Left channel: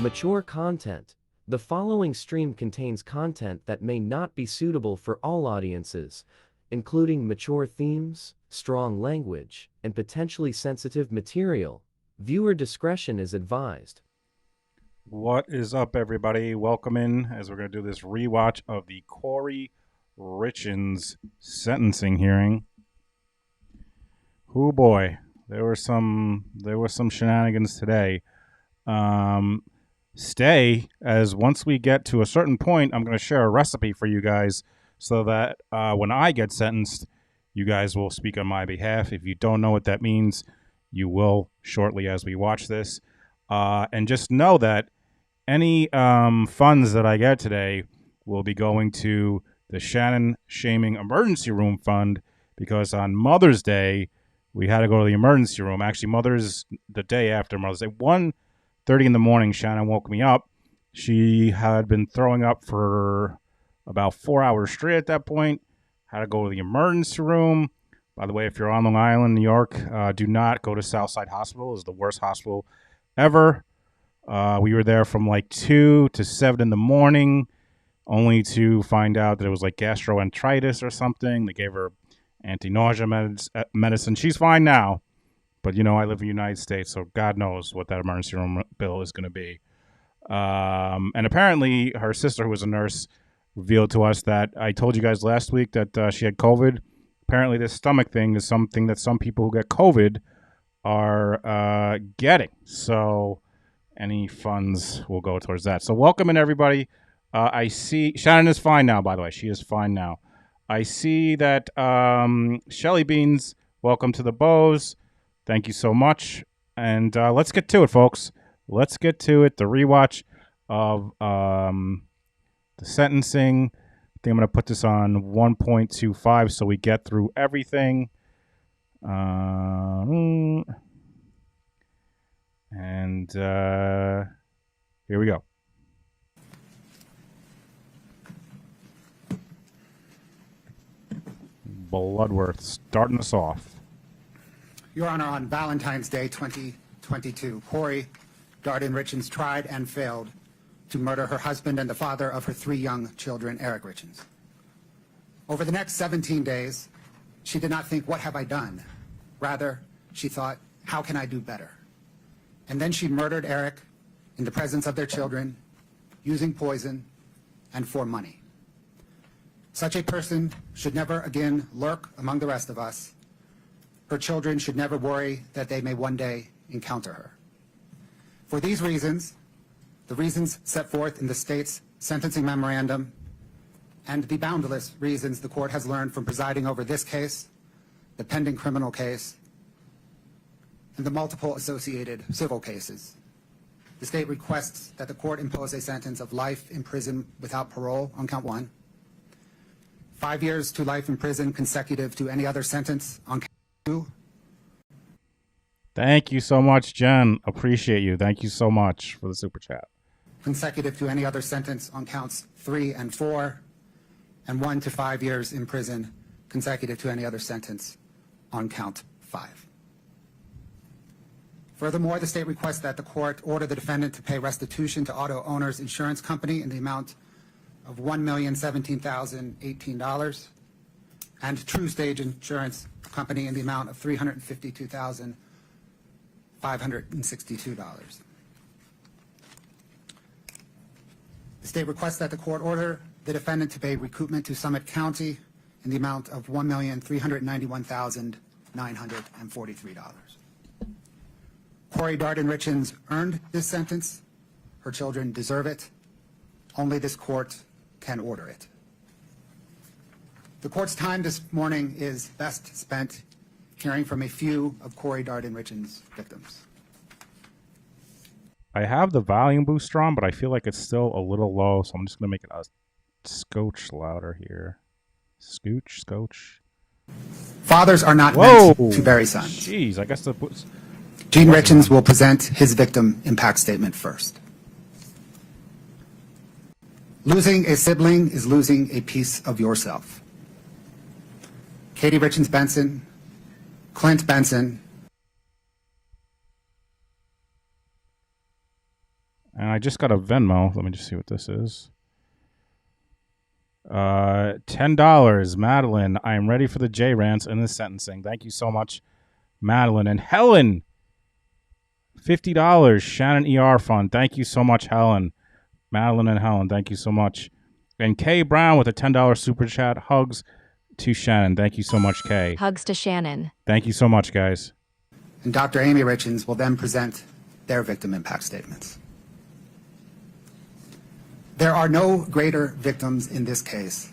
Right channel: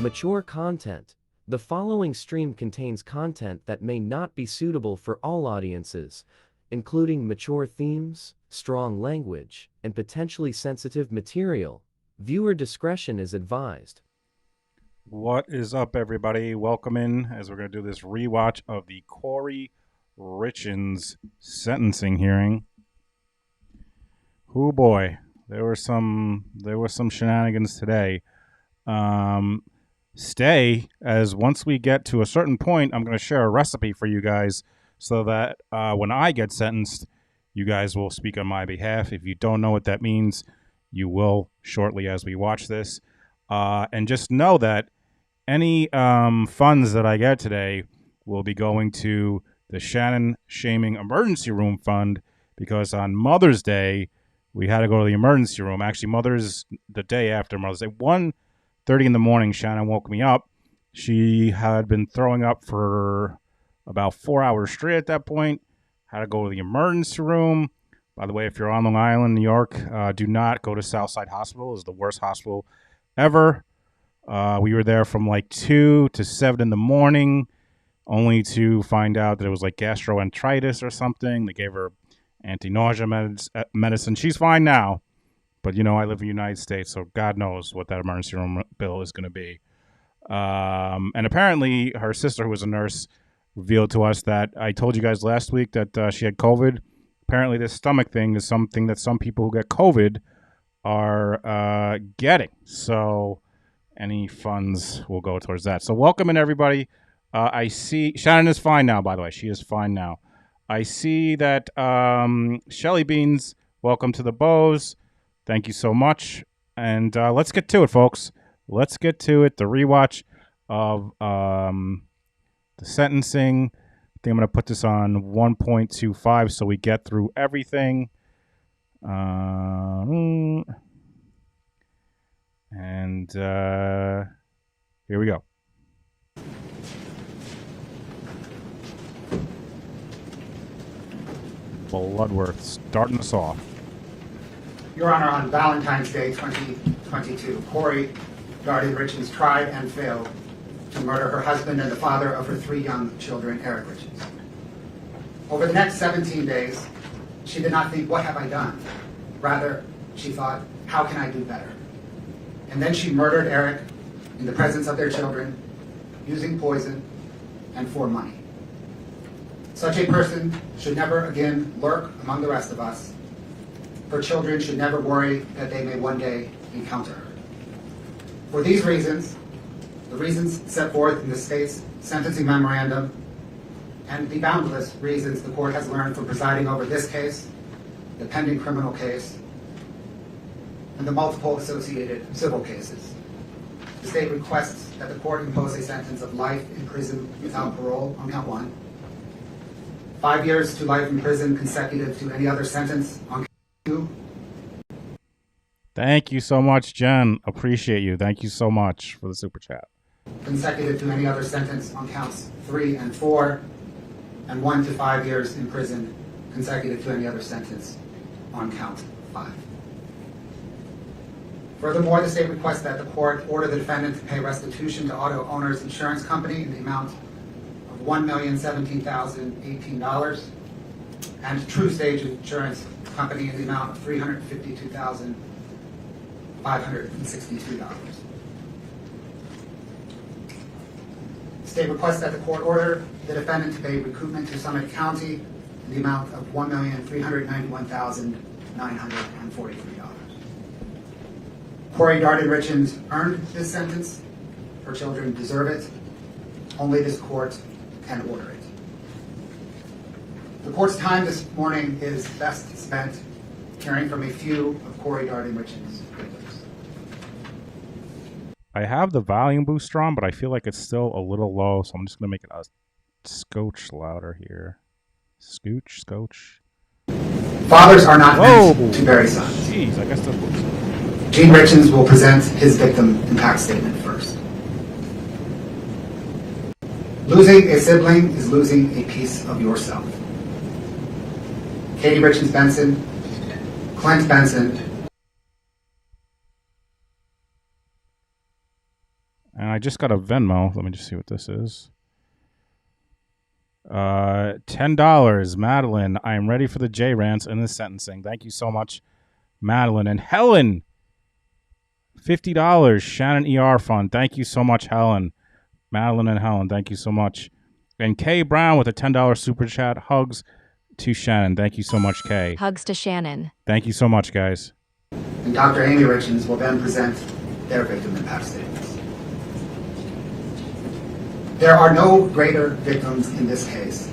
Mature content. The following stream contains content that may not be suitable for all audiences, including mature themes, strong language, and potentially sensitive material. Viewer discretion is advised. What is up, everybody? Welcome in as we're going to do this rewatch of the Kouri Richins sentencing hearing. Oh boy, there were some shenanigans today. Stay, as once we get to a certain point, I'm going to share a recipe for you guys so that when I get sentenced, you guys will speak on my behalf. If you don't know what that means, you will shortly as we watch this. And just know that any funds that I get today will be going to the Shannon Shaming Emergency Room Fund, because on Mother's Day, we had to go to the emergency room. Actually, the day after Mother's Day, 1:30 in the morning, Shannon woke me up. She had been throwing up for about 4 hours straight at that point. Had to go to the emergency room. By the way, if you're on Long Island, New York, do not go to Southside Hospital. It's the worst hospital ever. We were there from like 2 to 7 in the morning, only to find out that it was like gastroenteritis or something. They gave her anti-nausea medicine. She's fine now, but I live in the United States, so God knows what that emergency room bill is going to be. And apparently her sister, who was a nurse, revealed to us that I told you guys last week that she had COVID. Apparently this stomach thing is something that some people who get COVID are getting. So any funds will go towards that. So welcome in, everybody. I see Shannon is fine now, by the way. She is fine now. I see that Shelly Beans, welcome to the Bows. Thank you so much. And let's get to it, folks. Let's get to it. The rewatch of the sentencing. I think I'm going to put this on 1.25 so we get through everything. And here we go. Bloodworth starting us off. Your Honor, on Valentine's Day 2022, Kouri Richins tried and failed to murder her husband and the father of her 3 young children, Eric Richins. Over the next 17 days, she did not think, what have I done? Rather, she thought, how can I do better? And then she murdered Eric in the presence of their children, using poison and for money. Such a person should never again lurk among the rest of us. Her children should never worry that they may one day encounter her. For these reasons, the reasons set forth in the state's sentencing memorandum, and the boundless reasons the court has learned from presiding over this case, the pending criminal case, and the multiple associated civil cases, the state requests that the court impose a sentence of life in prison without parole on count 1, 5 years to life in prison consecutive to any other sentence on count 2. Thank you so much, Jen. Appreciate you. Thank you so much for the super chat. Consecutive to any other sentence on counts 3 and 4, and 1 to 5 years in prison consecutive to any other sentence on count 5. Furthermore, the state requests that the court order the defendant to pay restitution to Auto Owners Insurance Company in the amount of $1,017,018 and True Stage Insurance Company in the amount of $352,562. The state requests that the court order the defendant to pay recoupment to Summit County in the amount of $1,391,943. Kouri Richins earned this sentence. Her children deserve it. Only this court can order it. The court's time this morning is best spent hearing from a few of Kouri Richins' victims. I have the volume booster on, but I feel like it's still a little low, so I'm just going to make it a scotch louder here. Scotch. Fathers are not meant to bury sons. Jeez, I guess that's what's... Gene Richins will present his victim impact statement first. Losing a sibling is losing a piece of yourself. Katie Richins Benson, Clint Benson. And I just got a Venmo. Let me just see what this is. $10. Madeline, I am ready for the J rants in this sentencing. Thank you so much, Madeline. And Helen, $50. Shannon ER Fund. Thank you so much, Helen. Madeline and Helen, thank you so much. And Kay Brown with a $10 super chat. Hugs to Shannon. Thank you so much, Kay. Hugs to Shannon. Thank you so much, guys. And Dr. Amy Richins will then present their victim impact statements. There are no greater victims in this case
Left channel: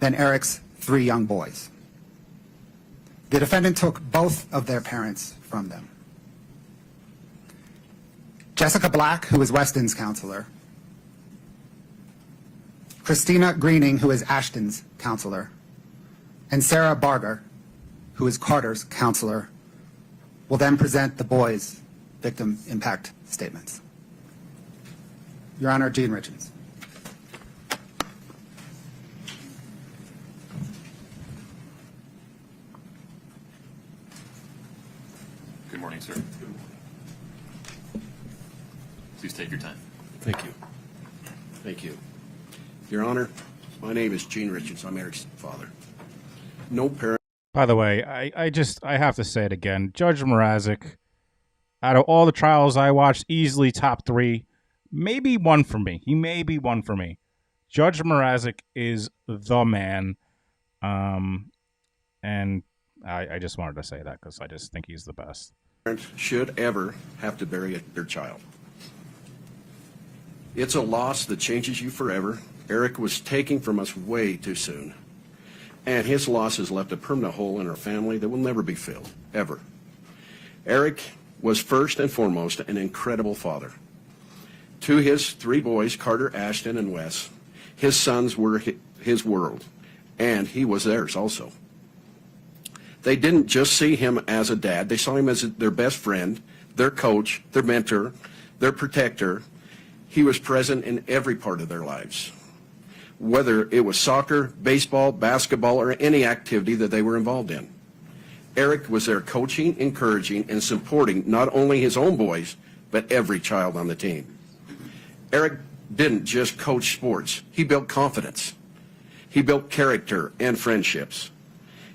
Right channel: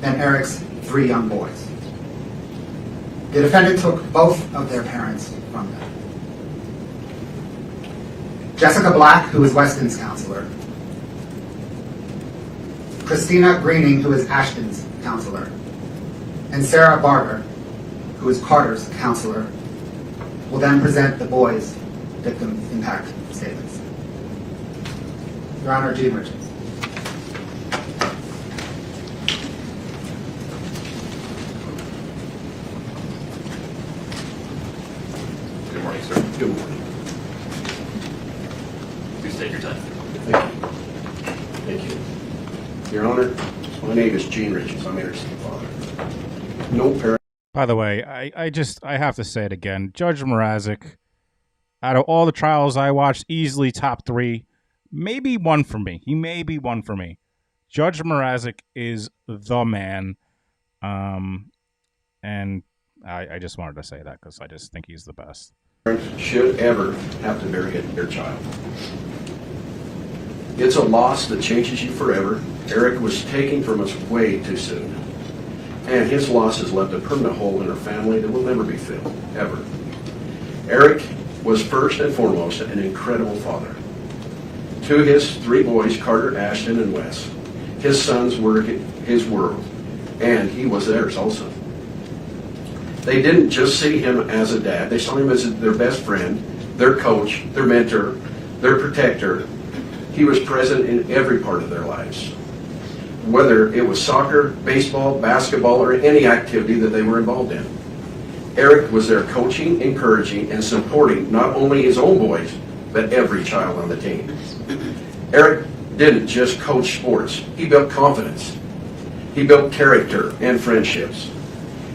than Eric's 3 young boys. The defendant took both of their parents from them. Jessica Black, who is Weston's counselor, Christina Greening, who is Ashton's counselor, and Sarah Barber, who is Carter's counselor, will then present the boys' victim impact statements. Your Honor, Gene Richins. Good morning, sir. Good morning. Please take your time. Thank you. Thank you. Your Honor, my name is Gene Richins. I'm Eric's father. No parent. By the way, I have to say it again. Judge Mrazek, out of all the trials I watched, easily top 3, maybe 1 for me. He may be 1 for me. Judge Mrazek is the man, and I just wanted to say that because I just think he's the best. Should ever have to bury their child. It's a loss that changes you forever. Eric was taken from us way too soon, and his loss has left a permanent hole in our family that will never be filled, ever. Eric was first and foremost an incredible father. To his 3 boys, Carter, Ashton, and Wes, his sons were his world, and he was theirs also. They didn't just see him as a dad, they saw him as their best friend, their coach, their mentor, their protector. He was present in every part of their lives, whether it was soccer, baseball, basketball, or any activity that they were involved in. Eric was there coaching, encouraging, and supporting not only his own boys, but every child on the team. Eric didn't just coach sports, he built confidence. He built character and friendships.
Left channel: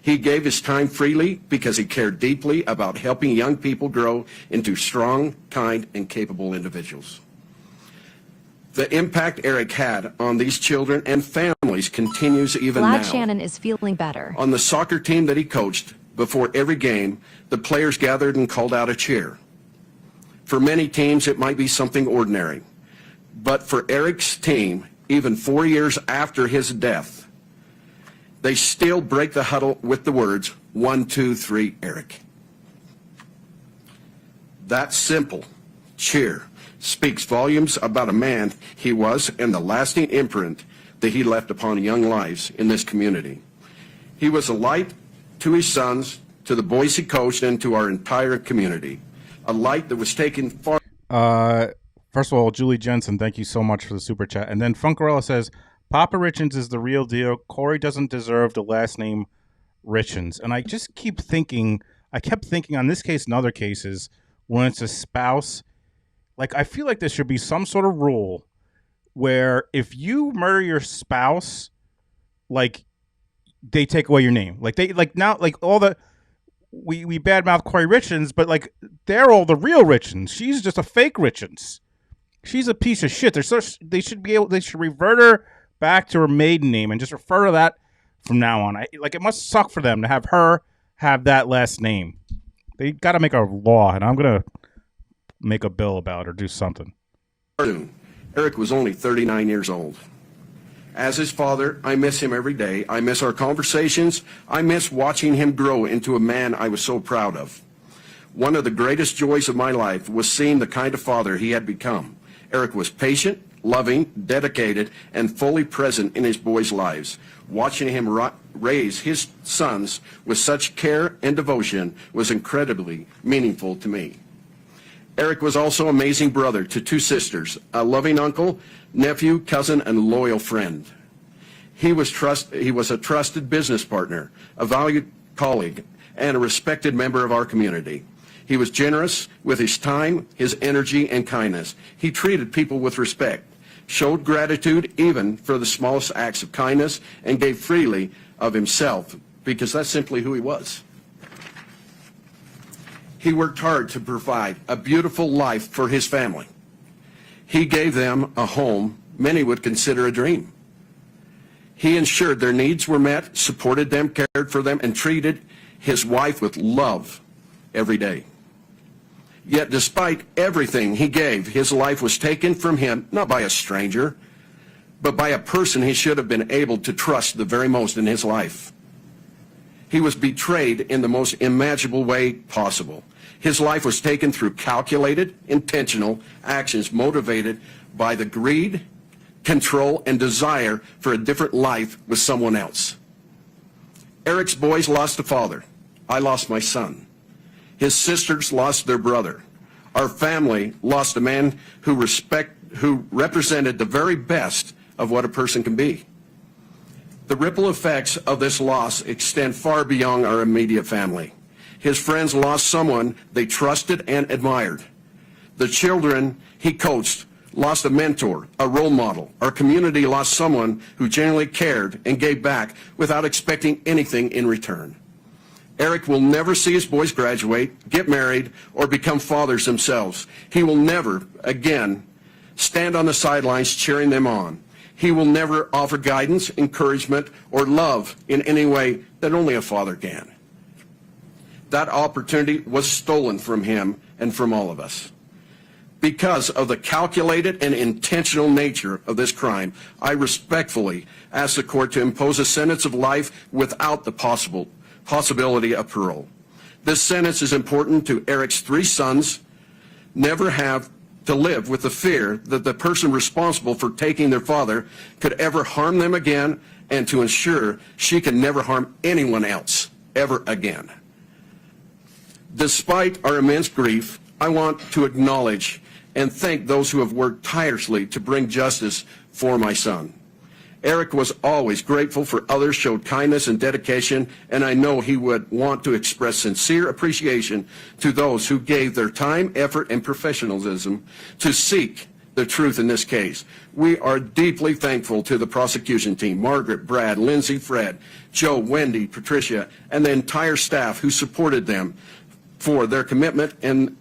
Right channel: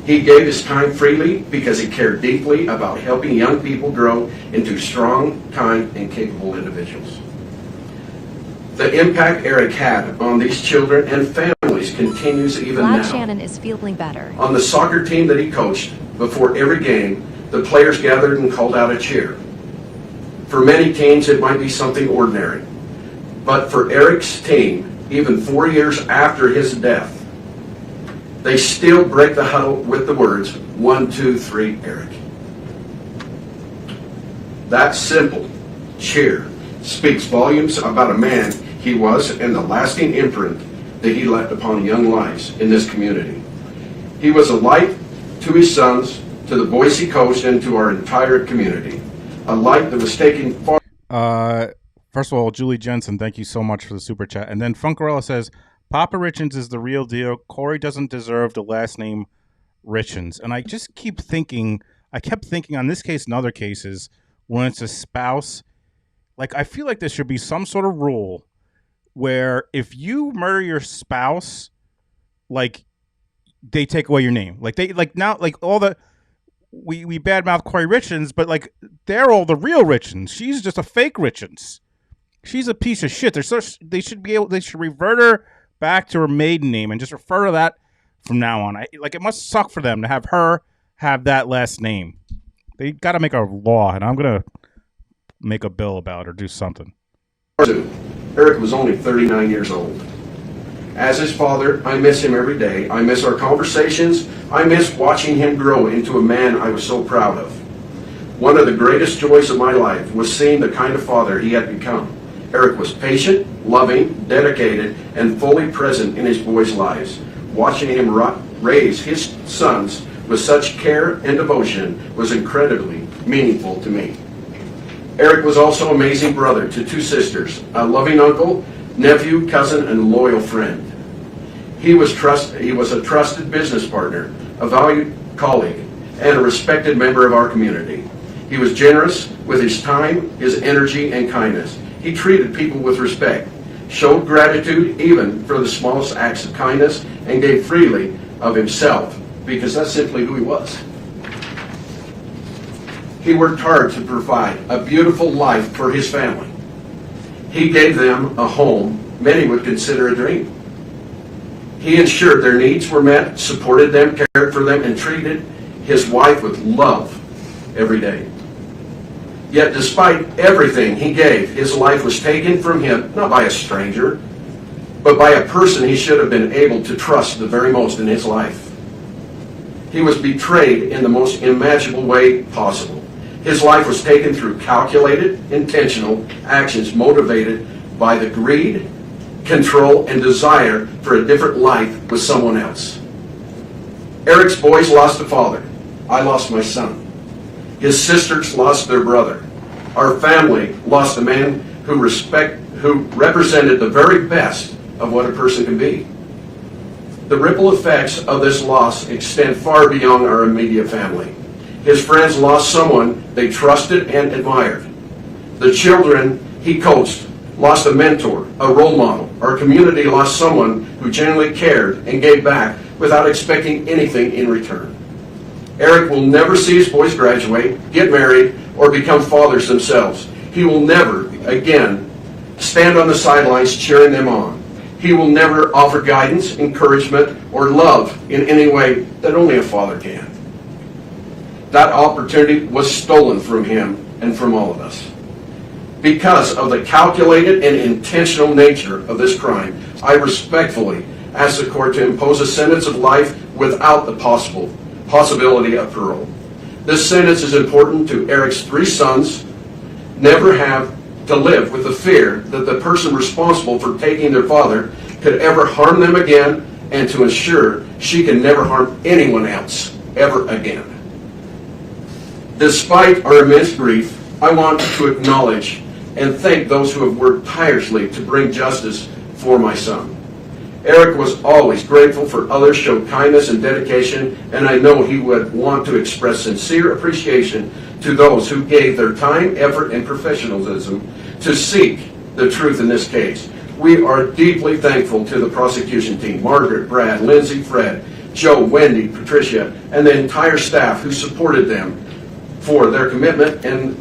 He gave his time freely because he cared deeply about helping young people grow into strong, kind, and capable individuals. The impact Eric had on these children and families continues even now. Glad Shannon is feeling better. On the soccer team that he coached, before every game, the players gathered and called out a cheer. For many teams, it might be something ordinary. But for Eric's team, even 4 years after his death, they still break the huddle with the words, 1, 2, 3, Eric. That simple cheer speaks volumes about a man he was and the lasting imprint that he left upon young lives in this community. He was a light to his sons, to the boys he coached, and to our entire community. A light that was taking far. First of all, Julie Jensen, thank you so much for the super chat. And then Funkarella says, Papa Richins is the real deal. Kouri doesn't deserve the last name Richins. And I just keep thinking, I kept thinking on this case and other cases, when it's a spouse, like I feel like there should be some sort of rule where if you murder your spouse, like they take away your name. Like they like now like all the we badmouth Kouri Richins, but like they're all the real Richins. She's just a fake Richins. She's a piece of shit. They should revert her back to her maiden name and just refer to that from now on. Like it must suck for them to have her have that last name. They got to make a law, and I'm gonna make a bill about it or do something. Eric was only 39 years old. As his father, I miss him every day. I miss our conversations. I miss watching him grow into a man I was so proud of. One of the greatest joys of my life was seeing the kind of father he had become. Eric was patient, loving, dedicated, and fully present in his boys' lives. Watching him raise his sons with such care and devotion was incredibly meaningful to me. Eric was also an amazing brother to 2 sisters, a loving uncle, nephew, cousin, and loyal friend. He was a trusted business partner, a valued colleague, and a respected member of our community. He was generous with his time, his energy, and kindness. He treated people with respect, showed gratitude even for the smallest acts of kindness, and gave freely of himself, because that's simply who he was. He worked hard to provide a beautiful life for his family. He gave them a home many would consider a dream. He ensured their needs were met, supported them, cared for them, and treated his wife with love every day. Yet despite everything he gave, his life was taken from him, not by a stranger, but by a person he should have been able to trust the very most in his life. He was betrayed in the most imaginable way possible. His life was taken through calculated, intentional actions motivated by the greed, control, and desire for a different life with someone else. Eric's boys lost a father. I lost my son. His sisters lost their brother. Our family lost a man who represented the very best of what a person can be. The ripple effects of this loss extend far beyond our immediate family. His friends lost someone they trusted and admired. The children he coached lost a mentor, a role model. Our community lost someone who genuinely cared and gave back without expecting anything in return. Eric will never see his boys graduate, get married, or become fathers themselves. He will never, again, stand on the sidelines cheering them on. He will never offer guidance, encouragement, or love in any way that only a father can. That opportunity was stolen from him and from all of us. Because of the calculated and intentional nature of this crime, I respectfully ask the court to impose a sentence of life without the possibility of parole. This sentence is important to Eric's 3 sons never have to live with the fear that the person responsible for taking their father could ever harm them again, and to ensure she can never harm anyone else ever again. Despite our immense grief, I want to acknowledge and thank those who have worked tirelessly to bring justice for my son. Eric was always grateful for others, showed kindness and dedication, and I know he would want to express sincere appreciation to those who gave their time, effort, and professionalism to seek the truth in this case. We are deeply thankful to the prosecution team, Margaret, Brad, Lindsay, Fred, Joe, Wendy, Patricia, and the entire staff who supported them for their commitment and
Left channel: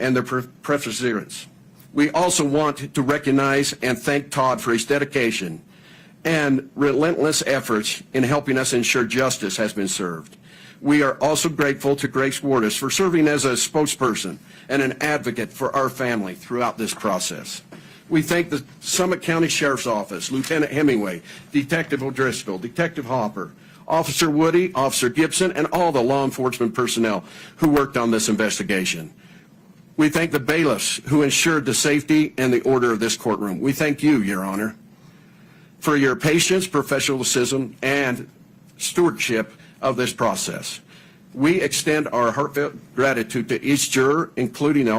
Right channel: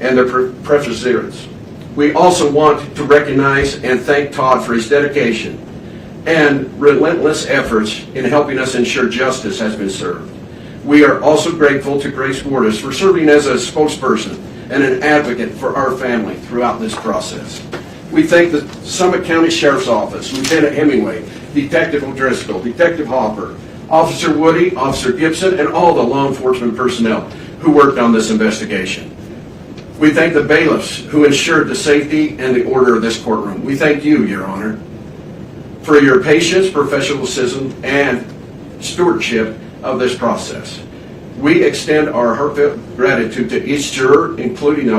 their perseverance. We also want to recognize and thank Todd for his dedication and relentless efforts in helping us ensure justice has been served. We are also grateful to Grace Wardis for serving as a spokesperson and an advocate for our family throughout this process. We thank the Summit County Sheriff's Office, Lieutenant Hemingway, Detective O'Driscoll, Detective Hopper, Officer Woody, Officer Gibson, and all the law enforcement personnel who worked on this investigation. We thank the bailiffs who ensured the safety and the order of this courtroom. We thank you, Your Honor, for your patience, professionalism, and stewardship of this process. We extend our heartfelt gratitude to each juror, including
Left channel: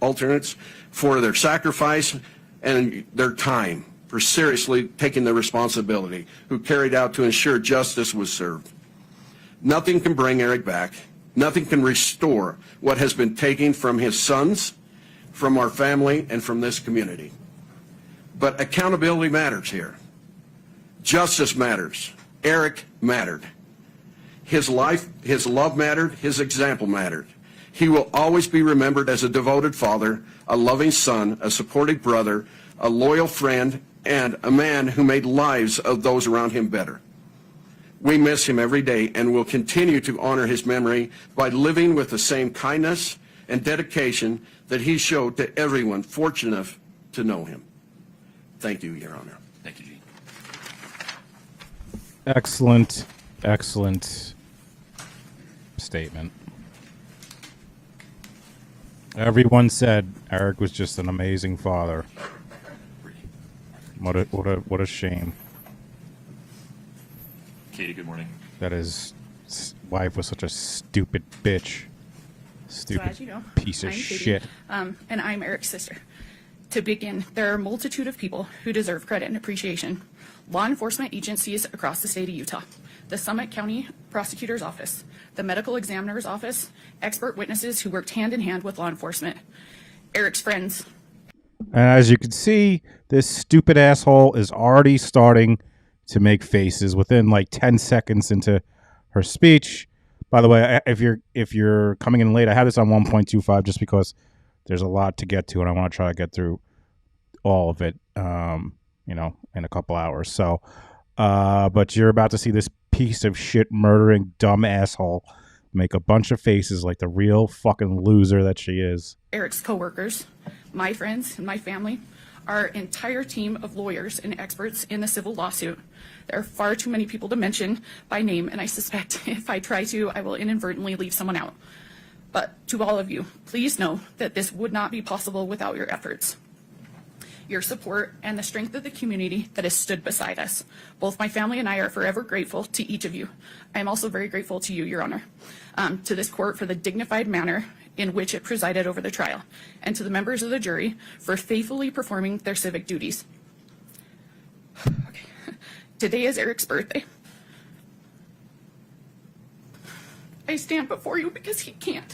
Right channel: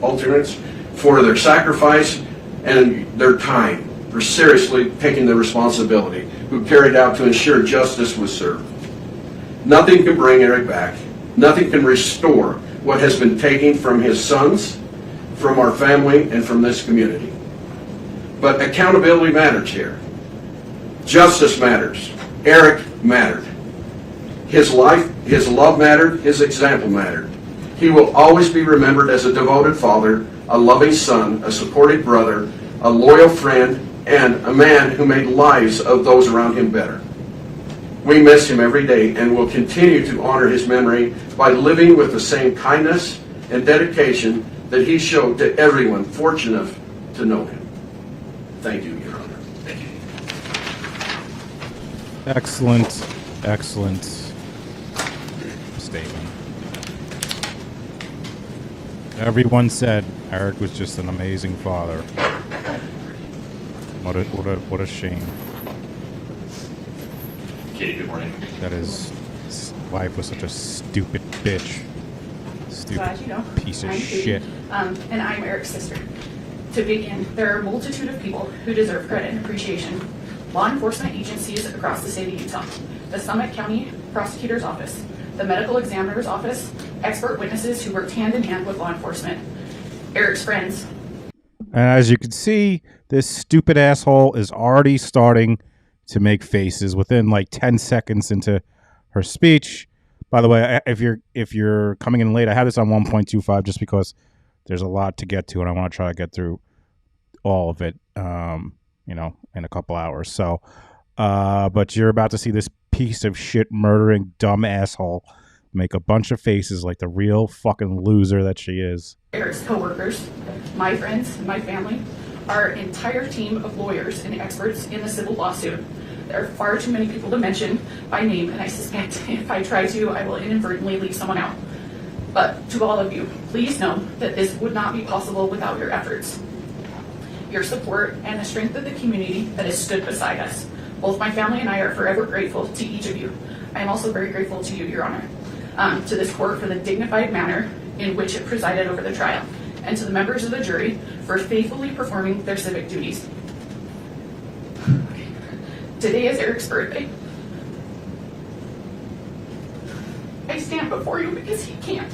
alternates, for their sacrifice and their time, for seriously taking the responsibility, who carried out to ensure justice was served. Nothing can bring Eric back. Nothing can restore what has been taken from his sons, from our family, and from this community. But accountability matters here. Justice matters. Eric mattered. His life, his love mattered, his example mattered. He will always be remembered as a devoted father, a loving son, a supportive brother, a loyal friend, and a man who made lives of those around him better. We miss him every day and will continue to honor his memory by living with the same kindness and dedication that he showed to everyone fortunate to know him. Thank you, Your Honor. Thank you. Excellent, excellent statement. Everyone said Eric was just an amazing father. What a shame Katie, good morning. that his wife was such a stupid bitch. Stupid So as you know, piece of I'm Katie, shit. and I'm Eric's sister. To begin, there are a multitude of people who deserve credit and appreciation. Law enforcement agencies across the state of Utah, the Summit County Prosecutor's Office, the Medical Examiner's Office, expert witnesses who worked hand in hand with law enforcement, Eric's friends, And as you can see, this stupid asshole is already starting to make faces within like 10 seconds into her speech. By the way, if you're coming in late, I have this on 1.25 just because there's a lot to get to, and I want to try to get through all of it, in a couple hours. So, but you're about to see this piece of shit murdering dumb asshole make a bunch of faces like the real fucking loser that she is. Eric's coworkers, my friends, and my family, our entire team of lawyers and experts in the civil lawsuit. There are far too many people to mention by name, and I suspect if I try to, I will inadvertently leave someone out. But to all of you, please know that this would not be possible without your efforts, your support, and the strength of the community that has stood beside us. Both my family and I are forever grateful to each of you. I am also very grateful to you, Your Honor, to this court for the dignified manner in which it presided over the trial, and to the members of the jury for faithfully performing their civic duties. Today is Eric's birthday. I stand before you because he can't.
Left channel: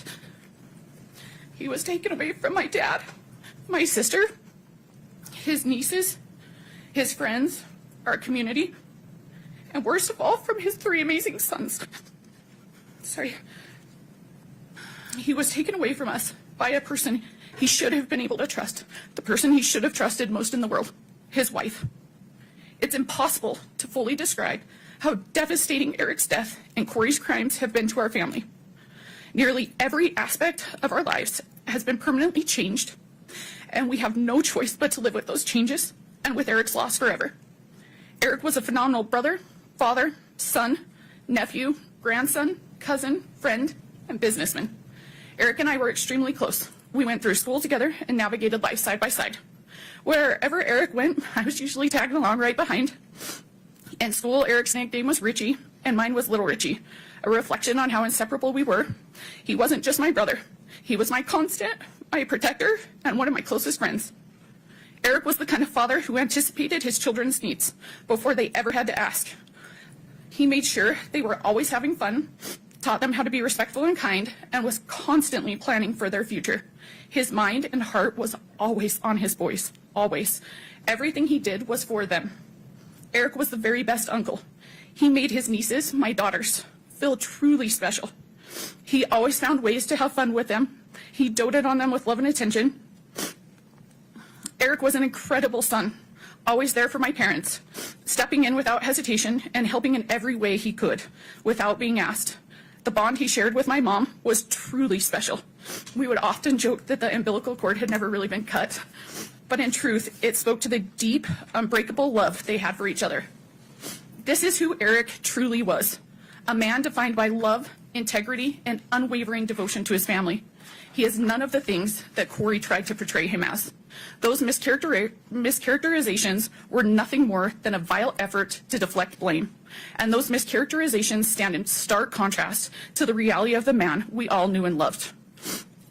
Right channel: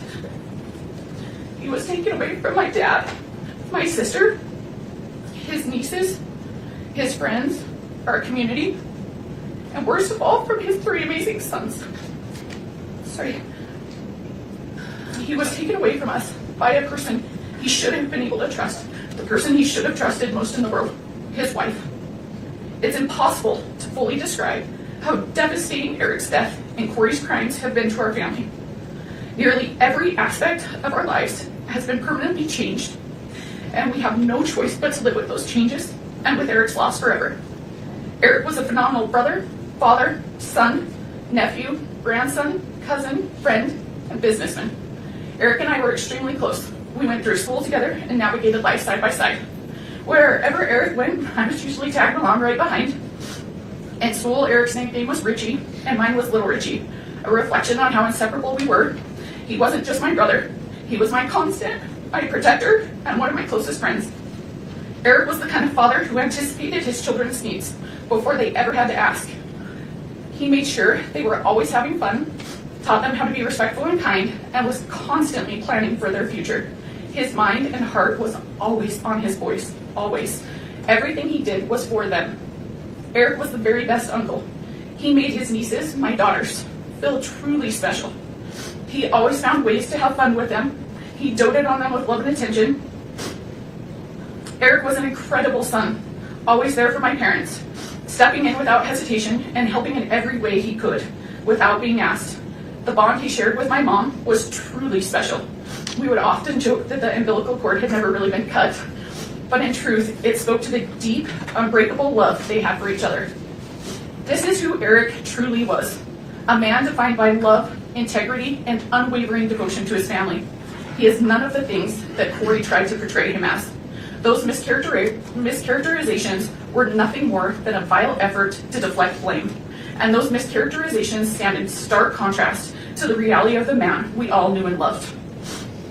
He was taken away from my dad, my sister, his nieces, his friends, our community, and worst of all, from his 3 amazing sons. Sorry. He was taken away from us by a person he should have been able to trust, the person he should have trusted most in the world, his wife. It's impossible to fully describe how devastating Eric's death and Kouri's crimes have been to our family. Nearly every aspect of our lives has been permanently changed, and we have no choice but to live with those changes and with Eric's loss forever. Eric was a phenomenal brother, father, son, nephew, grandson, cousin, friend, and businessman. Eric and I were extremely close. We went through school together and navigated life side by side. Wherever Eric went, I was usually tagging along right behind. In school, Eric's nickname was Richie, and mine was Little Richie, a reflection on how inseparable we were. He wasn't just my brother. He was my constant, my protector, and one of my closest friends. Eric was the kind of father who anticipated his children's needs before they ever had to ask. He made sure they were always having fun, taught them how to be respectful and kind, and was constantly planning for their future. His mind and heart was always on his boys, always. Everything he did was for them. Eric was the very best uncle. He made his nieces, my daughters, feel truly special. He always found ways to have fun with them. He doted on them with love and attention. Eric was an incredible son, always there for my parents, stepping in without hesitation and helping in every way he could, without being asked. The bond he shared with my mom was truly special. We would often joke that the umbilical cord had never really been cut, but in truth, it spoke to the deep, unbreakable love they had for each other. This is who Eric truly was, a man defined by love, integrity, and unwavering devotion to his family. He is none of the things that Kouri tried to portray him as. Those mischaracterizations were nothing more than a vile effort to deflect blame. And those mischaracterizations stand in stark contrast to the reality of the man we all knew and loved.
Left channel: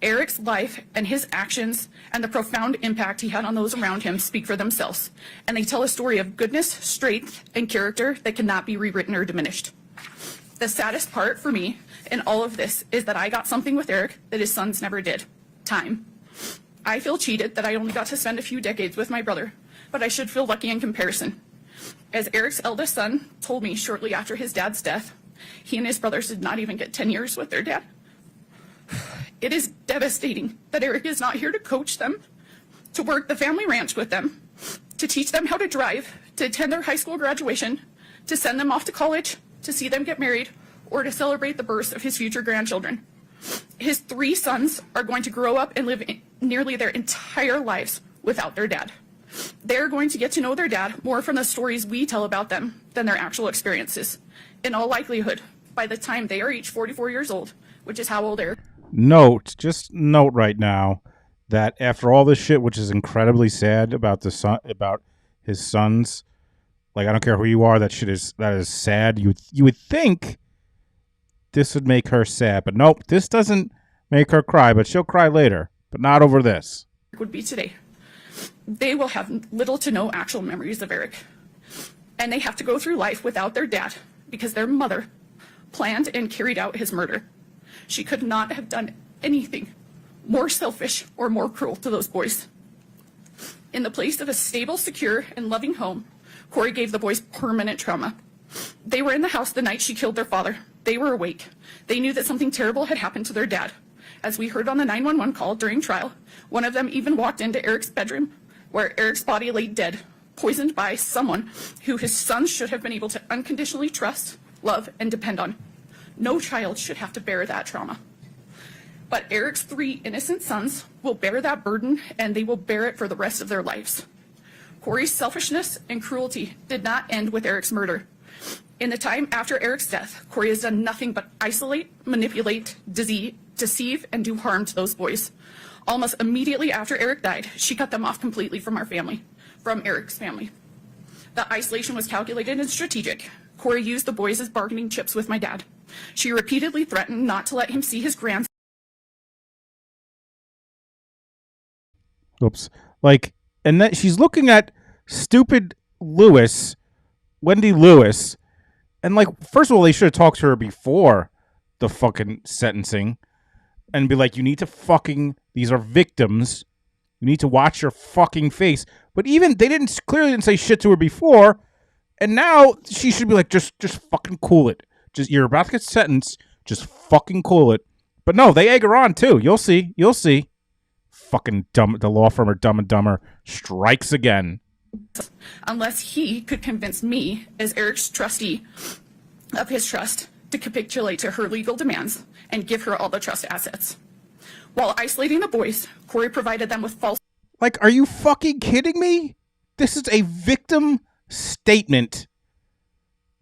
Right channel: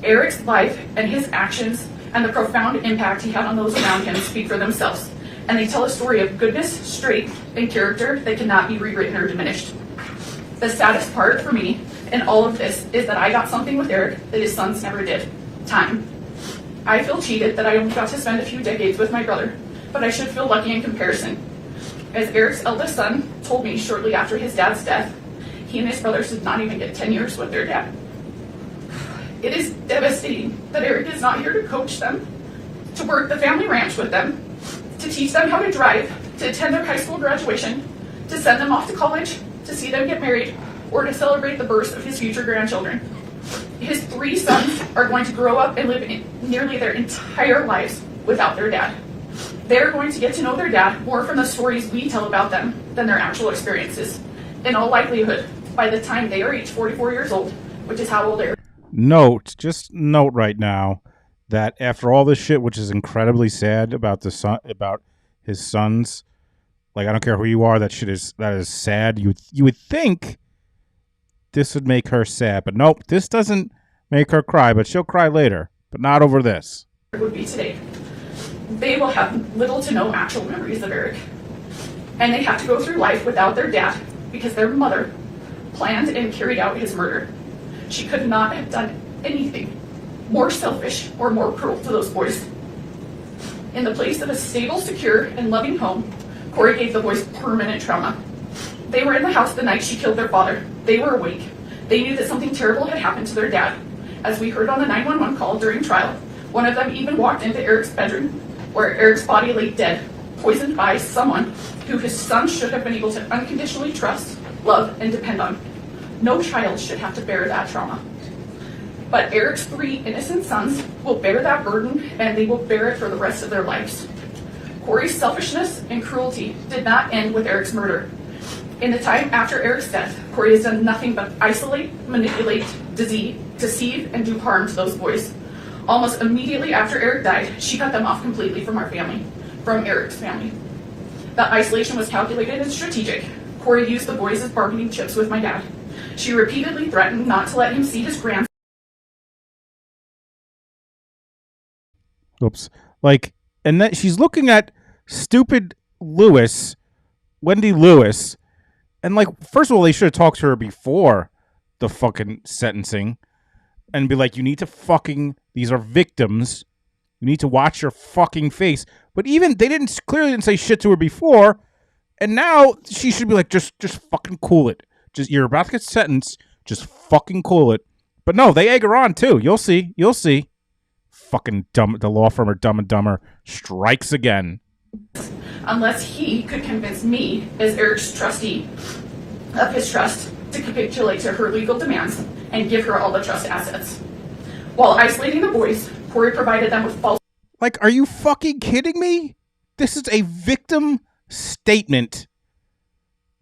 Eric's life and his actions and the profound impact he had on those around him speak for themselves, and they tell a story of goodness, strength, and character that cannot be rewritten or diminished. The saddest part for me in all of this is that I got something with Eric that his sons never did: time. I feel cheated that I only got to spend a few decades with my brother, but I should feel lucky in comparison. As Eric's eldest son told me shortly after his dad's death, he and his brothers did not even get 10 years with their dad. It is devastating that Eric is not here to coach them, to work the family ranch with them, to teach them how to drive, to attend their high school graduation, to send them off to college, to see them get married, or to celebrate the birth of his future grandchildren. His 3 sons are going to grow up and live nearly their entire lives without their dad. They are going to get to know their dad more from the stories we tell about them than their actual experiences. In all likelihood, by the time they are each 44 years old, which is how old Eric. Just note right now that after all this shit, which is incredibly sad about about his sons, like I don't care who you are, that is sad. You would think this would make her sad, but nope, this doesn't make her cry, but she'll cry later, but not over this. Would be today. They will have little to no actual memories of Eric, and they have to go through life without their dad because their mother planned and carried out his murder. She could not have done anything more selfish or more cruel to those boys. In the place of a stable, secure, and loving home, Kouri gave the boys permanent trauma. They were in the house the night she killed their father. They were awake. They knew that something terrible had happened to their dad. As we heard on the 911 call during trial, one of them even walked into Eric's bedroom, where Eric's body lay dead, poisoned by someone who his son should have been able to unconditionally trust, love, and depend on. No child should have to bear that trauma. But Eric's 3 innocent sons will bear that burden, and they will bear it for the rest of their lives. Kouri's selfishness and cruelty did not end with Eric's murder. In the time after Eric's death, Kouri has done nothing but isolate, manipulate, deceive, and do harm to those boys. Almost immediately after Eric died, she cut them off completely from our family, from Eric's family. The isolation was calculated and strategic. Kouri used the boys as bargaining chips with my dad. She repeatedly threatened not to let him see his grandson. Oops. Like, and then she's looking at stupid Lewis, Wendy Lewis, and like, first of all, they should have talked to her before the fucking sentencing and be like, you need to fucking, these are victims. You need to watch your fucking face. But even, they clearly didn't say shit to her before. And now she should be like, just fucking cool it. Just, you're about to get sentenced. Just fucking cool it. But no, they egg her on too. You'll see. Fucking dumb. The law firm of Dumb and Dumber strikes again. Unless he could convince me, as Eric's trustee of his trust, to capitulate to her legal demands and give her all the trust assets. While isolating the boys, Kouri provided them with false... Like, are you fucking kidding me? This is a victim statement.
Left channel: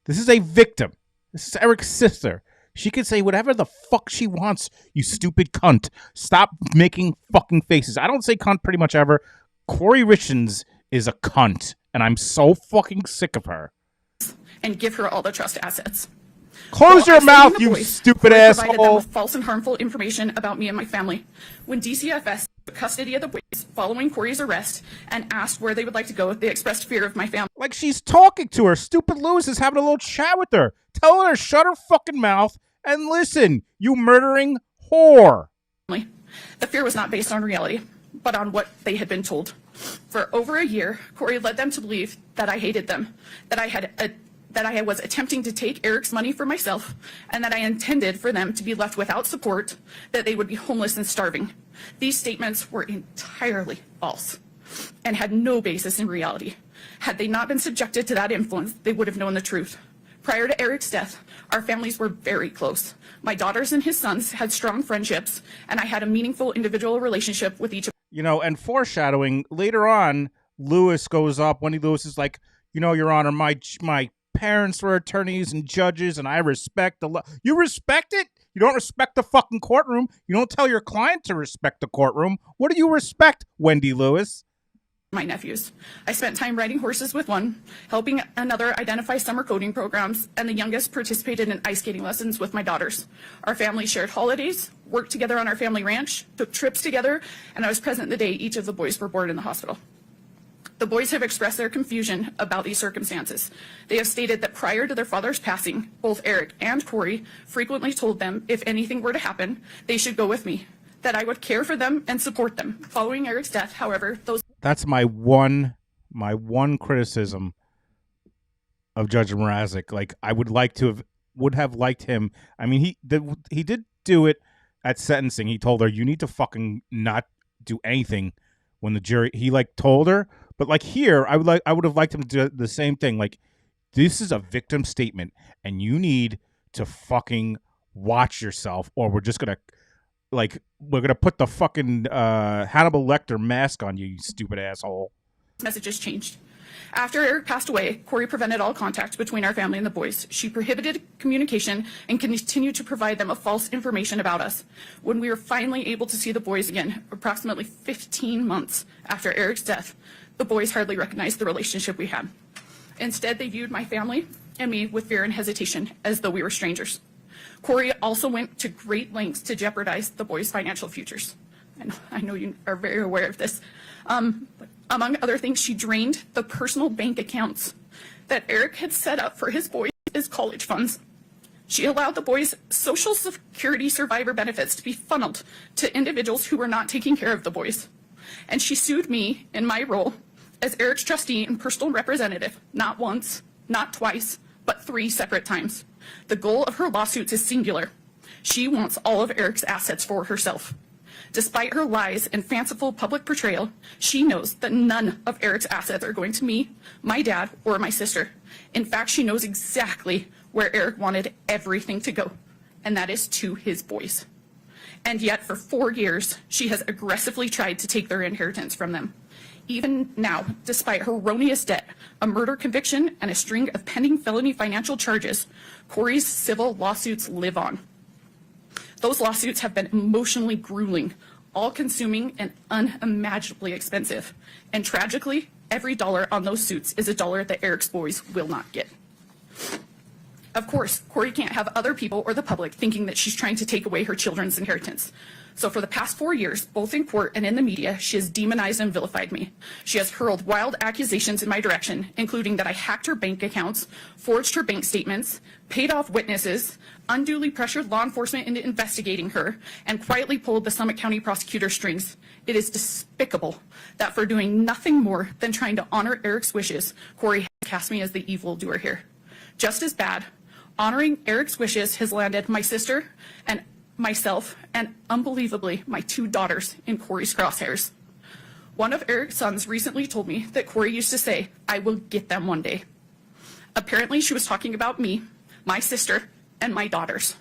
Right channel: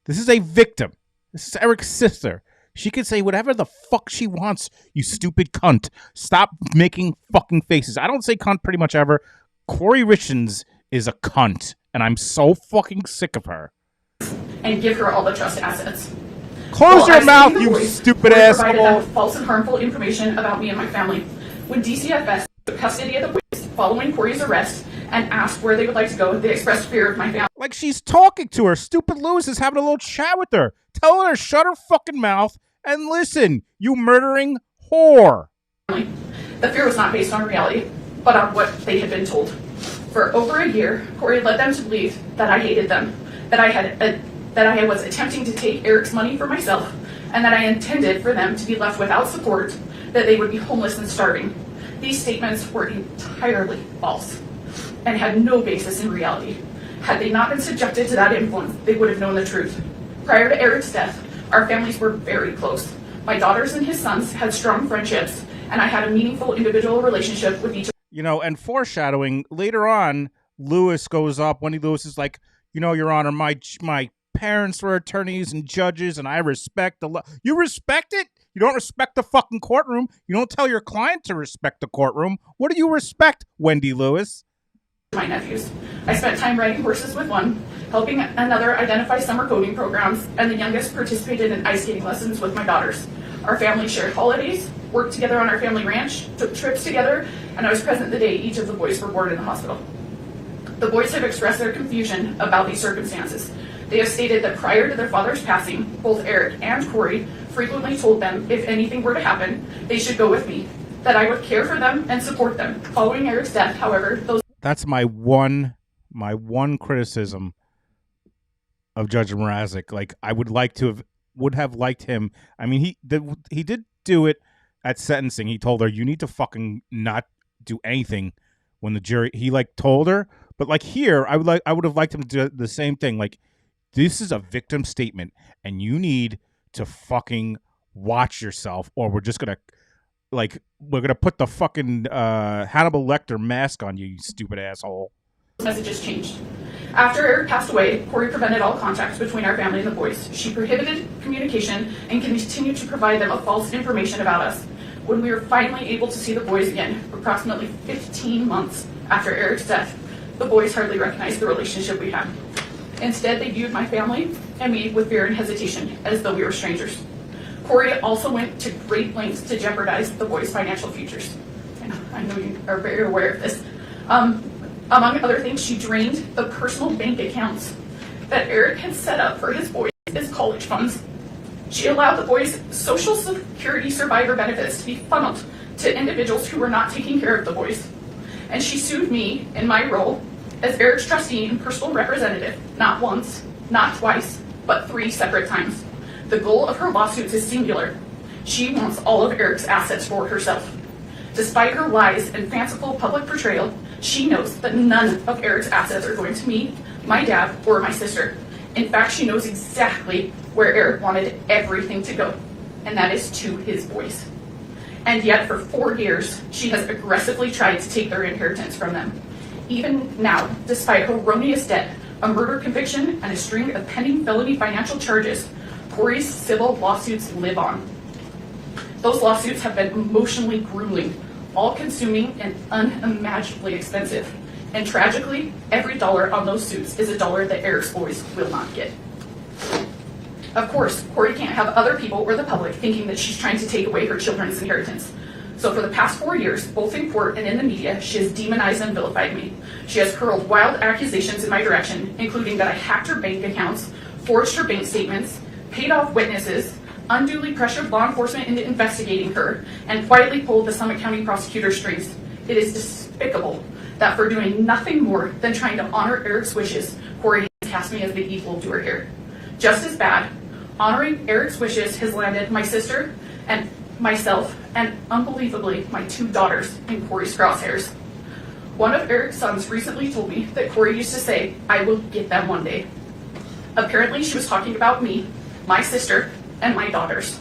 This is a victim. This is Eric's sister. She can say whatever the fuck she wants, you stupid cunt. Stop making fucking faces. I don't say cunt pretty much ever. Kouri Richins is a cunt, and I'm so fucking sick of her. And give her all the trust assets. Close your mouth, you stupid asshole. Provided them with false and harmful information about me and my family. When DCFS took custody of the boys following Kouri's arrest and asked where they would like to go, they expressed fear of my family. Like, she's talking to her. Stupid Lewis is having a little chat with her. Telling her to shut her fucking mouth and listen, you murdering whore. The fear was not based on reality, but on what they had been told. For over a year, Kouri led them to believe that I hated them, that I was attempting to take Eric's money for myself, and that I intended for them to be left without support, that they would be homeless and starving. These statements were entirely false and had no basis in reality. Had they not been subjected to that influence, they would have known the truth. Prior to Eric's death, our families were very close. My daughters and his sons had strong friendships, and I had a meaningful individual relationship with each of them. You know, and foreshadowing, later on, Lewis goes up. Wendy Lewis is like, you know, Your Honor, my parents were attorneys and judges, and I respect the law. You respect it? You don't respect the fucking courtroom. You don't tell your client to respect the courtroom. What do you respect, Wendy Lewis? My nephews. I spent time riding horses with one, helping another identify summer coding programs, and the youngest participated in ice skating lessons with my daughters. Our family shared holidays, worked together on our family ranch, took trips together, and I was present the day each of the boys were born in the hospital. The boys have expressed their confusion about these circumstances. They have stated that prior to their father's passing, both Eric and Kouri frequently told them if anything were to happen, they should go with me, that I would care for them and support them. Following Eric's death, however, those... That's my one criticism of Judge Mrazek. Like, I would have liked him. I mean, he did do it at sentencing. He told her, you need to fucking not do anything when the jury, he like told her, but like here, I would have liked him to do the same thing. Like, this is a victim statement and you need to fucking watch yourself, or we're gonna put the fucking Hannibal Lecter mask on you, you stupid asshole. Messages changed. After Eric passed away, Kouri prevented all contact between our family and the boys. She prohibited communication and continued to provide them with false information about us. When we were finally able to see the boys again, approximately 15 months after Eric's death, the boys hardly recognized the relationship we had. Instead, they viewed my family and me with fear and hesitation, as though we were strangers. Kouri also went to great lengths to jeopardize the boys' financial futures. I know you are very aware of this. Among other things, she drained the personal bank accounts that Eric had set up for his boys as college funds. She allowed the boys' Social Security survivor benefits to be funneled to individuals who were not taking care of the boys. and she sued me in my role as Eric's trustee and personal representative, not once, not twice, but 3 separate times. The goal of her lawsuits is singular. She wants all of Eric's assets for herself. Despite her lies and fanciful public portrayal, she knows that none of Eric's assets are going to me, my dad, or my sister. In fact, she knows exactly where Eric wanted everything to go, and that is to his boys. And yet, for 4 years, she has aggressively tried to take their inheritance from them. Even now, despite her erroneous debt, a murder conviction, and a string of pending felony financial charges, Kouri's civil lawsuits live on. Those lawsuits have been emotionally grueling, all-consuming, and unimaginably expensive. And tragically, every dollar on those suits is a dollar that Eric's boys will not get. Of course, Kouri can't have other people or the public thinking that she's trying to take away her children's inheritance. So for the past 4 years, both in court and in the media, she has demonized and vilified me. She has hurled wild accusations in my direction, including that I hacked her bank accounts, forged her bank statements, paid off witnesses, unduly pressured law enforcement into investigating her, and quietly pulled the Summit County prosecutor's strings. It is despicable that for doing nothing more than trying to honor Eric's wishes, Kouri has cast me as the evildoer here. Just as bad, honoring Eric's wishes has landed my sister and myself, and unbelievably, my 2 daughters in Kouri's crosshairs. One of Eric's sons recently told me that Kouri used to say, "I will get them one day." Apparently, she was talking about me, my sister, and my daughters.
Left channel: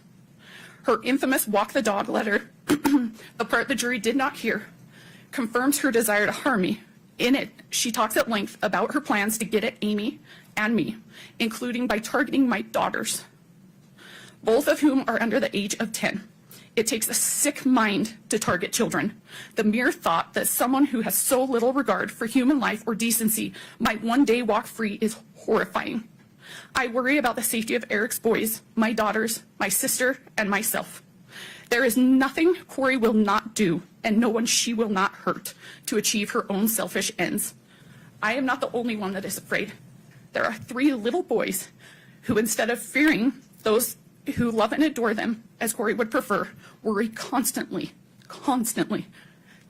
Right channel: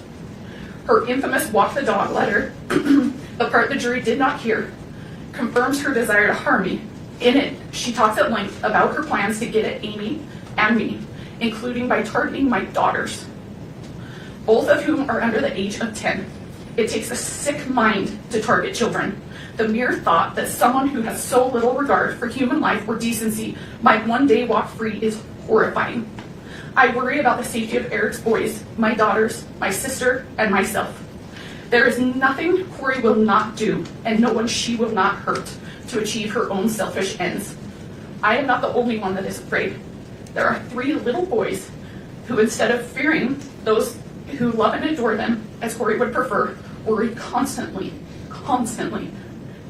Her infamous walk the dog letter, the part the jury did not hear, confirms her desire to harm me. In it, she talks at length about her plans to get at Amy and me, including by targeting my daughters, both of whom are under the age of 10. It takes a sick mind to target children. The mere thought that someone who has so little regard for human life or decency might one day walk free is horrifying. I worry about the safety of Eric's boys, my daughters, my sister, and myself. There is nothing Kouri will not do, and no one she will not hurt, to achieve her own selfish ends. I am not the only one that is afraid. There are 3 little boys who, instead of fearing those who love and adore them, as Kouri would prefer, worry constantly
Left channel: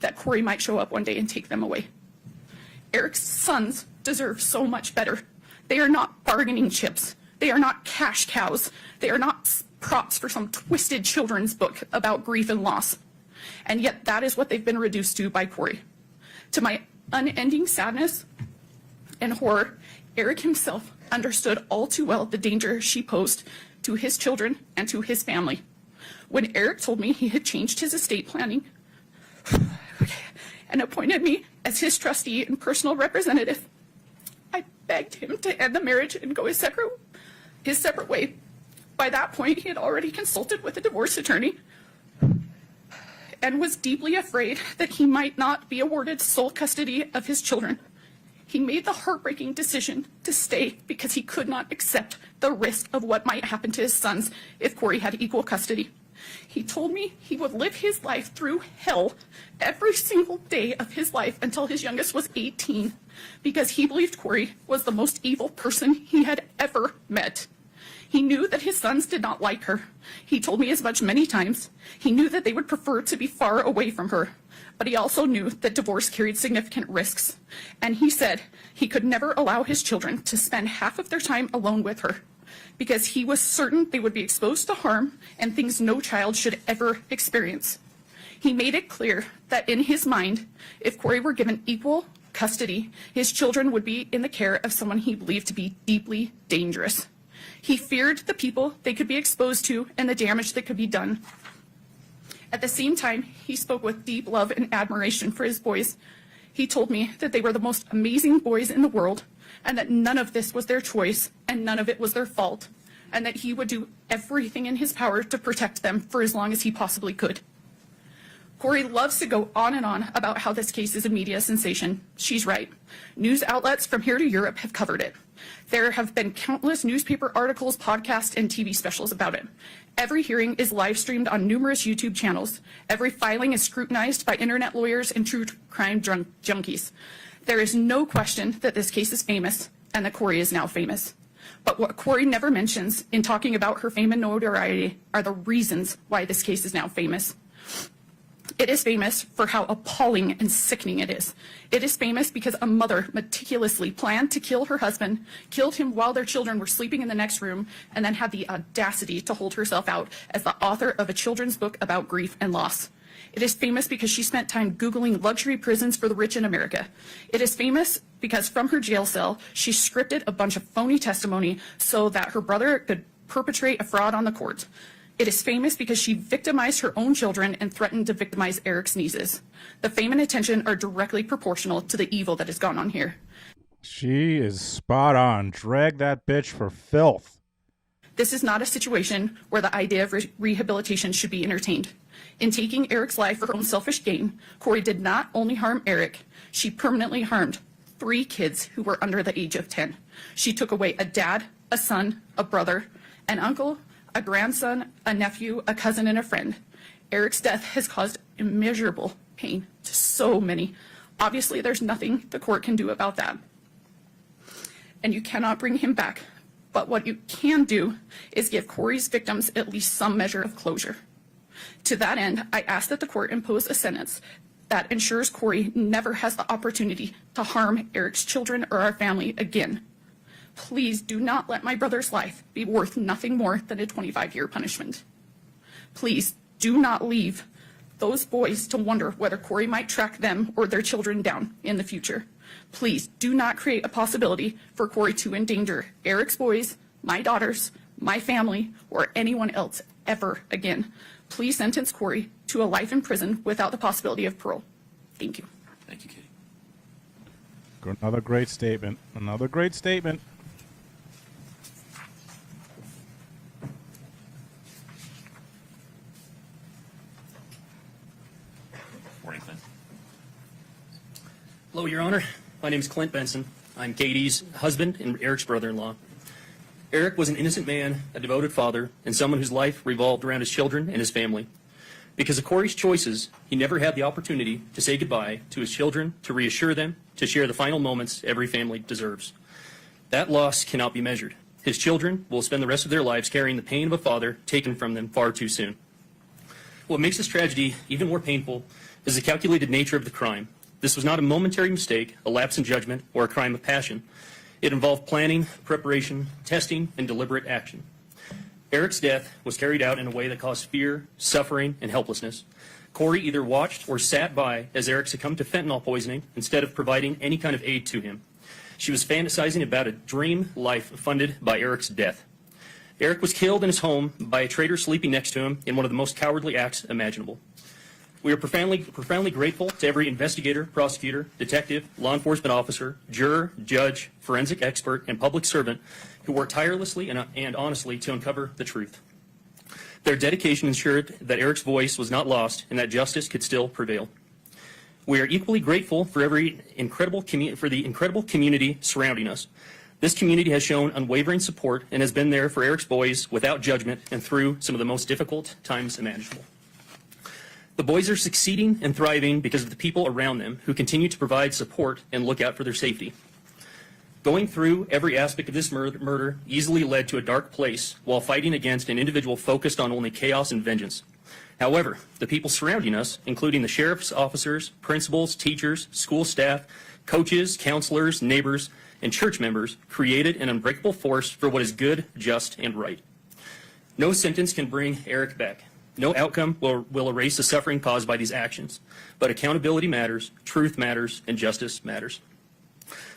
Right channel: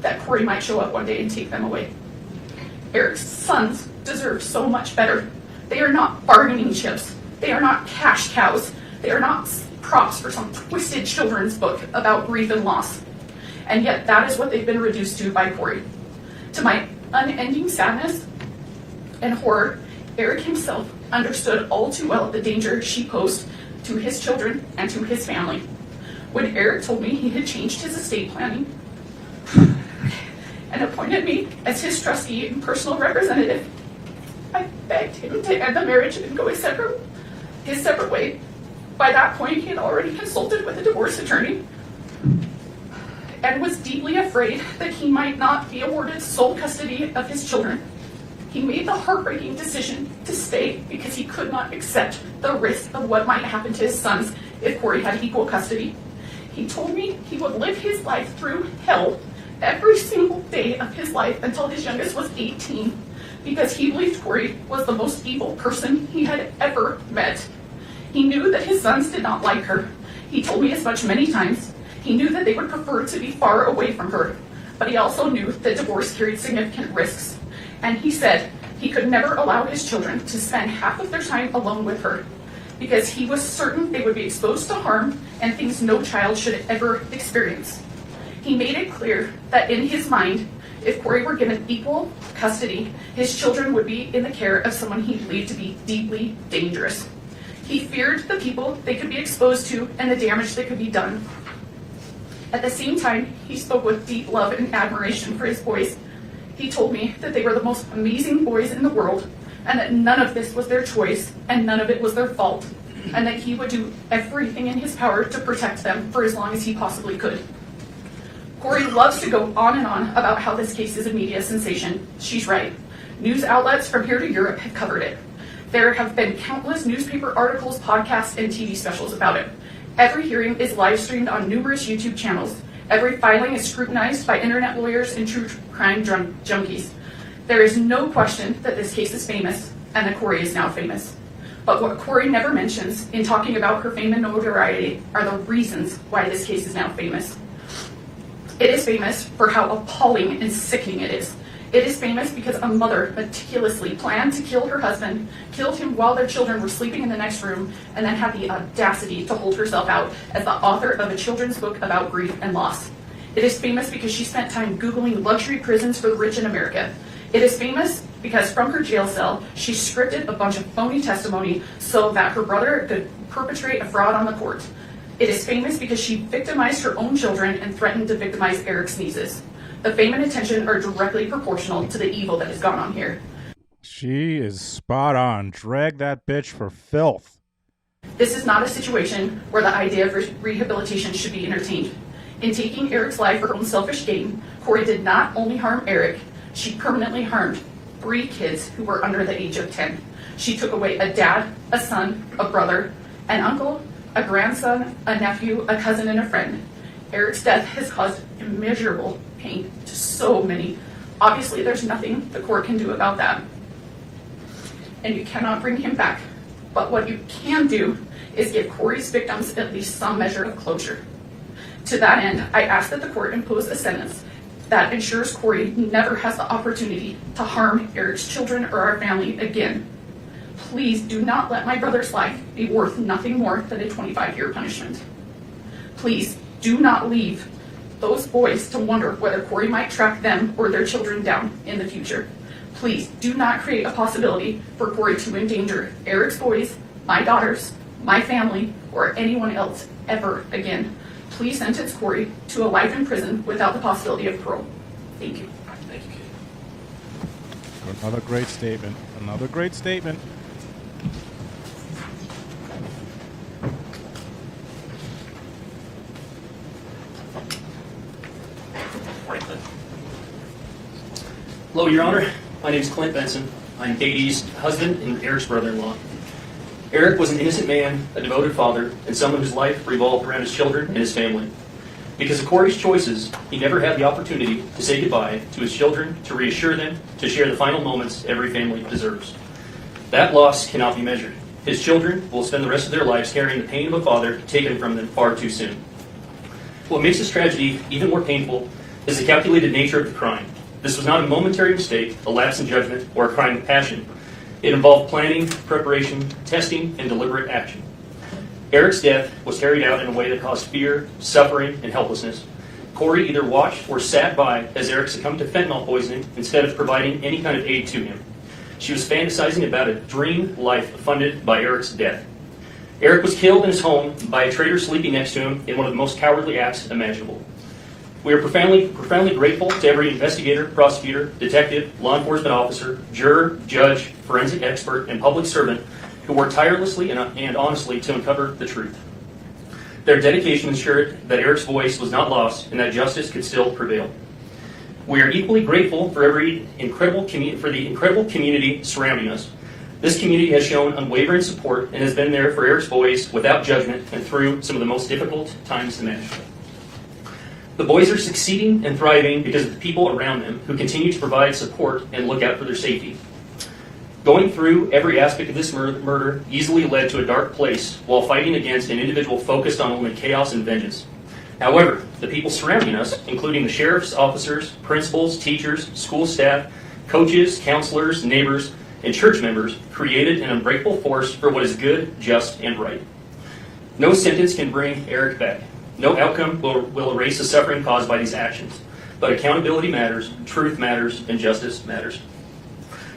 that Kouri might show up one day and take them away. Eric's sons deserve so much better. They are not bargaining chips. They are not cash cows. They are not props for some twisted children's book about grief and loss. And yet that is what they've been reduced to by Kouri. To my unending sadness and horror, Eric himself understood all too well the danger she posed to his children and to his family. When Eric told me he had changed his estate planning and appointed me as his trustee and personal representative, I begged him to end the marriage and go his separate way. By that point, he had already consulted with a divorce attorney and was deeply afraid that he might not be awarded sole custody of his children. He made the heartbreaking decision to stay because he could not accept the risk of what might happen to his sons if Kouri had equal custody. He told me he would live his life through hell every single day of his life until his youngest was 18, because he believed Kouri was the most evil person he had ever met. He knew that his sons did not like her. He told me as much many times. He knew that they would prefer to be far away from her, but he also knew that divorce carried significant risks. And he said he could never allow his children to spend half of their time alone with her, because he was certain they would be exposed to harm and things no child should ever experience. He made it clear that in his mind, if Kouri were given equal custody, his children would be in the care of someone he believed to be deeply dangerous. He feared the people they could be exposed to and the damage that could be done. At the same time, he spoke with deep love and admiration for his boys. He told me that they were the most amazing boys in the world, and that none of this was their choice and none of it was their fault, and that he would do everything in his power to protect them for as long as he possibly could. Kouri loves to go on and on about how this case is a media sensation. She's right. News outlets from here to Europe have covered it. There have been countless newspaper articles, podcasts, and TV specials about it. Every hearing is live streamed on numerous YouTube channels. Every filing is scrutinized by internet lawyers and true crime junkies. There is no question that this case is famous, and that Kouri is now famous. But what Kouri never mentions in talking about her fame and notoriety are the reasons why this case is now famous. It is famous for how appalling and sickening it is. It is famous because a mother meticulously planned to kill her husband, killed him while their children were sleeping in the next room, and then had the audacity to hold herself out as the author of a children's book about grief and loss. It is famous because she spent time Googling luxury prisons for the rich in America. It is famous because from her jail cell, she scripted a bunch of phony testimony so that her brother could perpetrate a fraud on the court. It is famous because she victimized her own children and threatened to victimize Eric's nieces. The fame and attention are directly proportional to the evil that has gone on here. She is spot on. Drag that bitch for filth. This is not a situation where the idea of rehabilitation should be entertained. In taking Eric's life for her own selfish gain, Kouri did not only harm Eric, she permanently harmed 3 kids who were under the age of 10. She took away a dad, a son, a brother, an uncle, a grandson, a nephew, a cousin, and a friend. Eric's death has caused immeasurable pain to so many. Obviously, there's nothing the court can do about that. And you cannot bring him back. But what you can do is give Kouri's victims at least some measure of closure. To that end, I ask that the court impose a sentence that ensures Kouri never has the opportunity to harm Eric's children or our family again. Please do not let my brother's life be worth nothing more than a 25-year punishment. Please do not leave those boys to wonder whether Kouri might track them or their children down in the future. Please do not create a possibility for Kouri to endanger Eric's boys, my daughters, my family, or anyone else ever again. Please sentence Kouri to a life in prison without the possibility of parole. Thank you. Thank you, Kate. Another great statement. Another great statement. Morning, Clint. Hello, Your Honor. My name is Clint Benson. I'm Katie's husband and Eric's brother-in-law. Eric was an innocent man, a devoted father, and someone whose life revolved around his children and his family. Because of Kouri's choices, he never had the opportunity to say goodbye to his children, to reassure them, to share the final moments every family deserves. That loss cannot be measured. His children will spend the rest of their lives carrying the pain of a father taken from them far too soon. What makes this tragedy even more painful is the calculated nature of the crime. This was not a momentary mistake, a lapse in judgment, or a crime of passion. It involved planning, preparation, testing, and deliberate action. Eric's death was carried out in a way that caused fear, suffering, and helplessness. Kouri either watched or sat by as Eric succumbed to fentanyl poisoning instead of providing any kind of aid to him. She was fantasizing about a dream life funded by Eric's death. Eric was killed in his home by a traitor sleeping next to him in one of the most cowardly acts imaginable. We are profoundly grateful to every investigator, prosecutor, detective, law enforcement officer, juror, judge, forensic expert, and public servant who worked tirelessly and honestly to uncover the truth. Their dedication ensured that Eric's voice was not lost and that justice could still prevail. We are equally grateful for the incredible community surrounding us. This community has shown unwavering support and has been there for Eric's boys without judgment and through some of the most difficult times imaginable. The boys are succeeding and thriving because of the people around them who continue to provide support and look out for their safety. Going through every aspect of this murder easily led to a dark place while fighting against an individual focused on only chaos and vengeance. However, the people surrounding us, including the sheriff's officers, principals, teachers, school staff, coaches, counselors, neighbors, and church members, created an unbreakable force for what is good, just, and right. No sentence can bring Eric back. No outcome will erase the suffering caused by these actions. But accountability matters, truth matters, and justice matters.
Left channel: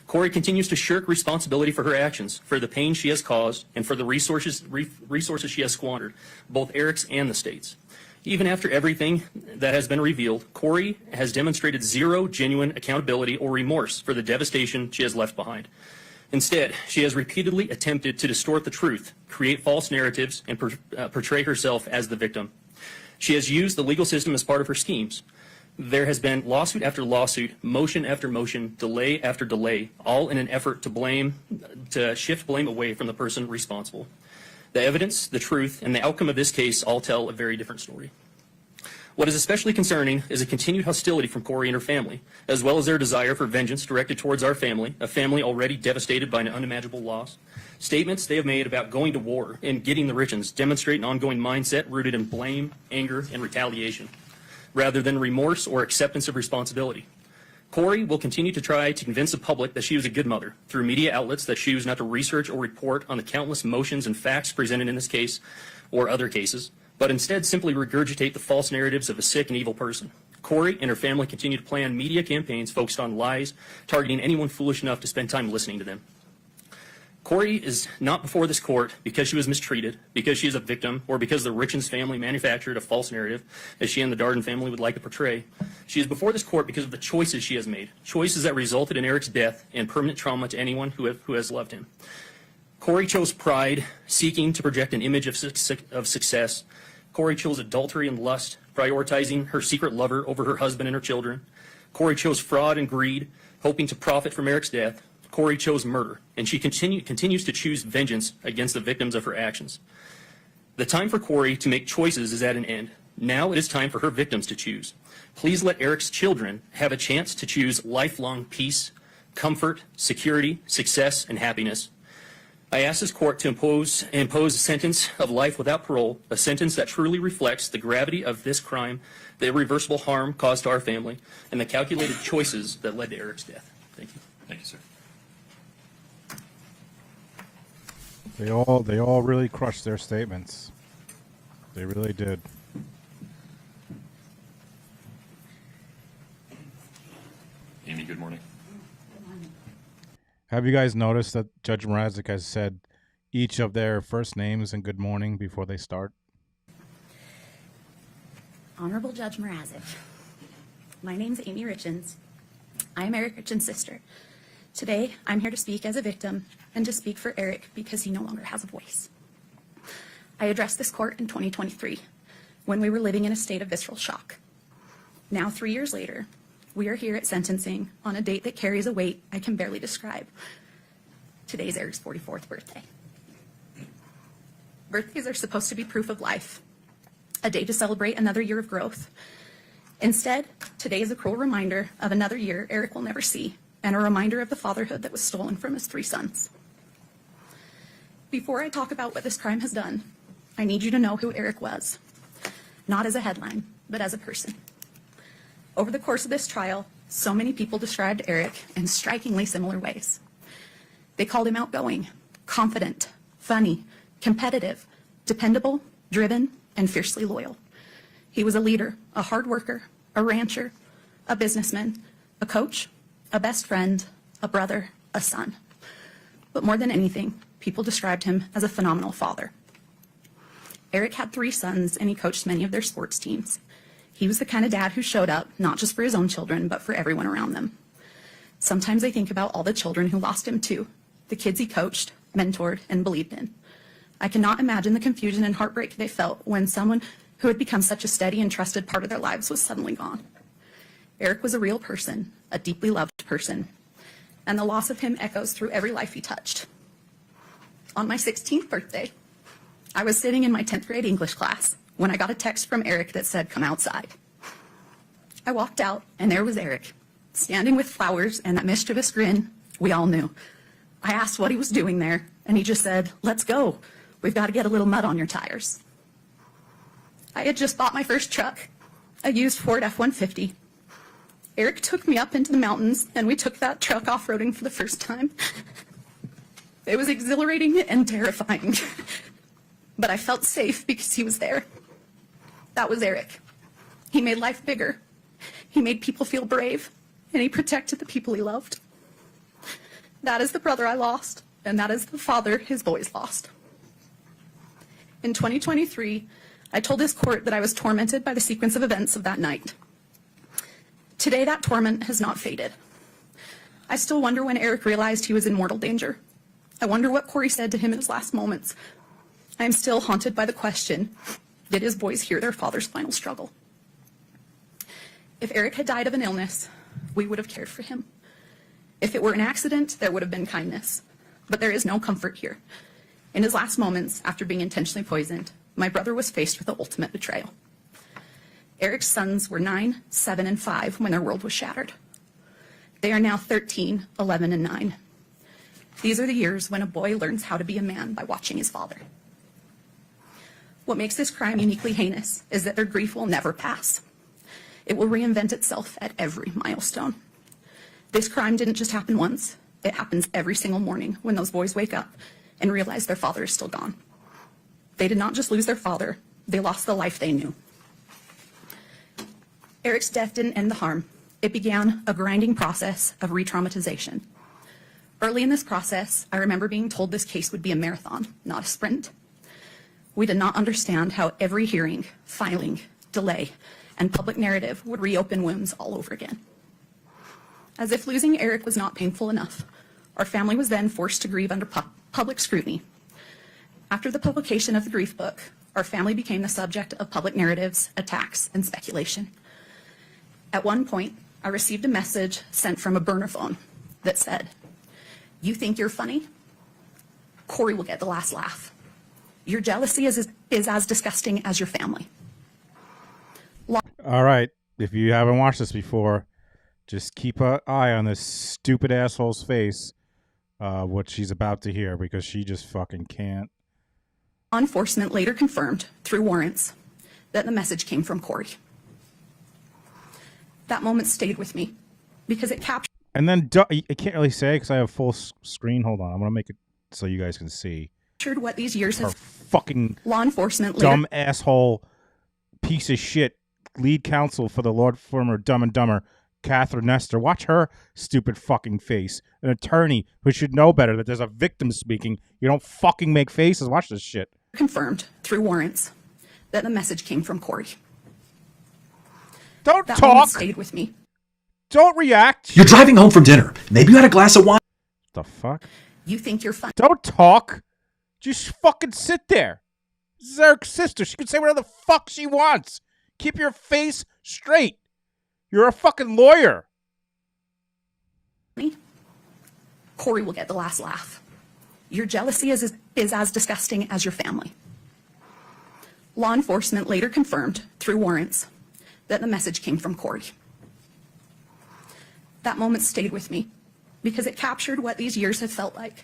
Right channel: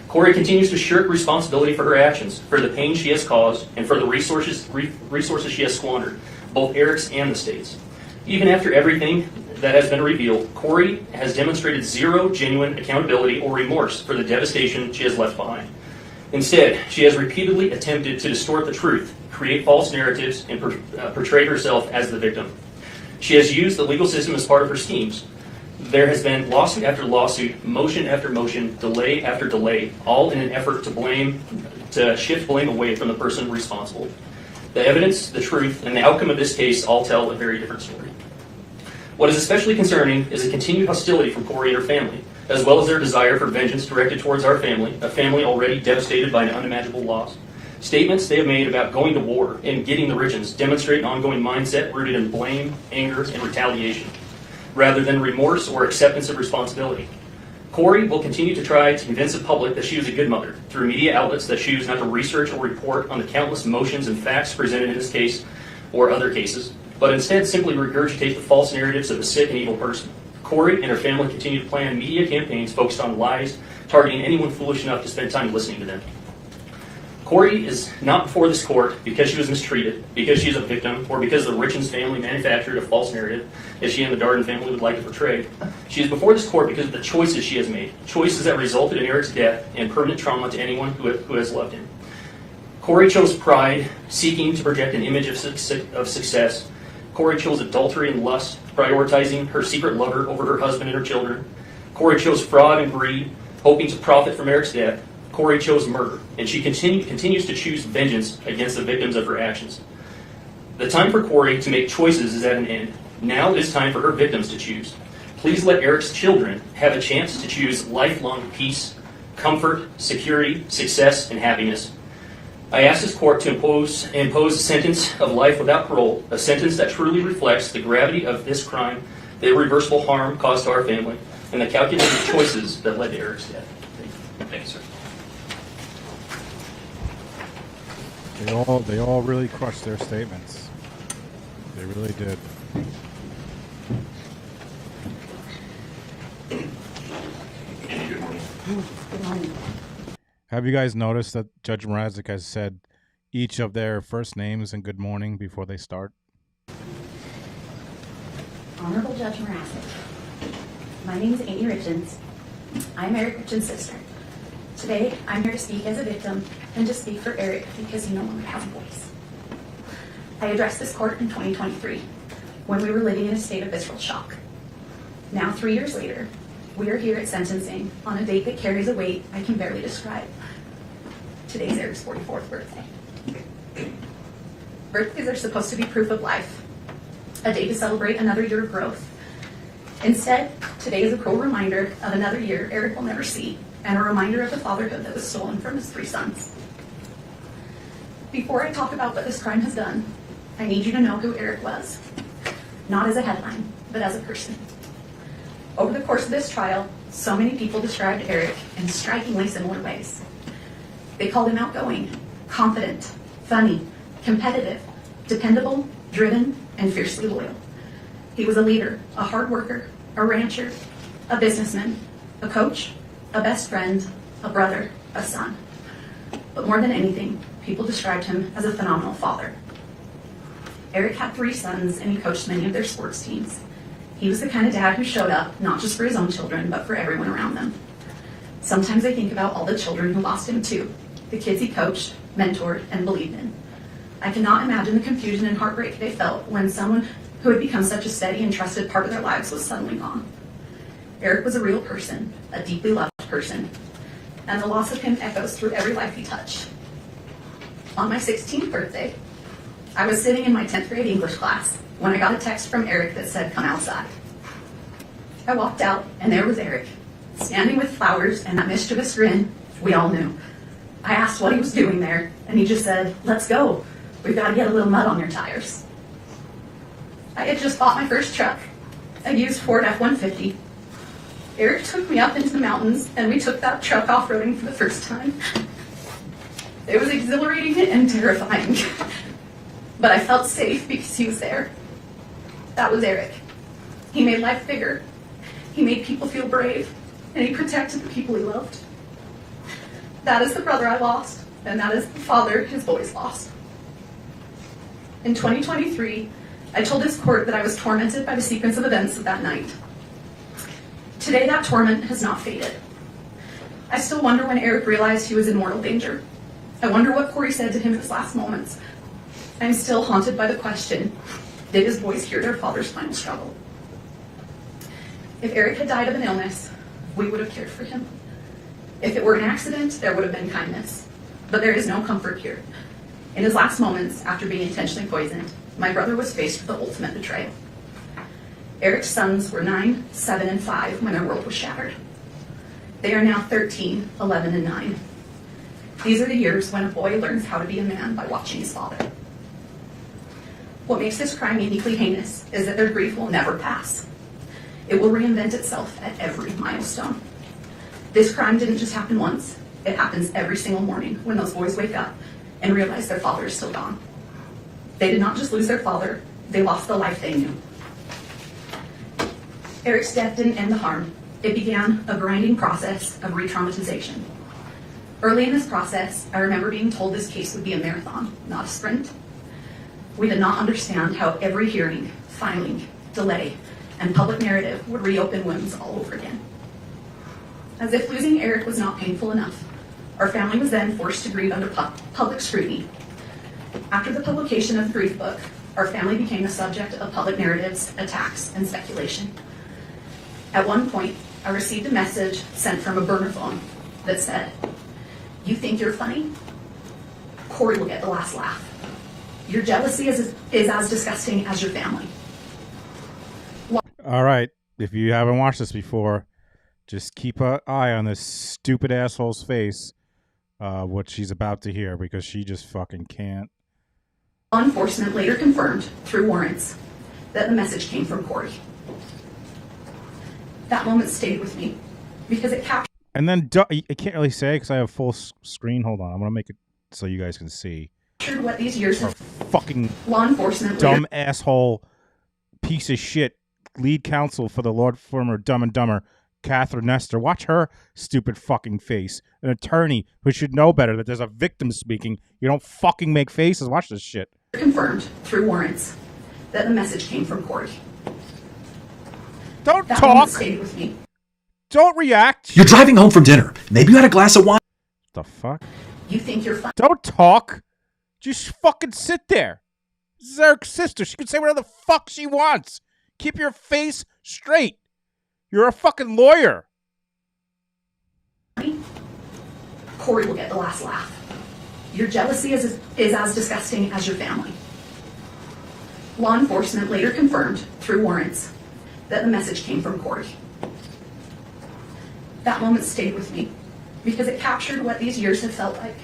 Kouri continues to shirk responsibility for her actions, for the pain she has caused, and for the resources she has squandered, both Eric's and the state's. Even after everything that has been revealed, Kouri has demonstrated zero genuine accountability or remorse for the devastation she has left behind. Instead, she has repeatedly attempted to distort the truth, create false narratives, and portray herself as the victim. She has used the legal system as part of her schemes. There has been lawsuit after lawsuit, motion after motion, delay after delay, all in an effort to shift blame away from the person responsible. The evidence, the truth, and the outcome of this case all tell a very different story. What is especially concerning is a continued hostility from Kouri and her family, as well as their desire for vengeance directed towards our family, a family already devastated by an unimaginable loss. Statements they have made about going to war and getting the Richins demonstrate an ongoing mindset rooted in blame, anger, and retaliation. rather than remorse or acceptance of responsibility. Kouri will continue to try to convince the public that she was a good mother through media outlets that choose not to research or report on the countless motions and facts presented in this case or other cases, but instead simply regurgitate the false narratives of a sick and evil person. Kouri and her family continue to plan media campaigns focused on lies, targeting anyone foolish enough to spend time listening to them. Kouri is not before this court because she was mistreated, because she's a victim, or because the Richins family manufactured a false narrative that she and the Darden family would like to portray. She is before this court because of the choices she has made, choices that resulted in Eric's death and permanent trauma to anyone who has loved him. Kouri chose pride, seeking to project an image of success. Kouri chose adultery and lust, prioritizing her secret lover over her husband and her children. Kouri chose fraud and greed, hoping to profit from Eric's death. Kouri chose murder, and she continues to choose vengeance against the victims of her actions. The time for Kouri to make choices is at an end. Now it is time for her victims to choose. Please let Eric's children have a chance to choose lifelong peace, comfort, security, success, and happiness. I ask this court to impose a sentence of life without parole, a sentence that truly reflects the gravity of this crime, the irreversible harm caused to our family, and the calculated choices that led to Eric's death. Thank you, sir. They all really crushed their statements. They really did. Andy, good morning. Good morning. Have you guys noticed that Judge Mrazek has said each of their first names and good morning before they start? Honorable Judge Mrazek, my name is Amy Richins. I'm Eric Richins' sister. Today, I'm here to speak as a victim and to speak for Eric because he no longer has a voice. I addressed this court in 2023 when we were living in a state of visceral shock. Now, 3 years later, we are here at sentencing on a date that carries a weight I can barely describe. Today's Eric's 44th birthday. Birthdays are supposed to be proof of life, a day to celebrate another year of growth. Instead, today is a cruel reminder of another year Eric will never see, and a reminder of the fatherhood that was stolen from his 3 sons. Before I talk about what this crime has done, I need you to know who Eric was, not as a headline, but as a person. Over the course of this trial, so many people described Eric in strikingly similar ways. They called him outgoing, confident, funny, competitive, dependable, driven, and fiercely loyal. He was a leader, a hard worker, a rancher, a businessman, a coach, a best friend, a brother, a son. But more than anything, people described him as a phenomenal father. Eric had 3 sons, and he coached many of their sports teams. He was the kind of dad who showed up, not just for his own children, but for everyone around them. Sometimes I think about all the children who lost him too, the kids he coached, mentored, and believed in. I cannot imagine the confusion and heartbreak they felt when someone who had become such a steady and trusted part of their lives was suddenly gone. Eric was a real person, a deeply loved person, and the loss of him echoes through every life he touched. On my 16th birthday, I was sitting in my 10th grade English class when I got a text from Eric that said, "Come outside." I walked out, and there was Eric, standing with flowers and that mischievous grin we all knew. I asked what he was doing there, and he just said, "Let's go. We've got to get a little mud on your tires." I had just bought my first truck, a used Ford F-150. Eric took me up into the mountains, and we took that truck off-roading for the first time. It was exhilarating and terrifying, but I felt safe because he was there. That was Eric. He made life bigger. He made people feel brave, and he protected the people he loved. That is the brother I lost, and that is the father his boys lost. In 2023, I told this court that I was tormented by the sequence of events of that night. Today, that torment has not faded. I still wonder when Eric realized he was in mortal danger. I wonder what Kouri said to him in his last moments. I'm still haunted by the question, did his boys hear their father's final struggle? If Eric had died of an illness, we would have cared for him. If it were an accident, there would have been kindness. But there is no comfort here. In his last moments, after being intentionally poisoned, my brother was faced with the ultimate betrayal. Eric's sons were 9, 7, and 5 when their world was shattered. They are now 13, 11, and 9. These are the years when a boy learns how to be a man by watching his father. What makes this crime uniquely heinous is that their grief will never pass. It will reinvent itself at every milestone. This crime didn't just happen once. It happens every single morning when those boys wake up and realize their father is still gone. They did not just lose their father, they lost the life they knew. Eric's death didn't end the harm. It began a grinding process of re-traumatization. Early in this process, I remember being told this case would be a marathon, not a sprint. We did not understand how every hearing, filing, delay, and public narrative would reopen wounds all over again. As if losing Eric was not painful enough, our family was then forced to grieve under public scrutiny. After the publication of the grief book, our family became the subject of public narratives, attacks, and speculation. At one point, I received a message sent from a burner phone that said, "You think you're funny? Kouri will get the last laugh. Your jealousy is as disgusting as your family." All right. If you haven't watched this before, just keep an eye on this stupid asshole's face, what she's about to hear, because she just fucking can't. Law enforcement later confirmed, through warrants, that the message came from Kouri. That moment stayed with me because it captured. And then I can't really say because I have full screen. Hold on. I'm going to make it so you guys can see. What these years Her have fucking law enforcement dumb later, asshole piece of shit lead counsel for the Lord firm of Dumb and Dumber, Catherine Nestor. Watch her stupid fucking face. An attorney who should know better that there's a victim speaking. You don't fucking make faces. Watch this shit. confirmed through warrants that the message came from Kouri. Don't That talk. moment stayed with me. Don't react. You're driving home from dinner. Maybe you had a glass of wine. The fuck? You think you're funny? Don't talk. Just fucking sit there. This is Eric's sister. She can say whatever the fuck she wants. Keep your face straight. You're a fucking lawyer. Kouri will get the last laugh. Your jealousy is as disgusting as your family. Law enforcement later confirmed through warrants that the message came from Kouri. That moment stayed with me because it captured what these years have felt like.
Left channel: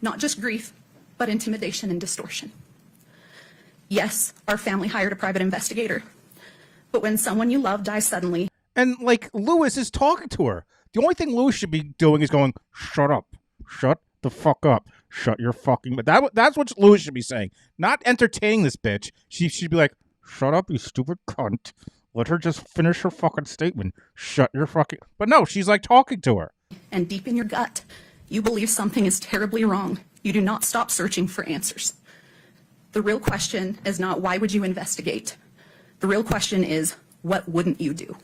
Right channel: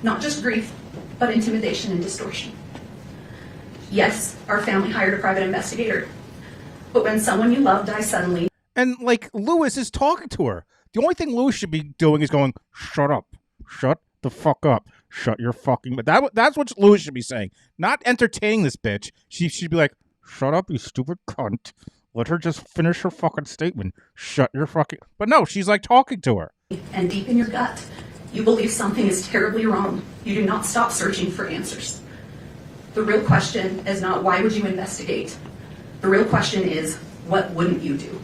Not just grief, but intimidation and distortion. Yes, our family hired a private investigator, but when someone you love dies suddenly. And, like, Lewis is talking to her. The only thing Lewis should be doing is going, shut up. Shut the fuck up. Shut your fucking... That's what Lewis should be saying. Not entertaining this bitch. She should be like, shut up, you stupid cunt. Let her just finish her fucking statement. Shut your fucking... But no, she's, like, talking to her. And deep in your gut, you believe something is terribly wrong. You do not stop searching for answers. The real question is not why would you investigate? The real question is, what wouldn't you do?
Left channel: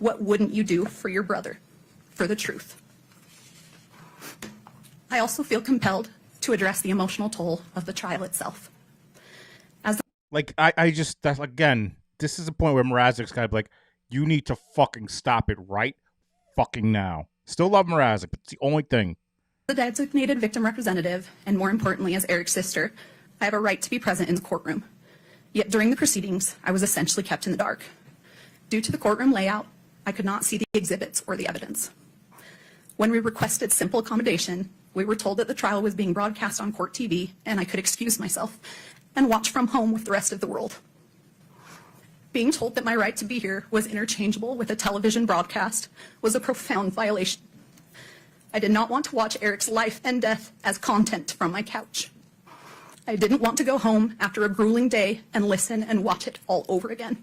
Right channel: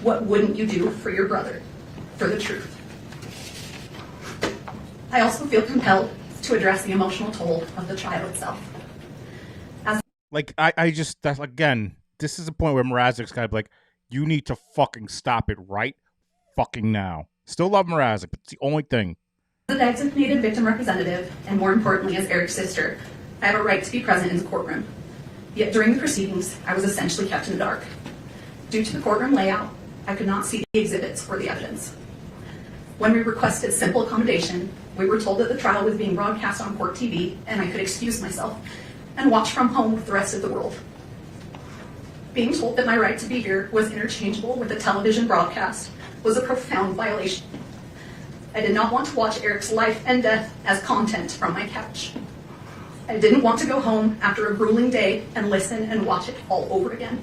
What wouldn't you do for your brother, for the truth? I also feel compelled to address the emotional toll of the trial itself. Like, I just, that's, again, this is a point where Mrazek's kind of like, you need to fucking stop it right fucking now. Still love Mrazek, but it's the only thing. As a designated victim representative, and more importantly as Eric's sister, I have a right to be present in the courtroom. Yet during the proceedings, I was essentially kept in the dark. Due to the courtroom layout, I could not see the exhibits or the evidence. When we requested simple accommodation, we were told that the trial was being broadcast on court TV and I could excuse myself and watch from home with the rest of the world. Being told that my right to be here was interchangeable with a television broadcast was a profound violation. I did not want to watch Eric's life and death as content from my couch. I didn't want to go home after a grueling day and listen and watch it all over again.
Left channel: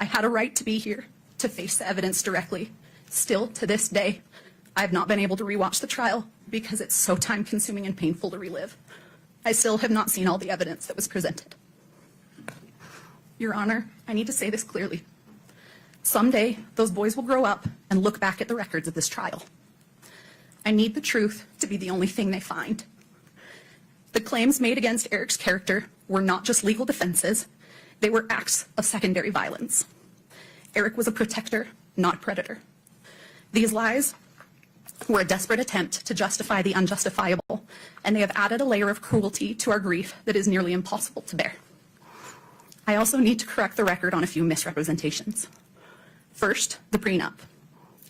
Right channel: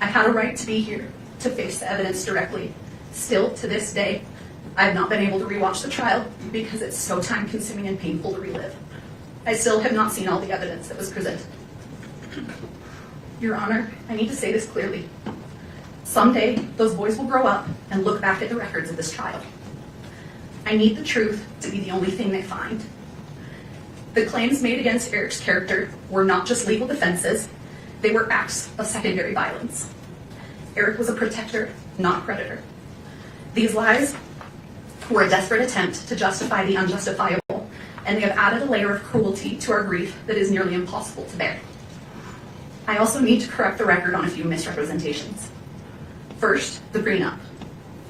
I had a right to be here, to face the evidence directly. Still, to this day, I have not been able to rewatch the trial because it's so time-consuming and painful to relive. I still have not seen all the evidence that was presented. Your Honor, I need to say this clearly. Someday, those boys will grow up and look back at the records of this trial. I need the truth to be the only thing they find. The claims made against Eric's character were not just legal defenses, they were acts of secondary violence. Eric was a protector, not a predator. These lies were a desperate attempt to justify the unjustifiable, and they have added a layer of cruelty to our grief that is nearly impossible to bear. I also need to correct the record on a few misrepresentations. First, the prenup.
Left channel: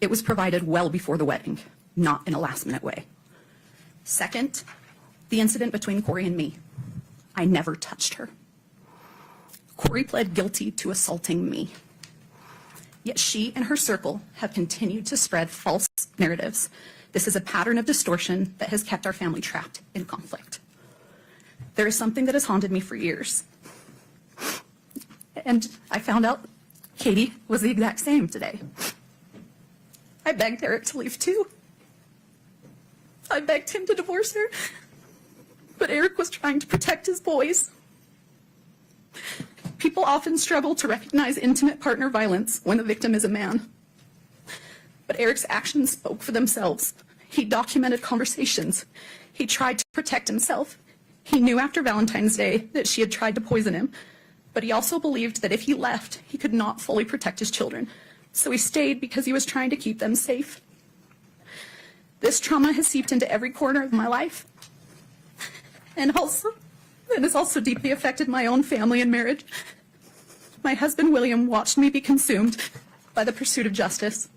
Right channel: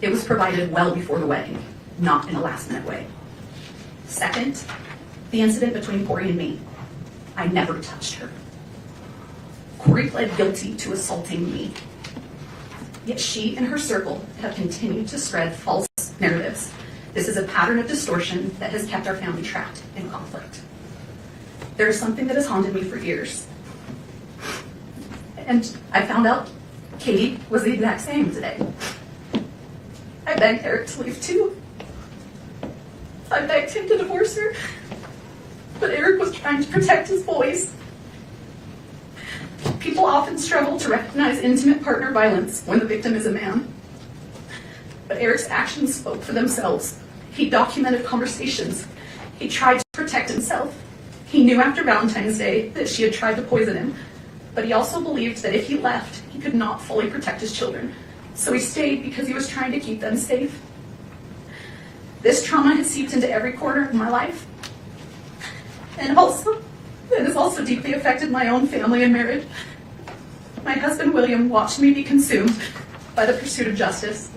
It was provided well before the wedding, not in a last-minute way. Second, the incident between Kouri and me. I never touched her. Kouri pled guilty to assaulting me. Yet she and her circle have continued to spread false narratives. This is a pattern of distortion that has kept our family trapped in conflict. There is something that has haunted me for years. And I found out Katie was the exact same today. I begged Eric to leave too. I begged him to divorce her, but Eric was trying to protect his boys. People often struggle to recognize intimate partner violence when the victim is a man. But Eric's actions spoke for themselves. He documented conversations. He tried to protect himself. He knew after Valentine's Day that she had tried to poison him, but he also believed that if he left, he could not fully protect his children. So he stayed because he was trying to keep them safe. This trauma has seeped into every corner of my life. And also, it has also deeply affected my own family and marriage. My husband, William, watched me be consumed by the pursuit of justice.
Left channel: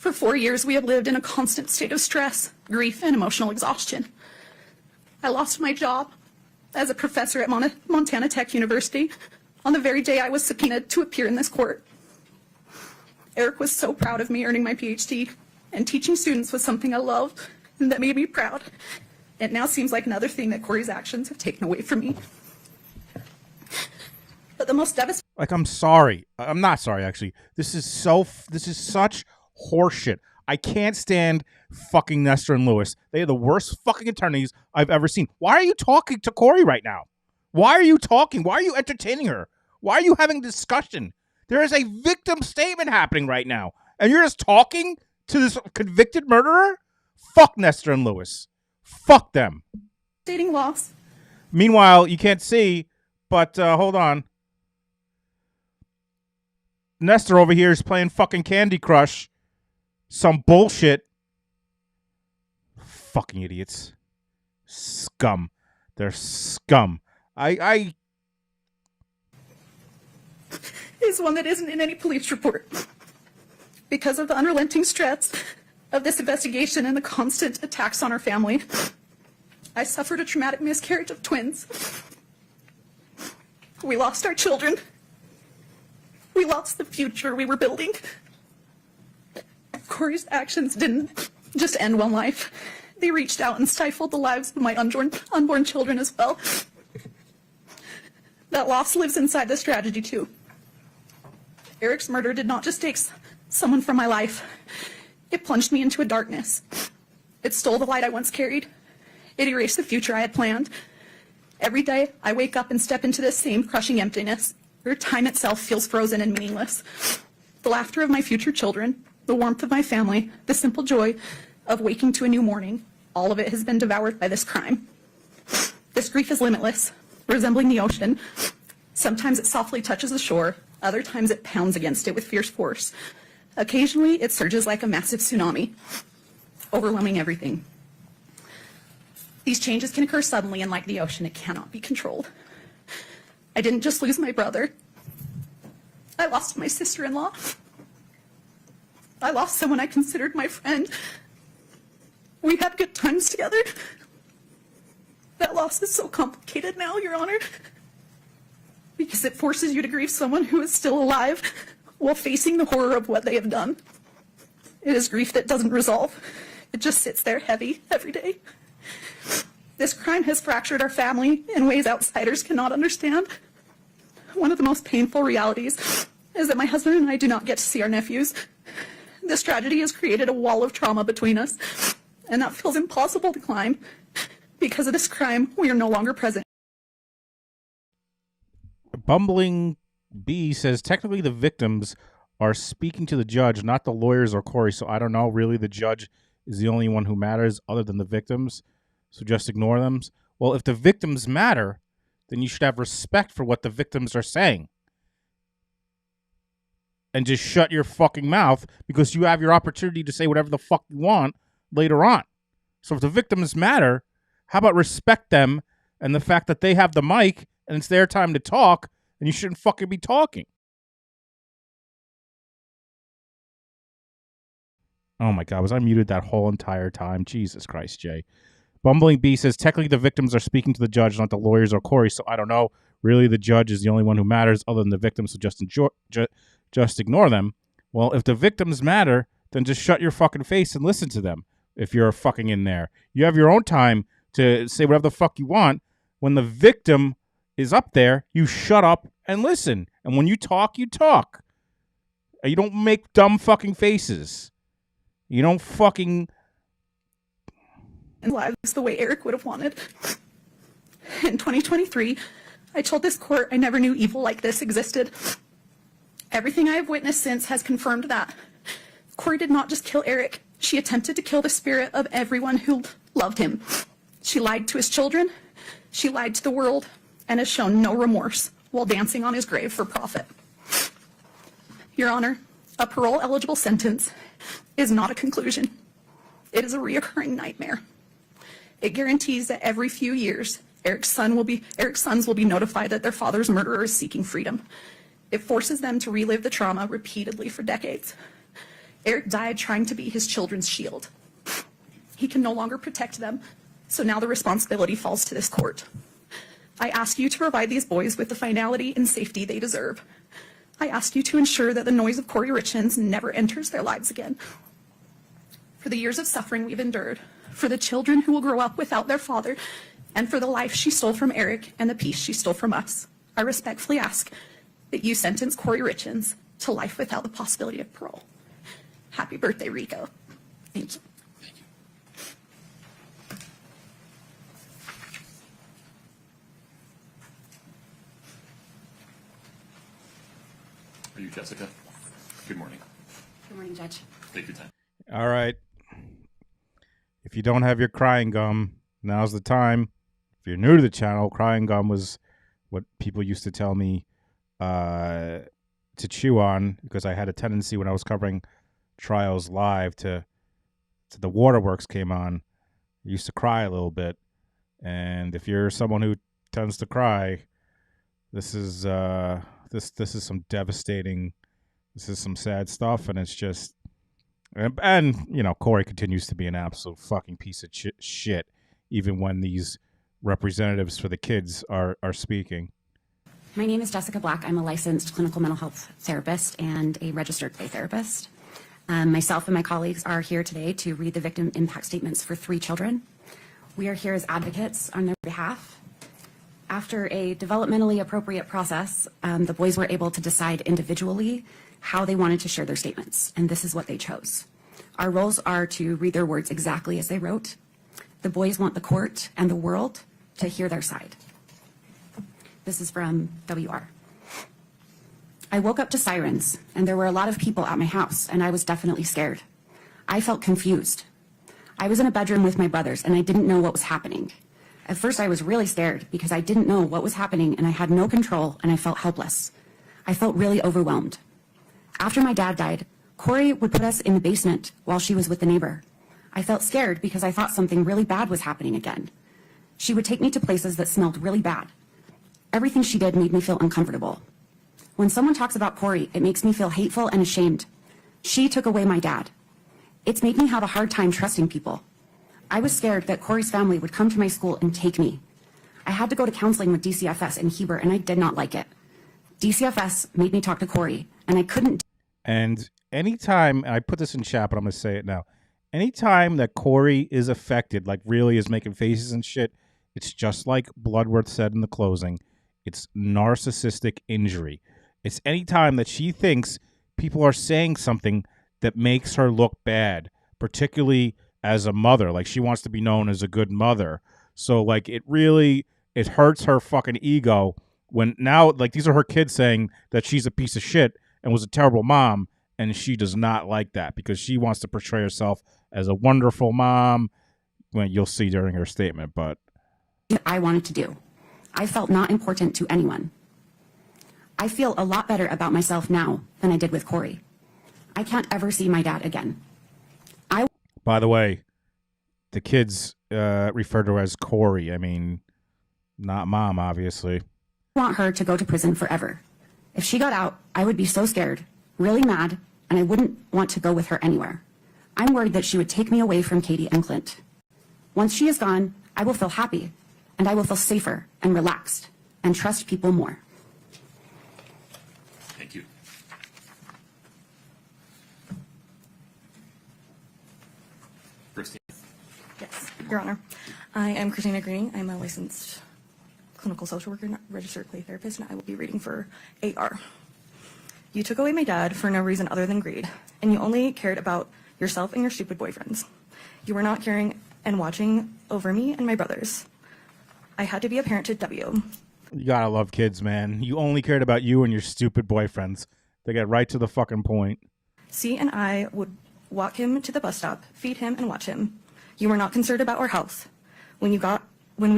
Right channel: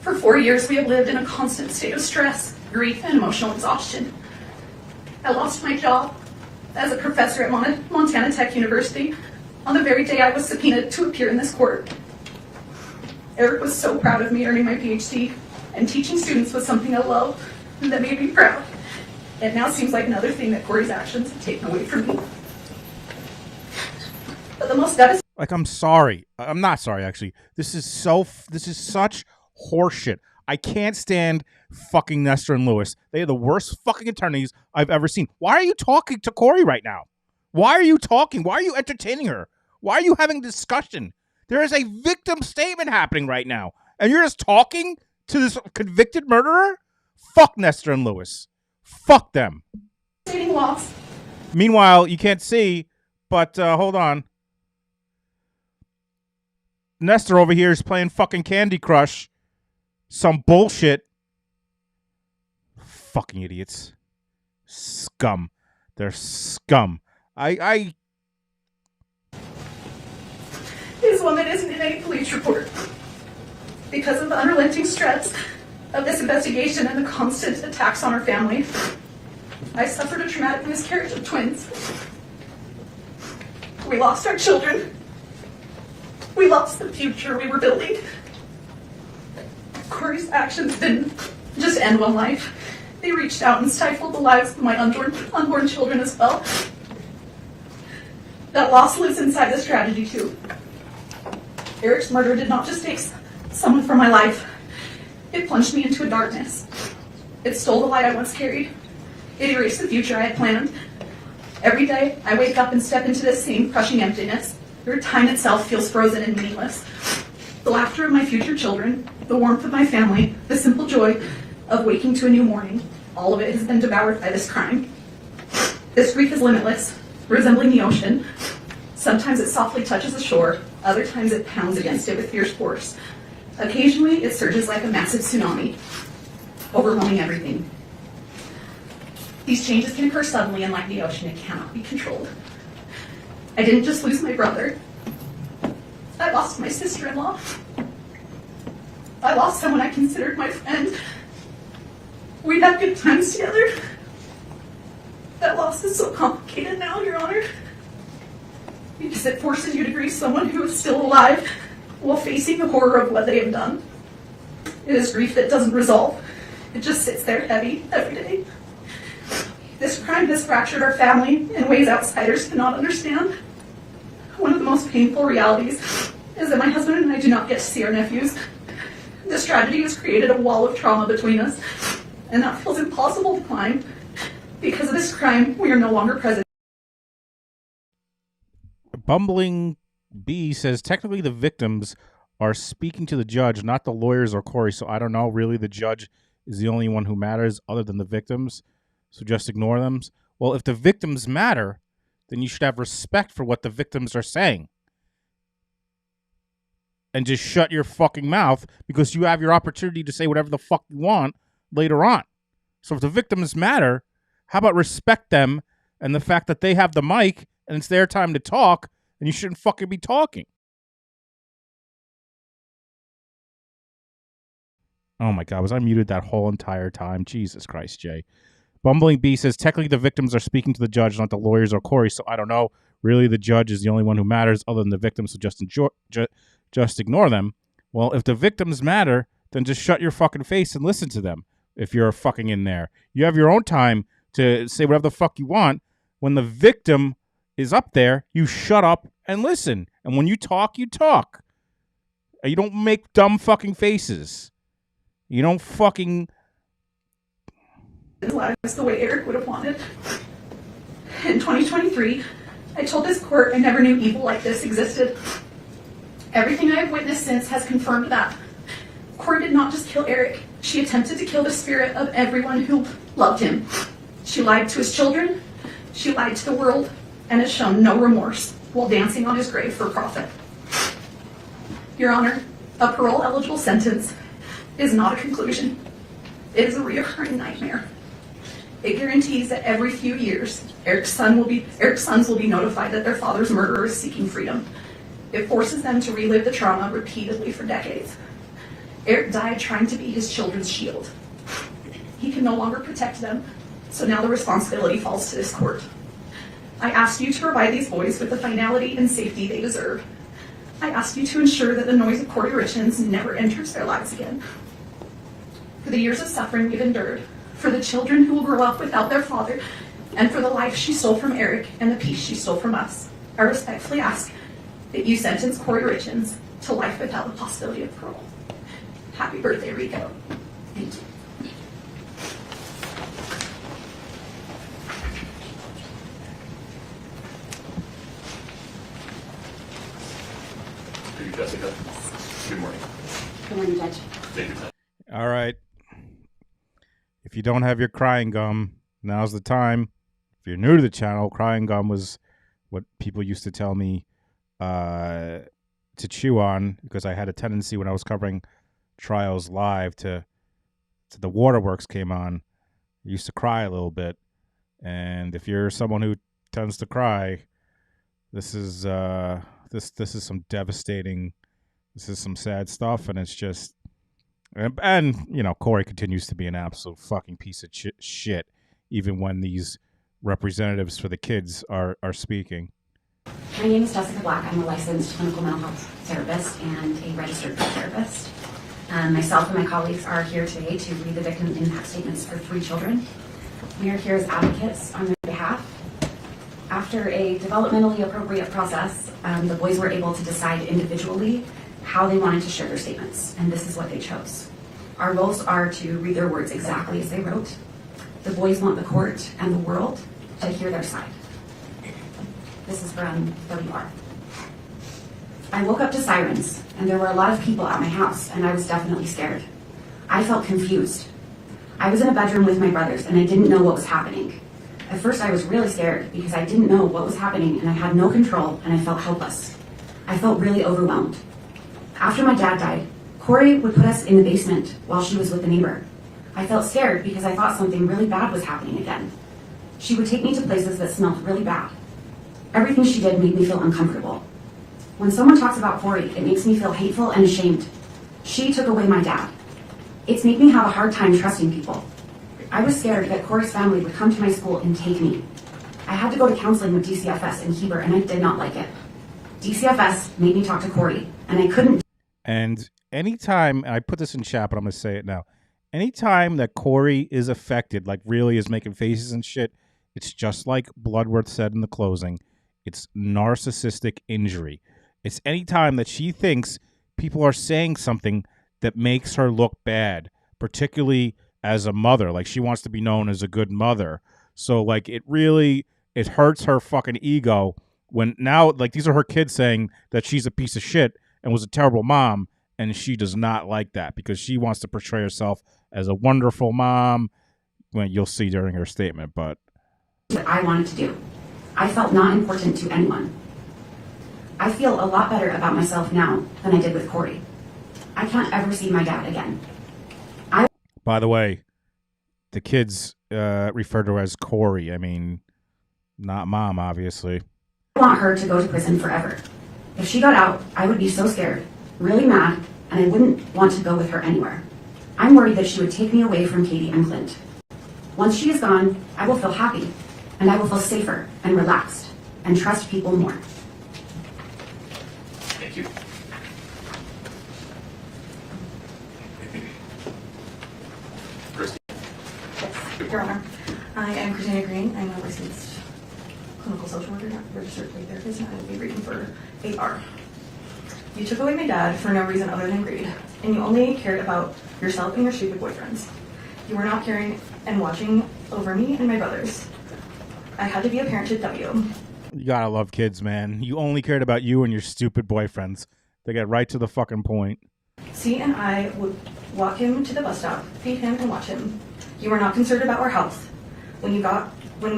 For 4 years, we have lived in a constant state of stress, grief, and emotional exhaustion. I lost my job as a professor at Montana Tech University on the very day I was subpoenaed to appear in this court. Eric was so proud of me earning my PhD, and teaching students was something I loved and that made me proud. It now seems like another thing that Kouri's actions have taken away from me. But the most devastating... Like, I'm sorry. I'm not sorry, actually. This is such horseshit. I can't stand fucking Nestor and Lewis. They are the worst fucking attorneys I've ever seen. Why are you talking to Kouri right now? Why are you talking? Why are you entertaining her? Why are you having a discussion? There is a victim statement happening right now, and you're just talking to this convicted murderer? Fuck Nestor and Lewis. Fuck them. Loss. Meanwhile, you can't see, but hold on. Nestor over here is playing fucking Candy Crush. Some bullshit. Fucking idiots. Scum. They're scum. Is one that isn't in any police report. Because of the unrelenting stress of this investigation and the constant attacks on our family, I suffered a traumatic miscarriage of twins. We lost our children. We lost the future we were building. Kouri's actions didn't just end one life. They reached out and stifled the lives of my unborn children as well. That loss lives inside this tragedy too. Eric's murder did not just take someone from my life. It plunged me into a darkness. It stole the light I once carried. It erased the future I had planned. Every day, I wake up and step into this same crushing emptiness, where time itself feels frozen and meaningless. The laughter of my future children, the warmth of my family, the simple joy of waking to a new morning, all of it has been devoured by this crime. This grief is limitless, resembling the ocean. Sometimes it softly touches the shore, other times it pounds against it with fierce force. Occasionally, it surges like a massive tsunami, overwhelming everything. These changes can occur suddenly, and like the ocean, it cannot be controlled. I didn't just lose my brother. I lost my sister-in-law. I lost someone I considered my friend. We'd had good times together. That loss is so complicated now, Your Honor, because it forces you to grieve someone who is still alive while facing the horror of what they have done. It is grief that doesn't resolve. It just sits there heavy every day. This crime has fractured our family in ways outsiders cannot understand. One of the most painful realities is that my husband and I do not get to see our nephews. This tragedy has created a wall of trauma between us, and that feels impossible to climb. Because of this crime, we are no longer present. Bumbling B says, technically the victims are speaking to the judge, not the lawyers or Kouri, so I don't know. Really, the judge is the only one who matters other than the victims, so just ignore them. Well, if the victims matter, then you should have respect for what the victims are saying. And just shut your fucking mouth, because you have your opportunity to say whatever the fuck you want later on. So if the victims matter, how about respect them and the fact that they have the mic and it's their time to talk, and you shouldn't fucking be talking. Oh my God, was I muted that whole entire time? Jesus Christ, Jay. Bumbling B says, technically the victims are speaking to the judge, not the lawyers or Kouri, so I don't know. Really, the judge is the only one who matters other than the victim, so just ignore them. Well, if the victims matter, then just shut your fucking face and listen to them if you're fucking in there. You have your own time to say whatever the fuck you want. When the victim is up there, you shut up and listen. And when you talk, you talk. You don't make dumb fucking faces. You don't fucking... lives the way Eric would have wanted. In 2023, I told this court I never knew evil like this existed. Everything I have witnessed since has confirmed that. Kouri did not just kill Eric. She attempted to kill the spirit of everyone who loved him. She lied to his children, she lied to the world, and has shown no remorse while dancing on his grave for profit. Your Honor, a parole-eligible sentence is not a conclusion. It is a reoccurring nightmare. It guarantees that every few years, Eric's sons will be notified that their father's murderer is seeking freedom. It forces them to relive the trauma repeatedly for decades. Eric died trying to be his children's shield. He can no longer protect them, so now the responsibility falls to this court. I ask you to provide these boys with the finality and safety they deserve. I ask you to ensure that the noise of Kouri Richins never enters their lives again. For the years of suffering we've endured, for the children who will grow up without their father, and for the life she stole from Eric and the peace she stole from us, I respectfully ask that you sentence Kouri Richins to life without the possibility of parole. Happy birthday, Rico. Thank you. Thank you, Jessica. Good morning. Good morning, Judge. Take your time. All right. If you don't have your crying gum, now's the time. If you're new to the channel, crying gum was what people used to tell me to chew on, because I had a tendency when I was covering trials live to the waterworks came on. I used to cry a little bit. And if you're someone who tends to cry, this is this is some devastating, this is some sad stuff, and it's just, and you know, Kouri continues to be an absolute fucking piece of shit, even when these representatives for the kids are speaking. My name is Jessica Black. I'm a licensed clinical mental health therapist and a registered therapist. Myself and my colleagues are here today to read the victim impact statements for 3 children. We are here as advocates on their behalf. After a developmentally appropriate process, the boys were able to decide individually how they wanted to share their statements, and this is what they chose. Our roles are to read their words exactly as they wrote. The boys want the court and the world to hear their side. This is from WR. I woke up to sirens, and there were a lot of people at my house, and I was definitely scared. I felt confused. I was in a bedroom with my brothers, and I didn't know what was happening. At first, I was really scared because I didn't know what was happening, and I had no control, and I felt helpless. I felt really overwhelmed. After my dad died, Kouri would put us in the basement while she was with a neighbor. I felt scared because I thought something really bad was happening again. She would take me to places that smelled really bad. Everything she did made me feel uncomfortable. When someone talks about Kouri, it makes me feel hateful and ashamed. She took away my dad. It's made me have a hard time trusting people. I was scared that Kouri's family would come to my school and take me. I had to go to counseling with DCFS in Heber, and I did not like it. DCFS made me talk to Kouri, and I couldn't. And anytime, I put this in chat, but I'm going to say it now. Anytime that Kouri is affected, like really is making faces and shit, it's just like Bloodworth said in the closing. It's narcissistic injury. It's anytime that she thinks people are saying something that makes her look bad, particularly as a mother. Like she wants to be known as a good mother. So like it hurts her fucking ego when now like these are her kids saying that she's a piece of shit and was a terrible mom, and she does not like that because she wants to portray herself as a wonderful mom. Well, you'll see during her statement, but What I wanted to do. I felt not important to anyone. I feel a lot better about myself now than I did with Kouri. I can't ever see my dad again. By the way, the kids refer to her as Kouri. I mean, not mom, obviously. I want her to go to prison forever. If she got out, I would be so scared, really mad, and I wouldn't want to go with her anywhere. I'm worried that she would take me away from Katie and Clint. Once she is gone, I will feel happy, and I will feel safer and relaxed. and trust people more. Thank you. Christy. Yes, Your Honor. I am Christina Green. I'm a licensed clinical social worker, not registered play therapist, and I will be reading for AR. You took away my dad for no reason other than greed, and you only cared about yourself and your stupid boyfriends. You were not caring and watching over me and my brothers. I had to be a parent to W. You gotta love kids, man. You only cared about you and your stupid boyfriends. They get right to the fucking point. C and I would walk him to the bus stop, feed him, and watch him. You were not concerned about our health. When we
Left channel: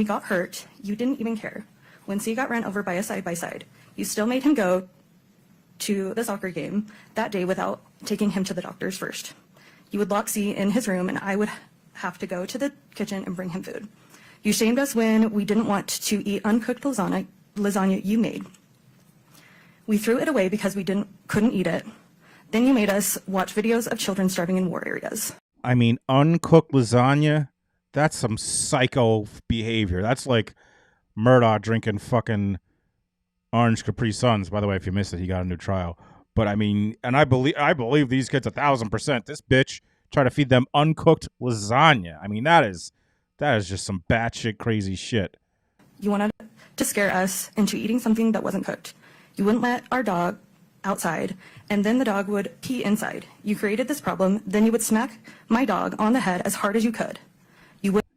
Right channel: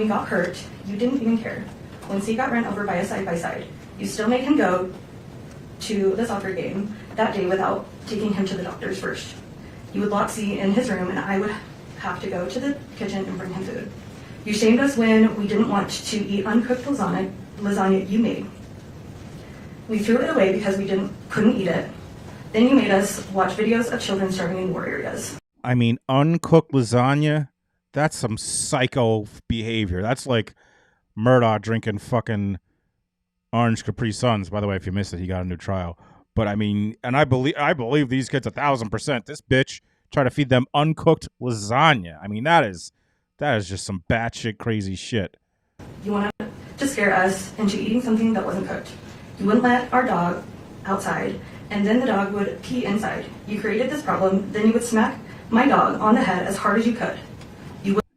got hurt, you didn't even care. When C got run over by a side-by-side, you still made him go to the soccer game that day without taking him to the doctors first. You would lock C in his room, and I would have to go to the kitchen and bring him food. You shamed us when we didn't want to eat uncooked lasagna you made. We threw it away because we couldn't eat it. Then you made us watch videos of children starving in war areas. I mean, uncooked lasagna, that's some psycho behavior. That's like Murdoch drinking fucking orange Capri Suns. By the way, if you missed it, he got a new trial. But I mean, and I believe these kids 1,000%. This bitch tried to feed them uncooked lasagna. I mean, that is just some batshit crazy shit. You wanted to scare us into eating something that wasn't cooked. You wouldn't let our dog outside, and then the dog would pee inside. You created this problem, then you would smack my dog on the head as hard as you could.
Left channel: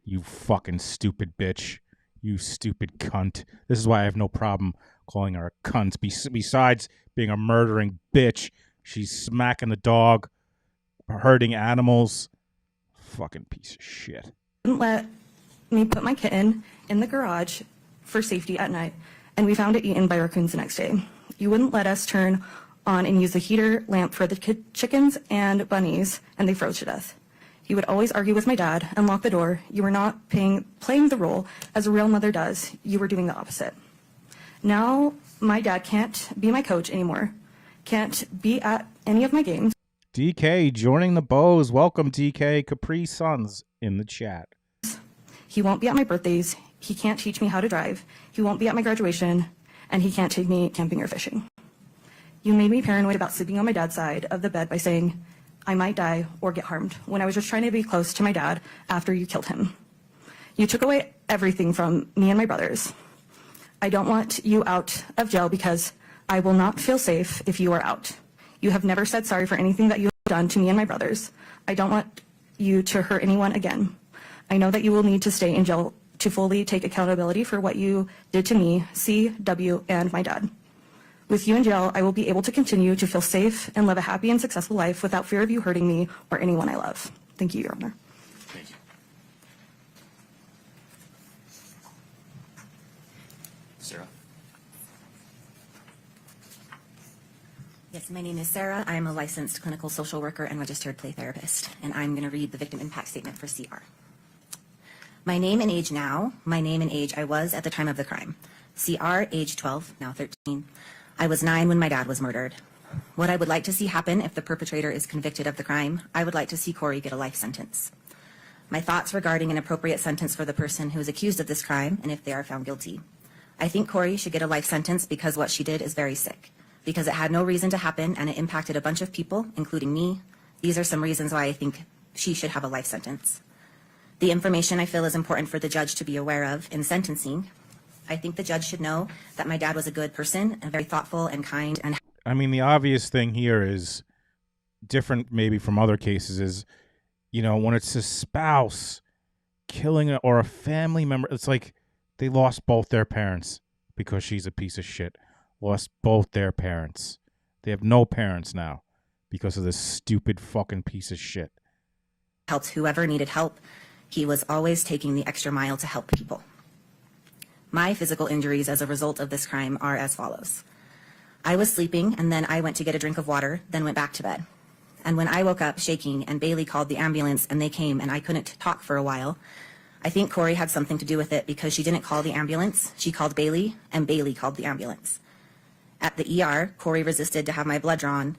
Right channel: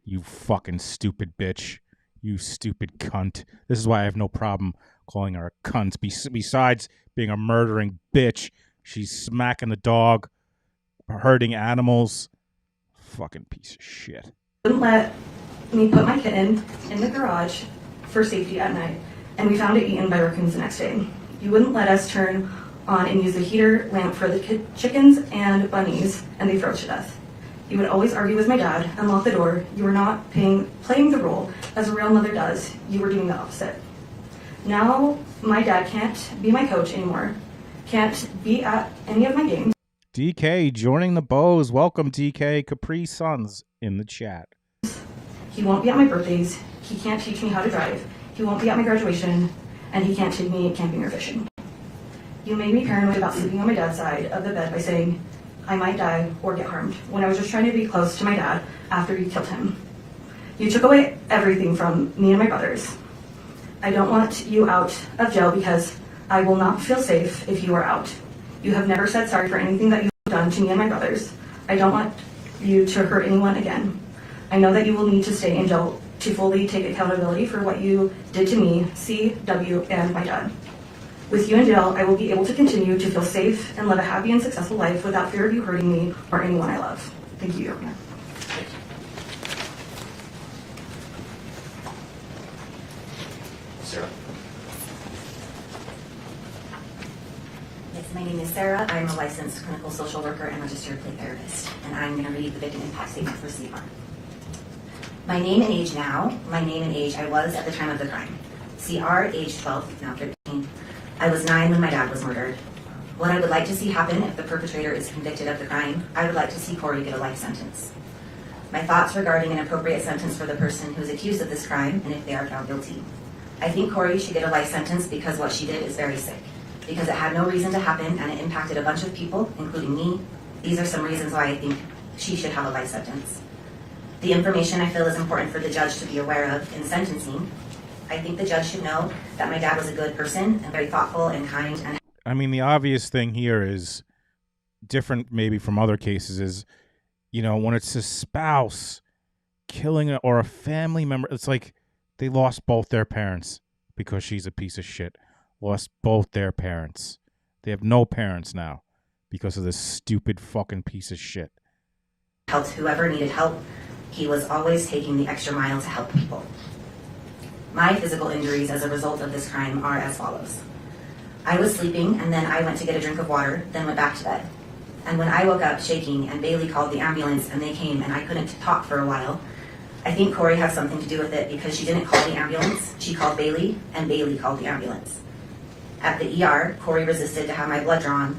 You fucking stupid bitch. You stupid cunt. This is why I have no problem calling her a cunt. Besides being a murdering bitch, she's smacking the dog, hurting animals. Fucking piece of shit. Wouldn't let me put my kitten in the garage for safety at night, and we found it eaten by raccoons the next day. You wouldn't let us turn on and use the heater lamp for the chickens and bunnies, and they froze to death. You would always argue with my dad and lock the door. You were not playing the role as a real mother does. You were doing the opposite. Now my dad can't be my coach anymore, can't be at any of my games. DK joining the Bows. Welcome, DK. Capri Suns in the chat. He won't be at my birthdays. He can't teach me how to drive. He won't be at my graduation, and he can't take me camping or fishing. You made me paranoid about sleeping on my dad's side of the bed by saying I might die or get harmed when I was just trying to be close to my dad after you killed him. You took away everything from me and my brothers. I don't want you out of jail because I will not feel safe if you are out. You have never said sorry for anything that you have done to me and my brothers. I don't want you to hurt anyone again. I know that you will need to stay in jail to fully take accountability for what you did to me, C, W, and my dad. With you in jail, I will be able to continue to feel safe and live a happy and successful life without fear of you hurting me or anyone I love. Thank you, Your Honor. Thank you. Sarah. Yes, my name is Sarah. I'm a licensed clinical social worker and registered play therapist, and I'm going to read the victim impact statement for CR. My name and age now, my name and age I was at the time of the crime. CR, age 12, now 13. I was 9 when my dad was murdered. What I would like to see happen if the perpetrator is convicted of the crime, I would like to see Kouri get a life sentence. My thoughts regarding an appropriate sentence for the person who is accused of this crime and if they are found guilty. I think Kouri should get a life sentence because what she did is very sick. Because it had no reason to happen and it impacted a bunch of people, including me. These are some reasons why I think she should have a life sentence. The information I feel is important for the judge to be aware of in sentencing. I think the judge should know that my dad was a good person and very thoughtful and kind. And I mean, the obvious thing here is different maybe from other cases is, you know, when it's a spouse killing or a family member, it's like they lost both their parents because she's a piece of shit. Lost both their parents. They have no parents now because of this stupid fucking piece of shit. Helped whoever needed help. He was always taking the extra mile to help people. My physical injuries as a result of this crime are as follows. I was sleeping and then I went to get a drink of water, then went back to bed. And when I woke up shaking and Bailey called the ambulance and they came and I couldn't talk for a while, I think Kouri had something to do with it because she didn't call the ambulance, she called Bailey and Bailey called the ambulance. At the ER, Kouri resisted to have my blood drawn,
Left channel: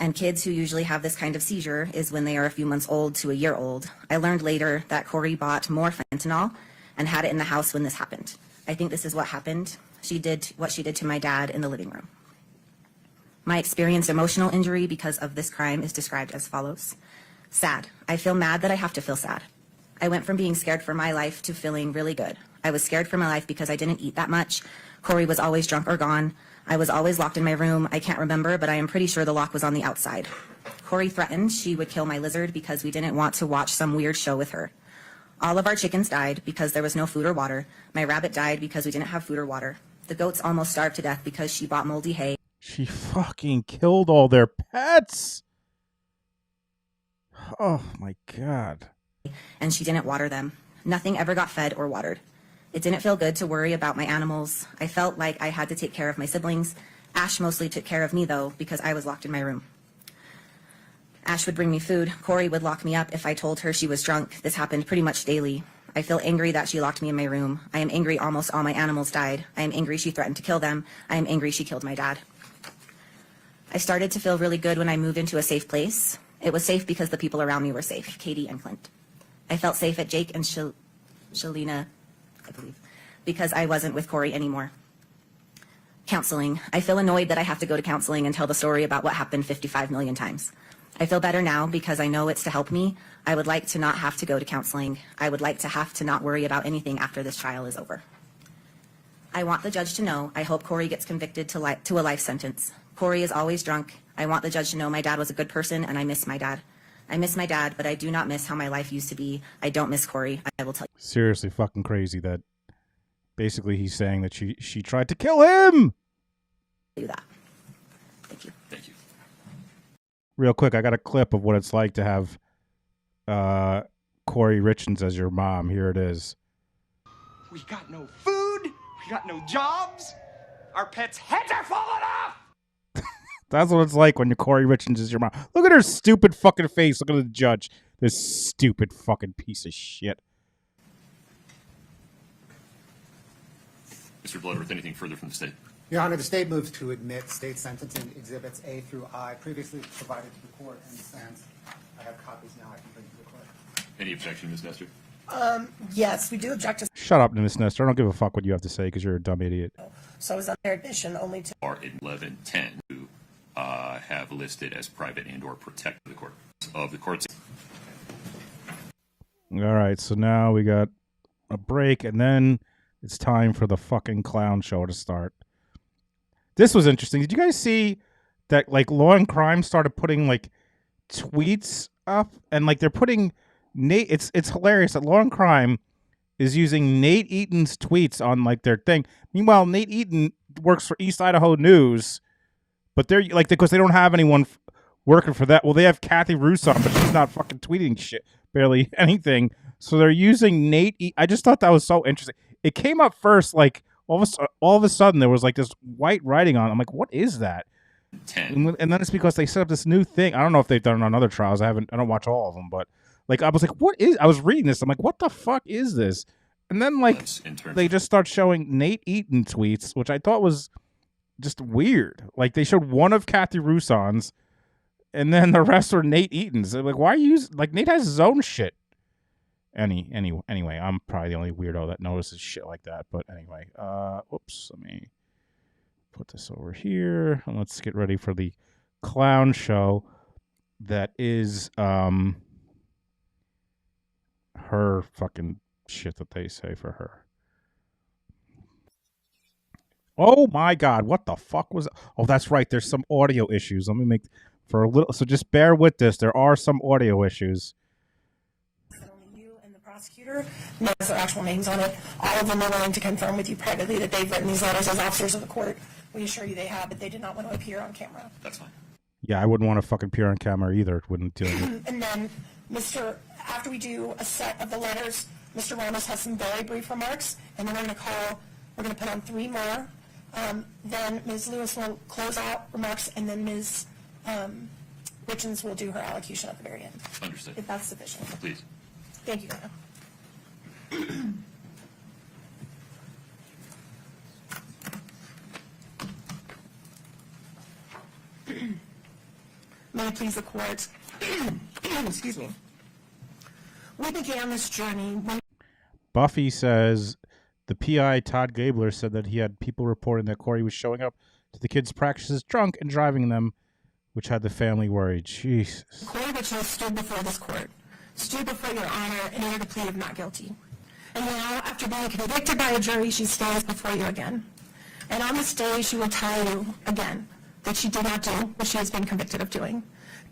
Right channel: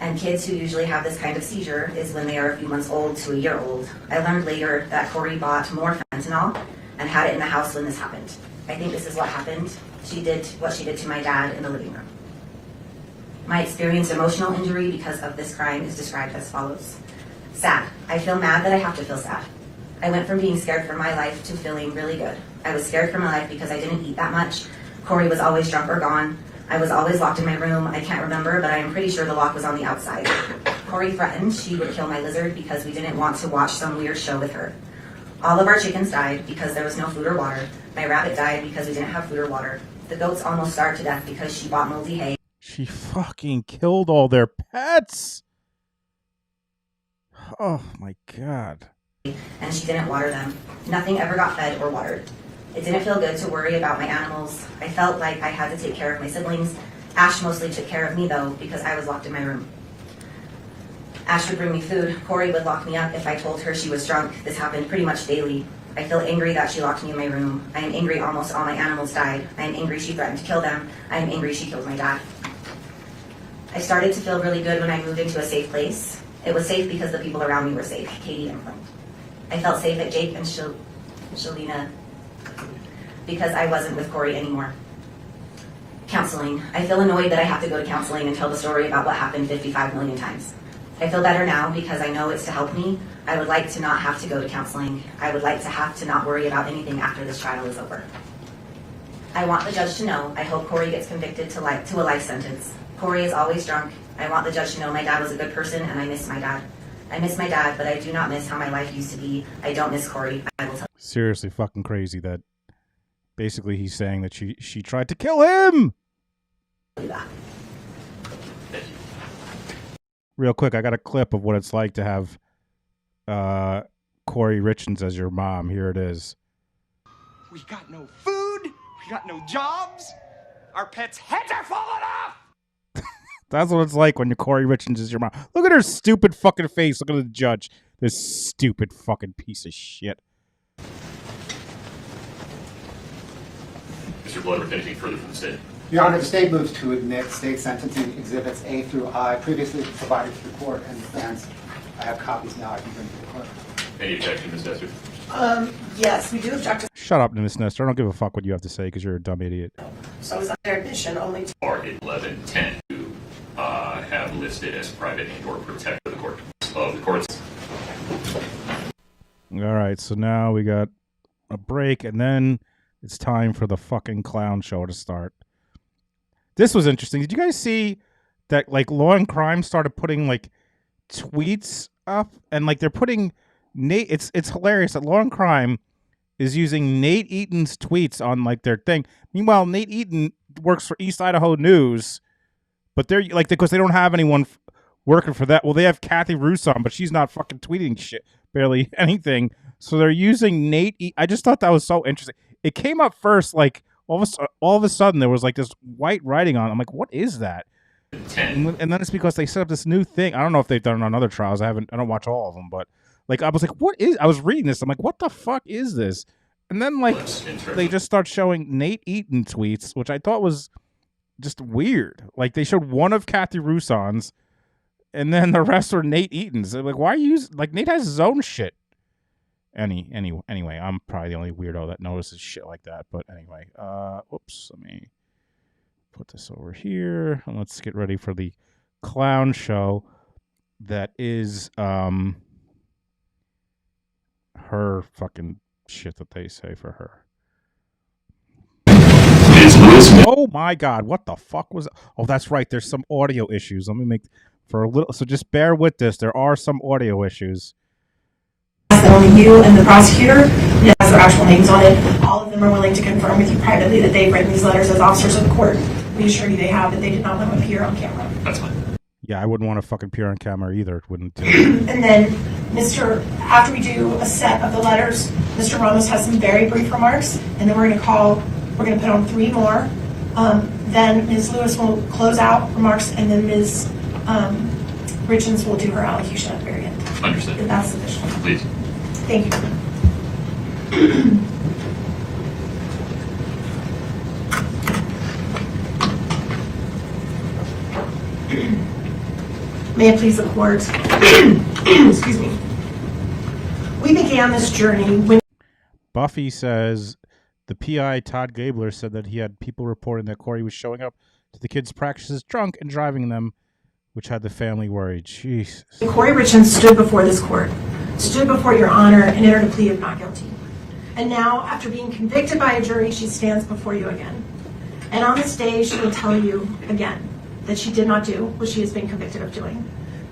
and kids who usually have this kind of seizure is when they are a few months old to a year old. I learned later that Kouri bought more fentanyl and had it in the house when this happened. I think this is what happened. she did what she did to my dad in the living room. My experienced emotional injury because of this crime is described as follows. Sad. I feel mad that I have to feel sad. I went from being scared for my life to feeling really good. I was scared for my life because I didn't eat that much. Kouri was always drunk or gone. I was always locked in my room. I can't remember, but I am pretty sure the lock was on the outside. Kouri threatened she would kill my lizard because we didn't want to watch some weird show with her. All of our chickens died because there was no food or water. My rabbit died because we didn't have food or water. The goats almost starved to death because she bought moldy hay. She fucking killed all their pets. Oh my God. And she didn't water them. Nothing ever got fed or watered. It didn't feel good to worry about my animals. I felt like I had to take care of my siblings. Ash mostly took care of me though, because I was locked in my room. Ash would bring me food. Kouri would lock me up if I told her she was drunk. This happened pretty much daily. I feel angry that she locked me in my room. I am angry almost all my animals died. I am angry she threatened to kill them. I am angry she killed my dad. I started to feel really good when I moved into a safe place. It was safe because the people around me were safe, Katie and Clint. I felt safe at Jake and Shalina because I wasn't with Kouri anymore. Counseling. I feel annoyed that I have to go to counseling and tell the story about what happened 55 million times. I feel better now because I know it's to help me. I would like to not have to go to counseling. I would like to have to not worry about anything after this trial is over. I want the judge to know. I hope Kouri gets convicted to a life sentence. Kouri is always drunk. I want the judge to know my dad was a good person and I miss my dad. I miss my dad, but I do not miss how my life used to be. I don't miss Kouri. I will tell you. Seriously fucking crazy that basically he's saying that she tried to kill him. That. Real quick, I got a clip of what it's like to have Kouri Richins as your mom. Here it is. We got no food. We got no jobs. Our pets' heads are falling off. That's what it's like when your Kouri Richins is your mom. Look at her stupid fucking face. Look at the judge. This stupid fucking piece of shit. Mr. Bloodworth, anything further from the state? Your Honor, the state moves to admit state sentencing exhibits A through I previously provided to the court and stands. I have copies now I can bring to the court. Any objection, Ms. Nestor? Yes, we do object to. Shut up, Miss Nestor. I don't give a fuck what you have to say because you're a dumb idiot. So is their admission only to. R1110 to have listed as private and/or protect the court of the courts. All right, so now we got a break, and then it's time for the fucking clown show to start. This was interesting. Did you guys see that, like, Law and Crime started putting, like, tweets up? And, like, they're putting Nate... It's hilarious that Law and Crime is using Nate Eaton's tweets on, like, their thing. Meanwhile, Nate Eaton works for East Idaho News, but they're, like, because they don't have anyone working for that. Well, they have Kathy Rousson, but she's not fucking tweeting shit. Barely anything. So they're using Nate Eaton. I just thought that was so interesting. It came up first, like... All of a sudden, there was like this white writing on it. I'm like, what is that? And then it's because they set up this new thing. I don't know if they've done it on other trials. I don't watch all of them, but like I was like, what is? I was reading this. I'm like, what the fuck is this? And then like they just start showing Nate Eaton tweets, which I thought was just weird. Like they showed one of Kathy Rousson's, and then the rest were Nate Eaton's. They're like, why are you like Nate has his own shit? Anyway, I'm probably the only weirdo that notices shit like that. But anyway, whoops, let me put this over here and let's get ready for the clown show that is her fucking shit that they say for her. Oh my God, what the fuck was that? Oh, that's right, there's some audio issues. Let me make for a little, so just bear with this. There are some audio issues. Only you and the prosecutor has their actual names on it. All of them are willing to confirm with you privately that they've written these letters as officers of the court. We assure you they have, but they did not want to appear on camera. That's fine. Yeah, I wouldn't want to fucking appear on camera either. It wouldn't do. And then, after we do a set of the letters, Mr. Ramos has some very brief remarks, and then we're going to put on 3 more. Then Ms. Lewis will close out remarks, and then Ms. Richins will do her allocution at the very end. Understood. If that's sufficient. Please. Thank you. May it please the court. Excuse me. We began this journey when Buffy says The PI, Todd Gabler, said that he had people reporting that Kouri was showing up to the kids' practices drunk and driving them, which had the family worried. Jesus. Kouri Richins stood before this court, stood before your honor, and entered a plea of not guilty. And now, after being convicted by a jury, she stands before you again. And on this day, she will tell you again that she did not do what she has been convicted of doing.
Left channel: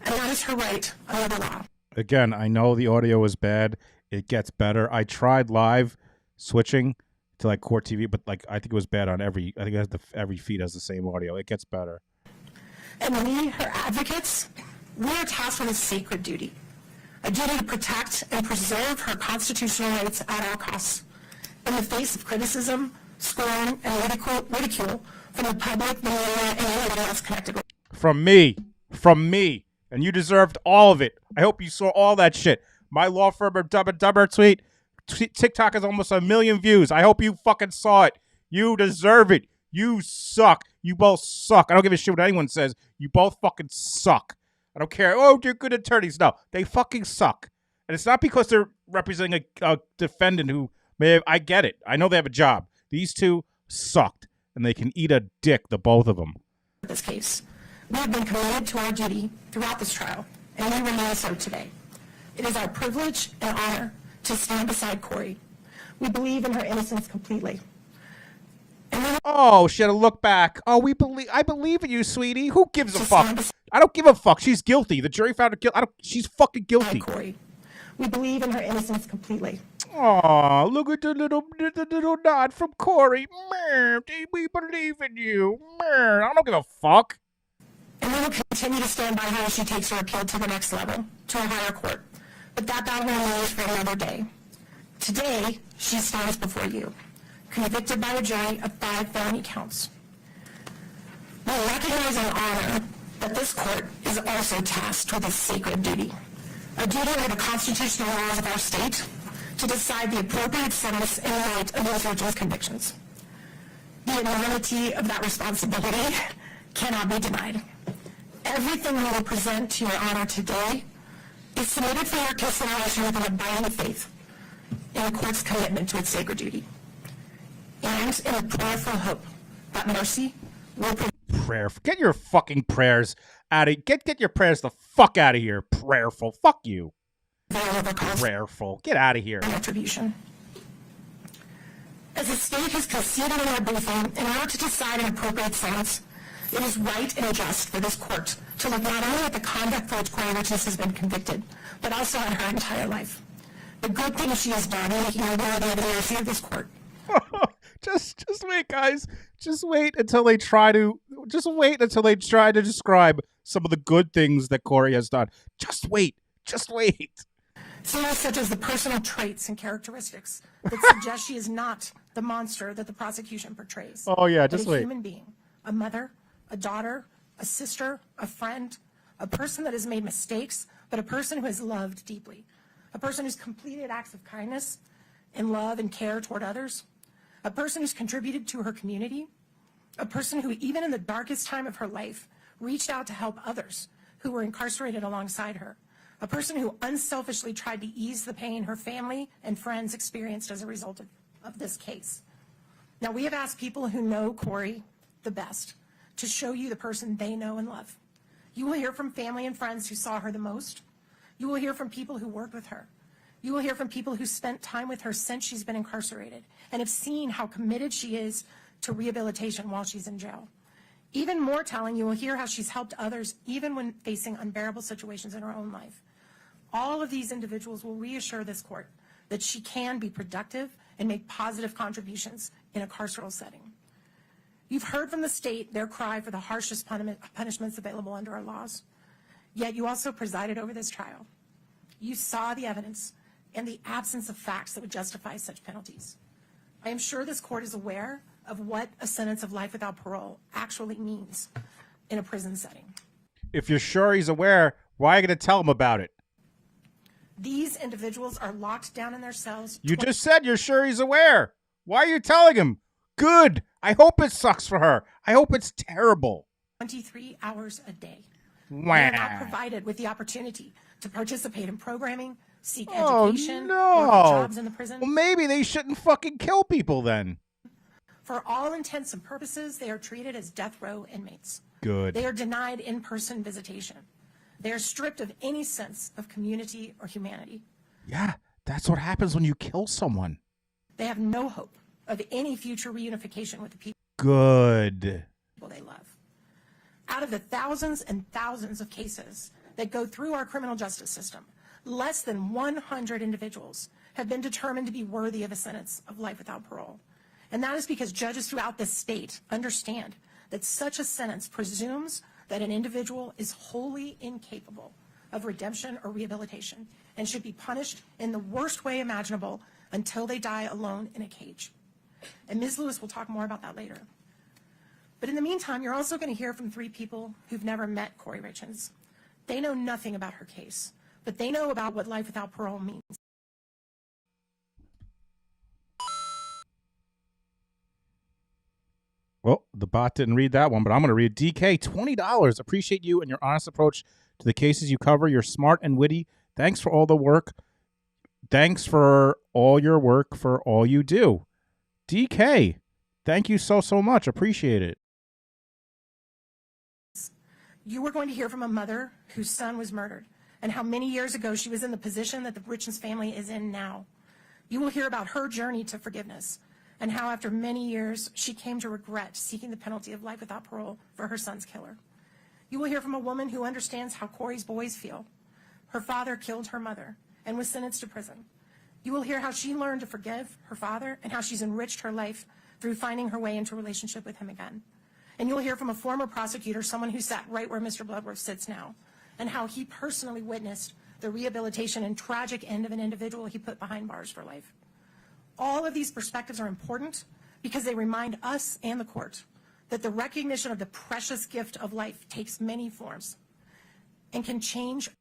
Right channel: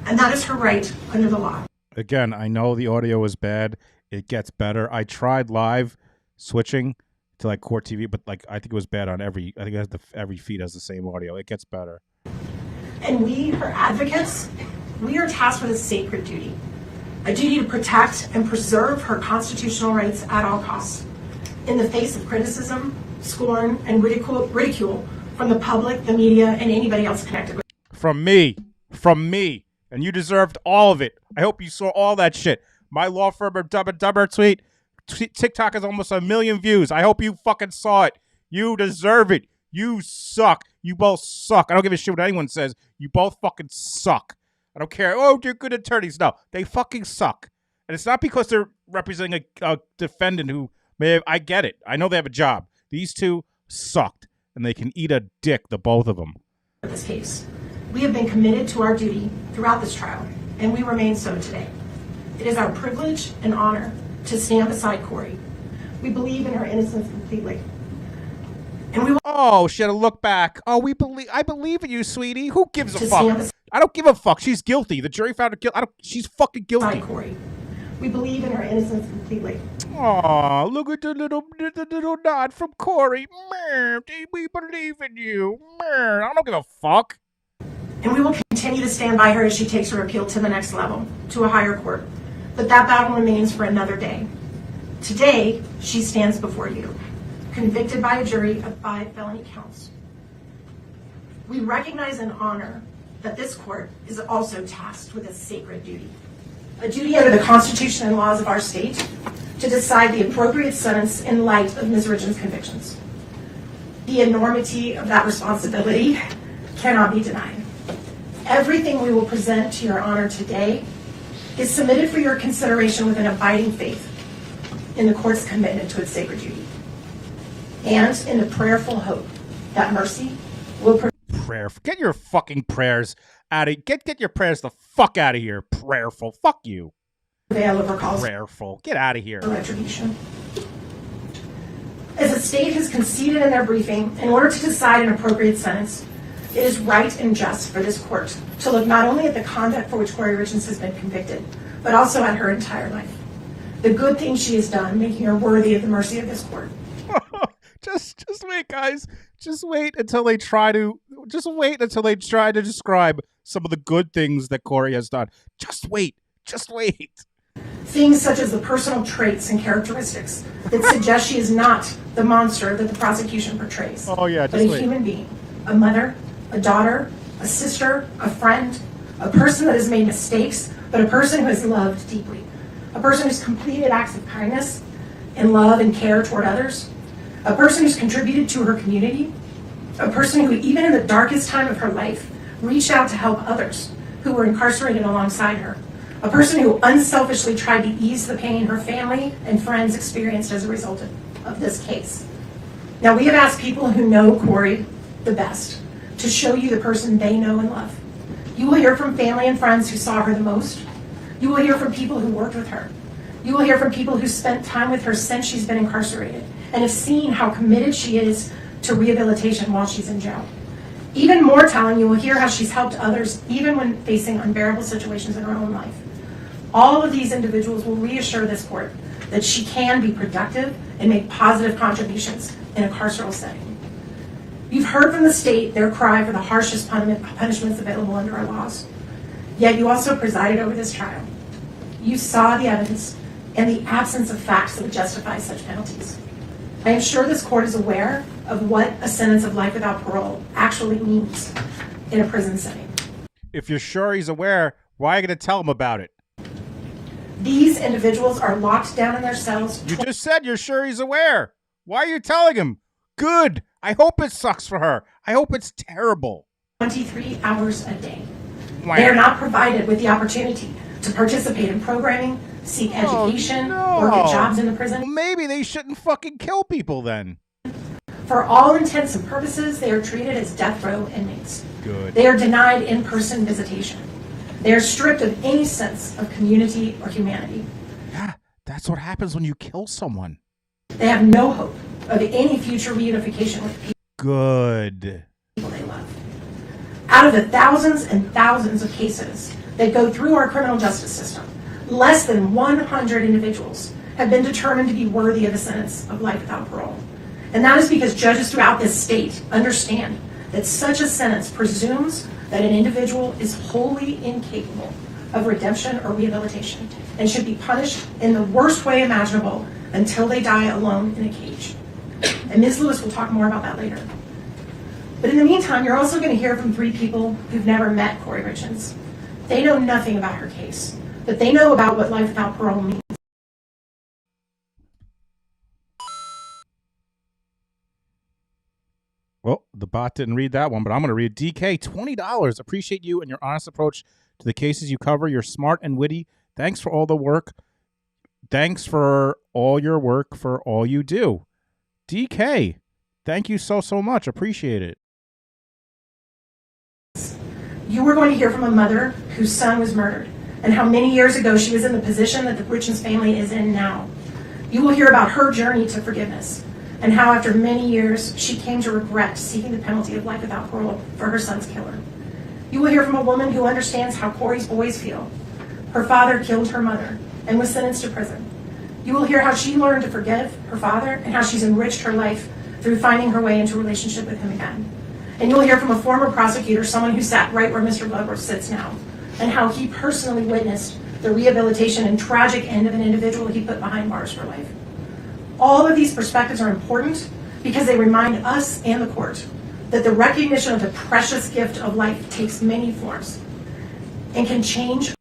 And that is her right under the law. Again, I know the audio was bad. It gets better. I tried live switching to like Court TV, but like I think it was bad on every. I think it has every feed has the same audio. It gets better. And we, her advocates, we are tasked with a sacred duty. A duty to protect and preserve her constitutional rights at all costs. In the face of criticism, scorn, and ridicule from the public, the media, and anybody else connected with her. From me. And you deserved all of it. I hope you saw all that shit. My law firm of Dumb and Dumber tweet. TikTok has almost 1 million views. I hope you fucking saw it. You deserve it. You suck. You both suck. I don't give a shit what anyone says. You both fucking suck. I don't care. Oh, they're good attorneys. No, they fucking suck. And it's not because they're representing a defendant who may have, I get it. I know they have a job. These two sucked. And they can eat a dick, the both of them. In this case, we have been committed to our duty throughout this trial, and we remain so today. It is our privilege and honor to stand beside Kouri. We believe in her innocence completely. Oh, she had to look back. Oh, I believe in you, sweetie. Who gives a fuck? I don't give a fuck. She's guilty. The jury found her guilty. She's fucking guilty. We believe in her innocence completely. Aw, look at the little nod from Kouri. We believe in you. I don't give a fuck. And we will continue to stand by her as she takes her appeal to the next level, to a higher court. But that battle remains for another day. Today, she stands before you, convicted by a jury of 5 felony counts. We recognize and honor that this court is also tasked with a sacred duty. A duty under the Constitution and laws of our state to decide the appropriate sentence in light of Ms. Richins' convictions. The enormity of that responsibility cannot be denied. Everything we will present to your honor today is submitted for your consideration with an abiding faith in the court's commitment to its sacred duty, and in the prayerful hope that mercy will Get your fucking prayers out of get your prayers the fuck out of here. Prayerful. Fuck you. Prayerful. Get out of here. Retribution. As the state has conceded in their briefing, in order to decide an appropriate sentence, it is right and just for this court to look not only at the conduct for which Kouri Richins has been convicted, but also at her entire life. The good things she has done, making her worthy of the mercy of this court. Just wait, guys. Just wait until they try to describe some of the good things that Kouri has done. Just wait. Things such as the personal traits and characteristics that suggest she is not the monster that the prosecution portrays. Oh yeah, just but wait. A human being, a mother, a daughter, a sister, a friend, a person that has made mistakes, but a person who has loved deeply. A person who's completed acts of kindness and love and care toward others. A person who's contributed to her community. A person who, even in the darkest time of her life, reached out to help others who were incarcerated alongside her. A person who unselfishly tried to ease the pain her family and friends experienced as a result of this case. Now, we have asked people who know Kouri the best to show you the person they know and love. You will hear from family and friends who saw her the most. You will hear from people who worked with her. You will hear from people who spent time with her since she's been incarcerated and have seen how committed she is to rehabilitation while she's in jail. Even more telling, you will hear how she's helped others even when facing unbearable situations in her own life. All of these individuals will reassure this court that she can be productive and make positive contributions in a carceral setting. You've heard from the state their cry for the harshest punishments available under our laws. Yet you also presided over this trial. You saw the evidence and the absence of facts that would justify such penalties. I am sure this court is aware of what a sentence of life without parole actually means in a prison setting. If you're sure he's aware, why are you going to tell him about it? These individuals are locked down in their cells. You just said you're sure he's aware. Why are you telling him? Good. I hope it sucks for her. I hope it's terrible. 23 hours a day. Wow. They are not provided with the opportunity to participate in programming, seek education, no. or get jobs in the prison. Well, maybe they shouldn't fucking kill people then. For all intents and purposes, they are treated as death row inmates. Good. They are denied in-person visitation. They are stripped of any sense of community or humanity. Yeah, that's what happens when you kill someone. They have no hope of any future reunification with people Good. they love. Out of the thousands and thousands of cases that go through our criminal justice system, less than 100 individuals have been determined to be worthy of a sentence of life without parole. And that is because judges throughout this state understand that such a sentence presumes that an individual is wholly incapable of redemption or rehabilitation and should be punished in the worst way imaginable until they die alone in a cage. And Ms. Lewis will talk more about that later. But in the meantime, you're also going to hear from 3 people who've never met Kouri Richins. They know nothing about her case, but they know about what life without parole means. Well, the bot didn't read that one, but I'm going to read DK, $20. Appreciate you and your honest approach to the cases you cover. You're smart and witty. Thanks for all the work. Thanks for all your work, for all you do. DK, thank you so much. Appreciate it. You are going to hear from a mother whose son was murdered and how many years ago she was in the position that the Richins family is in now. You will hear about her journey to forgiveness and how after many years she came to regret seeking the penalty of life without parole for her son's killer. You will hear from a woman who understands how Kouri's boys feel. Her father killed her mother and was sentenced to prison. You will hear how she learned to forgive her father and how she's enriched her life through finding her way into a relationship with him again. And you'll hear from a former prosecutor, someone who sat right where Mr. Bloodworth sits now, and how he personally witnessed the rehabilitation and tragic end of an individual he put behind bars for life. All of these perspectives are important because they remind us and the court that the recognition of the precious gift of life takes many forms and can change.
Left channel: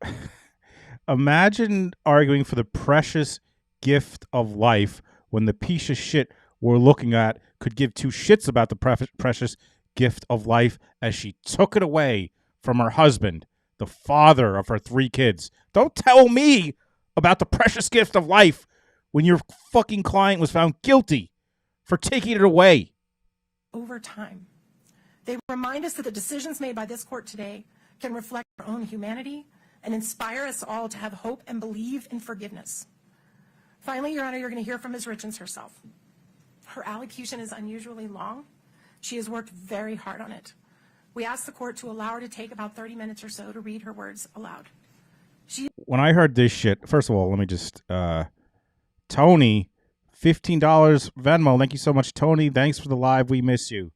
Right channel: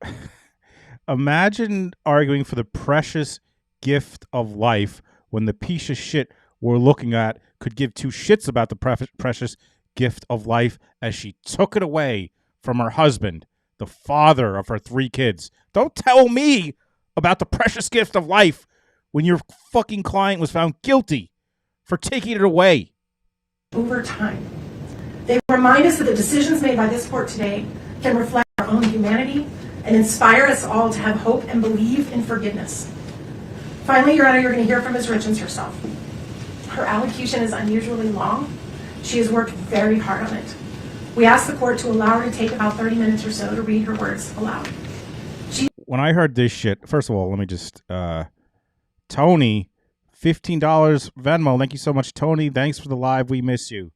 Imagine arguing for the precious gift of life when the piece of shit we're looking at could give 2 shits about the precious gift of life as she took it away from her husband, the father of her 3 kids. Don't tell me about the precious gift of life when your fucking client was found guilty for taking it away. Over time, they remind us that the decisions made by this court today can reflect our own humanity and inspire us all to have hope and believe in forgiveness. Finally, Your Honor, you're going to hear from Ms. Richins herself. Her allocution is unusually long. She has worked very hard on it. We asked the court to allow her to take about 30 minutes or so to read her words aloud. When I heard this shit, first of all, let me just, Tony, $15 Venmo. Thank you so much, Tony. Thanks for the live. We miss you.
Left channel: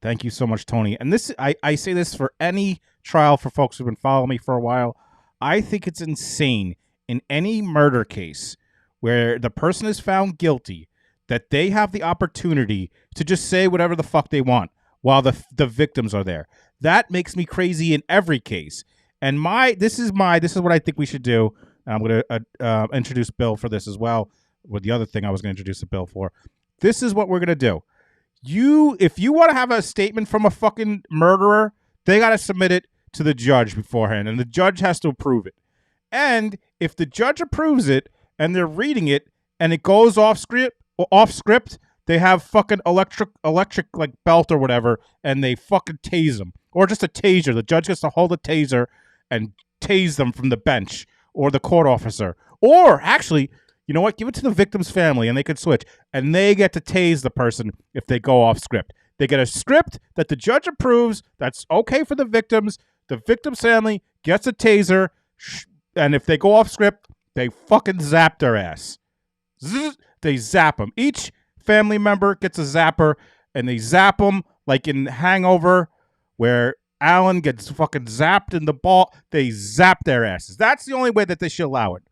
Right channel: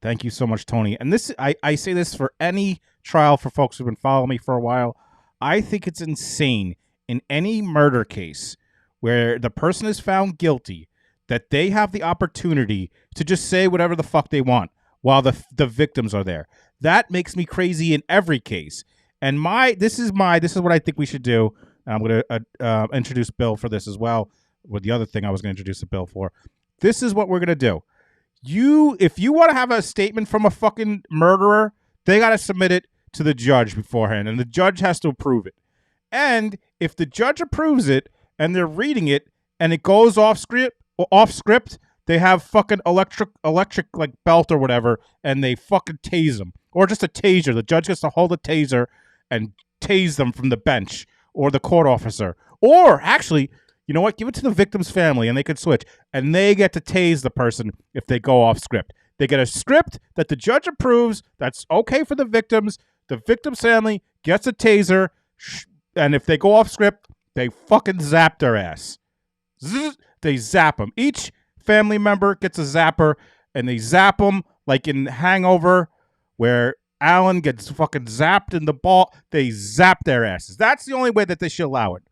Thank you so much, Tony. And this, I say this for any trial for folks who've been following me for a while. I think it's insane in any murder case where the person is found guilty that they have the opportunity to just say whatever the fuck they want while the victims are there. That makes me crazy in every case. And this is what I think we should do. I'm going to introduce Bill for this as well. With the other thing I was going to introduce a Bill for. This is what we're going to do. If you want to have a statement from a fucking murderer, they got to submit it to the judge beforehand, and the judge has to approve it. And if the judge approves it and they're reading it and it goes off script, they have fucking electric like belt or whatever, and they fucking tase them. Or just a taser. The judge gets to hold a taser and tase them from the bench or the court officer. Or actually, you know what? Give it to the victim's family and they could switch. And they get to tase the person if they go off script. They get a script that the judge approves that's okay for the victims. The victim's family gets a taser. And if they go off script, they fucking zap their ass. They zap them. Each family member gets a zapper and they zap them like in Hangover where Alan gets fucking zapped in the ball. They zap their asses. That's the only way that they should allow it.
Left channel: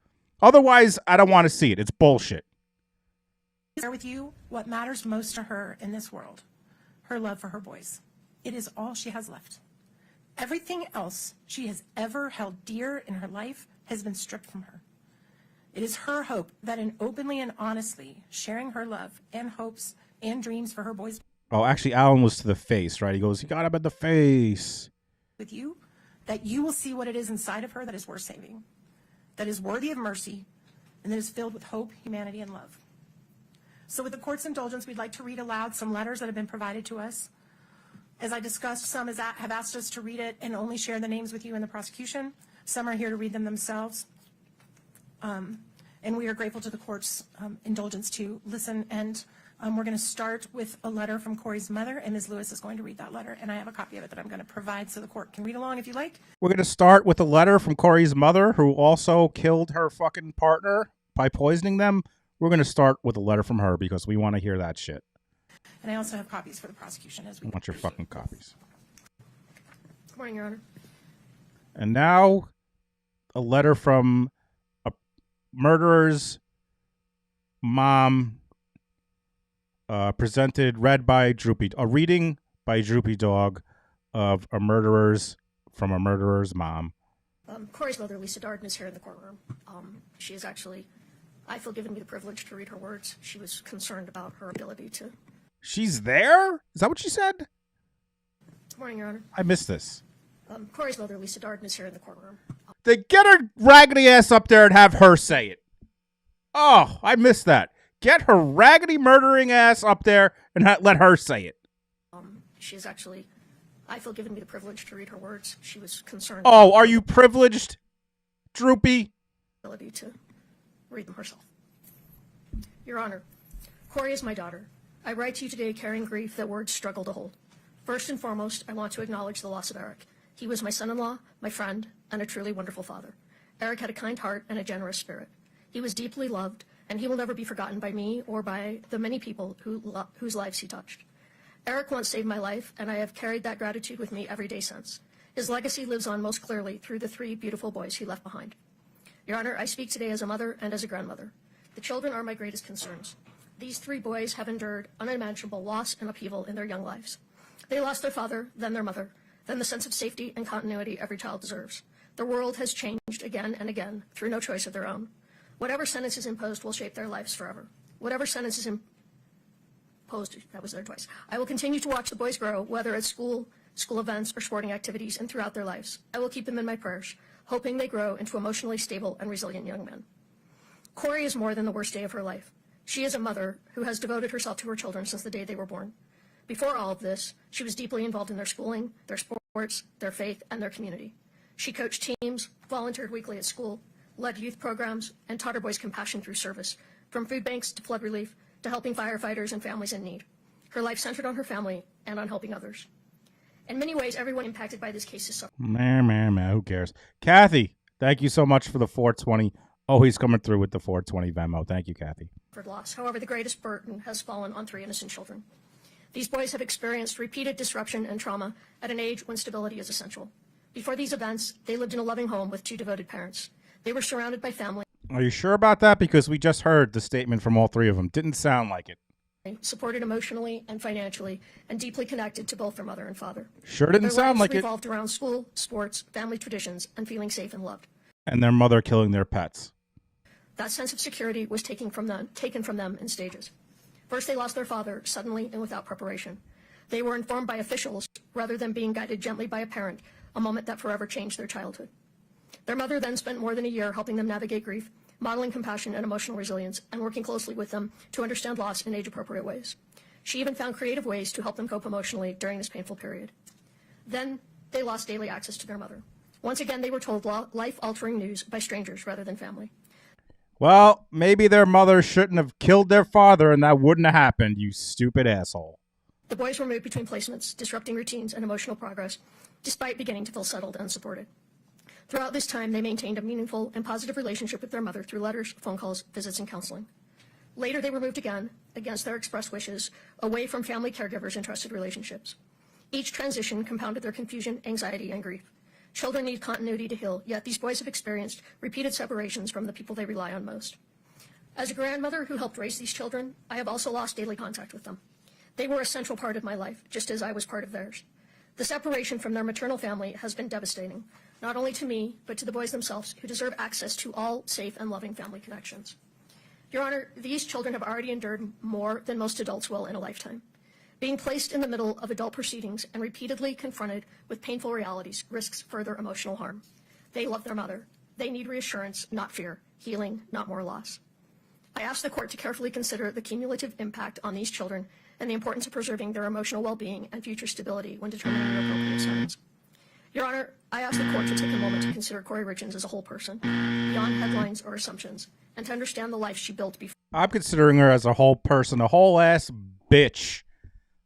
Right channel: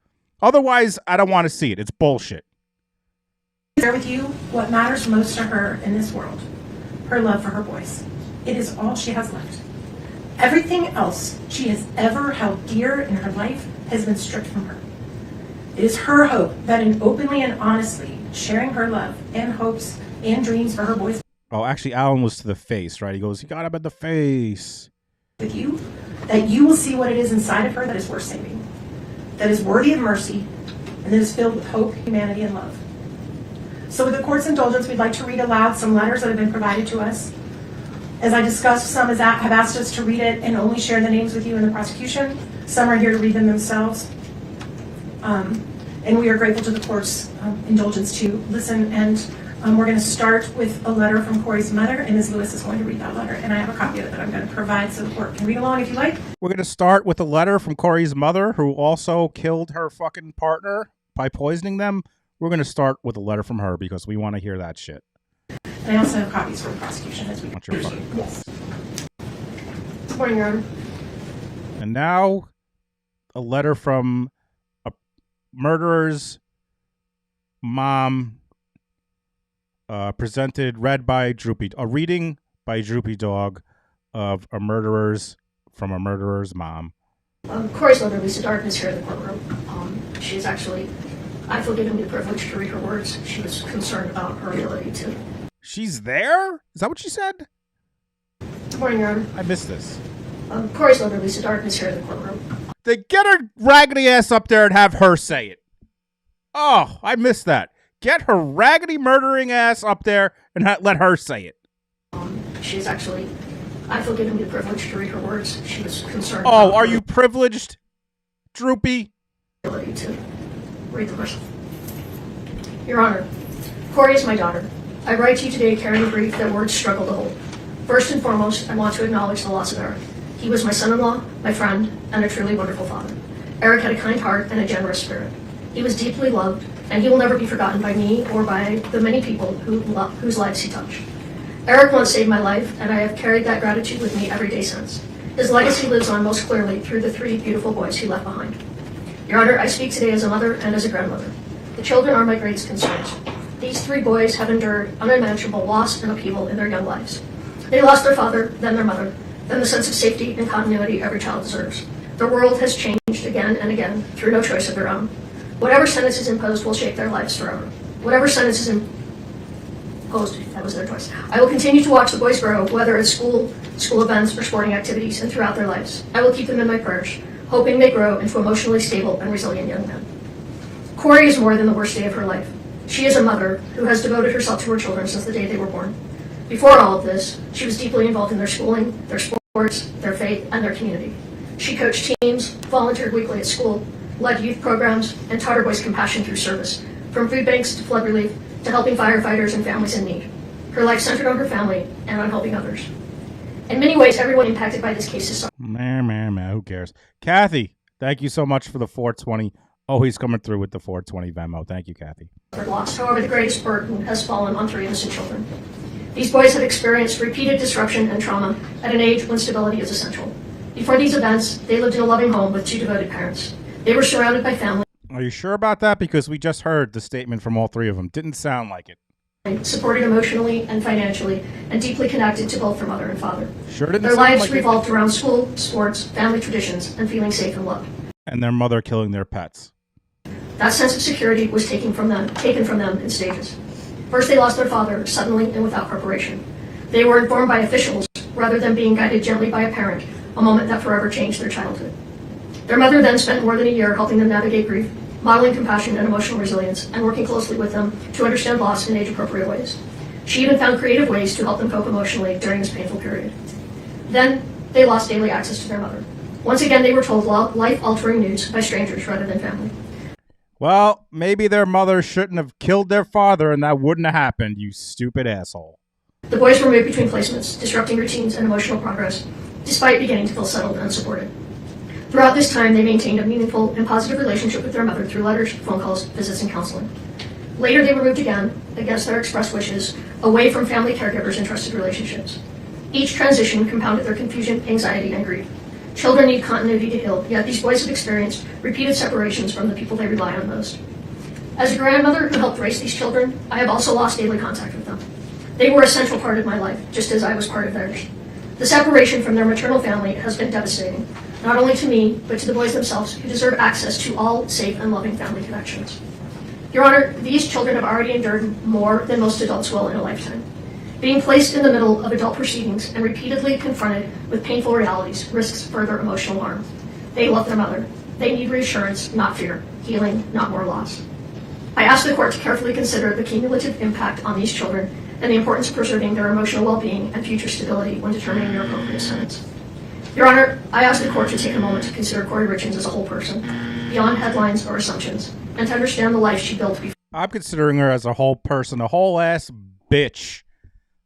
Otherwise, I don't want to see it. It's bullshit. Share with you what matters most to her in this world. Her love for her boys. It is all she has left. Everything else she has ever held dear in her life has been stripped from her. It is her hope that in openly and honestly sharing her love and hopes and dreams for her boys. Oh, actually, Alan was to the face, right? He goes, he got him in the face. With you, that you will see what it is inside of her that is worth saving, that is worthy of mercy, and that is filled with hope, humanity, and love. So with the court's indulgence, we'd like to read aloud some letters that have been provided to us. As I discussed, some have asked us to read it and only share the names with you in the prosecution. Some are here to read them themselves. And we are grateful to the court's indulgence to listen. And we're going to start with a letter from Kouri's mother, and Ms. Lewis is going to read that letter. And I have a copy of it that I'm going to provide so the court can read along if you like. We're going to start with a letter from Kouri's mother, who also killed her fucking partner by poisoning them. We're going to start with a letter from her because we want to hear that shit. And I also have copies for the prosecution as we want your fucking copies. Good morning, Your Honor. And now, a letter from a murderer's mom, read by a reading by Droopy Dog of a murderer's mom. Kouri's mother, Lisa Darden, is here in the courtroom. She's actually, I feel given the privilege to read her words. She was concerned about her ability to. She's there? Is that what she said? Good morning, Your Honor. I missed this. Kouri's mother, Lisa Darden, is here in the courtroom. They get her raggedy ass up there and have her say it. Oh, I missed that. Get her raggedy murdering ass up there and let her say it. She's actually, I feel given the privilege to read her words. She was concerned. Oh, are you privileged, Droopy? Ability to read the question. Your Honor, Kouri is my daughter. I write to you today carrying grief that words struggle to hold. First and foremost, I want to acknowledge the loss of Eric. He was my son-in-law, my friend, and a truly wonderful father. Eric had a kind heart and a generous spirit. He was deeply loved, and he will never be forgotten by me or by the many people whose lives he touched. Eric once saved my life, and I have carried that gratitude with me every day since. His legacy lives on most clearly through the 3 beautiful boys he left behind. Your Honor, I speak today as a mother and as a grandmother. The children are my greatest concerns. These 3 boys have endured unimaginable loss and upheaval in their young lives. They lost their father, then their mother, then the sense of safety and continuity every child deserves. Their world has changed again and again through no choice of their own. Whatever sentence is imposed will shape their lives forever. Whatever sentence is imposed, that was their choice. I will continue to watch the boys grow, whether at school events, or sporting activities, and throughout their lives. I will keep them in my prayers, hoping they grow into emotionally stable and resilient young men. Kouri is more than the worst day of her life. She is a mother who has devoted herself to her children since the day they were born. Before all of this, she was deeply involved in their schooling, their sports, their faith, and their community. She coached teams, volunteered weekly at school, led youth programs, and taught her boys compassion through service, from food banks to flood relief to helping firefighters and families in need. Her life centered on her family and on helping others. In many ways, everyone impacted by this case is Who cares? Kathy, thank you so much for the 420. Always coming through with the 420 Venmo. Thank you, Kathy. lost. However, the greatest burden has fallen on 3 innocent children. These boys have experienced repeated disruption and trauma at an age when stability is essential. Before these events, they lived in a loving home with 2 devoted parents. They were surrounded by family. Are you sure about that? Because we just heard the statement from all 3 of them. Didn't sound like it. Supported emotionally and financially, and deeply connected to both their mother and father. Sure didn't Their sound lives like it. revolved around school, sports, family traditions, and feeling safe and loved. And their mother killing their pets. That sense of security was taken from them in stages. First, they lost their father suddenly and without preparation. They were informed by officials rather than being guided gently by a parent, a moment that forever changed their childhood. Their mother then spent more than a year helping them navigate grief, modeling compassion and emotional resilience, and working closely with them to understand loss in age-appropriate ways. She even found creative ways to help them cope emotionally during this painful period. Then, they lost daily access to their mother. Once again, they were told life-altering news by strangers rather than family. Well, maybe their mother shouldn't have killed their father and that wouldn't have happened, you stupid asshole. The boys were moved between placements, disrupting routines and emotional progress, despite beginning to feel settled and supported. Throughout this time, they maintained a meaningful and positive relationship with their mother through letters, phone calls, visits, and counseling. Later, they were moved again, against their expressed wishes, away from family caregivers and trusted relationships. Each transition compounded their confusion, anxiety, and grief. Children need continuity to heal, yet these boys have experienced repeated separations from the people they rely on most. As a grandmother who helped raise these children, I have also lost daily contact with them. They were a central part of my life, just as I was part of theirs. The separation from their maternal family has been devastating, not only to me, but to the boys themselves, who deserve access to all safe and loving family connections. Your Honor, these children have already endured more than most adults will in a lifetime. Being placed in the middle of adult proceedings and repeatedly confronted with painful realities risks further emotional harm. They love their mother. They need reassurance, not fear, healing, not more loss. I ask the court to carefully consider the cumulative impact on these children and the importance of preserving their emotional well-being and future stability when determining their appropriate sentence. Your Honor, I ask the court to take a moment to consider Kouri Richins as a whole person, beyond headlines or assumptions, and to understand the life she built before. I'm considering her as a whole person, a whole ass bitch,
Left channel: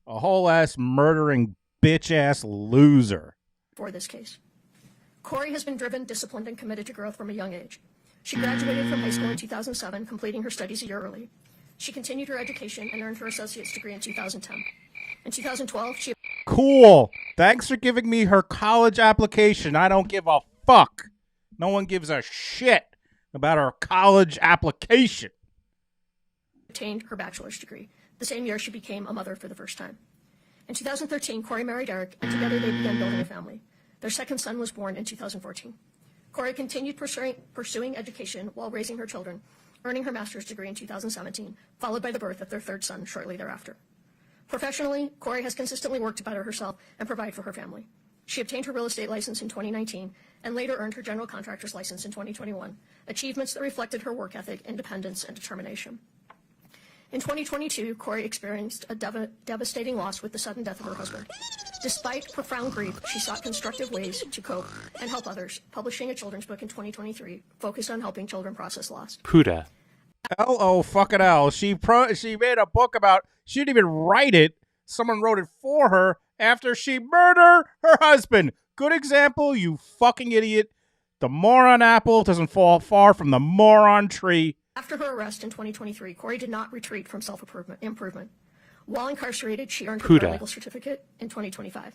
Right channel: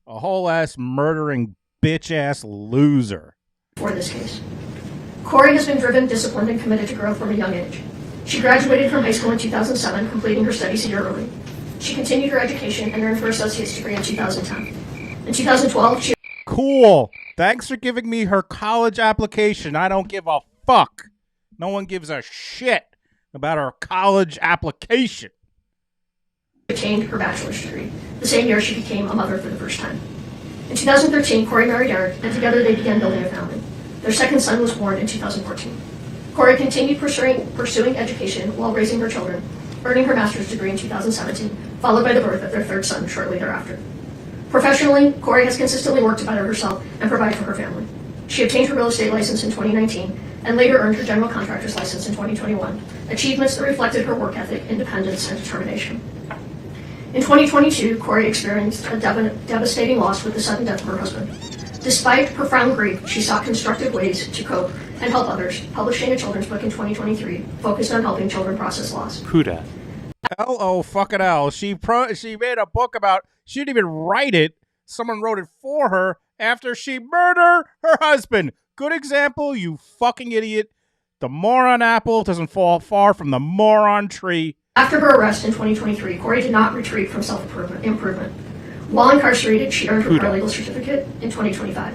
a whole ass murdering bitch ass loser. For this case, Kouri has been driven, disciplined, and committed to growth from a young age. She graduated from high school in 2007, completing her studies a year early. She continued her education and earned her associate's degree in 2010. In 2012, she... Cool. Thanks for giving me her college application. I don't give a fuck. No one gives a shit about her college application. Obtained her bachelor's degree. The same year, she became a mother for the first time. In 2013, Kouri married Eric, and together they began building a family. Their second son was born in 2014. Kouri continued pursuing education while raising her children, earning her master's degree in 2017, followed by the birth of their third son shortly thereafter. Professionally, Kouri has consistently worked to better herself and provide for her family. She obtained her real estate license in 2019 and later earned her general contractor's license in 2021, achievements that reflected her work ethic, independence, and determination. In 2022, Kouri experienced a devastating loss with the sudden death of her husband. Despite profound grief, she sought constructive ways to cope and help others, publishing a children's book in 2023 focused on helping children process loss. Puda. L-O fucking L. She made a book about, she didn't even write it. Someone wrote it for her after she murdered her husband. Good example, you fucking idiot. The moron apple doesn't fall far from the moron tree. After her arrest in 2023, Kouri did not retreat from self-improvement. While incarcerated, she earned her paralegal certificate in 2025.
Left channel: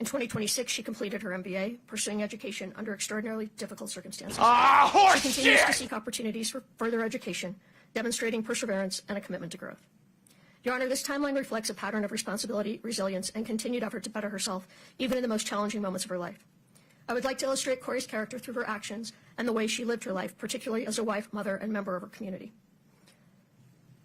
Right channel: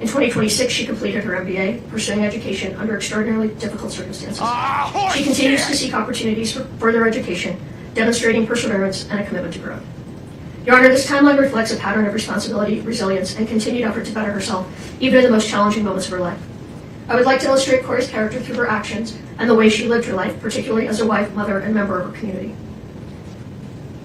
In 2026, she completed her MBA, pursuing education under extraordinarily difficult circumstances. She continues to seek opportunities for further education, demonstrating perseverance and a commitment to growth. Your Honor, this timeline reflects a pattern of responsibility, resilience, and continued effort to better herself, even in the most challenging moments of her life. I would like to illustrate Kouri's character through her actions and the way she lived her life, particularly as a wife, mother, and member of her community.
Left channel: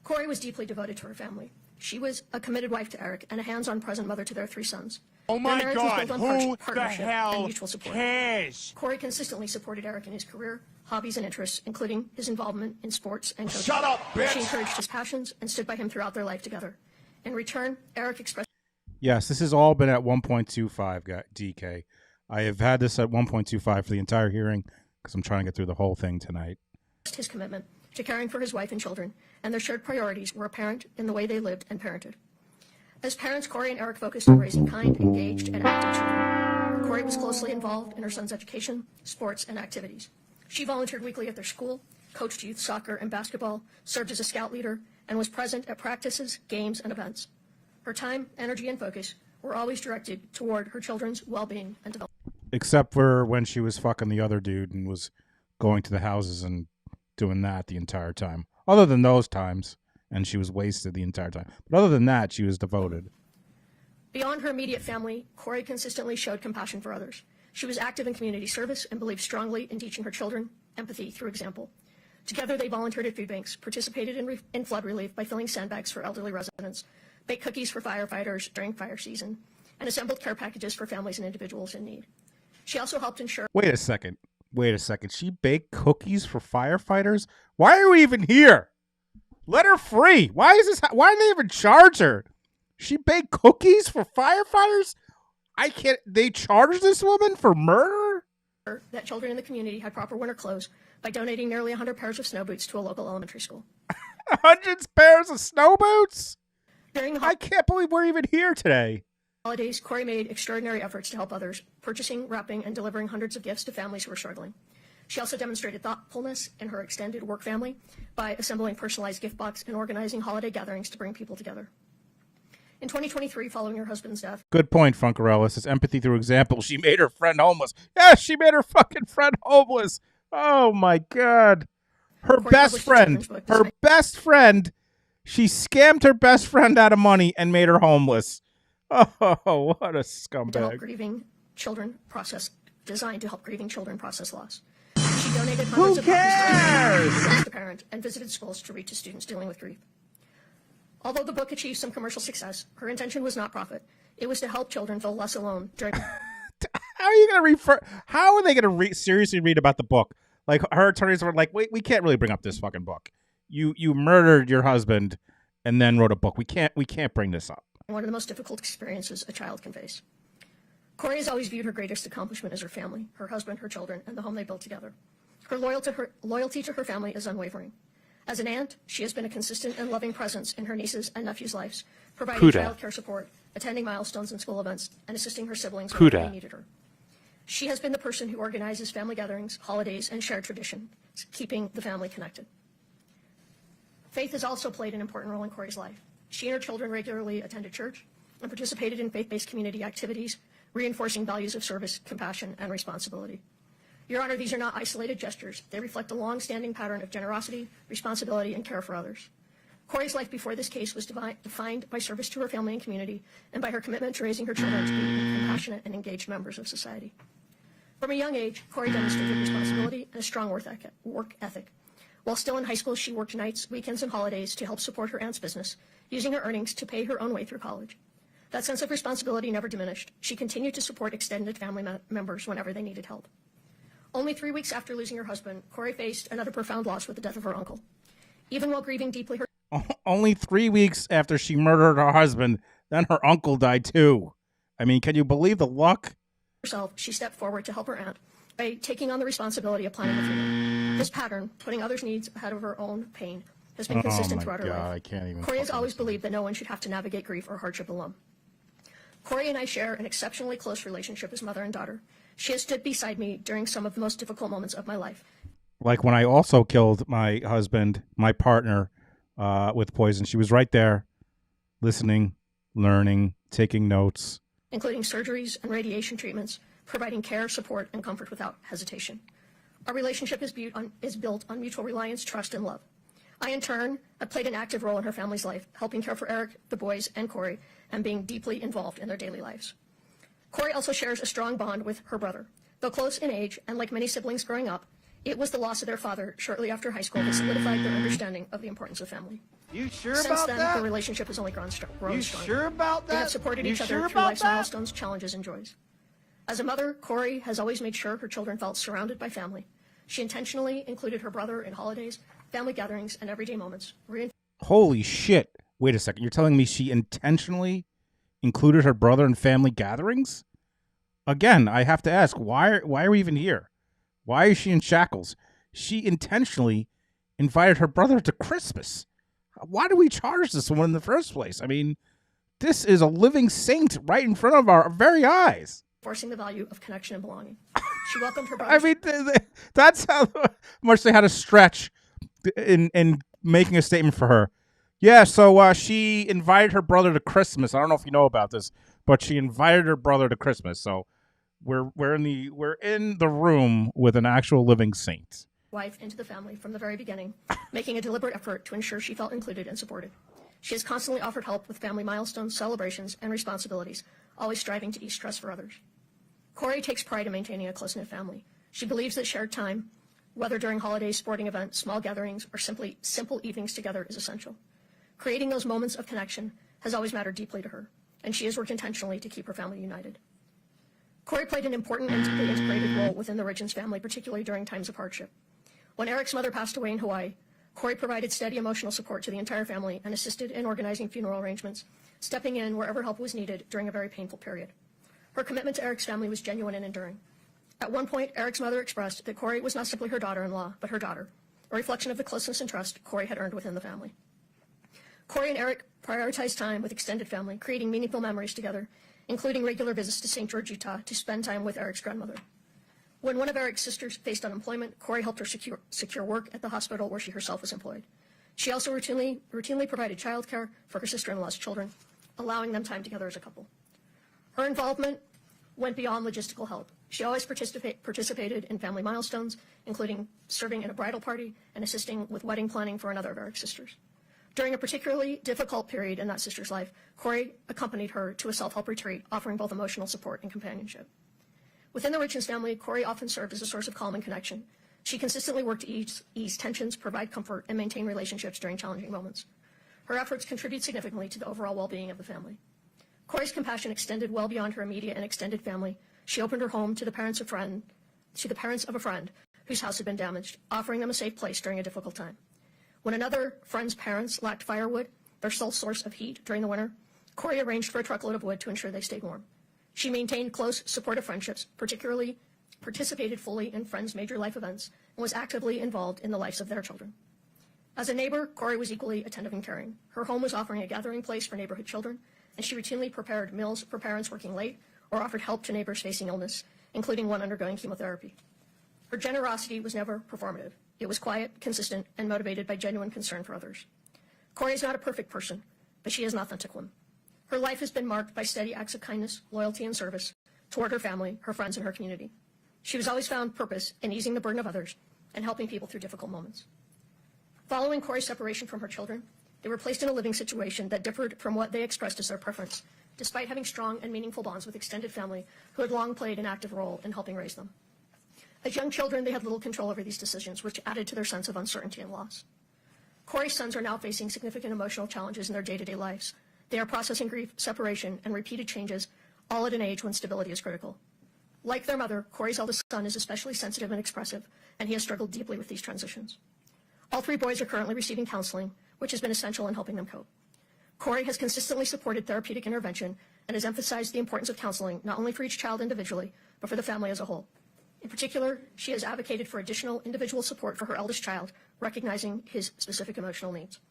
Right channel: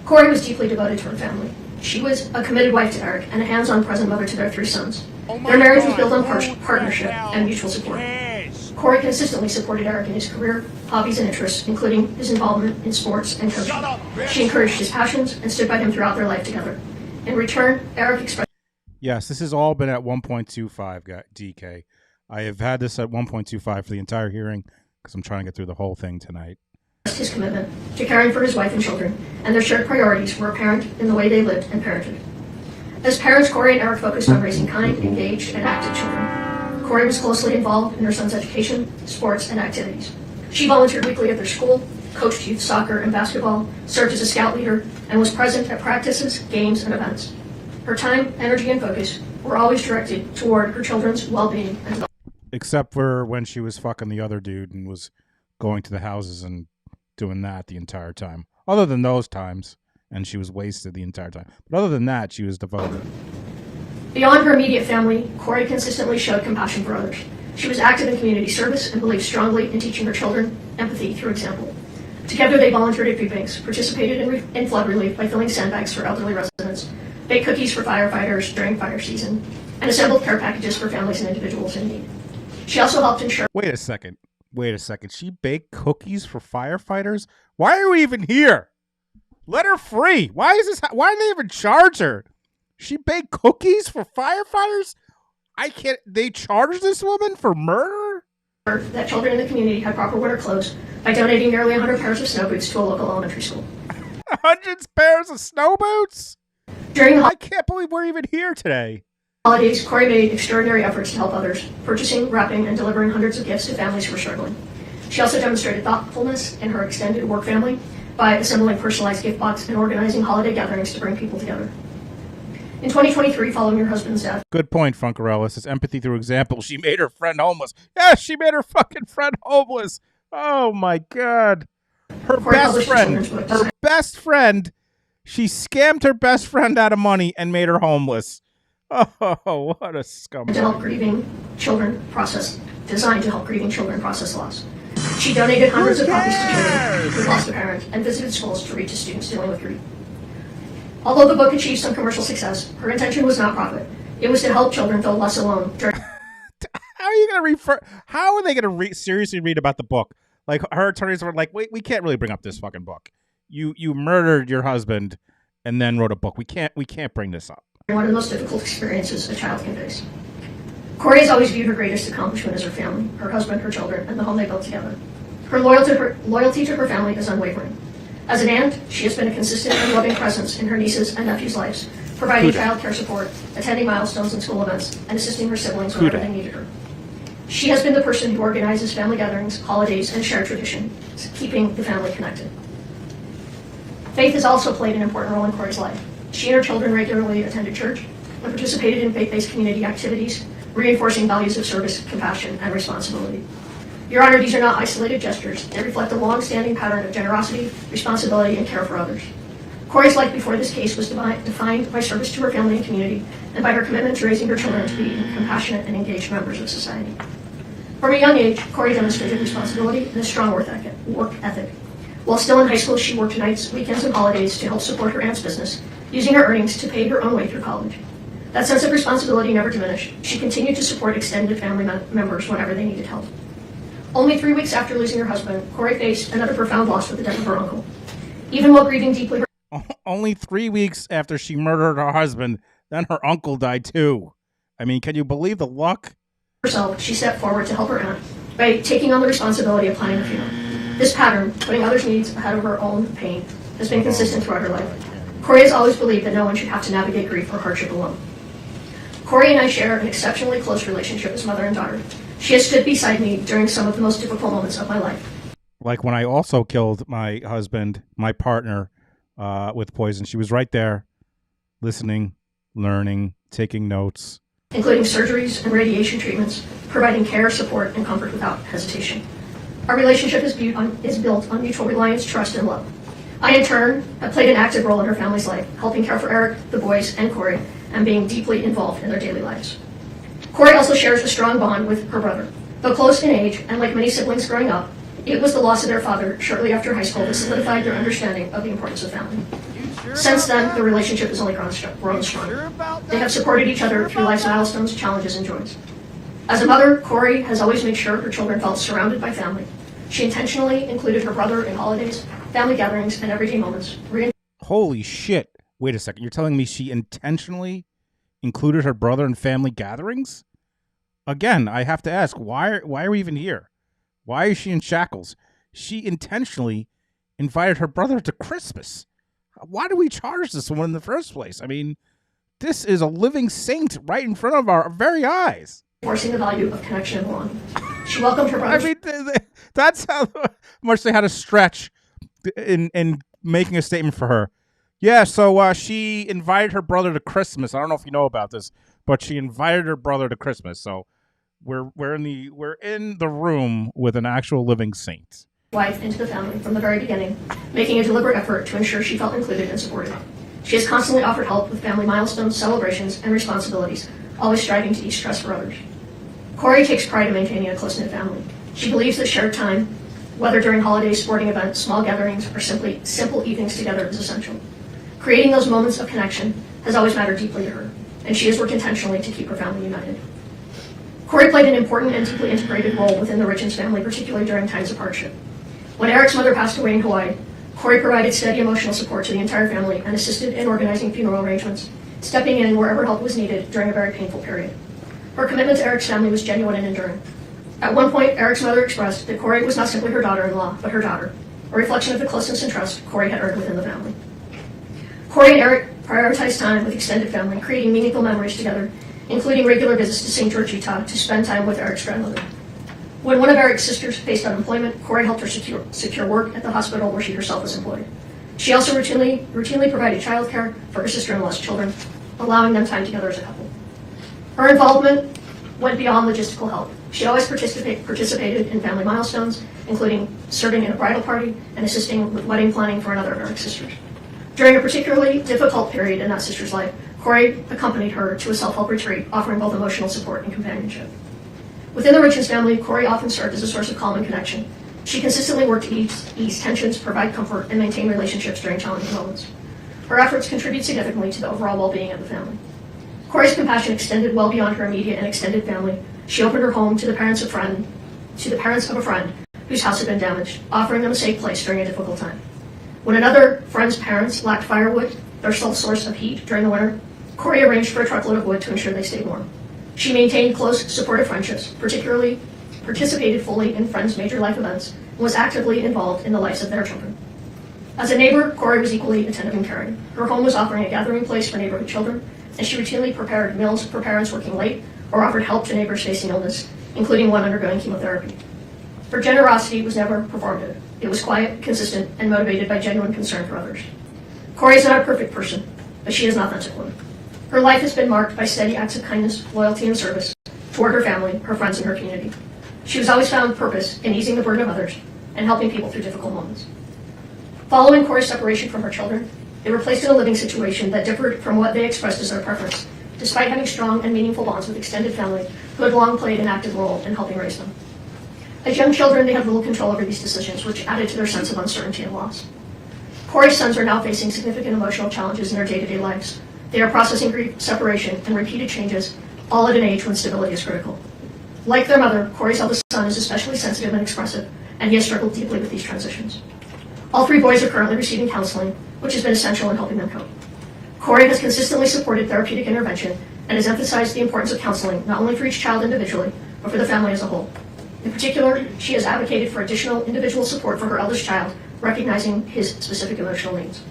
Kouri was deeply devoted to her family. She was a committed wife to Eric and a hands-on present mother to their three sons. Their marriage was built on partnership and mutual support. Kouri consistently supported Eric in his career, hobbies, and interests, including his involvement in sports and coaching. Shut up, bitch! She encouraged his passions and stood by him throughout their life together. In return, Eric expressed... Yes, this has all been at 1.25 DK. I have had this at 1.25 for the entire hearing because I'm trying to get through the whole thing tonight. His commitment to caring for his wife and children, and their shared priorities were apparent in the way they lived and parented. As parents, Kouri and Eric focused on raising kind, engaged, and active children. Kouri was closely involved in her son's education, sports, and activities. She volunteered weekly at their school, coached youth soccer and basketball, served as a scout leader, and was present at practices, games, and events. Her time, energy, and focus were always directed toward her children's well-being and development. Except for when she was fucking the other dude and was going to the houses and doing that the entire time. Other than those times, and she was wasted the entire time. But other than that, she was devoted. Beyond her immediate family, Kouri consistently showed compassion for others. She was active in community service and believed strongly in teaching her children empathy through example. Together, they volunteered at food banks, participated in flood relief by filling sandbags for elderly residents, baked cookies for firefighters during fire season, and assembled care packages for families and individuals in need. She also helped ensure... Wait a second. She baked cookies for firefighters? Why are we even here? Let her free. Why did they even charge her? She baked cookies for firefighters? They charged this woman for murder? That children in the community had proper winter clothes by donating nearly 100 pairs of snow boots to a local elementary school. 100 pairs of snow boots? I can't believe we're even here today. Holidays, Kouri made extraordinary efforts to help others, purchasing, wrapping, and delivering hundreds of gifts to families who were struggling. She also demonstrated thoughtfulness in her extended work family by assembling personalized gift boxes and organizing holiday gatherings to bring people together. In 2023, following her husband's death... Good point, Funkarella. Says empathy through example. She made her friend homeless. Yeah, she made her fucking friend homeless. Oh, my God. Her best friend. She scammed her best friend out of money and made her homeless. Oh, what a scumbag. Designed to help grieving children process loss. She donated hundreds of copies to people who lost a parent and visited schools to reach students dealing with grief. Although the book achieved some commercial success, her intention was not profit. It was to help children feel less alone during... How are they going to seriously read about the book? Like, her attorneys were like, wait, we can't really bring up this fucking book. You murdered your husband and then wrote a book. We can't bring this up. One of the most difficult experiences a child can face. Kouri has always viewed her greatest accomplishment as her family, her husband, her children, and the home they built together. Her loyalty to her family is unwavering. As an aunt, she has been a consistent and loving presence in her nieces' and nephews' lives, providing child care support, attending milestones and school events, and assisting her siblings whenever they needed her. She has been the person who organizes family gatherings, holidays, and shared traditions, keeping the family connected. Faith has also played an important role in Kouri's life. She and her children regularly attended church and participated in faith-based community activities, reinforcing values of service, compassion, and responsibility. Your Honor, these are not isolated gestures. They reflect a long-standing pattern of generosity, responsibility, and care for others. Kouri's life before this case was defined by service to her family and community, and by her commitment to raising her children to be compassionate and engaged members of society. From a young age, Kouri demonstrated responsibility and a strong work ethic. While still in high school, she worked nights, weekends, and holidays to help support her aunt's business, using her earnings to pay her own way through college. That sense of responsibility never diminished. She continued to support extended family members whenever they needed help. Only 3 weeks after losing her husband, Kouri faced another profound loss with the death of her uncle. Even while grieving deeply, Only 3 weeks after she murdered her husband, then her uncle died too. I mean, can you believe the luck? Herself, she stepped forward to help her aunt by taking on the responsibility of planning the funeral. This pattern, putting others' needs ahead of her own pain, has been consistent throughout her life. Kouri has always believed that no one should have to navigate grief or hardship alone. Kouri and I share an exceptionally close relationship as mother and daughter. She has stood beside me during some of the most difficult moments of my life. Like when I also killed my husband, my partner, with poison. She was right there, listening, learning, taking notes. Including surgeries and radiation treatments, providing care, support, and comfort without hesitation. Our relationship is built on mutual reliance, trust, and love. I, in turn, have played an active role in her family's life, helping care for Eric, the boys, and Kouri, and being deeply involved in their daily lives. Kouri also shares a strong bond with her brother. Though close in age, and like many siblings growing up, it was the loss of their father shortly after high school that solidified their understanding of the importance of family. Since then, the relationship has only grown stronger. They have supported each other through life's milestones, challenges, and joys. As a mother, Kouri has always made sure her children felt surrounded by family. She intentionally included her brother in holidays, family gatherings, and everyday moments. Holy shit. Wait a second. You're telling me she intentionally included her brother in family gatherings? Again, I have to ask, why are we even here? Why is she in shackles? She intentionally invited her brother to Christmas. Why do we charge this woman in the first place? I mean, this is a living saint right in front of our very eyes. Reinforcing the value of connection and belonging. She welcomed her brother. I mean, that's how much they had to stretch in making a statement for her. Yeah, so she invited her brother to Christmas. I don't know if you know about this, but she invited her brother to Christmas. So we're in the room with an actual living saint. Wife into the family from the very beginning, making a deliberate effort to ensure she felt included and supported. She has constantly offered help with family milestones, celebrations, and responsibilities, always striving to ease stress for others. Kouri takes pride in maintaining a close-knit family. She believes that shared time, whether during holidays, sporting events, small gatherings, or simply simple evenings together, is essential. Creating those moments of connection has always mattered deeply to her, and she has worked intentionally to keep her family united. Kouri played an important and deeply integrated role within the Richins family, particularly during times of hardship. When Eric's mother passed away in Hawaii, Kouri provided steady emotional support to the entire family and assisted in organizing funeral arrangements, stepping in wherever help was needed during a very painful period. Her commitment to Eric's family was genuine and enduring. At one point, Eric's mother expressed that Kouri was not simply her daughter-in-law, but her daughter, a reflection of the closeness and trust Kouri had earned within the family. Kouri and Eric prioritized time with extended family, creating meaningful memories together, including regular visits to St. George, Utah, to spend time with Eric's grandmother. When one of Eric's sisters faced unemployment, Kouri helped her secure work at the hospital where she herself was employed. She also routinely provided childcare for her sister-in-law's children, allowing them time together as a couple. Her involvement went beyond logistical help. She always participated in family milestones, including serving in a bridal party and assisting with wedding planning for another of Eric's sisters. During a particularly difficult period in that sister's life, Kouri accompanied her to a self-help retreat, offering both emotional support and companionship. Within the Richins family, Kouri often served as a source of calm and connection. She consistently worked to ease tensions, provide comfort, and maintain relationships during challenging moments. Her efforts contribute significantly to the overall well-being of the family. Kouri's compassion extended well beyond her immediate and extended family. She opened her home to the parents of a friend whose house had been damaged, offering them a safe place during a difficult time. When another friend's parents lacked firewood, their sole source of heat during the winter, Kouri arranged for a truckload of wood to ensure they stayed warm. She maintained close, supportive friendships, particularly participated fully in friends' major life events, and was actively involved in the lives of their children. As a neighbor, Kouri was equally attentive and caring. Her home was offering a gathering place for neighborhood children, and she routinely prepared meals for parents working late or offered help to neighbors facing illness, including one undergoing chemotherapy. Her generosity was never performative. It was quiet, consistent, and motivated by genuine concern for others. Kouri is not a perfect person, but she is an authentic woman. Her life has been marked by steady acts of kindness, loyalty, and service toward her family, her friends, and her community. She has always found purpose in easing the burden of others and helping people through difficult moments. Following Kouri's separation from her children, they were placed in a living situation that differed from what they expressed as their preference, despite having strong and meaningful bonds with extended family who had long played an active role in helping raise them. As young children, they had little control over these decisions, which added to their sense of uncertainty and loss. Kouri's sons are now facing significant emotional challenges in their day-to-day lives. They are processing grief, separation, and repeated changes, all at an age when stability is critical. Like their mother, Kouri's eldest son is especially sensitive and expressive, and he has struggled deeply with these transitions. All three boys are currently receiving counseling, which has been essential in helping them cope. Kouri has consistently supported therapeutic intervention and has emphasized the importance of counseling not only for each child individually, but for the family as a whole. In particular, she has advocated for additional individual support for her eldest child, recognizing his specific emotional needs.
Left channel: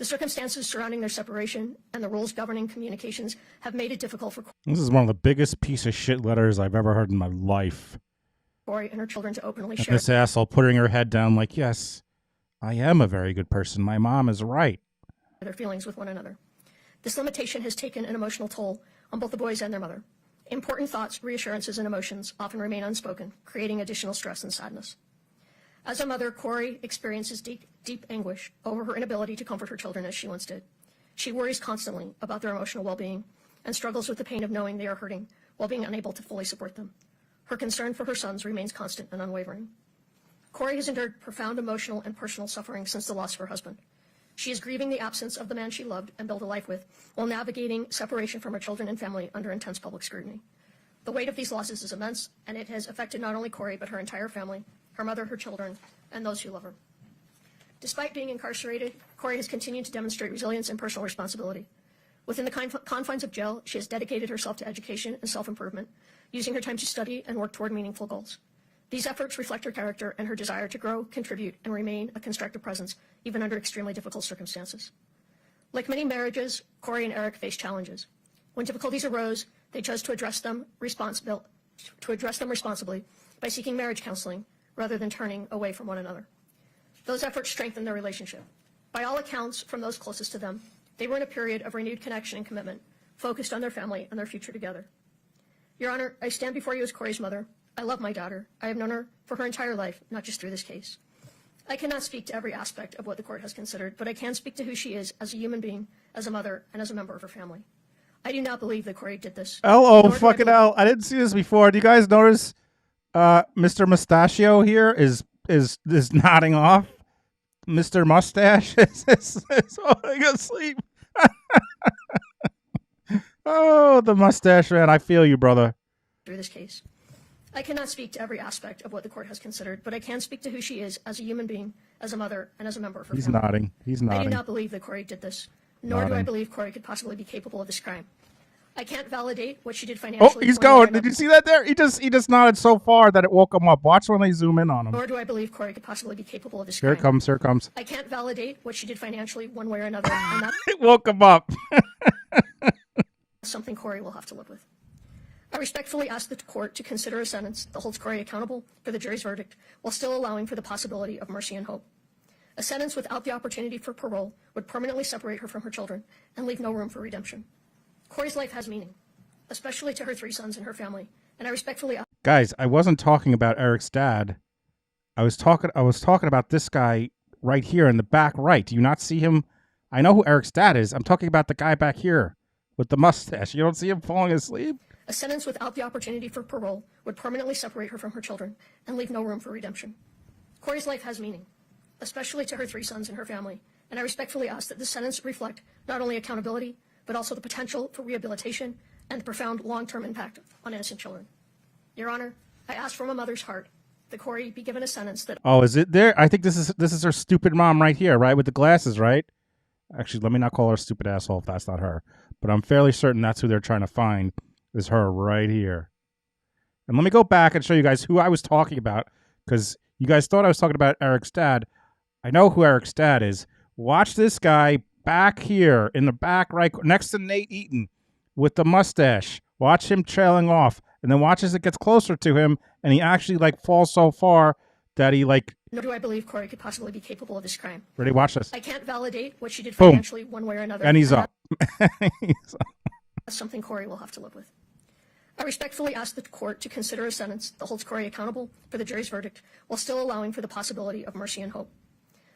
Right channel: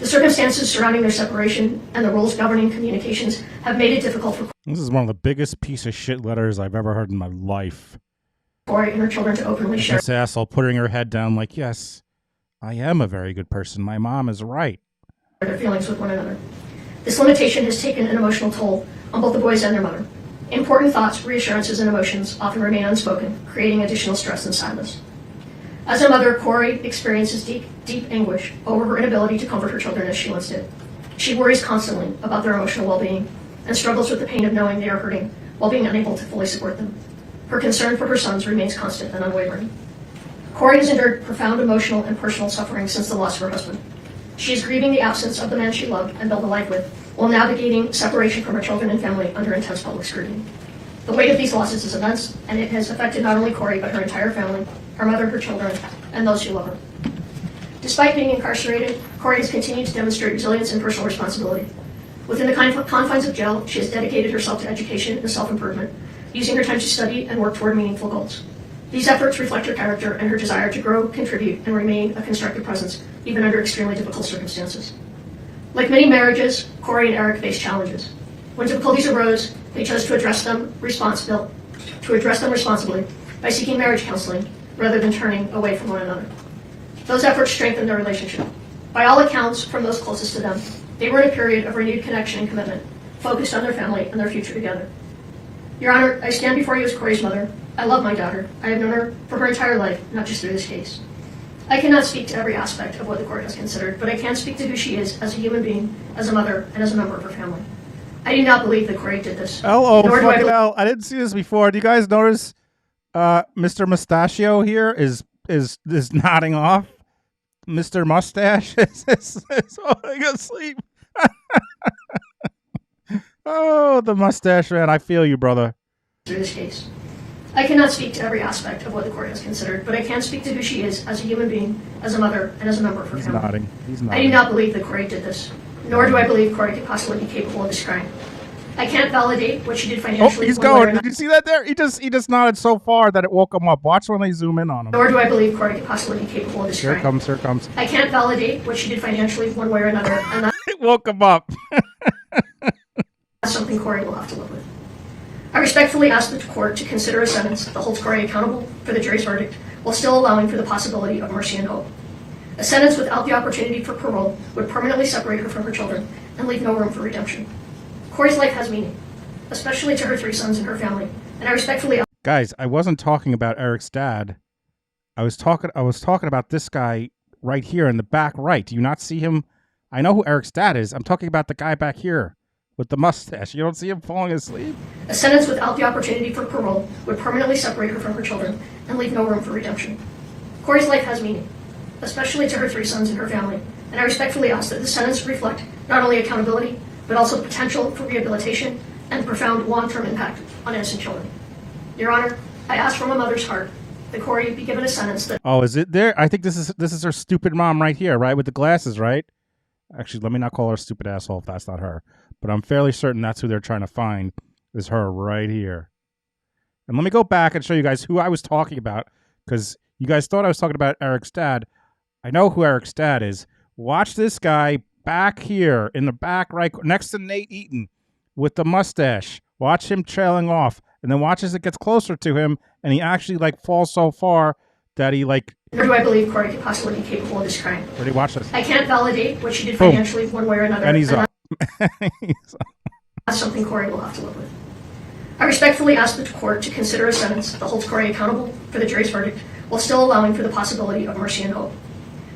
The circumstances surrounding their separation and the rules governing communications have made it difficult for This is one of the biggest piece of shit letters I've ever heard in my life. Kouri and her children to openly And share this asshole putting her head down like, yes, I am a very good person. My mom is right. their feelings with one another. This limitation has taken an emotional toll on both the boys and their mother. Important thoughts, reassurances, and emotions often remain unspoken, creating additional stress and sadness. As a mother, Kouri experiences deep anguish over her inability to comfort her children as she once did. She worries constantly about their emotional well-being and struggles with the pain of knowing they are hurting while being unable to fully support them. Her concern for her sons remains constant and unwavering. Kouri has endured profound emotional and personal suffering since the loss of her husband. She is grieving the absence of the man she loved and built a life with, while navigating separation from her children and family under intense public scrutiny. The weight of these losses is immense, and it has affected not only Kouri, but her entire family, her mother, her children, and those who love her. Despite being incarcerated, Kouri has continued to demonstrate resilience and personal responsibility. Within the confines of jail, she has dedicated herself to education and self-improvement, using her time to study and work toward meaningful goals. These efforts reflect her character and her desire to grow, contribute, and remain a constructive presence, even under extremely difficult circumstances. Like many marriages, Kouri and Eric faced challenges. When difficulties arose, they chose to address them responsibly by seeking marriage counseling rather than turning away from one another. Those efforts strengthened their relationship. By all accounts, from those closest to them, they were in a period of renewed connection and commitment, focused on their family and their future together. Your Honor, I stand before you as Kouri's mother. I love my daughter. I have known her for her entire life, not just through this case. I cannot speak to every aspect of what the court has considered, but I can speak to who she is as a human being, as a mother, and as a member of her family. I do not believe that Kouri did this. Fucking hell. I didn't see this before. Do you guys notice Mr. Mustachio here is nodding off? Mr. Mustache is falling asleep. Oh, the mustache man. I feel you, brother. Through this case. I cannot speak to every aspect of what the court has considered, but I can speak to who she is as a human being, as a mother, and as a member of her family. He's I nodding. do not believe that Kouri did this, nor do I believe Kouri could possibly be capable of this crime. I can't validate what she did financially. Oh, he's going. Did you see that there? He just nodded so far that it woke him up. Watch when they zoom in on him. Nor do I believe Kouri could possibly be capable of this Here crime. it comes. I can't validate what she did financially one way or another, and It woke him up. that's something Kouri will have to live with. I respectfully ask the court to consider a sentence that holds Kouri accountable for the jury's verdict, while still allowing for the possibility of mercy and hope. A sentence without the opportunity for parole would permanently separate her from her children and leave no room for redemption. Kouri's life has meaning, especially to her 3 sons and her family, and I respectfully ask. Guys, I wasn't talking about Eric's dad. I was talking about this guy right here in the back right. Do you not see him? I know who Eric's dad is. I'm talking about the guy back here with the mustache. You don't see him falling asleep? A sentence without the opportunity for parole would permanently separate her from her children and leave no room for redemption. Kouri's life has meaning, especially to her 3 sons and her family, and I respectfully ask that the sentence reflect not only accountability, but also the potential for rehabilitation and profound long-term impact on innocent children. Your Honor, I ask from a mother's heart that that Kouri be given a sentence that... Oh, is it there? I think this is her stupid mom right here, right? With the glasses, right? Actually, let me not call her a stupid asshole if that's not her. But I'm fairly certain that's who they're trying to find, is her right here. And let me go back and show you guys who I was talking about, because you guys thought I was talking about Eric's dad. I know who Eric's dad is. Watch this guy back here in the back right next to Nate Eaton with the mustache. Watch him trailing off. And then watch as it gets closer to him and he actually like falls so far that he like... Nor do I believe Kouri could possibly be capable of this crime. Ready? Watch this. I can't validate what she did Boom. financially one way or another. And he's up. That's something Kouri will have to live with. I respectfully ask the court to consider a sentence that holds Kouri accountable for the jury's verdict while still allowing for the possibility of mercy and hope.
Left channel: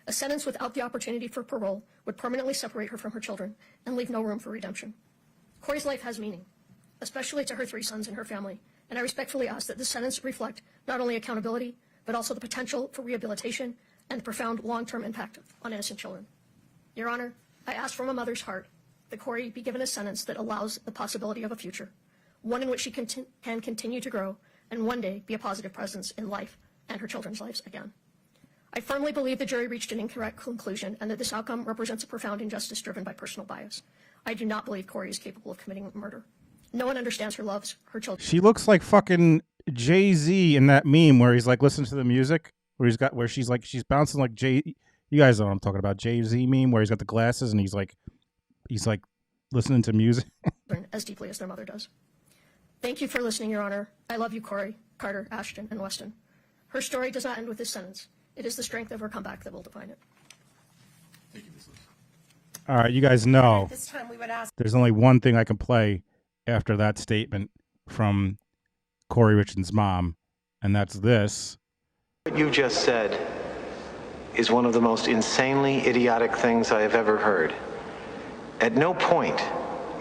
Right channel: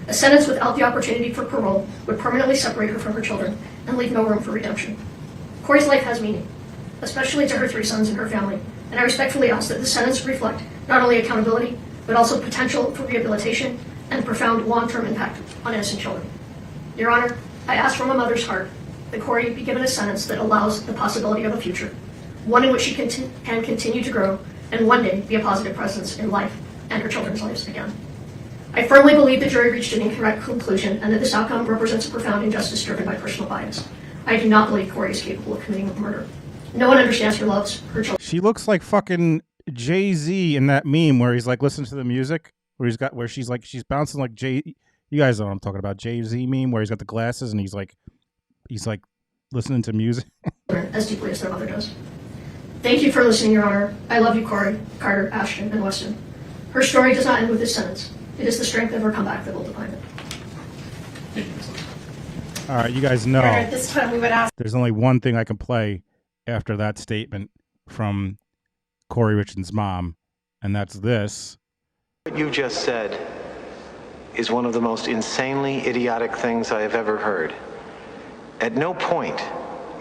A sentence without the opportunity for parole would permanently separate her from her children and leave no room for redemption. Kouri's life has meaning, especially to her 3 sons and her family, and I respectfully ask that the sentence reflect not only accountability, but also potential for rehabilitation and profound long-term impact on innocent children. Your Honor, I ask from a mother's heart that Kouri be given a sentence that allows the possibility of a future, one in which she can continue to grow and one day be a positive presence in life and her children's lives again. I firmly believe the jury reached an incorrect conclusion and that this outcome represents a profound injustice driven by personal bias. I do not believe Kouri is capable of committing murder. No one understands or loves her children. She looks like fucking Jay-Z in that meme where he's like listening to the music, where she's bouncing like Jay. You guys know what I'm talking about. Jay-Z meme where he's got the glasses and he's like listening to music. As deeply as their mother does. Thank you for listening, Your Honor. I love you, Kouri, Carter, Ashton, and Weston. Her story does not end with this sentence. It is the strength of her comeback that will define it. All right, you guys know At this time, we would ask. there's only one thing I can play after that statement from Kouri Richins' mom, and that's this. What you just said is one of the most insanely idiotic things I have ever heard. At no point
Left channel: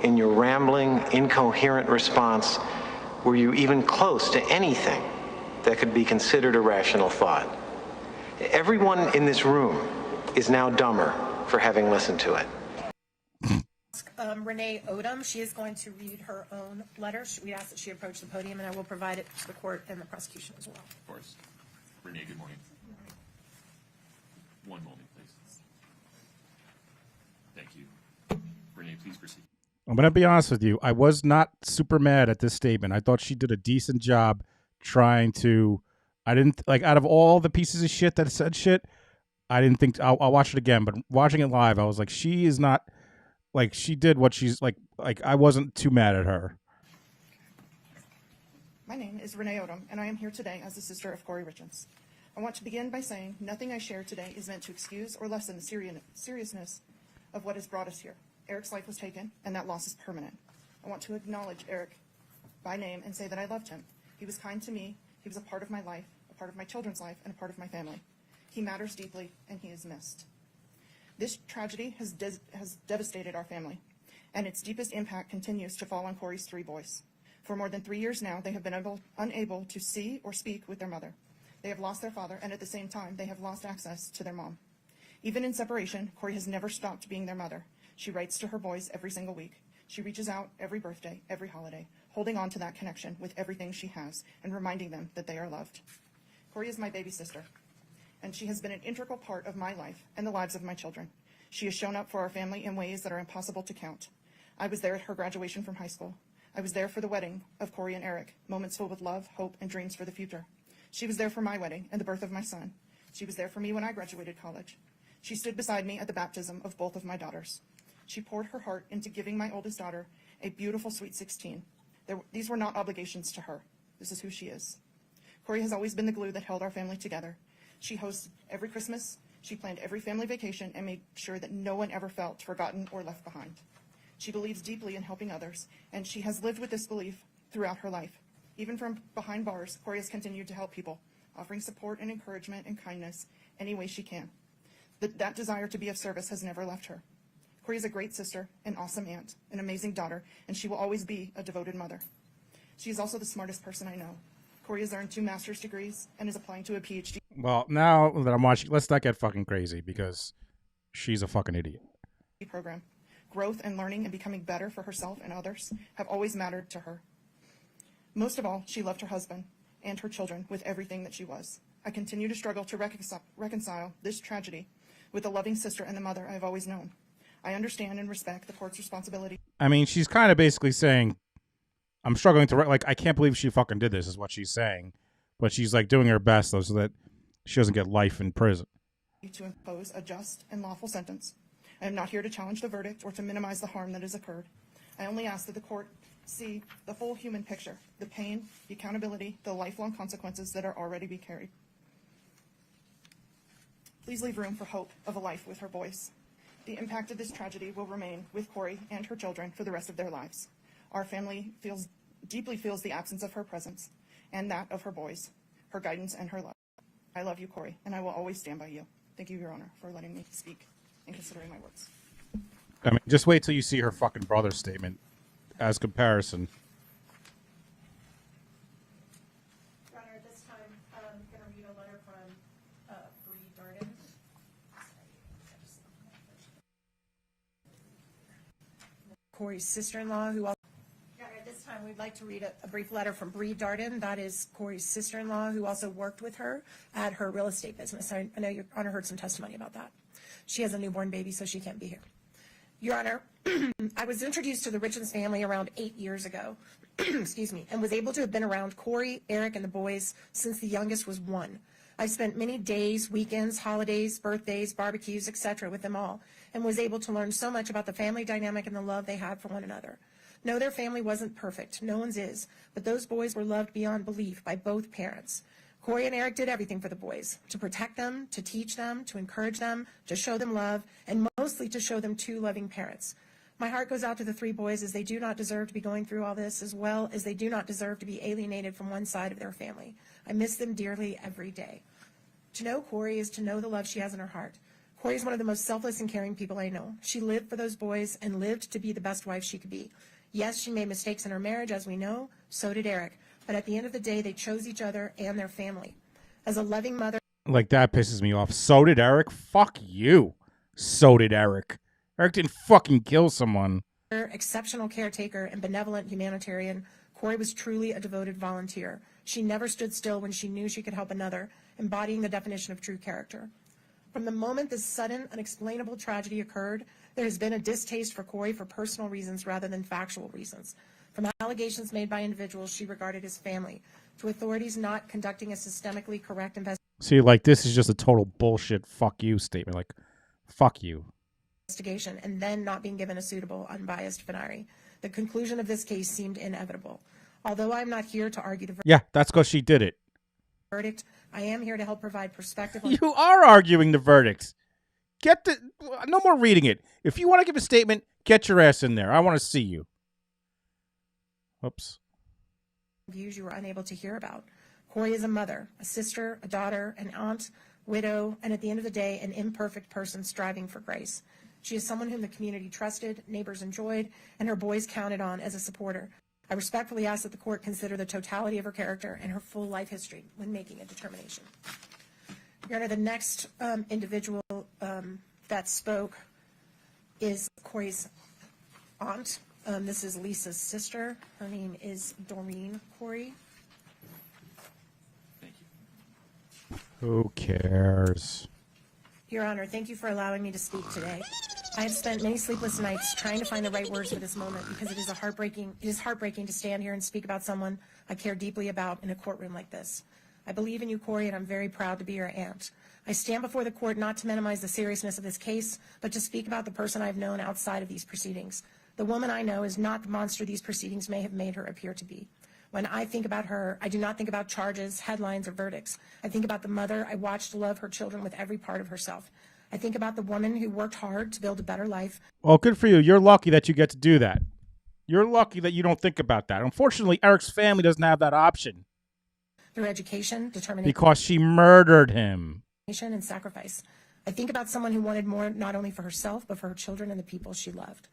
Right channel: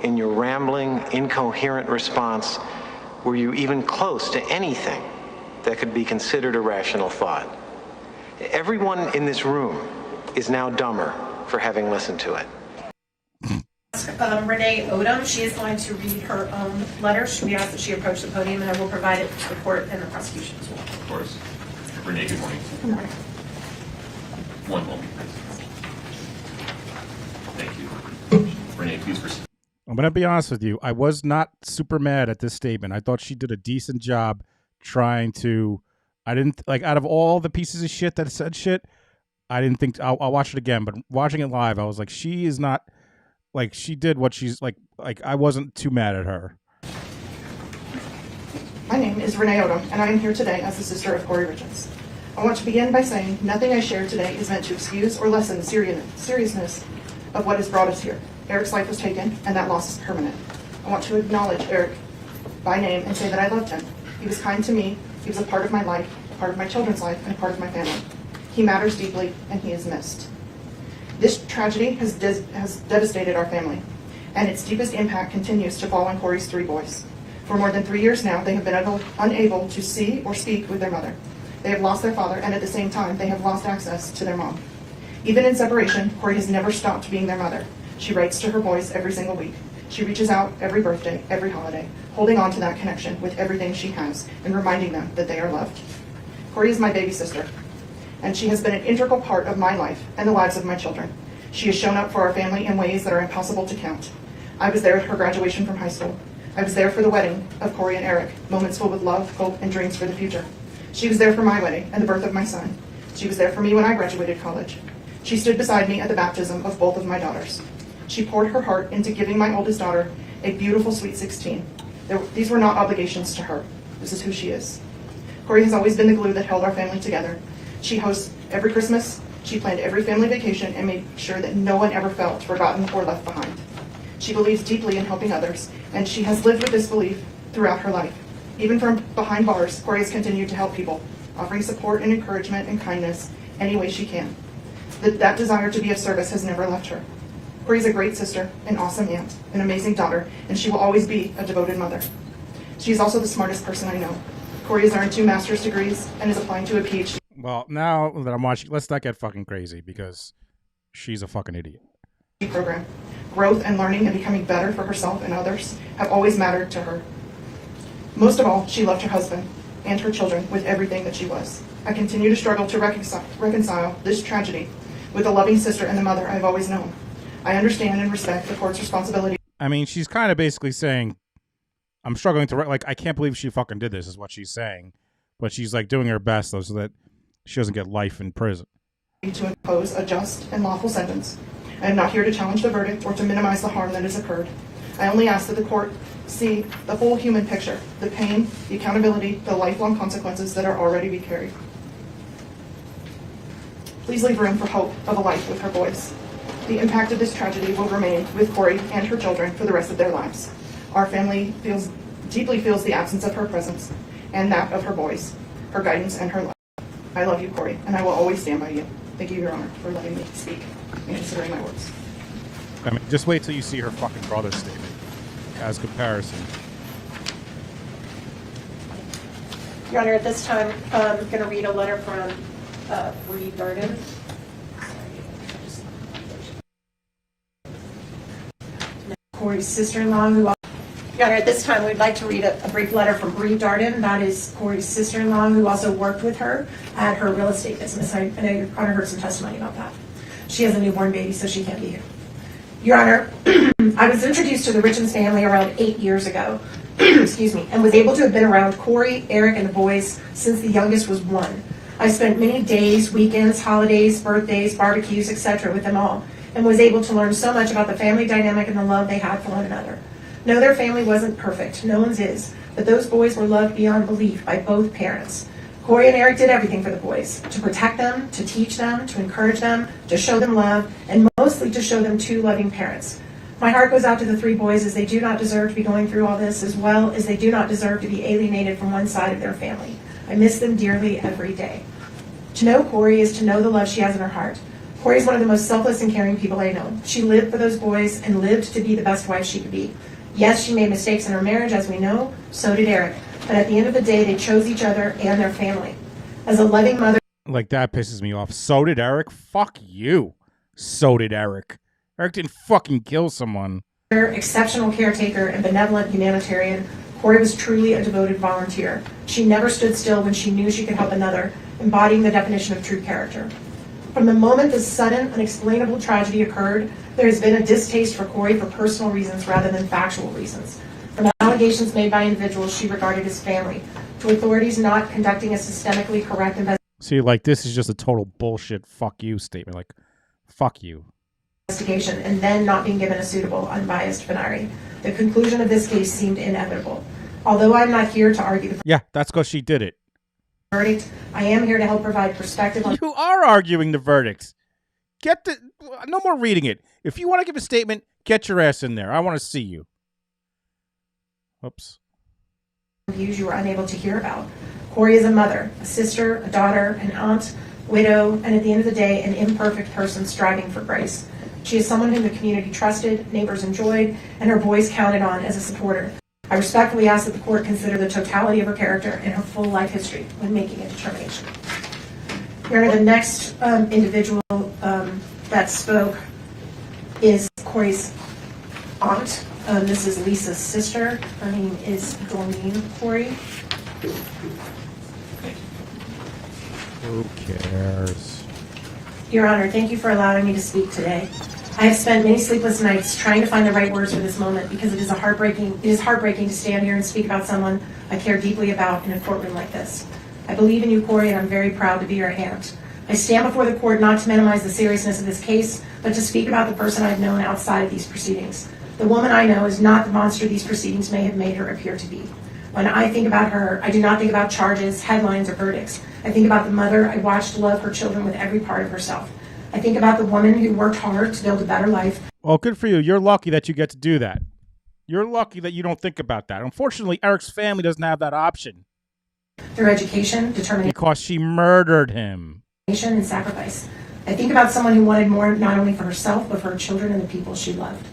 in your rambling, incoherent response were you even close to anything that could be considered a rational thought. Everyone in this room is now dumber for having listened to it. Renee Odom, she is going to read her own letter. We ask that she approach the podium, and I will provide it to the court and the prosecution as well. Of course. Renee, good morning. Good morning. One moment. Thank you. Renee, please proceed. I'm going to be honest with you. I was not super mad at this statement. I thought she did a decent job trying to... I didn't... Like, out of all the pieces of shit that said shit, I didn't think... I'll watch it again, but watching it live, I was like, she is not... Like, she did what she's... Like I wasn't too mad at her. My name is Renee Odom, and I am here today as the sister of Kouri Richins. I want to begin by saying nothing I share today is meant to excuse or lessen the seriousness of what has brought us here. Eric's life was taken, and that loss is permanent. I want to acknowledge Eric by name and say that I loved him. He was kind to me, he was a part of my life, a part of my children's life, and a part of my family. He matters deeply, and he is missed. This tragedy has devastated our family, and its deepest impact continues to fall on Kouri's 3 boys. For more than 3 years now, they have been unable to see or speak with their mother. They have lost their father, and at the same time, they have lost access to their mom. Even in separation, Kouri has never stopped being their mother. She writes to her boys every single week. She reaches out every birthday, every holiday, holding on to that connection with everything she has and reminding them that they are loved. Kouri is my baby sister, and she has been an integral part of my life and the lives of my children. She has shown up for our family in ways that are impossible to count. I was there at her graduation from high school. I was there for the wedding of Kouri and Eric, moments filled with love, hope, and dreams for the future. She was there for my wedding and the birth of my son. She was there for me when I graduated college. She stood beside me at the baptism of both of my daughters. She poured her heart into giving my oldest daughter a beautiful sweet 16. These were not obligations to her. This is who she is. Kouri has always been the glue that held our family together. She hosts every Christmas, she planned every family vacation, and made sure that no one ever felt forgotten or left behind. She believes deeply in helping others, and she has lived with this belief throughout her life. Even from behind bars, Kouri has continued to help people, offering support and encouragement and kindness any way she can. That desire to be of service has never left her. Kouri is a great sister, an awesome aunt, an amazing daughter, and she will always be a devoted mother. She is also the smartest person I know. Kouri has earned 2 master's degrees and is applying to a PhD. Well, now that I'm watching, let's not get fucking crazy because she's a fucking idiot. Program. Growth and learning and becoming better for herself and others have always mattered to her. Most of all, she loved her husband and her children with everything that she was. I continue to struggle to reconcile this tragedy with the loving sister and the mother I've always known. I understand and respect the court's responsibility. I mean, she's kind of basically saying, I'm struggling to, like, I can't believe she fucking did this, is what she's saying. But she's, like, doing her best, though, so that she doesn't get life in prison. To impose a just and lawful sentence. I am not here to challenge the verdict or to minimize the harm that has occurred. I only ask that the court see the whole human picture, the pain, the accountability, the lifelong consequences that are already being carried. Please leave room for hope of a life with her boys. The impact of this tragedy will remain with Kouri and her children for the rest of their lives. Our family deeply feels the absence of her presence and that of her boys, her guidance and her love. I love you, Kouri, and I will always stand by you. Thank you, Your Honor, for letting me speak and considering my words. I mean, just wait till you see her fucking brother's statement as comparison. Your Honor, at this time, I'm going to read a letter from Reed Darden. Kouri's sister-in-law, who... Your Honor, at this time, we'd like to read a brief letter from Bree Darden. That is Kouri's sister-in-law, who also worked with her at her real estate business. I know Your Honor heard some testimony about that. She has a newborn baby, so she can't be here. Your Honor, I was introduced to the Richins family around 8 years ago, excuse me, and was able to have been around Kouri, Eric, and the boys since the youngest was 1. I spent many days, weekends, holidays, birthdays, barbecues, etc. with them all, and was able to learn so much about the family dynamic and the love they had for one another. No, their family wasn't perfect. No one's is. But those boys were loved beyond belief by both parents. Kouri and Eric did everything for the boys, to protect them, to teach them, to encourage them, to show them love, and mostly to show them 2 loving parents. My heart goes out to the 3 boys, as they do not deserve to be going through all this, as well as they do not deserve to be alienated from one side of their family. I miss them dearly every day. To know Kouri is to know the love she has in her heart. Kouri is one of the most selfless and caring people I know. She lived for those boys and lived to be the best wife she could be. Yes, she made mistakes in her marriage, as we know. So did Eric. But at the end of the day, they chose each other and their family. As a loving mother... Like, that pisses me off. So did Eric? Fuck you. So did Eric. Eric didn't fucking kill someone. Exceptional caretaker and benevolent humanitarian, Kouri was truly a devoted volunteer. She never stood still when she knew she could help another, embodying the definition of true character. From the moment this sudden, unexplainable tragedy occurred, there has been a distaste for Kouri for personal reasons rather than factual reasons. From allegations made by individuals she regarded as family, to authorities not conducting a systemically correct See, like, this is just a total bullshit fuck you statement. Like, fuck you. Investigation, and then not being given a suitable, unbiased finale. The conclusion of this case seemed inevitable. Although I'm not here to argue the Yeah, that's because she did it. verdict, I am here to help provide perspective on... You are arguing the verdict. Get the... No more reading it. If you want to give a statement, get your ass in there. I want to see you. Oops. Views you were unable to hear about. Kouri is a mother, a sister, a daughter, an aunt, widow, and at the end of the day, an imperfect person striving for grace. She is someone whom the community trusted, neighbors enjoyed, and her boys counted on as a supporter. I respectfully ask that the court consider the totality of her character and her full life history when making a determination. Your Honor, the next individual that spoke is Kouri's aunt. This is Lisa's sister. Her name is Doreen Kouri. Who cares? Your Honor, thank you for allowing me to speak today. I have spent many sleepless nights trying to find the right words for this moment because it is heartbreaking to stand here and speak about someone I care deeply about in a courtroom like this. I believe in you, Kouri, and I'm very proud to be your aunt. I stand before the court not to minimize the seriousness of this case, but to speak about the person I've known outside of these proceedings. The woman I know is not the monster these proceedings may have made her appear to be. When I think about her, I do not think about charges, headlines, or verdicts. I think about the mother I watched love her children with every part of herself. I think about the woman who worked hard to build a better life. Well, good for you. You're lucky that you get to do that. You're lucky that you don't think about that. Unfortunately, Eric's family doesn't have that option. Through education, determination, because she murdered him. And sacrifice. I think about someone who wanted more not only for herself, but for her children and the people she loved.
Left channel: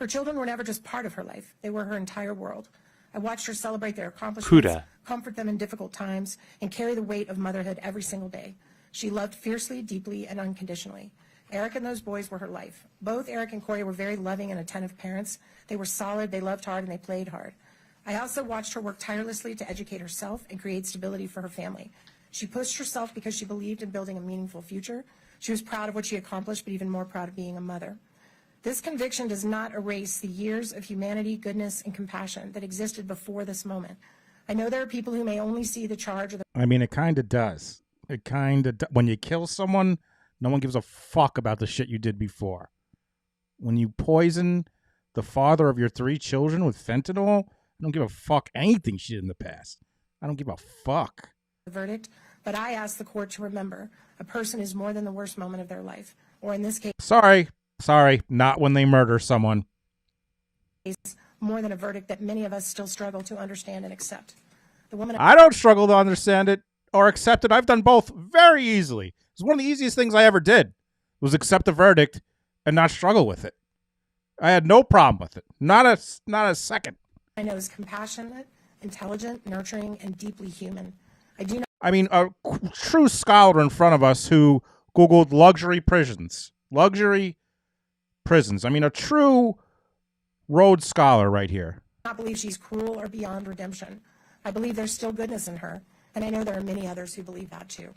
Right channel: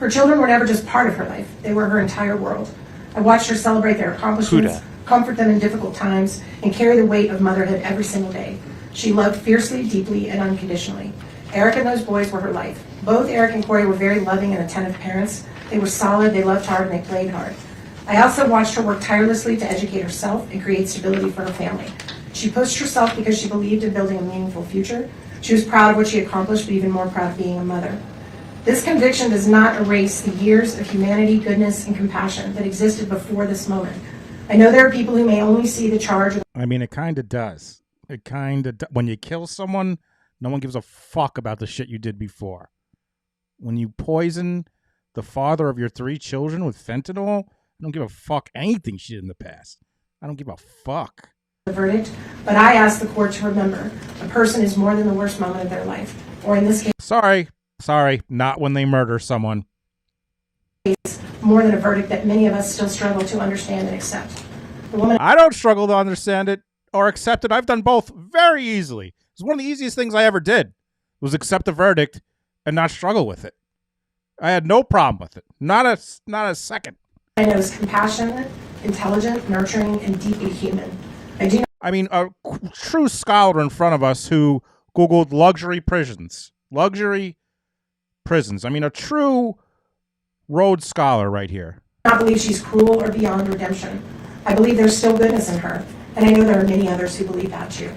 Her children were never just part of her life. They were her entire world. I watched her celebrate their accomplishments, comfort them in difficult times, and carry the weight of motherhood every single day. She loved fiercely, deeply, and unconditionally. Eric and those boys were her life. Both Eric and Kouri were very loving and attentive parents. They were solid, they loved hard, and they played hard. I also watched her work tirelessly to educate herself and create stability for her family. She pushed herself because she believed in building a meaningful future. She was proud of what she accomplished, but even more proud of being a mother. This conviction does not erase the years of humanity, goodness, and compassion that existed before this moment. I know there are people who may only see the charge. I mean, it kind of does. It kind of when you kill someone, no one gives a fuck about the shit you did before. When you poison the father of your 3 children with fentanyl, I don't give a fuck anything she did in the past. I don't give a fuck. The verdict, but I ask the court to remember a person is more than the worst moment of their life, or in this case, Sorry, not when they murder someone. more than a verdict that many of us still struggle to understand and accept. The woman I don't struggle to understand it or accept it. I've done both very easily. It's one of the easiest things I ever did was accept the verdict and not struggle with it. I had no problem with it. Not a second. I know is compassionate, intelligent, nurturing, and deeply human. I mean, a true scholar in front of us who Googled luxury prisons. Luxury prisons. I mean, a true Rhodes Scholar right here. I do not believe she's cruel or beyond redemption. I believe there's still goodness in her, and I know there are many others who believe that too.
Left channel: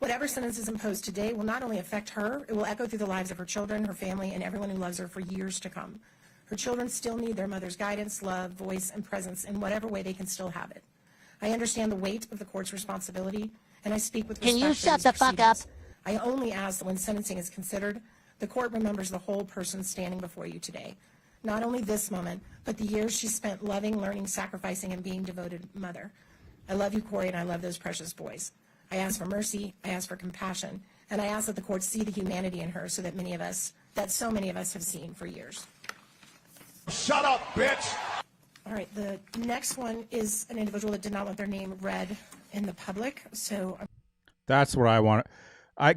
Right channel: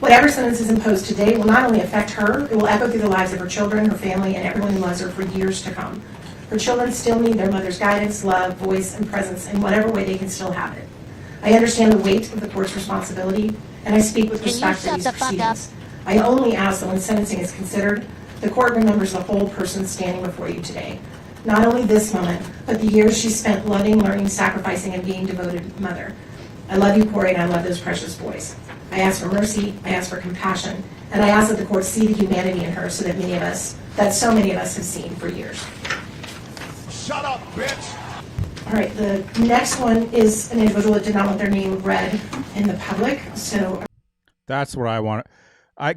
Whatever sentence is imposed today will not only affect her, it will echo through the lives of her children, her family, and everyone who loves her for years to come. Her children still need their mother's guidance, love, voice, and presence in whatever way they can still have it. I understand the weight of the court's responsibility, and I speak with respect to these proceedings. Can you shut the fuck up? I only ask that when sentencing is considered, the court remembers the whole person standing before you today. Not only this moment, but the years she spent loving, learning, sacrificing, and being devoted mother. I love you, Kouri, and I love those precious boys. I ask for mercy, I ask for compassion, and I ask that the court see the humanity in her that so many of us have seen for years. Shut up, bitch! All right, the next one is an individual that did not want their name read in the public, so... That's what I want.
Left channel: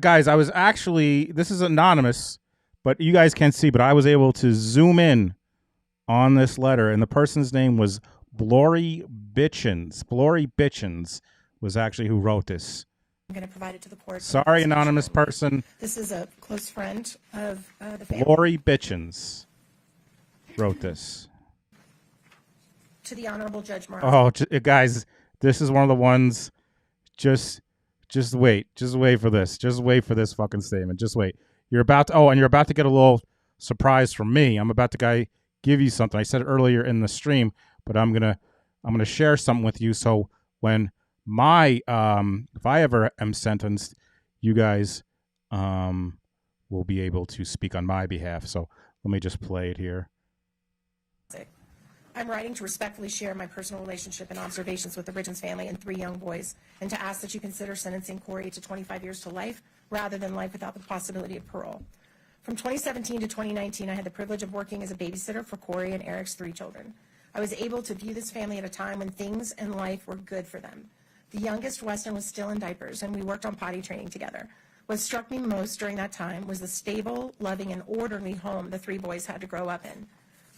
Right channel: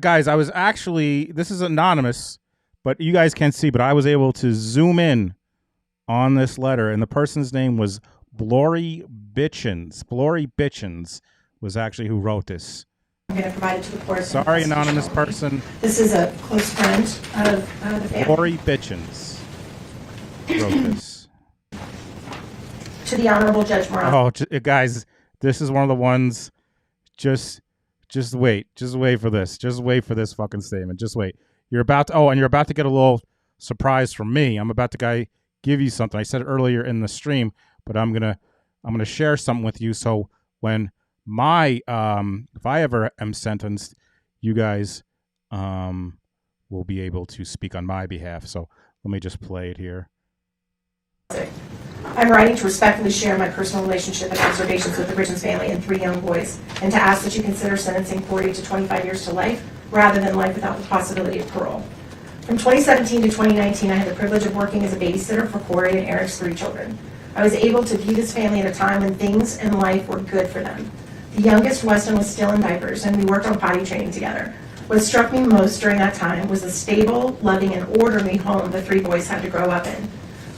Guys, I was actually, this is anonymous, but you guys can't see, but I was able to zoom in on this letter, and the person's name was Blory Bitchins. Blory Bitchins was actually who wrote this. I'm going to provide it to the court. Sorry, anonymous person. This is a close friend of the family. Blory Bitchins wrote this. To the Honorable Judge Morales. Oh, guys, this is one of the ones, just wait for this. Just wait for this fucking statement. Just wait. You're about to get a little surprise from me. I'm about to give you something. I said it earlier in the stream, but I'm gonna share something with you. So when if I ever am sentenced, you guys will be able to speak on my behalf. So let me just play it here. I'm writing to respectfully share my personal relationship and observations with the Richins family and 3 young boys, and to ask that you consider sentencing Kouri to 25 years to life rather than life without the possibility of parole. From 2017 to 2019, I had the privilege of working as a babysitter for Kouri and Eric's 3 children. I was able to view this family at a time when things in life were good for them. The youngest, Weston, was still in diapers, and we worked on potty training together. What struck me most during that time was the stable, loving, and orderly home the 3 boys had to grow up in.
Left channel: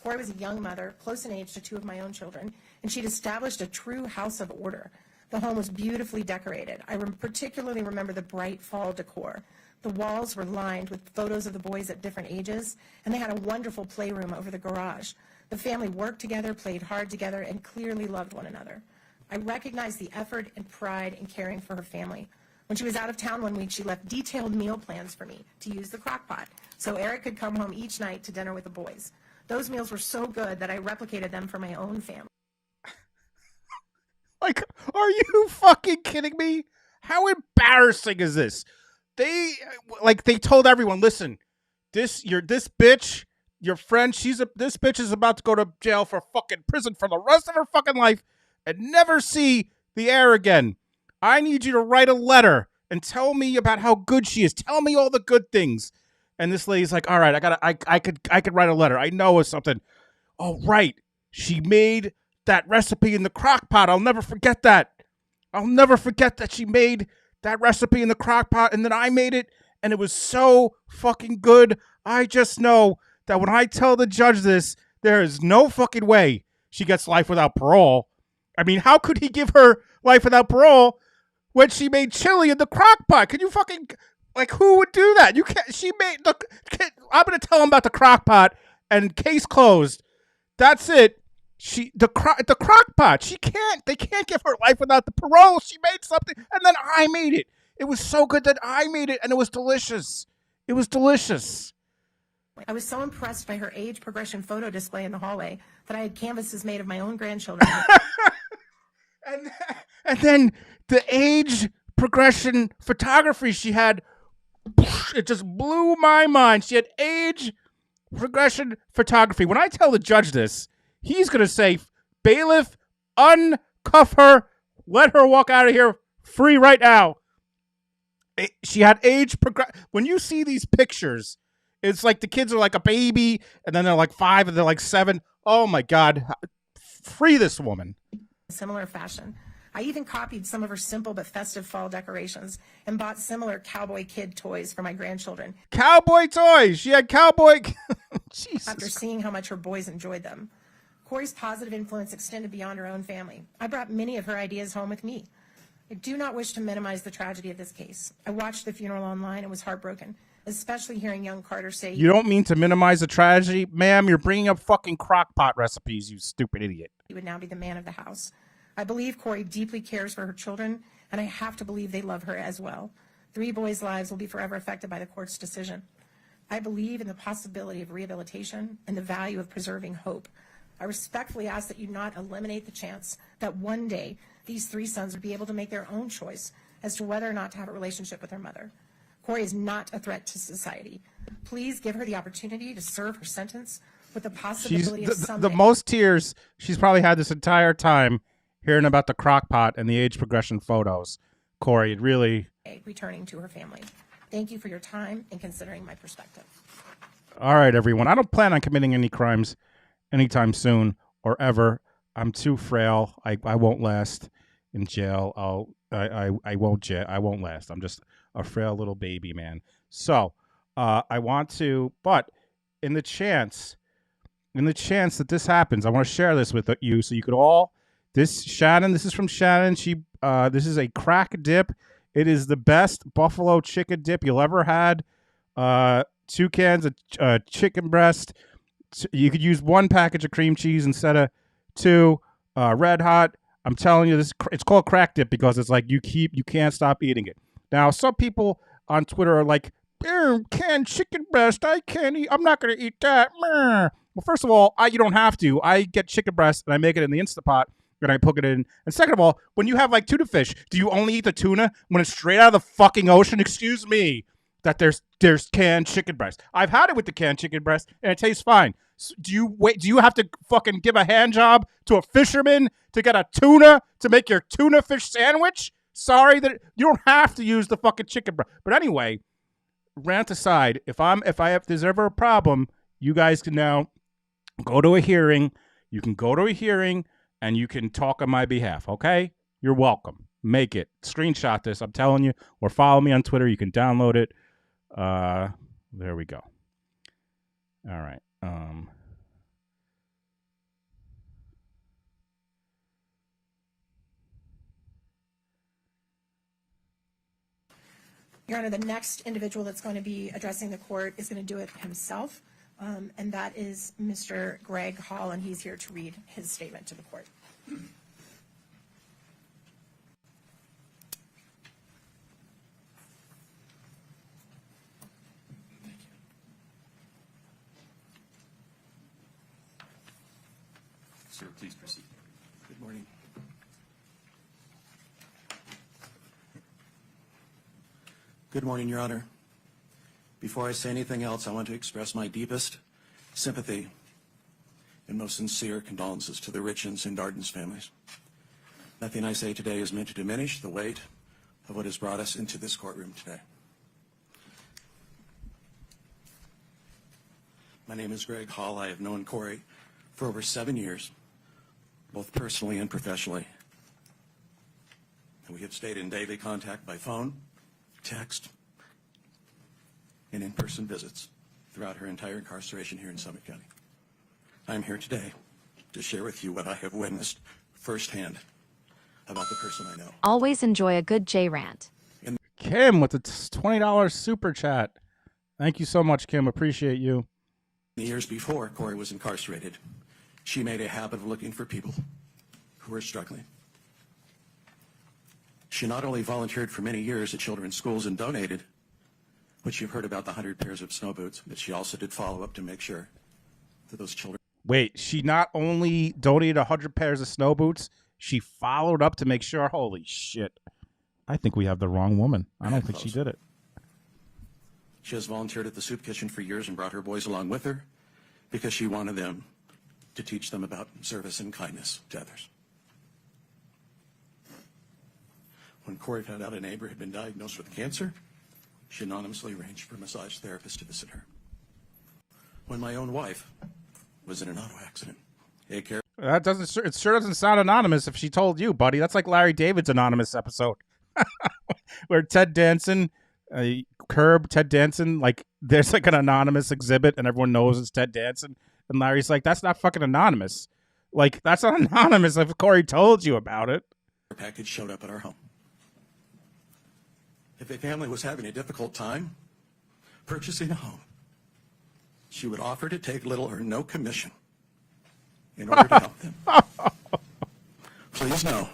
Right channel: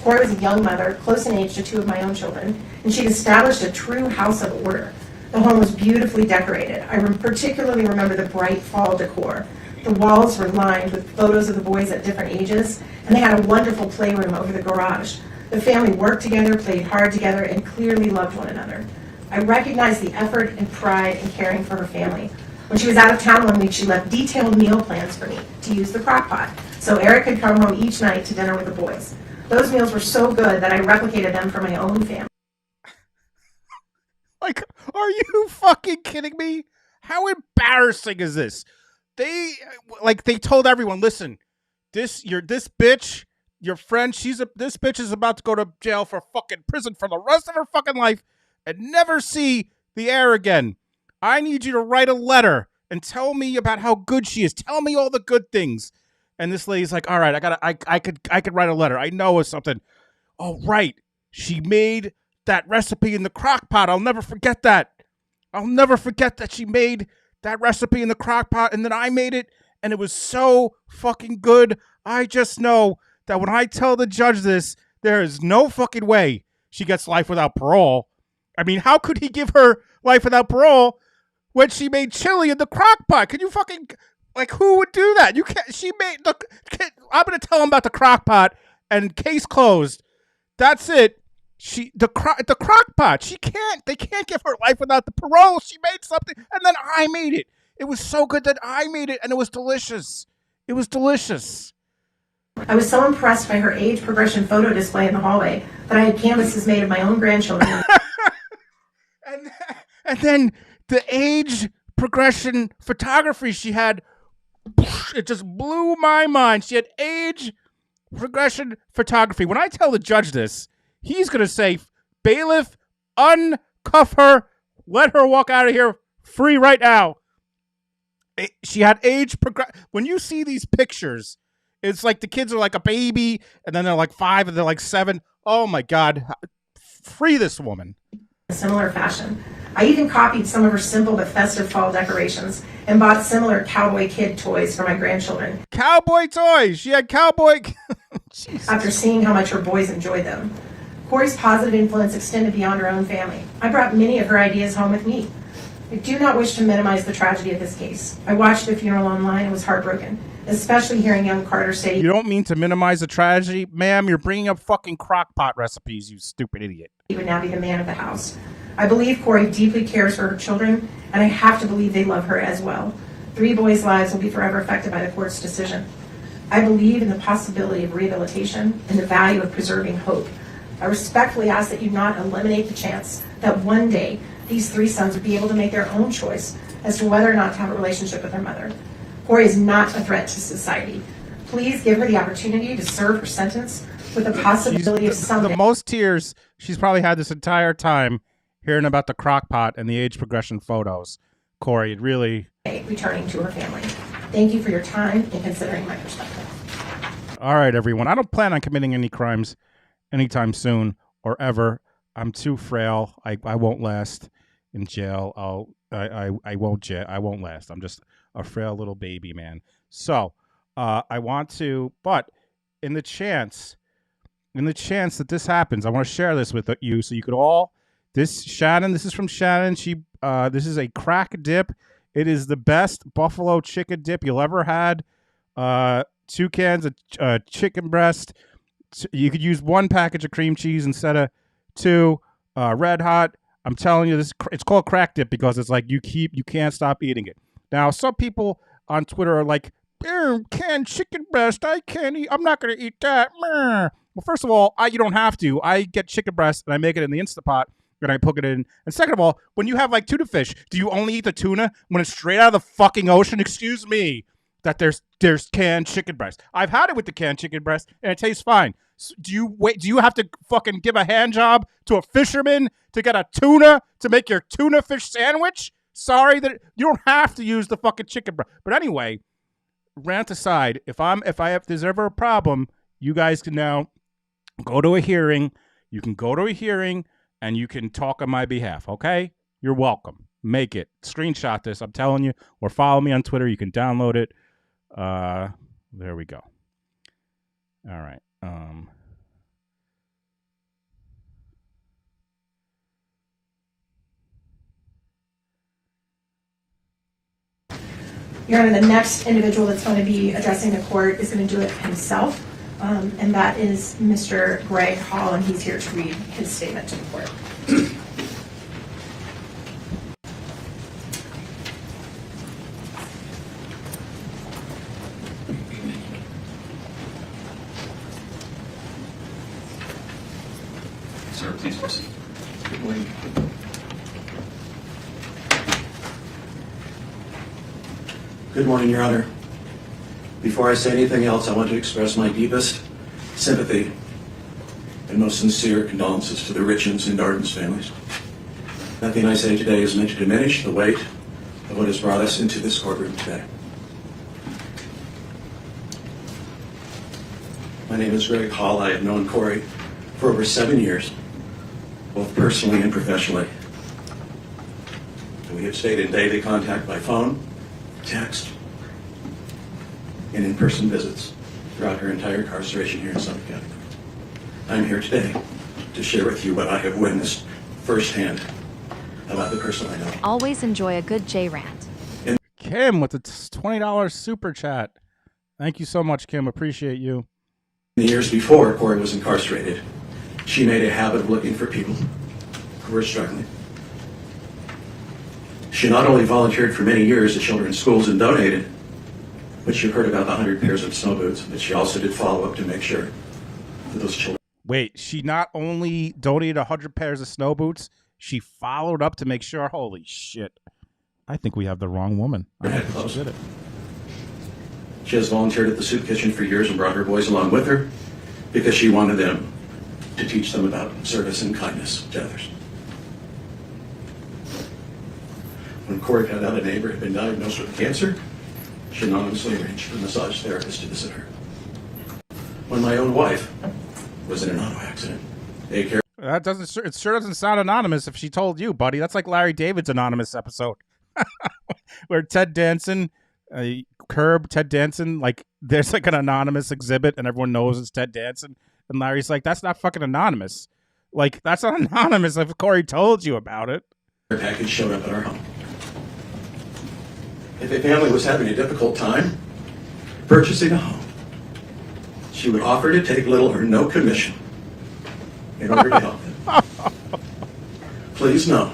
Kouri was a young mother, close in age to 2 of my own children, and she'd established a true house of order. The home was beautifully decorated. I particularly remember the bright fall decor. The walls were lined with photos of the boys at different ages, and they had a wonderful playroom over the garage. The family worked together, played hard together, and clearly loved one another. I recognized the effort and pride in caring for her family. When she was out of town one week, she left detailed meal plans for me to use the crock pot, so Eric could come home each night to dinner with the boys. Those meals were so good that I replicated them for my own family. Like, are you fucking kidding me? How embarrassing is this? They told everyone, listen, this bitch, your friend, this bitch is about to go to jail for fucking prison for the rest of her fucking life and never see the air again. I need you to write a letter and tell me about how good she is. Tell me all the good things. And this lady's like, all right, I could write a letter. I know it's something. Oh, right. She made that recipe in the crock pot. I'll never forget that. I'll never forget that she made that recipe in the crock pot and then I made it and it was so fucking good. I just know that when I tell the judge this, there is no fucking way she gets life without parole. I mean, how could he give her life without parole when she made chili in the crock pot? Can you fucking... Like, who would do that? You can't. I'm going to tell him about the crock pot and case closed. That's it. the crock pot. They can't give her life without the parole. She made something, and then I made it. It was so good that I made it, and it was delicious. It was delicious. I was so impressed by her age progression photo display in the hallway that I had canvases made of my own grandchildren. And then the age progression photography she had, it just blew my mind. She had age progression photography. When I tell the judge this, he's going to say, bailiff, uncuff her, let her walk out of here free right now. She had age progression. When you see these pictures, it's like the kids are like a baby, and then they're like 5, and they're like 7. Oh my God. Free this woman. In similar fashion. I even copied some of her simple but festive fall decorations and bought similar cowboy kid toys for my grandchildren. Cowboy toys! She had cowboy... After seeing how much her boys enjoyed them. Kouri's positive influence extended beyond her own family. I brought many of her ideas home with me. I do not wish to minimize the tragedy of this case. I watched the funeral online and was heartbroken, especially hearing young Carter say... You don't mean to minimize the tragedy? Ma'am, you're bringing up fucking crock pot recipes, you stupid idiot. He would now be the man of the house. I believe Kouri deeply cares for her children, and I have to believe they love her as well. 3 boys' lives will be forever affected by the court's decision. I believe in the possibility of rehabilitation and the value of preserving hope. I respectfully ask that you not eliminate the chance that one day these 3 sons would be able to make their own choice as to whether or not to have a relationship with their mother. Kouri is not a threat to society. Please give her the opportunity to serve her sentence with the possibility of someday... The most tears she's probably had this entire time hearing about the crock pot and the age progression photos. Kouri, it really... returning to her family. Thank you for your time and considering my perspective. All right, everyone. I don't plan on committing any crimes anytime soon or ever. I'm too frail. I won't last in jail. I won't last. I'm just a frail little baby, man. So I want to, but in the chance that this happens, I want to share this with you so you could all... This is from Shannon. This is a crack dip. It is the best buffalo chicken dip you'll ever had. 2 cans of chicken breast. You could use 1 package of cream cheese instead of 2. Red hot. I'm telling you, it's called crack dip because it's like you can't stop eating it. Now, some people on Twitter are like, canned chicken breast. I can't eat. I'm not going to eat that. Well, first of all, you don't have to. I get chicken breast and I make it in the Instapot. And I put it in. And second of all, when you have like tuna fish, do you only eat the tuna when it's straight out of the fucking ocean? Excuse me, that there's canned chicken breast. I've had it with the canned chicken breast and it tastes fine. So do you have to fucking give a hand job to a fisherman to get a tuna to make your tuna fish sandwich? Sorry that you don't have to use the fucking chicken breast. But anyway, rant aside, if there's ever a problem, you guys can now go to a hearing. You can go to a hearing. And you can talk on my behalf, okay? You're welcome. Make it. Screenshot this, I'm telling you. Or follow me on Twitter. You can download it. There we go. All right. Your Honor, the next individual that's going to be addressing the court is going to do it himself. And that is Mr. Greg Hall, and he's here to read his statement to the court. Sir, please proceed. Good morning. Good morning, Your Honor. Before I say anything else, I want to express my deepest sympathy and most sincere condolences to the Richins and Darden's families. Nothing I say today is meant to diminish the weight of what has brought us into this courtroom today. My name is Greg Hall. I have known Kouri for over 7 years, both personally and professionally. And we have stayed in daily contact by phone, text, and in-person visits throughout her entire incarceration here in Suffolk County. I'm here today to share with you what I have witnessed firsthand about the person I know. Always enjoy a good J-rant. Kim with the $20 super chat. Thank you so much, Kim. Appreciate you. In the years before Kouri was incarcerated, She made a habit of looking for people who were struggling. She not only volunteered for many years at children's schools and donated, but you heard about the 100 pairs of snow boots, but she also did follow up to make sure that those children... Wait, she not only donated 100 pairs of snow boots, she followed up to make sure. Holy shit. I think we have the wrong woman. I don't think she did it. She has volunteered at the soup kitchen for years and brought her boys along with her because she wanted them to teach them about service and kindness to others. When Kouri found out a neighbor had been diagnosed with cancer, she anonymously arranged for a massage therapist to visit her. When my own wife was in an auto accident, That doesn't. It sure doesn't sound anonymous if she told you, buddy. That's like Larry David's anonymous episode, where Ted Danson, Ted Danson, like there's like an anonymous exhibit and everyone knows it's Ted Danson, and Larry's like, "That's not fucking anonymous. Like that's not anonymous if Kouri told you about it." her package showed up at our home. If a family was having a difficult time purchasing a home, she would offer to take little or no commission in order to help them. Please know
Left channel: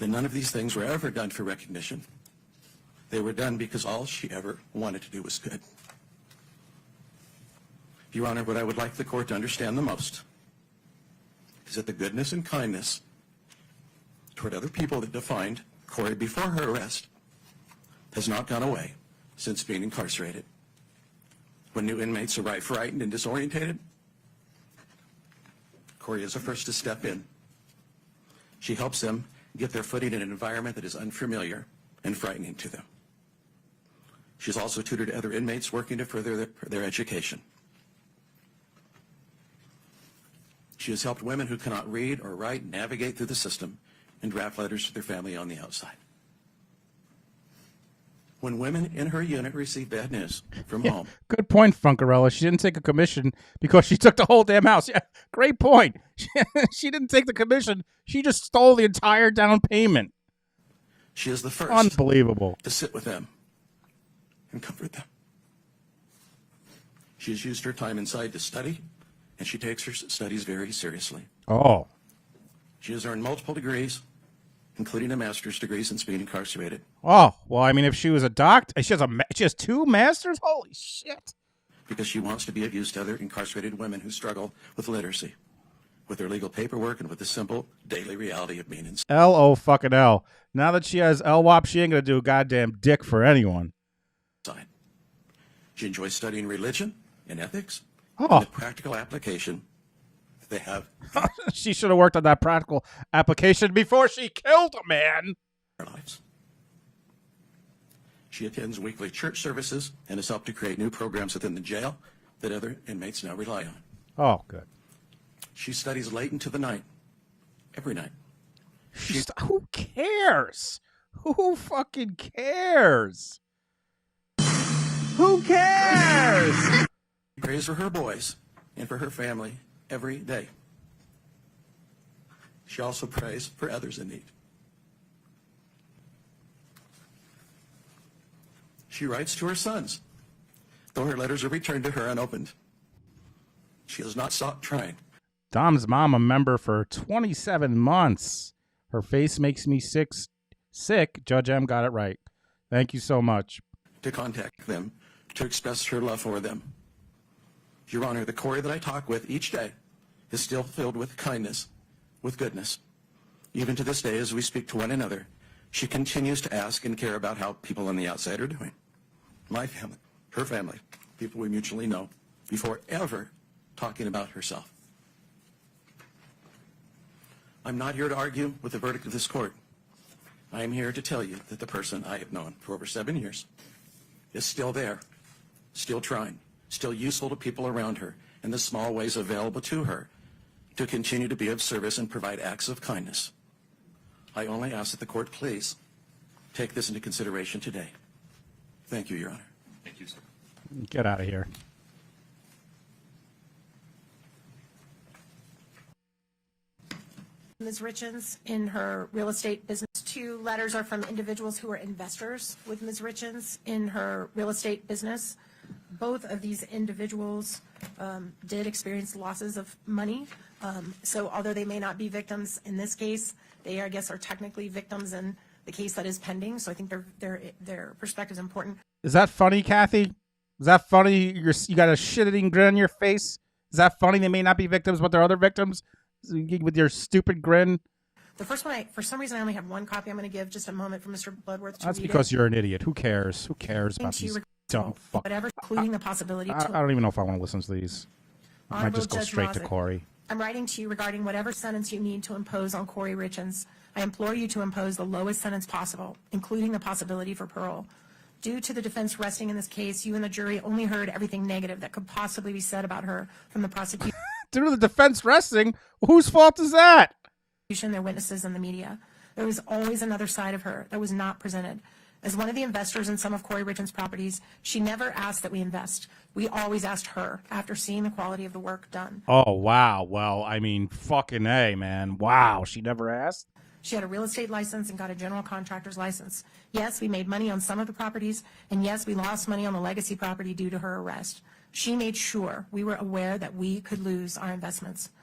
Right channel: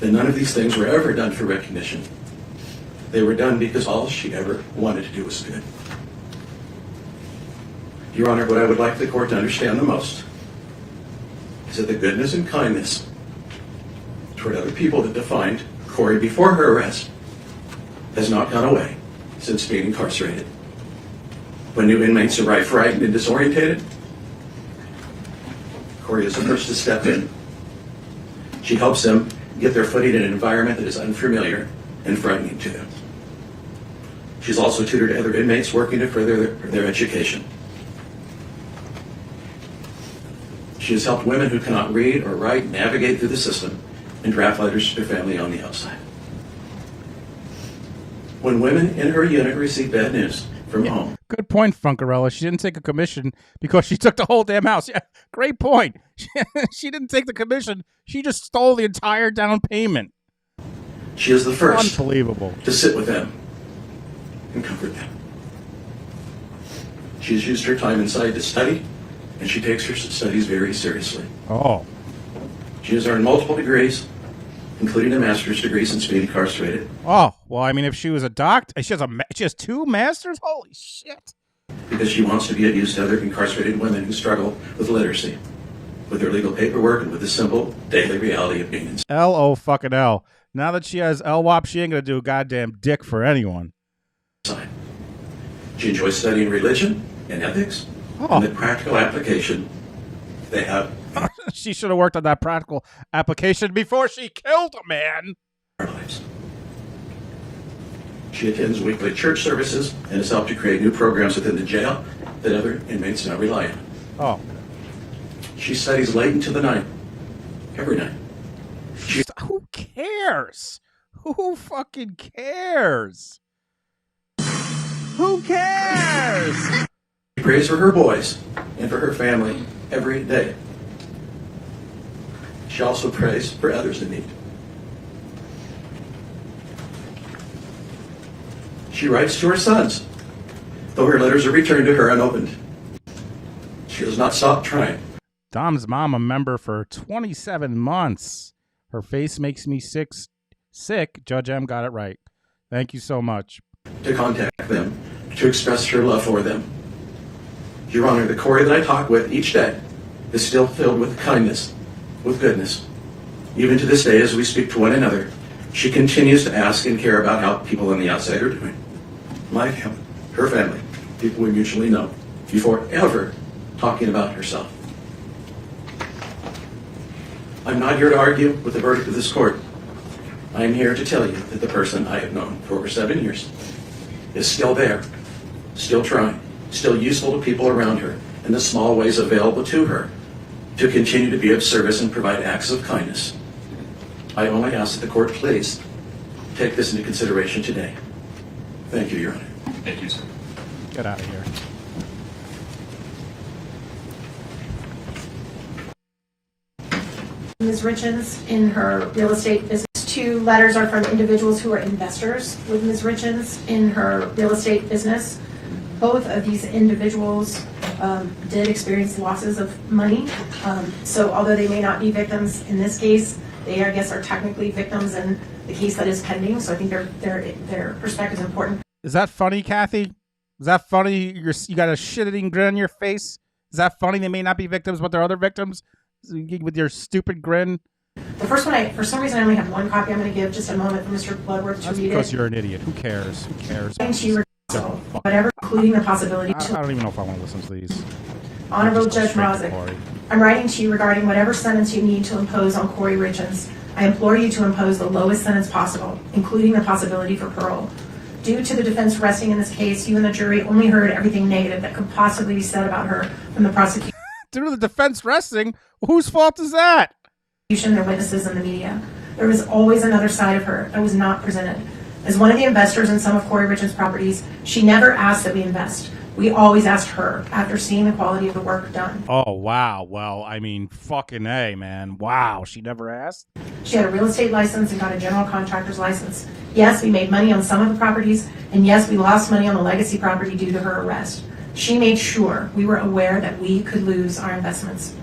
that none of these things were ever done for recognition. They were done because all she ever wanted to do was good. Your Honor, what I would like the court to understand the most is that the goodness and kindness toward other people that defined Kouri before her arrest has not gone away since being incarcerated. When new inmates arrive frightened and disorientated, Kouri is the first to step in. She helps them get their footing in an environment that is unfamiliar and frightening to them. She's also tutored other inmates working to further their education. She has helped women who cannot read or write navigate through the system and draft letters to their family on the outside. When women in her unit receive bad news from home. Good point, Funkarella. She didn't take a commission because she took the whole damn house. Yeah, great point. She didn't take the commission. She just stole the entire down payment. She is the first Unbelievable. to sit with them and comfort them. She's used her time inside to study, and she takes her studies very seriously. Oh. She has earned multiple degrees, including a master's degree since being incarcerated. Oh, well, I mean, if she was a doctor, she has 2 masters? Holy shit. Because she wants to be of use to other incarcerated women who struggle with literacy, with their legal paperwork, and with the simple daily reality of being inside. L-O fucking L. Now that she has LWOP, she ain't gonna do a goddamn dick for anyone. She enjoys studying religion and ethics, and the practical application they have. She should have worked on that practical application before she killed a man. She attends weekly church services and has helped to create new programs within the jail that other inmates now rely on. Oh, good. She studies late into the night, every night. Who cares? Who fucking cares? Who cares? She prays for her boys and for her family every day. She also prays for others in need. She writes to her sons, though her letters are returned to her unopened. She has not stopped trying. Dom's mom a member for 27 months. Her face makes me sick. Judge M got it right. Thank you so much. To contact them, to express her love for them. Your Honor, the Kouri that I talk with each day is still filled with kindness, with goodness. Even to this day, as we speak to one another, she continues to ask and care about how people on the outside are doing. My family, her family, people we mutually know, before ever talking about herself. I'm not here to argue with the verdict of this court. I am here to tell you that the person I have known for over 7 years is still there, still trying, still useful to people around her in the small ways available to her to continue to be of service and provide acts of kindness. I only ask that the court please take this into consideration today. Thank you, Your Honor. Thank you, sir. Get out of here. Ms. Richins in her real estate business. 2 letters are from individuals who are investors with Ms. Richins in her real estate business. Both of these individuals did experience losses of money. So although they may not be victims in this case, they, I guess, are technically victims in the case that is pending. So I think their perspective is important. Is that funny, Kathy? Is that funny? You got a shit-eating grin on your face? Is that funny? They may not be victims, but they're other victims? With your stupid grin? The first one, for some reason, I only have one copy. I'm going to give just a moment for Mr. Bloodworth to That's read because it. you're an idiot. Who cares? Who cares? Whatever, including the possibility I don't even know if I want to listen to these. Honorable Just go Judge straight to Mazick, Kouri. I'm writing to you regarding whatever sentence you need to impose on Kouri Richins. I implore you to impose the lowest sentence possible, including the possibility for parole. Due to the defense resting in this case, you and the jury only heard everything negative that could possibly be said about her from the prosecution. Due to the defense resting? Whose fault is that? Their witnesses in the media. There was always another side of her that was not presented. As one of the investors in some of Kouri Richins' properties, she never asked that we invest. We always asked her after seeing the quality of the work done. Oh, wow. Well, I mean, fucking A, man. Wow. She never asked? She had a real estate license and got a general contractor's license. Yes, we made money on some of the properties, and yes, we lost money on the legacy property due to her arrest. She made sure we were aware that we could lose our investments.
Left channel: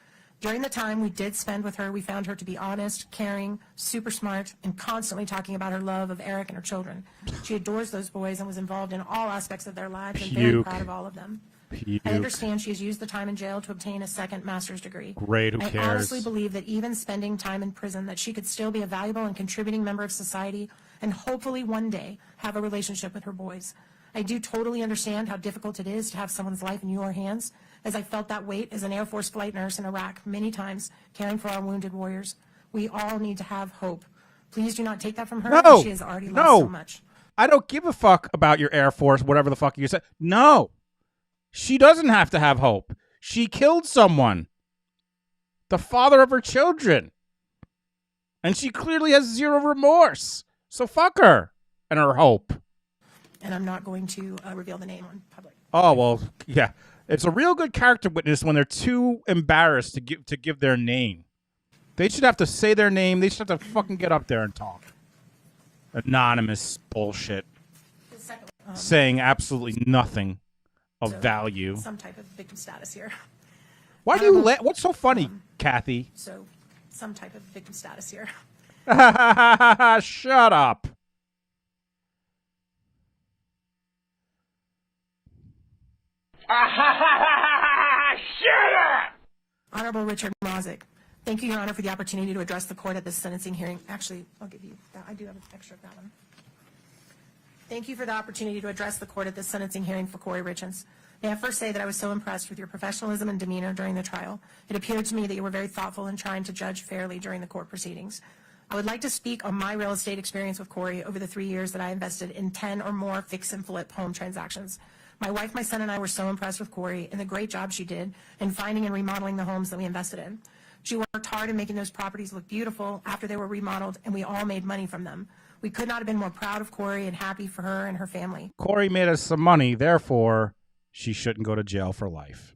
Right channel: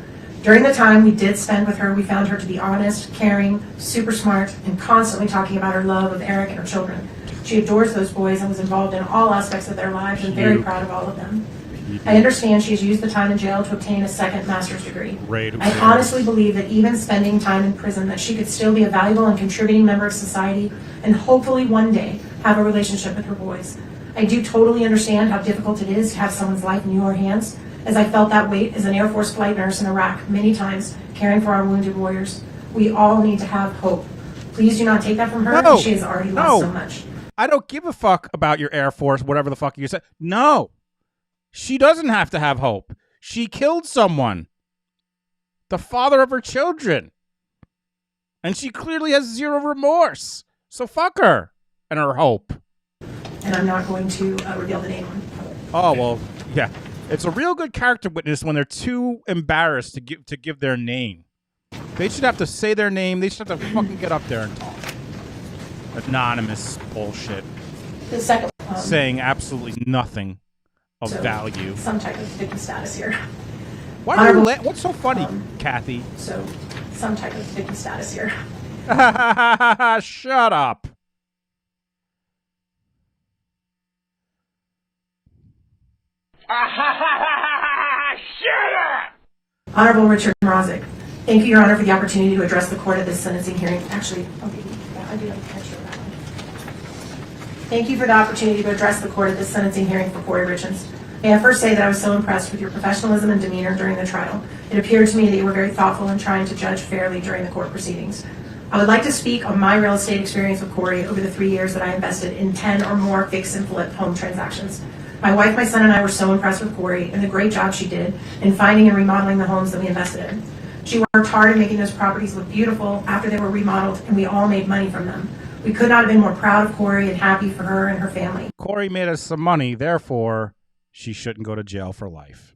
During the time we did spend with her, we found her to be honest, caring, super smart, and constantly talking about her love of Eric and her children. She adores those boys and was involved in all aspects of their lives and very proud of all of them. I understand she has used the time in jail to obtain a second master's degree. Great, who I cares? honestly believe that even spending time in prison, that she could still be a valuable and contributing member of society and hopefully one day have a relationship with her boys. I do totally understand how difficult it is to have someone's life in your hands, as I felt that weight as an Air Force flight nurse in Iraq many times, caring for our wounded warriors. We all need to have hope. Please do not take that from her. No, She has already lost so much. I don't give a fuck about your Air Force, whatever the fuck you said. No. She doesn't have to have hope. She killed someone. The father of her children. And she clearly has zero remorse. So fuck her and her hope. And I'm not going to reveal the name. Oh, well, yeah. It's a real good character witness when they're too embarrassed to give their name. They should have to say their name. They should have to fucking get up there and talk. Anonymous bullshit. The second saying absolutely nothing of value. Some type of victim status here. Why do you what's so funny, Kathy? So, some type of victim status here. Shut up. Shut up! Honorable Richard Mazick, thank you, Your Honor, for the opportunity to address the court at this sentencing hearing. Actually, okay, yeah, I do have a picture of that one. Thank you for the opportunity to address the court at this sentencing hearing for Kouri Richins. May I first say that I was so impressed with your professionalism and demeanor during the trial. It appeared to me that you were very thoughtful in trying to judge fairly during the court proceedings. I would like to speak on my real estate experience with Kouri over the 3 years that I invested in 10 or more fix and flip home transactions. My wife, my son, and I were so impressed with Kouri and the great job she did in finding and remodeling the homes that we invested in. She worked hard in making those properties look beautiful after they were remodeled, and we all made money from them. We could not have been more proud of Kouri and happy for her and her family. Kouri made us some money, therefore she shouldn't go to jail for life.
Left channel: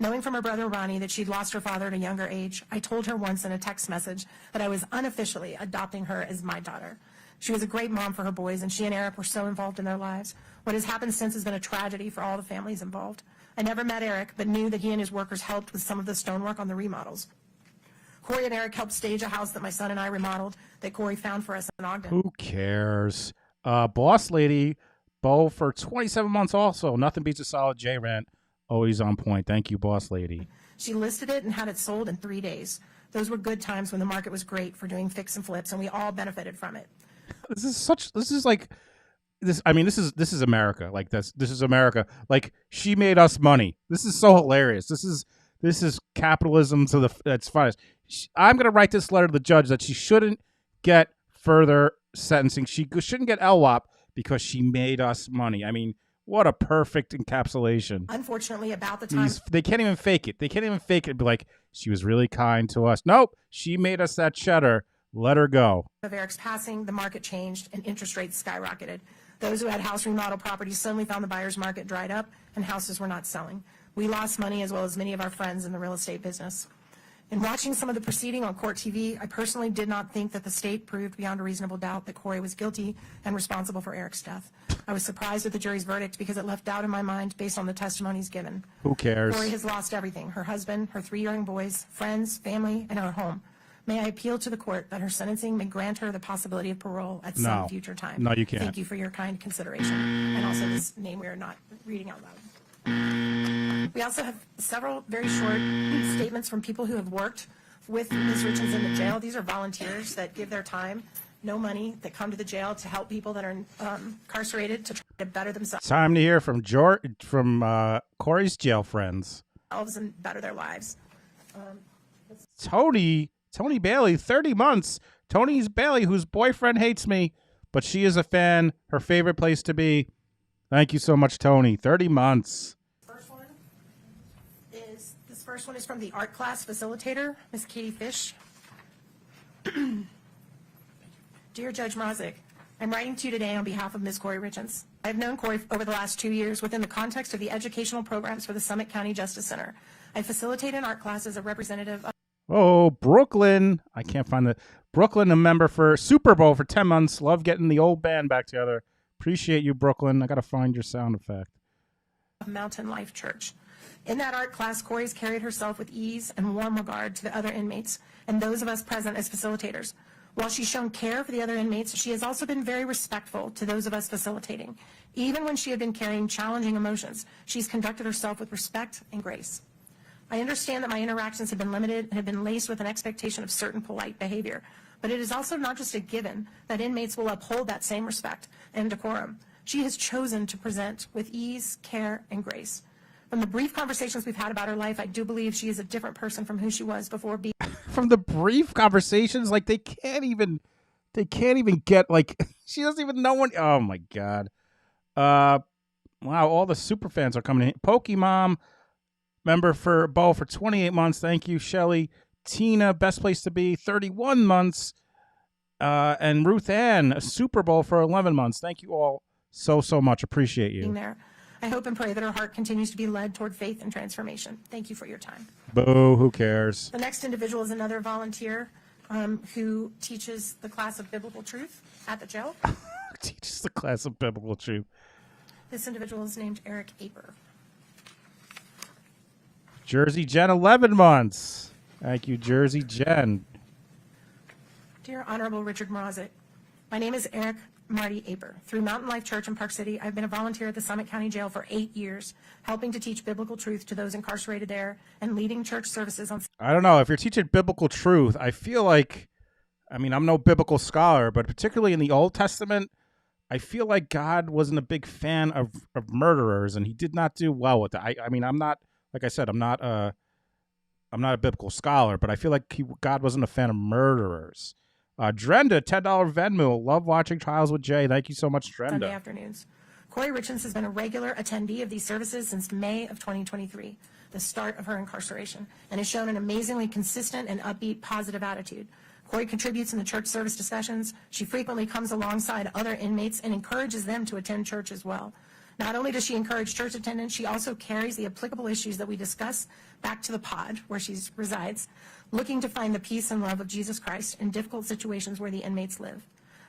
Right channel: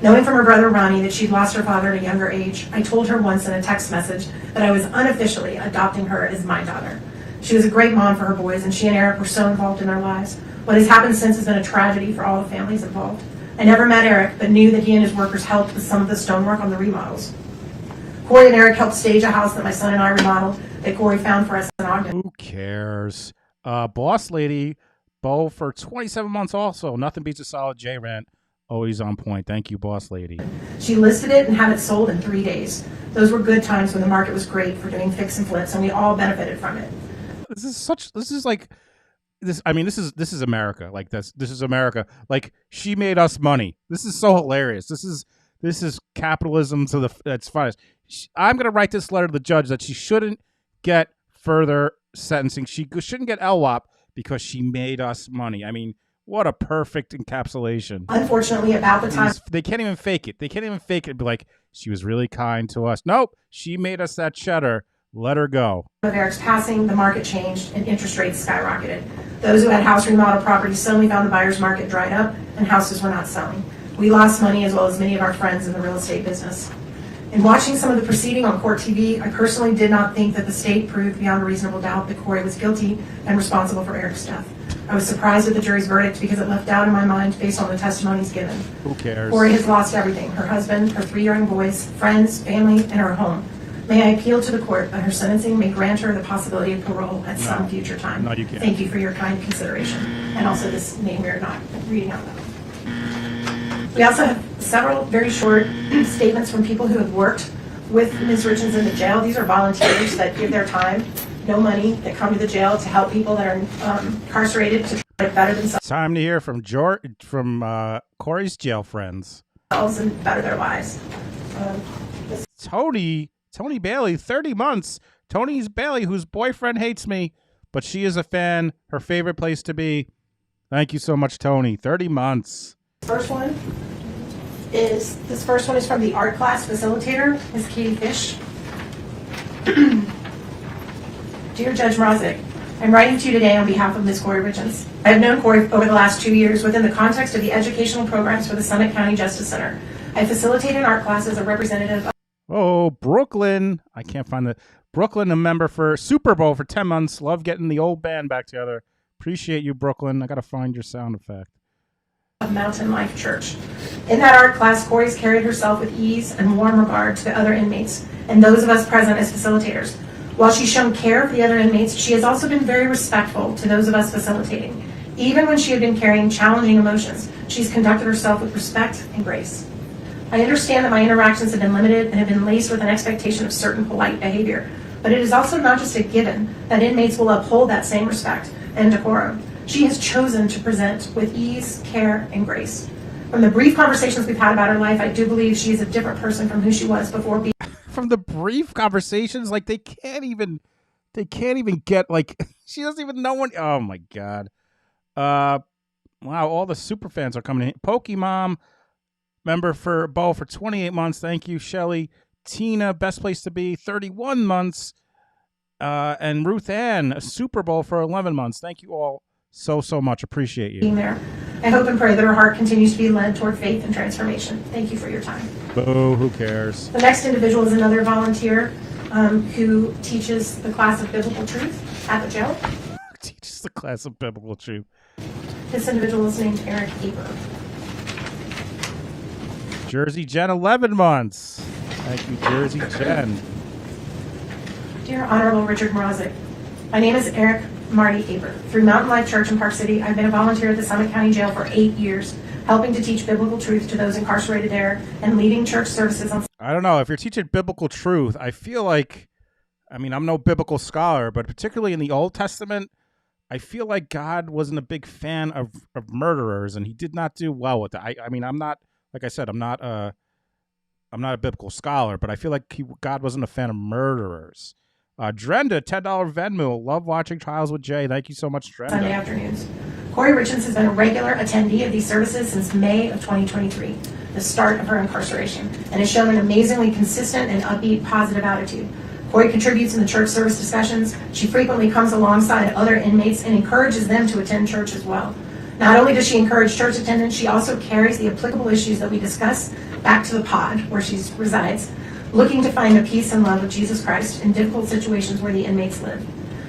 Knowing from her brother Ronnie that she'd lost her father at a younger age, I told her once in a text message that I was unofficially adopting her as my daughter. She was a great mom for her boys, and she and Eric were so involved in their lives. What has happened since has been a tragedy for all the families involved. I never met Eric, but knew that he and his workers helped with some of the stonework on the remodels. Kouri and Eric helped stage a house that my son and I remodeled that Kouri found for us in Ogden. Who cares? Boss lady, Bo for 27 months also. Nothing beats a solid J rant. Always on point. Thank you, boss lady. She listed it and had it sold in 3 days. Those were good times when the market was great for doing fix and flips, and we all benefited from it. This is America. Like this is America. Like, she made us money. This is so hilarious. This is capitalism to its finest. I'm going to write this letter to the judge that she shouldn't get further sentencing. She shouldn't get LWOP because she made us money. I mean, what a perfect encapsulation. Unfortunately, about the time... They can't even fake it. They can't even fake it and be like, she was really kind to us. Nope. She made us that cheddar. Let her go. Of Eric's passing, the market changed and interest rates skyrocketed. Those who had house remodel properties suddenly found the buyer's market dried up and houses were not selling. We lost money as well as many of our friends in the real estate business. In watching some of the proceeding on court TV, I personally did not think that the state proved beyond a reasonable doubt that Kouri was guilty and responsible for Eric's death. I was surprised at the jury's verdict because it left doubt in my mind based on the testimonies given. Who cares? Kouri has lost everything: her husband, her 3 young boys, friends, family, and her home. May I appeal to the court that her sentencing may grant her the possibility of parole at some future time. No, you can't. Thank you for your kind consideration. And also this name we're not reading out loud. We also have several very short statements from people who have worked with Ms. Richins in the jail. These are volunteers that give their time, no money, that come to the jail to help people that are incarcerated to try to better themselves Time to hear from Kouri's jail friends. and better their lives. Tony Bailey, 30 months. Tony's Bailey, whose boyfriend hates me, but she is a fan. Her favorite place to be. Thank you so much, Tony. 30 months. This first one is from the art class facilitator, Ms. Katie Fish. Dear Judge Mrazek, I'm writing to you today on behalf of Ms. Kouri Richins. I have known Kouri over the last 2 years within the context of the educational programs for the Summit County Justice Center. I facilitated art class as a representative of Oh, Brooklyn. I can't find the Brooklyn, a member for Super Bowl for 10 months. Love getting the old band back together. Appreciate you, Brooklyn. I got to find your sound effect. Mountain Life Church. In that art class, Kouri's carried herself with ease and warm regard to the other inmates and those of us present as facilitators. While she's shown care for the other inmates, she has also been very respectful to those of us facilitating. Even when she had been carrying challenging emotions, she's conducted herself with respect and grace. I understand that my interactions have been limited and have been laced with an expectation of certain polite behavior, but it is also not just a given that inmates will uphold that same respect and decorum. She has chosen to present with ease, care, and grace. From the brief conversations we've had about her life, I do believe she is a different person from who she was before being. From the brief conversations, like they can't even get, like, she doesn't even know when. Oh my God. Wow, all the super fans are coming in. Pokemon member for Bo for 28 months. Thank you, Shelly. Tina, best place to be, 31 months. And Ruth Ann, a Super Bowl for 11 months. Thank you all so much. Appreciate you. There. I hope and pray that her heart continues to be led toward faith and transformation. Thank you for your time. Boo, who cares? The next individual is another volunteer who teaches the class of biblical truth at the jail. Teaches the class of biblical truth. This individual is named Eric Eber. Jersey Jen, 11 months. Thank you, Jersey Jen. Dear Honorable Richard Mrazek, my name is Eric Marty Aber. Through Mountain Life Church in Park City, I've been a volunteer at the Summit County Jail for 8 years, helping to teach biblical truth to those incarcerated there and leading church services on. I don't know. If you're teaching biblical truth, I feel like, I mean, I'm no biblical scholar, but particularly in the Old Testament, I feel like God wasn't a big fan of murderers, and he did not do well with that. I mean, I'm not, like I said, I'm not a biblical scholar, but I feel like God wasn't a fan of murderers. Drenda, $10 Venmo. Love watching Trials with Jay. Thank you so much, Drenda. Sunday afternoons. Kouri Richins has been a regular attendee of these services since May of 2023, the start of her incarceration, and has shown an amazingly consistent and upbeat, positive attitude. Kouri contributes in the church service discussions. She frequently comes alongside other inmates and encourages them to attend church as well. Not only does she encourage church attendance, she also carries the applicable issues that we discuss back to the pod where she resides, looking to find the peace and love of Jesus Christ in difficult situations where the inmates live.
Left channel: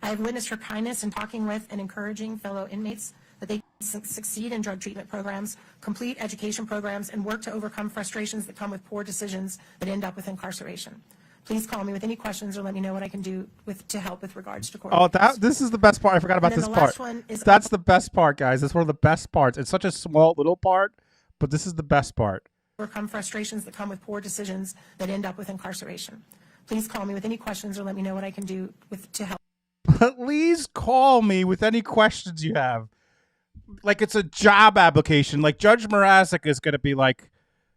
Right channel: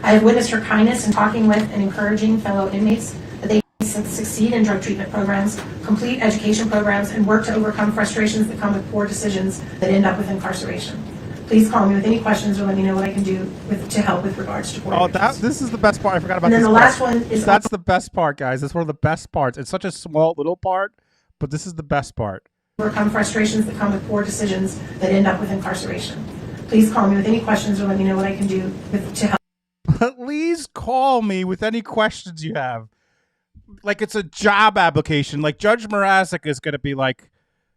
I have witnessed her kindness in talking with and encouraging fellow inmates that they succeed in drug treatment programs, complete education programs, and work to overcome frustrations that come with poor decisions that end up with incarceration. Please call me with any questions or let me know what I can do to help with regards to. Oh, this is the best part. I forgot about this part. Last one is that's the best part, guys. That's one of the best parts. It's such a small little part, but this is the best part. Overcome frustrations that come with poor decisions that end up with incarceration. Please call me with any questions or let me know what I can do to help. Please call me with any questions you have. Like it's a job application. Like Judge Mrazek is going to be like,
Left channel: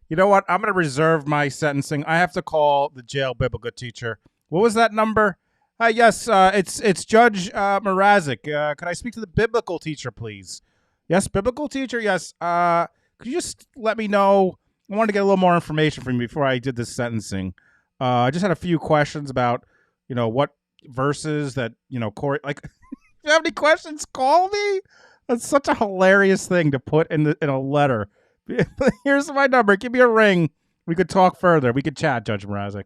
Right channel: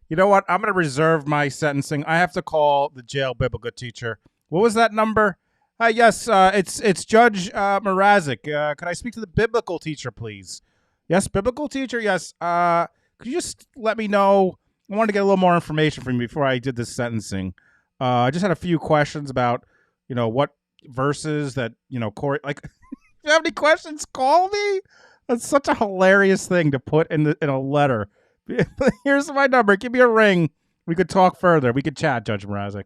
you know what? I'm going to reserve my sentencing. I have to call the jail biblical teacher. What was that number? Yes, it's Judge Mrazek. Could I speak to the biblical teacher, please? Yes, biblical teacher. Yes. Could you just let me know? I wanted to get a little more information from you before I did this sentencing. I just had a few questions about, what verses that, Kouri, like, if you have any questions, call me. That's such a hilarious thing to put in a letter. Here's my number. Give me a ring. We could talk further. We could chat, Judge Mrazek.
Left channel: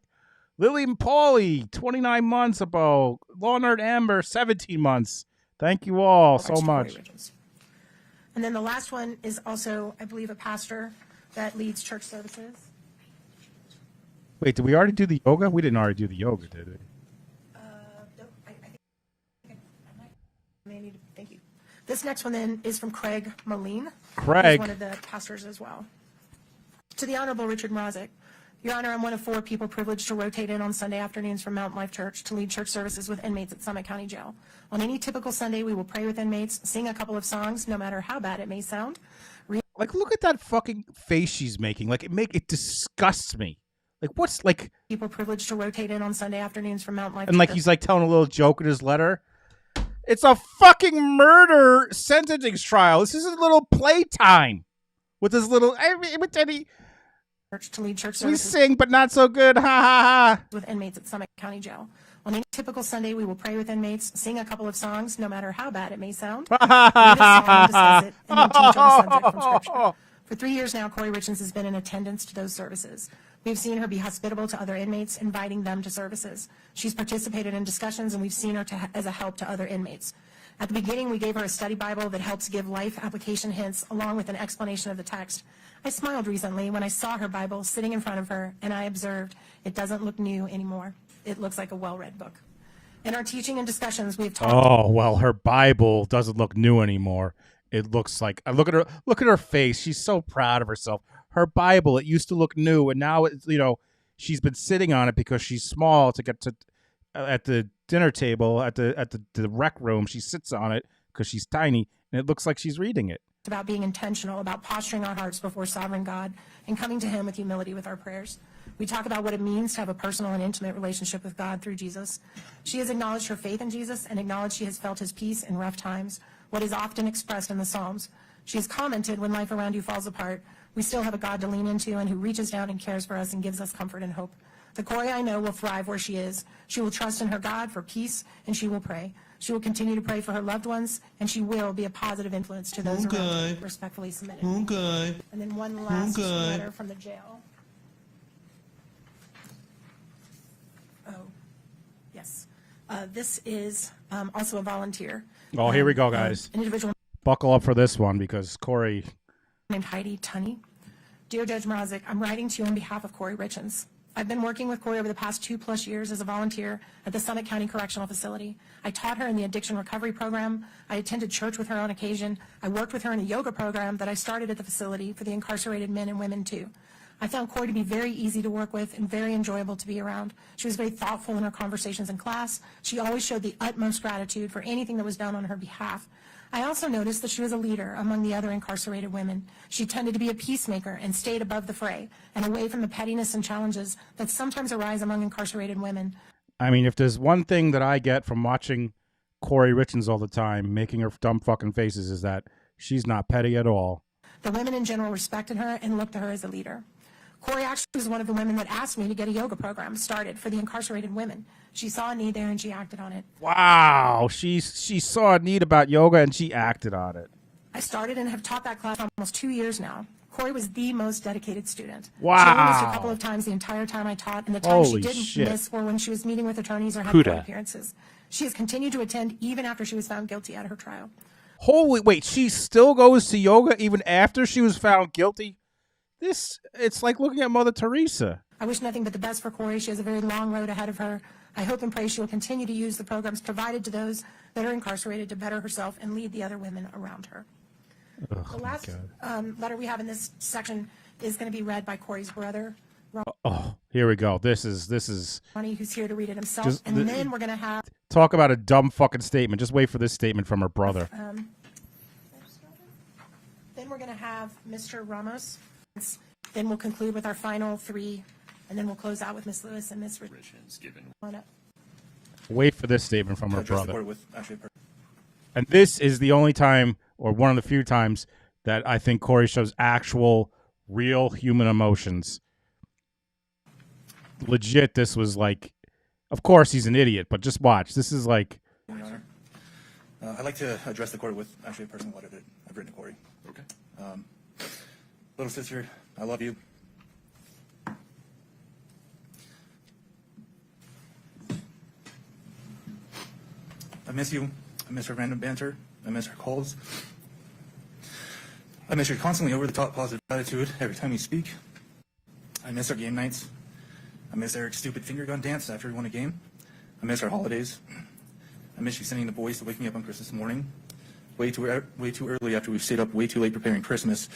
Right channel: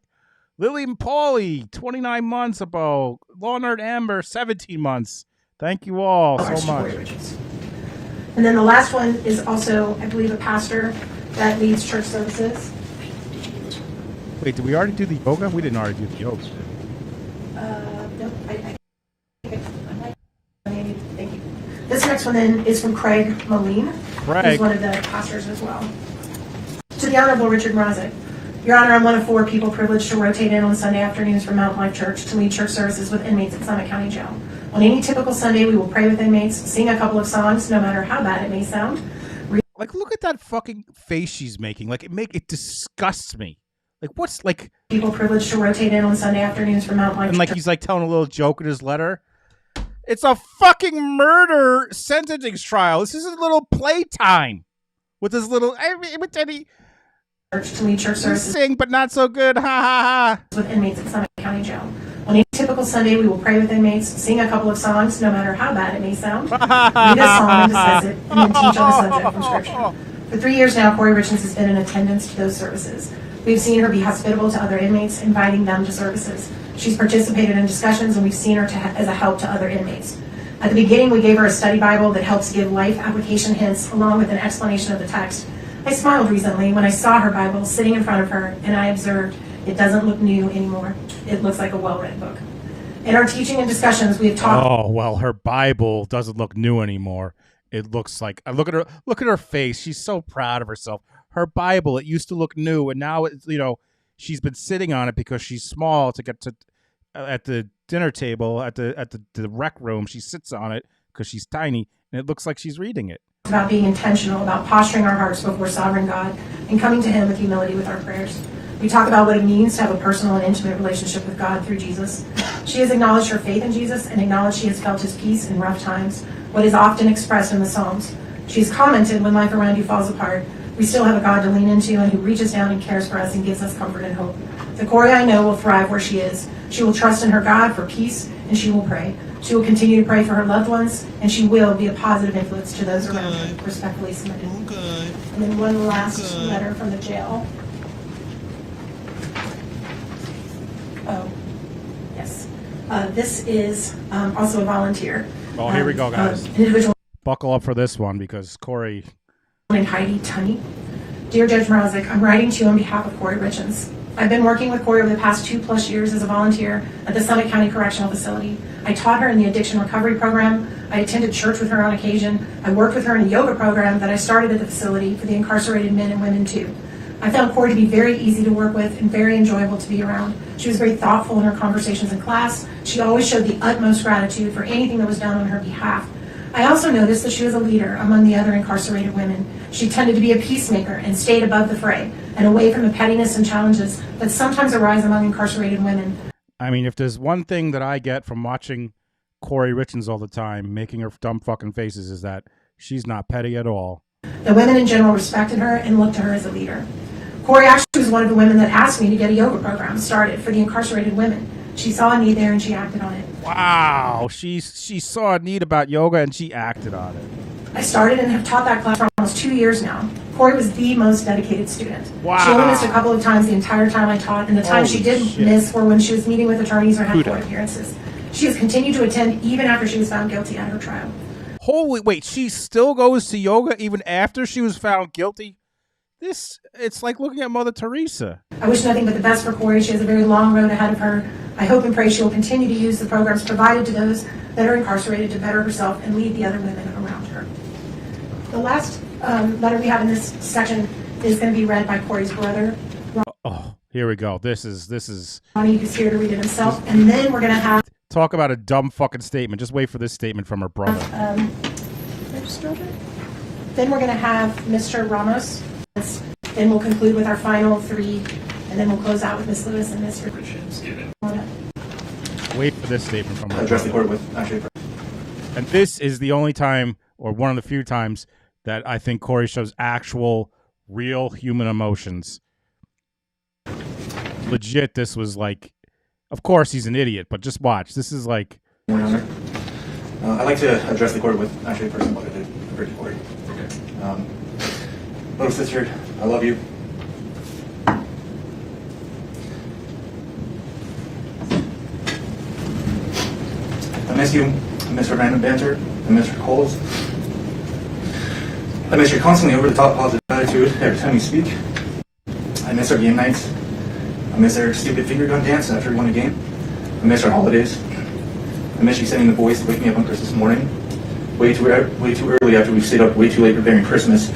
Lily and Paulie, 29 months ago. Law Nerd Amber, 17 months. Thank you all so much. And then the last one is also, I believe, a pastor that leads church services. Wait, did we already do the yoga? We didn't already do the yoga, did we? Nope, thank you. This next one then is from Craig Moline. Craig. Who's one of the pastors as well. To the Honorable Richard Mrazek. Your Honor, I'm one of 4 people privileged to rotate in on Sunday afternoons from Mount Life Church to lead church services with inmates at Summit County Jail. On any typical Sunday, we will pray with inmates, sing a couple of songs, no matter how bad it may sound. Like, look at that fucking face she's making. Like, it disgusts me. Like, what's like People privileged to rotate in on Sunday afternoons from Mount Life and like he's like telling a little joke in his letter. It's a fucking murder sentencing trial. This is a little playtime with his little. With any church to lead church we services sing, but not so good. Ha ha ha. with inmates at Summit County Jail. On any typical Sunday, we will pray with inmates, sing a couple of songs, no matter how bad it may sound. Read a song, discuss it, and then teach on the subject from Scripture. For 3 years now, Kouri Richins has been in attendance to those services. We've seen her be hospitable to other inmates, inviting them to services. She's participated in discussions, and we've seen her as a help to other inmates. At the beginning, we gave her a study Bible that helps give life application hints along with an explanation of the text. I smiled recently when I saw her Bible sitting in front of her, and I observed it doesn't look new anymore. It looks like a well-read book. In our teaching and discussions, we've talked. Oh well, her Bible doesn't look new anymore. It looks like look at her. Look at her face. She's so proud of herself. Her Bible, it used to look new, and now it's she's been sitting on it because she's small to get to at the dinner table at the rec room. She sits on it because she's tiny, and it looks like she's reading it. About being intentional, about posturing our hearts before sovereign God, and coming to Him with humility with our prayers. We talk about what it means to have a personal and intimate relationship with God through Jesus. She has acknowledged her faith in Jesus and acknowledged she has felt His peace in rough times, what is often expressed in the Psalms. She has commented, when life around you falls apart, we still have a God to lean into and who reaches down and cares for us and gives us comfort and hope. The Kouri I know will thrive where she is. She will trust in her God for peace, and she will pray. She will continue to pray for her loved ones, and she will be a positive influence to those around her. Respectfully submitted. And then one last letter from the jail. Oh, yes. This is also a volunteer. Oh, here we go, guys. An individual Buckle up for this one because Kouri. named Heidi Tunney. Dear Judge Mrazek, I'm writing to you on behalf of Kouri Richins. I've been working with Kouri over the past 2+ years as a volunteer at the Summit County Correctional Facility. I taught her in the addiction recovery program. I attended church with her on occasion. I worked with her in a yoga program that I started at the facility for the incarcerated men and women too. I found Kouri to be very easy to work with and very enjoyable to be around. She was very thoughtful in her conversations in class. She always showed the utmost gratitude for anything that was done on her behalf. I also noticed that she was a leader among the other incarcerated women. She tended to be a peacemaker and stayed above the fray and away from the pettiness and challenges that sometimes arise among incarcerated women. I mean, if there's one thing that I get from watching Kouri Richins all the time, making her dumb fucking faces, is that she's not petty at all. The women in general respected her and looked to her as a leader. Kouri actually was one of the women that asked me to get a yoga program started for the incarcerated women. She saw a need there and she acted on it. Wow, she saw a need about yoga and she acted on it. I started and have taught that class for almost 2 years now. Kouri was the most dedicated student. Wow. She only missed a couple of times the entire time I taught, and the times she did miss were when she was meeting with attorneys or had court appearances. She has continued to attend even after she was found guilty at her trial. Holy, wait, she still goes to yoga even after she was found guilty? It's like looking at Mother Teresa. I wish nothing but the best for Kouri. She has a very long road ahead of her. I hope and pray she will continue to use the programs provided to those that are incarcerated to better herself and lead the other women around her. The last letter we have in this section is going to be read by Kouri's brother. Oh, here we go. This is. Ronnie, who's here to read it himself, and then we're going to have. Talk about a dumb fucking statement. Just wait for this statement from her brother. Then we're going to have Mr. Ramos. Then we'll conclude with our final 3, and then we'll close out with Ms. Lewis and Mr. Richins. Wait for this statement from her brother. And this is the only time, or one of the few times, that I think Kouri shows actual, real human emotions. Legit, this was like, of course he's an idiot, but just watch. This is like. I'd like to address the court with actually a personal letter to Kouri. Little sister, I love you. I miss you. I miss our random banter. I miss our calls. I miss your constantly over-the-top positive attitude every time you speak. I miss our game nights. I miss our stupid finger gun dance after we won a game. I miss our holidays. I miss you sending the boys to wake me up on Christmas morning, way too early after we've stayed up way too late preparing Christmas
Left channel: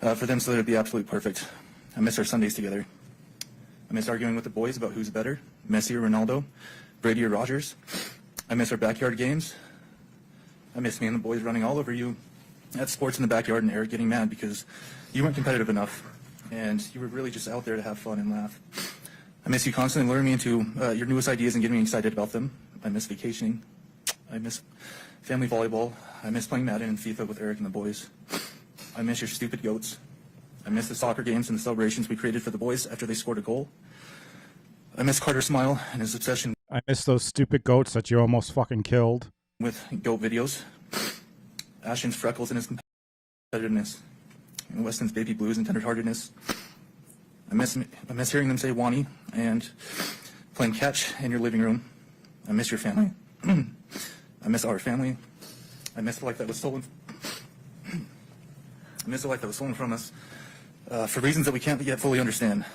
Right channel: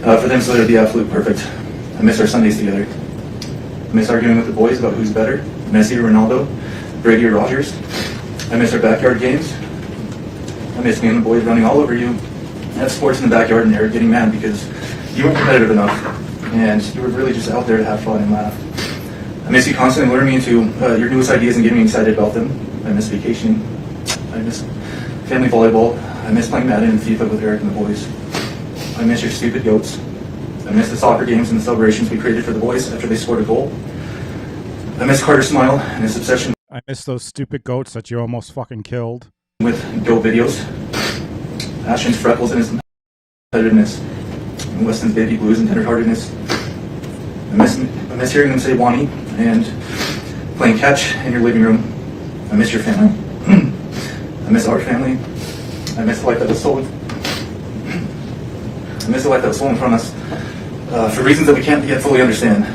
for them so that it'd be absolute perfect. I miss our Sundays together. I miss arguing with the boys about who's better, Messi or Ronaldo, Brady or Rogers. I miss our backyard games. I miss me and the boys running all over you at sports in the backyard and Eric getting mad because you weren't competitive enough and you were really just out there to have fun and laugh. I miss you constantly luring me into your newest ideas and getting me excited about them. I miss vacationing. I miss family volleyball. I miss playing Madden and FIFA with Eric and the boys. I miss your stupid goats. I miss the soccer games and the celebrations we created for the boys after they scored a goal. I miss Carter's smile and his obsession. I miss those stupid goats that you almost fucking killed. With Goat videos. Ashton's freckles and his competitiveness. And Weston's baby blues and tenderheartedness. I miss hearing them say Wani and playing catch in your living room. I miss your family. I miss our family. I miss the life that was stolen. I miss the life that was stolen from us for reasons that we can't yet fully understand.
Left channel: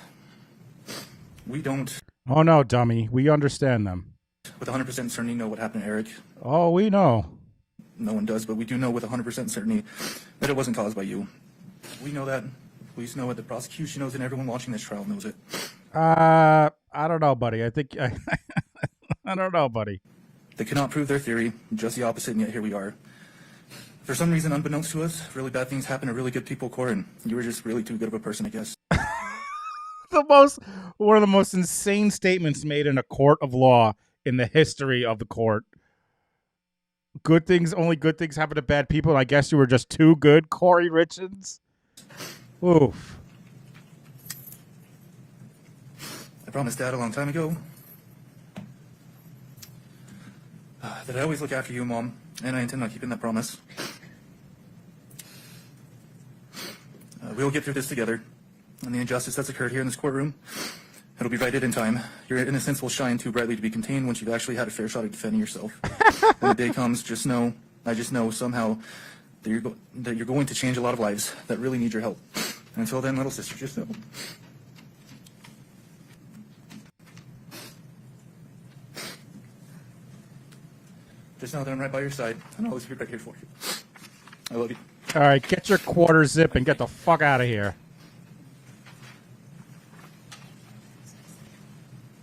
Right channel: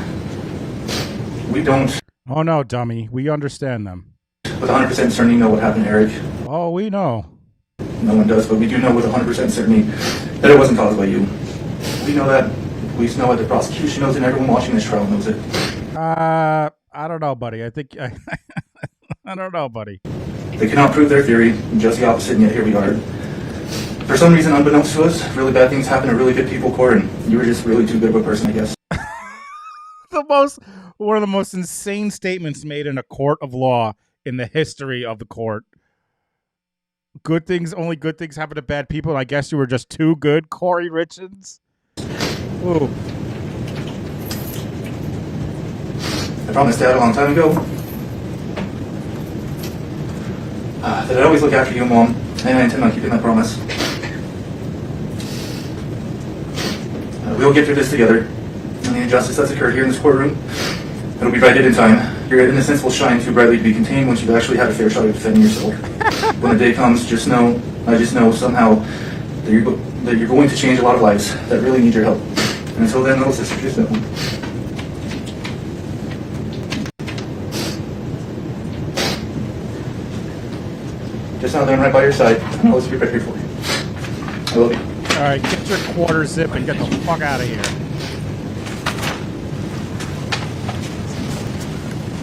We don't. Oh no, dummy. We understand them. With 100% certainty know what happened, Eric. Oh, we know. No one does, but we do know with 100% certainty that it wasn't caused by you. We know that. Police know it. The prosecution knows it. And everyone watching this trial knows it. I don't know, buddy. I think I don't know, buddy. They cannot prove their theory. Just the opposite, and yet here we are. For some reason, unbeknownst to us, really bad things happen to really good people, Kouri, and you were just really too good of a person, I guess. One of the most insane statements made in a court of law in the history of the court. Only good things happen to bad people, and I guess you were just too good, Kouri Richins. Ooh. I promised Dad a long time ago that I'd always look after you, Mom, and I intend on keeping that promise. We'll get through this together, and the injustice that's occurred here in this courtroom, it'll be righted in time. Your innocence will shine too brightly to be contained once you've actually had a fair shot at defending yourself. When the day comes, I just know somehow that you're going to change a lot of lives that really need your help. And until then, little sister, just know. Just know that I'm right by your side, and I'll always be right here for you. I love you. All right, get your quarter zip and get the fuck out of here.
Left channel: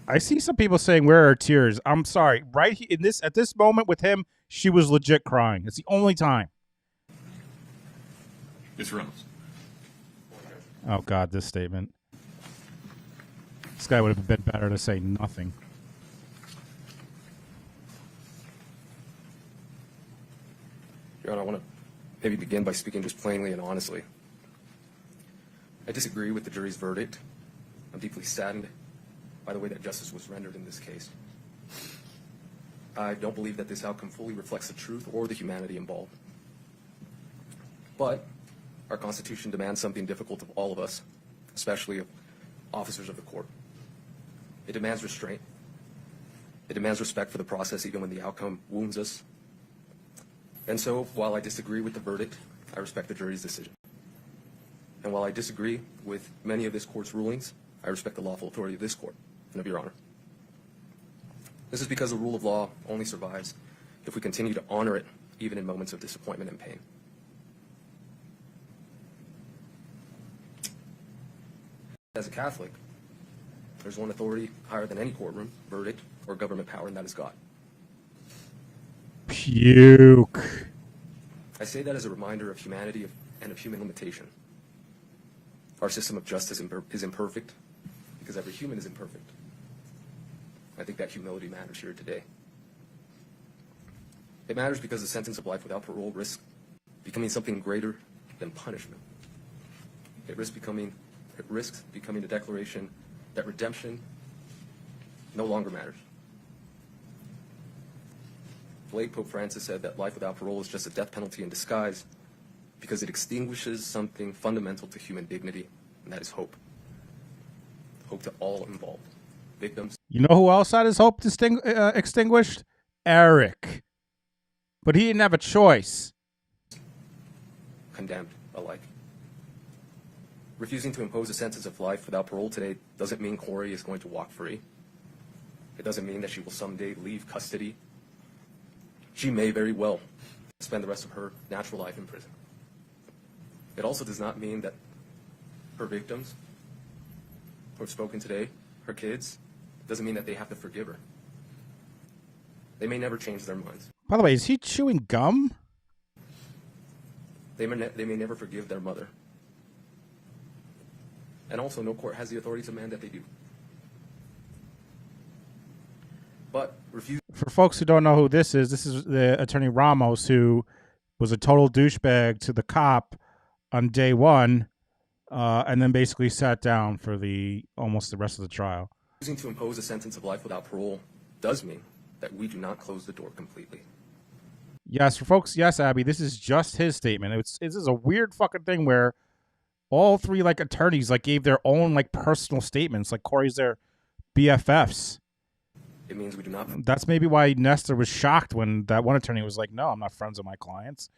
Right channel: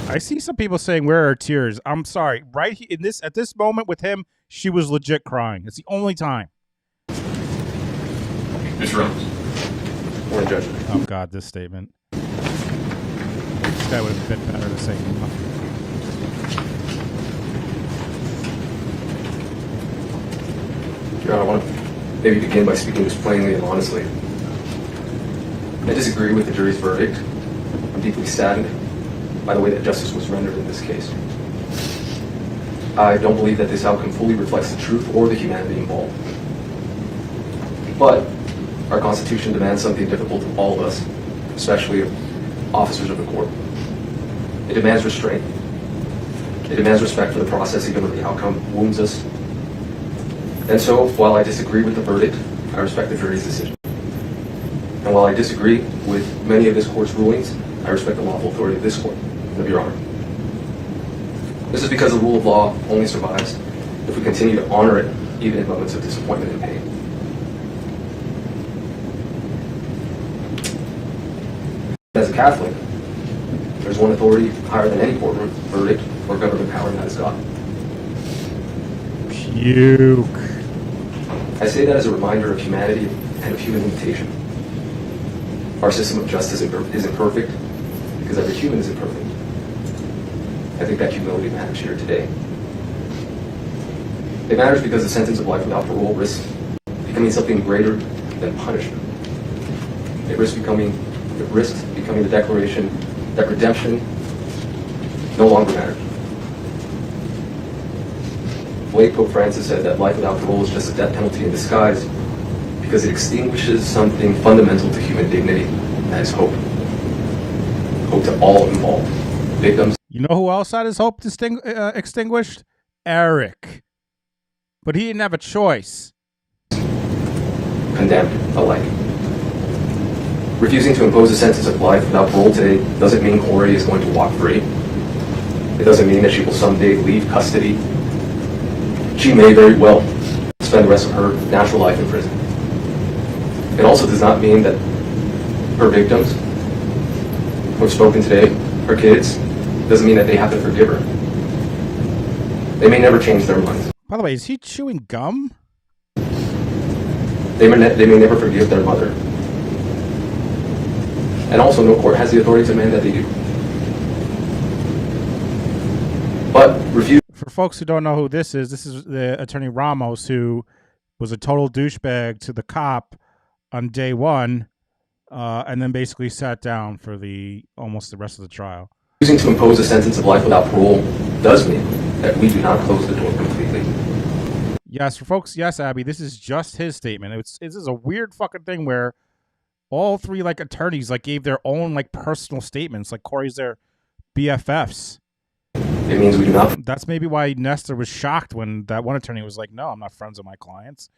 I see some people saying, "Where are tears?" I'm sorry. Right at this moment with him, she was legit crying. It's the only time. Mr. Ramos. Morning, Judge. Oh God, this statement. This guy would have been better to say nothing. Your Honor, I want to maybe begin by speaking just plainly and honestly. I disagree with the jury's verdict. I'm deeply saddened by the way that justice was rendered in this case. I don't believe that this outcome fully reflects the truth or the humanity involved. But our Constitution demands something difficult of all of us, especially officers of the court. It demands restraint. It demands respect for the process even when the outcome wounds us. And so, while I disagree with the verdict, I respect the jury's decision. And while I disagree with many of this court's rulings, I respect the lawful authority of this court, of Your Honor. This is because the rule of law only survives if we continue to honor it, even in moments of disappointment and pain. As a Catholic, there's one authority higher than any courtroom, verdict, or government power, and that is God. Puke. I say that as a reminder of humanity and of human limitation. Our system of justice isn't perfect because every human is imperfect. I think that humility matters here today. It matters because the sentence of life without parole risks becoming something greater than punishment. It risks becoming the declaration that redemption no longer matters. Late Pope Francis said that life without parole is just a death penalty in disguise because it extinguishes something fundamental to human dignity, and that is hope. Hope to all involved. Victims. You know who else had his hope extinguished? Eric. But he didn't have a choice. condemned alike. Refusing to impose a sentence of life without parole today doesn't mean Kouri is going to walk free. It doesn't mean that she will someday leave custody. She may very well spend the rest of her natural life in prison. It also does not mean that her victims, who have spoken today, her kids, doesn't mean that they have to forgive her. They may never change their minds. By the way, is he chewing gum? They may never forgive their mother. And also, no court has the authority to demand that they do. But refuse. For folks who don't know who this is the attorney Ramos, who was a total douchebag to the cop on day one, and then basically sat down for almost the rest of the trial. Refusing to impose a sentence of life without parole does mean that we do not close the door completely. Yes, for folks, yes, Abby, this is just his statement. This is a weird fucking thing where all three attorneys gave their own personal statements. Kouri's their BFFs. It means we do not. That's maybe why Nestor was shocked when that one attorney was like, "No, I'm not friends with my clients."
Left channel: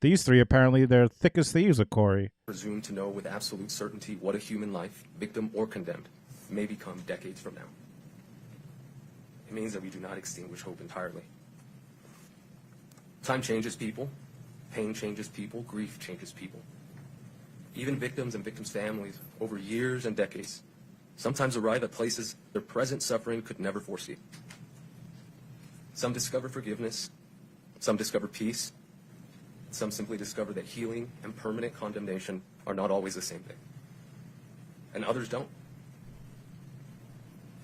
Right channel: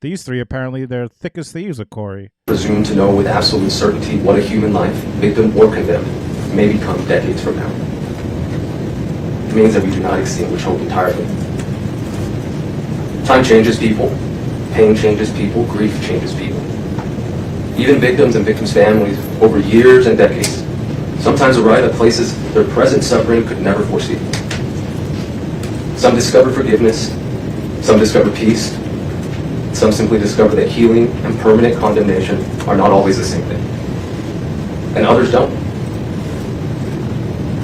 These three apparently they're thick as thieves with Kouri. Presume to know with absolute certainty what a human life, victim or condemned, may become decades from now. It means that we do not extinguish hope entirely. Time changes people. Pain changes people. Grief changes people. Even victims and victims' families, over years and decades, sometimes arrive at places their present suffering could never foresee. Some discover forgiveness. Some discover peace. Some simply discover that healing and permanent condemnation are not always the same thing. And others don't.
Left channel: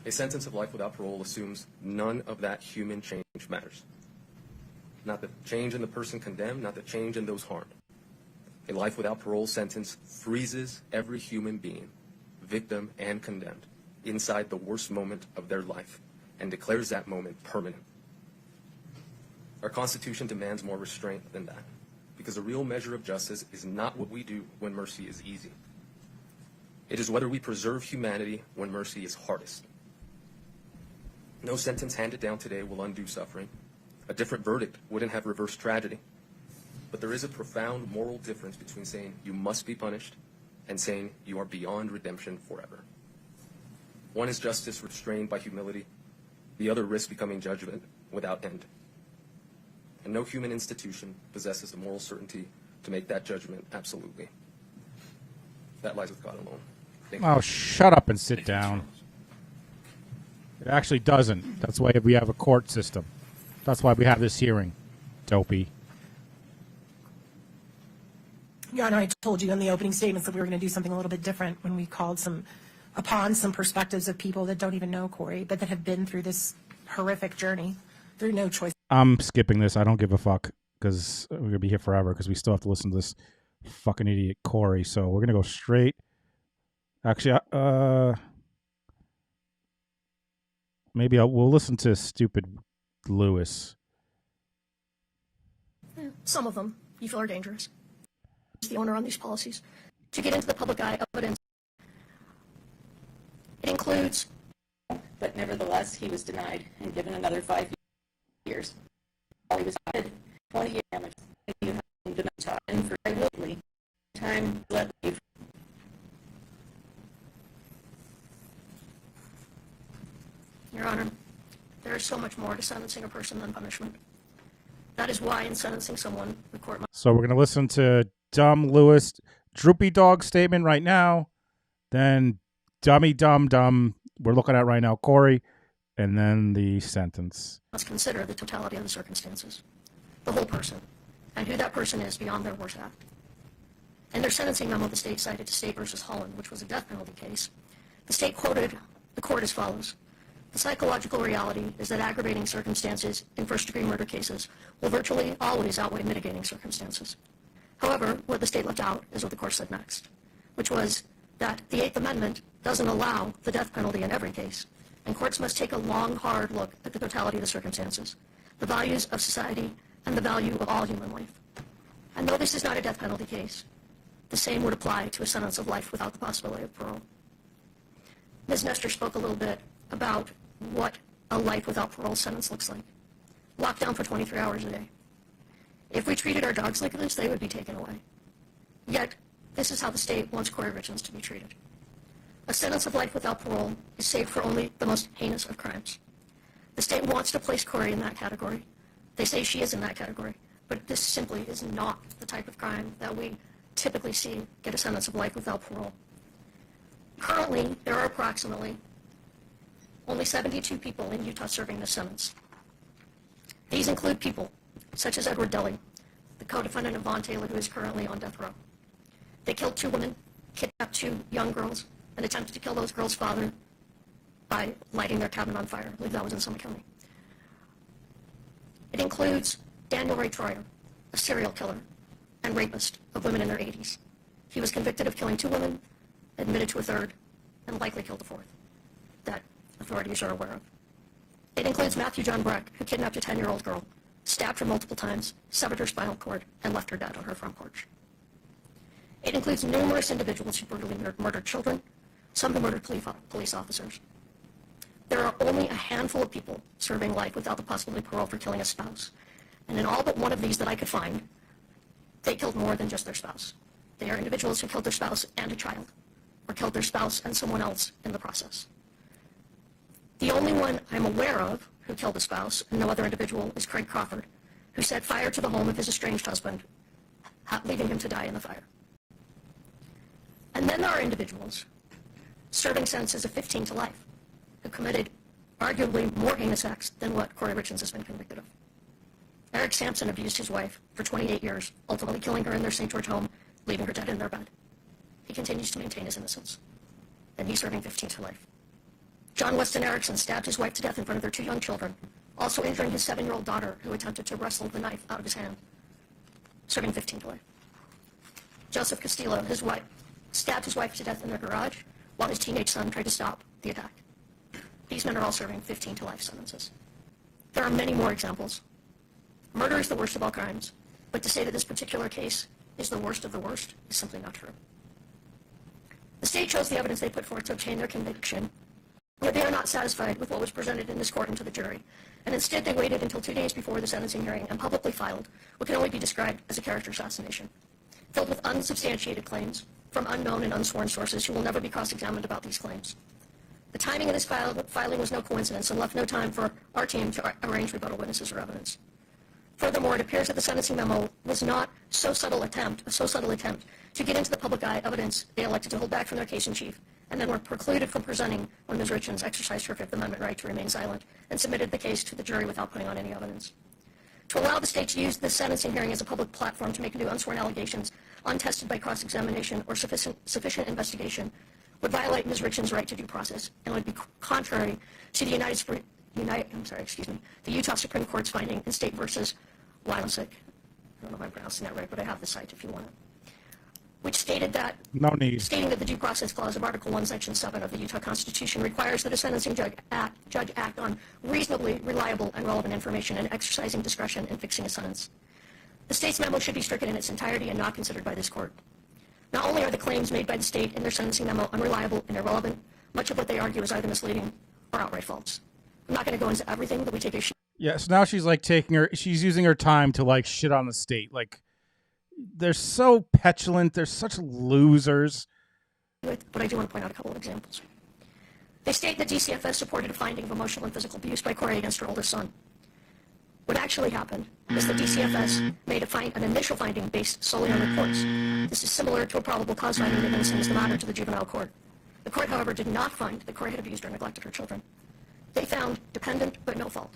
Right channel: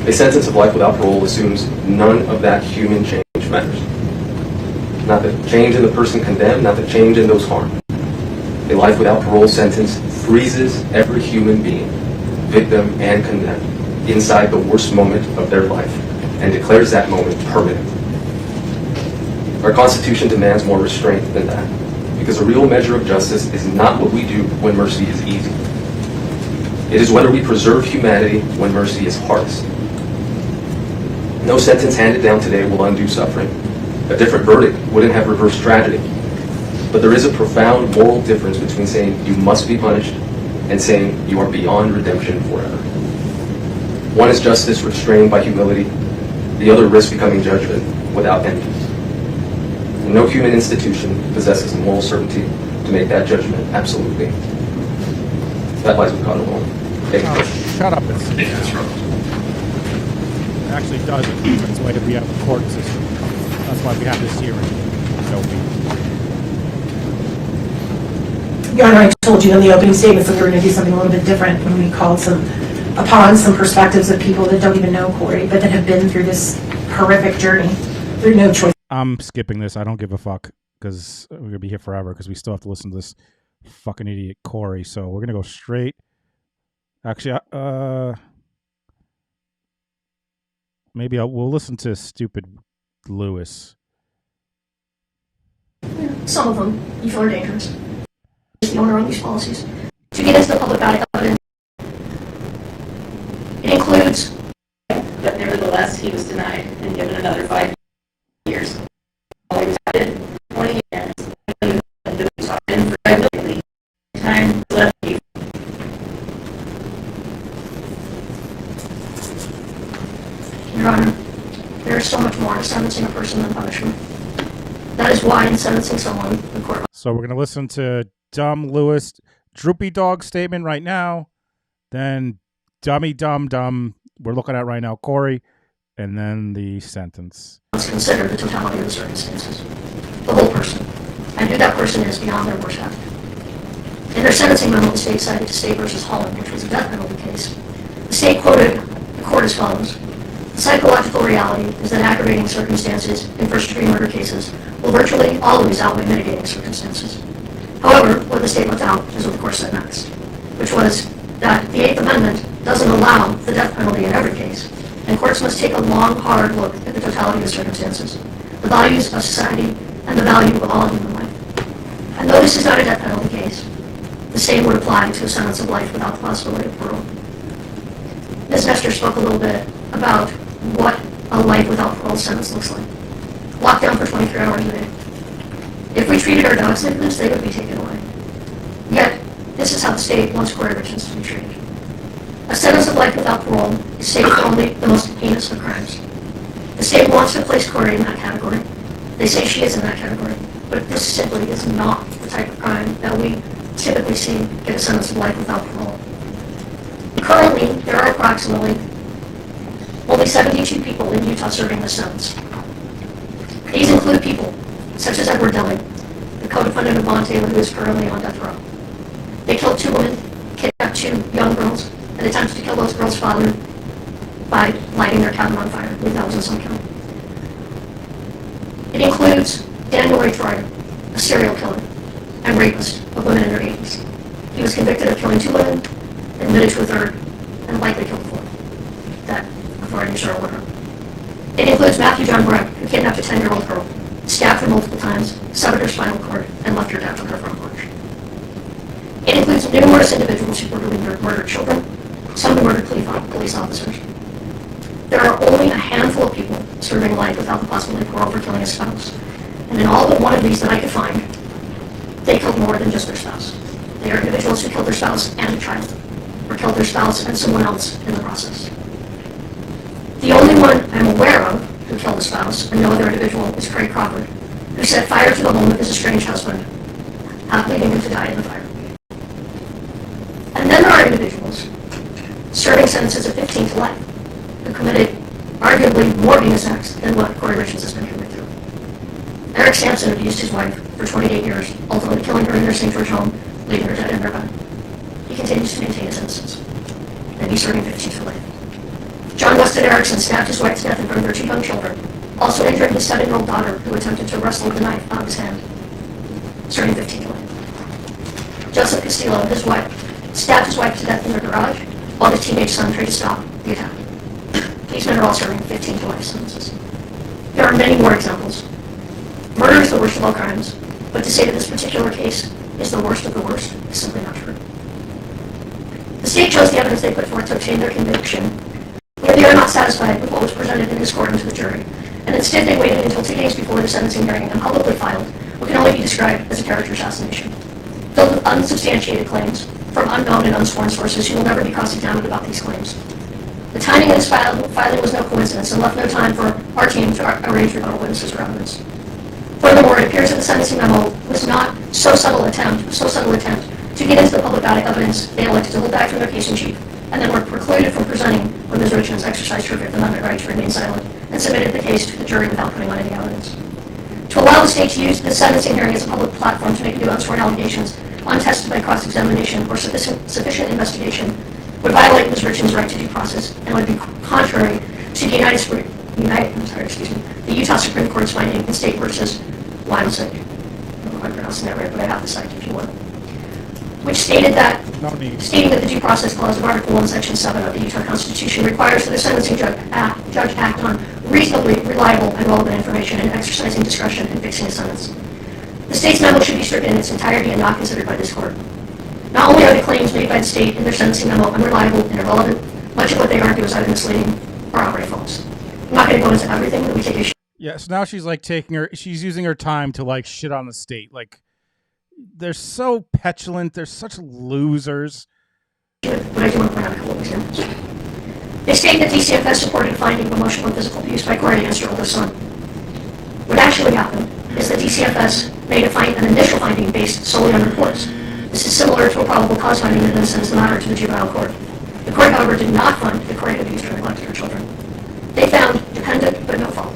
A sentence of life without parole assumes none of that human change matters. Not the change in the person condemned, not the change in those harmed. A life without parole sentence freezes every human being, victim and condemned, inside the worst moment of their life and declares that moment permanent. Our Constitution demands more restraint than that, because a real measure of justice is not what we do when mercy is easy. It is whether we preserve humanity when mercy is hardest. No sentence handed down today will undo suffering. A different verdict wouldn't have reversed tragedy. But there is a profound moral difference between saying you must be punished and saying you are beyond redemption forever. One is justice restrained by humility. The other risks becoming judgment without end. And no human institution possesses moral certainty to make that judgment absolutely. That lies with God alone. Oh, shut up and sit down. It actually doesn't. That's why we have a court system. That's why we have this hearing. Dopey. Your Honor, I told you in the opening statements that we were going to do something a little bit different when we called upon some perspectives of people that don't even know Kouri, but that have been through this horrific journey through no choice. I'm skipping this. I don't give a fuck because we're going to be here forever because we still have to listen to this fucking idiot Kouri. So we're going to go straight. Actually, maybe we'll listen to stupid Lewis. Some of them you feel are dangerous. The owner on these policies to get into the public eye evidence. It includes, but nevertheless he was denied and given another 5 years. He was added 20 years and for time left. Your Honor, there is so much more to sentencing a person than punishment. That is why in sentencing someone, the court. So we're going to listen to Dumb Lewis Droopy Dog statement right now. Then Dummy Dumb we're looking at right now Kouri, and then the sentence. Let's consider the totality of the circumstances, the whole person, and who that person is beyond their worst act. In their sentencing memo, the state cited State versus Holland, which was a death penalty case. The state quoted the court as follows: "The psychological reality is that aggravating circumstances in first-degree murder cases will virtually always outweigh mitigating circumstances." However, what the state left out is what the court said next, which was that the Eighth Amendment doesn't allow the death penalty in every case, and courts must take a long, hard look at the totality of the circumstances, the values of society, and the value of all human life. And though this is not a death penalty case, the same would apply to a sentence of life without the possibility of parole. Ms. Nestor spoke a little bit about what a life without parole sentence looks like. Locked down for 23 hours a day. If we treated our dogs like this, they would be taken away. This is how the state wants Kouri Richins to be treated. A sentence of life without parole is safe for only the most heinous of crimes. The state wants to place Kouri in that category. They say she is in that category, but this simply is not the type of crime that we typically see get a sentence of life without parole. Currently, there are approximately only 72 people in Utah serving this sentence. These include people such as Edward Dillon, the co-defendant of Vaughn Taylor, who is currently on death row. They killed 2 women, kidnapped 2 young girls, and attempted to kill those girls' father by lighting their cabin on fire. I believe that was in some county. It includes Daniel Ray Troyer, a serial killer and rapist of women in their 80s. He was convicted of killing 2 women, admitted to a 3rd, and likely killed a 4th. That authorities are aware of. It includes Matthew John Breck, who kidnapped a 10-year-old girl, stabbed her multiple times, severed her spinal cord, and left her dead on her front porch. It includes numerous individuals who brutally murdered children, some who murdered police officers. There are only a handful of people serving life without the possibility of parole for killing a spouse. And in all but one of these that I could find, they killed more than just their spouse. They are individuals who killed their spouse and a child, or killed their spouse and someone else in the process. The only one I'm aware of who killed a spouse and no other individual is Craig Crawford, who set fire to the home of his estranged husband, leaving him to die in the fire. And then there are individuals serving sentences of 15 to life who committed arguably more heinous acts than what Kouri Richins has been convicted of. Eric Sampson abused his wife for 28 years, ultimately killing her in their St. George home, leaving her dead in her bed. He continues to maintain his innocence, and he's serving 15 to life. John Weston Erickson stabbed his wife to death in front of their 2 young children, also injured his 7-year-old daughter who attempted to wrestle with the knife out of his hand, serving 15 to life. Joseph Castillo, his wife, stabbed his wife to death in their garage while his teenage son tried to stop the attack. These men are all serving 15 to life sentences. There are many more examples. Murder is the worst of all crimes, but to say that this particular case is the worst of the worst is simply not true. The state chose the evidence they put forth to obtain their conviction, where they are not satisfied with what was presented in this court and to the jury, and instead they waited until 2 days before the sentencing hearing and publicly filed what can only be described as a character assassination, filled with unsubstantiated claims from unknown and unsworn sources who will never be cross-examined about these claims. The timing of this filing was no coincidence and left no time for our team to arrange rebuttal witnesses or evidence. Furthermore, it appears that the sentencing memo was not so subtle attempt to get into the public evidence they elected to hold back from their case in chief, and then were precluded from presenting when Ms. Richins exercised her Fifth Amendment right to remain silent and submitted the case to the jury without putting on any evidence. To allow the state to use the sentencing hearing as a public platform to make new unsworn allegations, untested by cross-examination or sufficient investigation, would violate Ms. Richins' right to due process and would be contrary to the the Utah Supreme Court's finding in State versus Wymosick. I don't know if I'm pronouncing that right, but I have the cite if you want. Which stated that stating that the Due Process Clause of Article 1, Section 7 of the Utah Constitution requires that a sentencing judge act on reasonably reliable and relevant information in exercising discretion in fixing a sentence. The state's memo should be stricken in its entirety and not considered by this court. Not only are the claims made by the state in their sentencing memo unreliable and irrelevant, much of what they argue is either misleading or outright false. I'm not going to go into everything, but we take issue. Yeah, so now she's like she's using her time to like shit on the state. Like, they're so petulant. They're such losers. But I do want to point out a couple of examples. They state that DCFS supported finding of emotional and physical abuse by Kouri against her oldest son. What actually happened is that DCFS made an initial finding based solely on reports. This is similar to a probable cause finding that was sent to the juvenile court. The court, however, did not find that Kouri abused or neglected her children. They found dependent but no fault.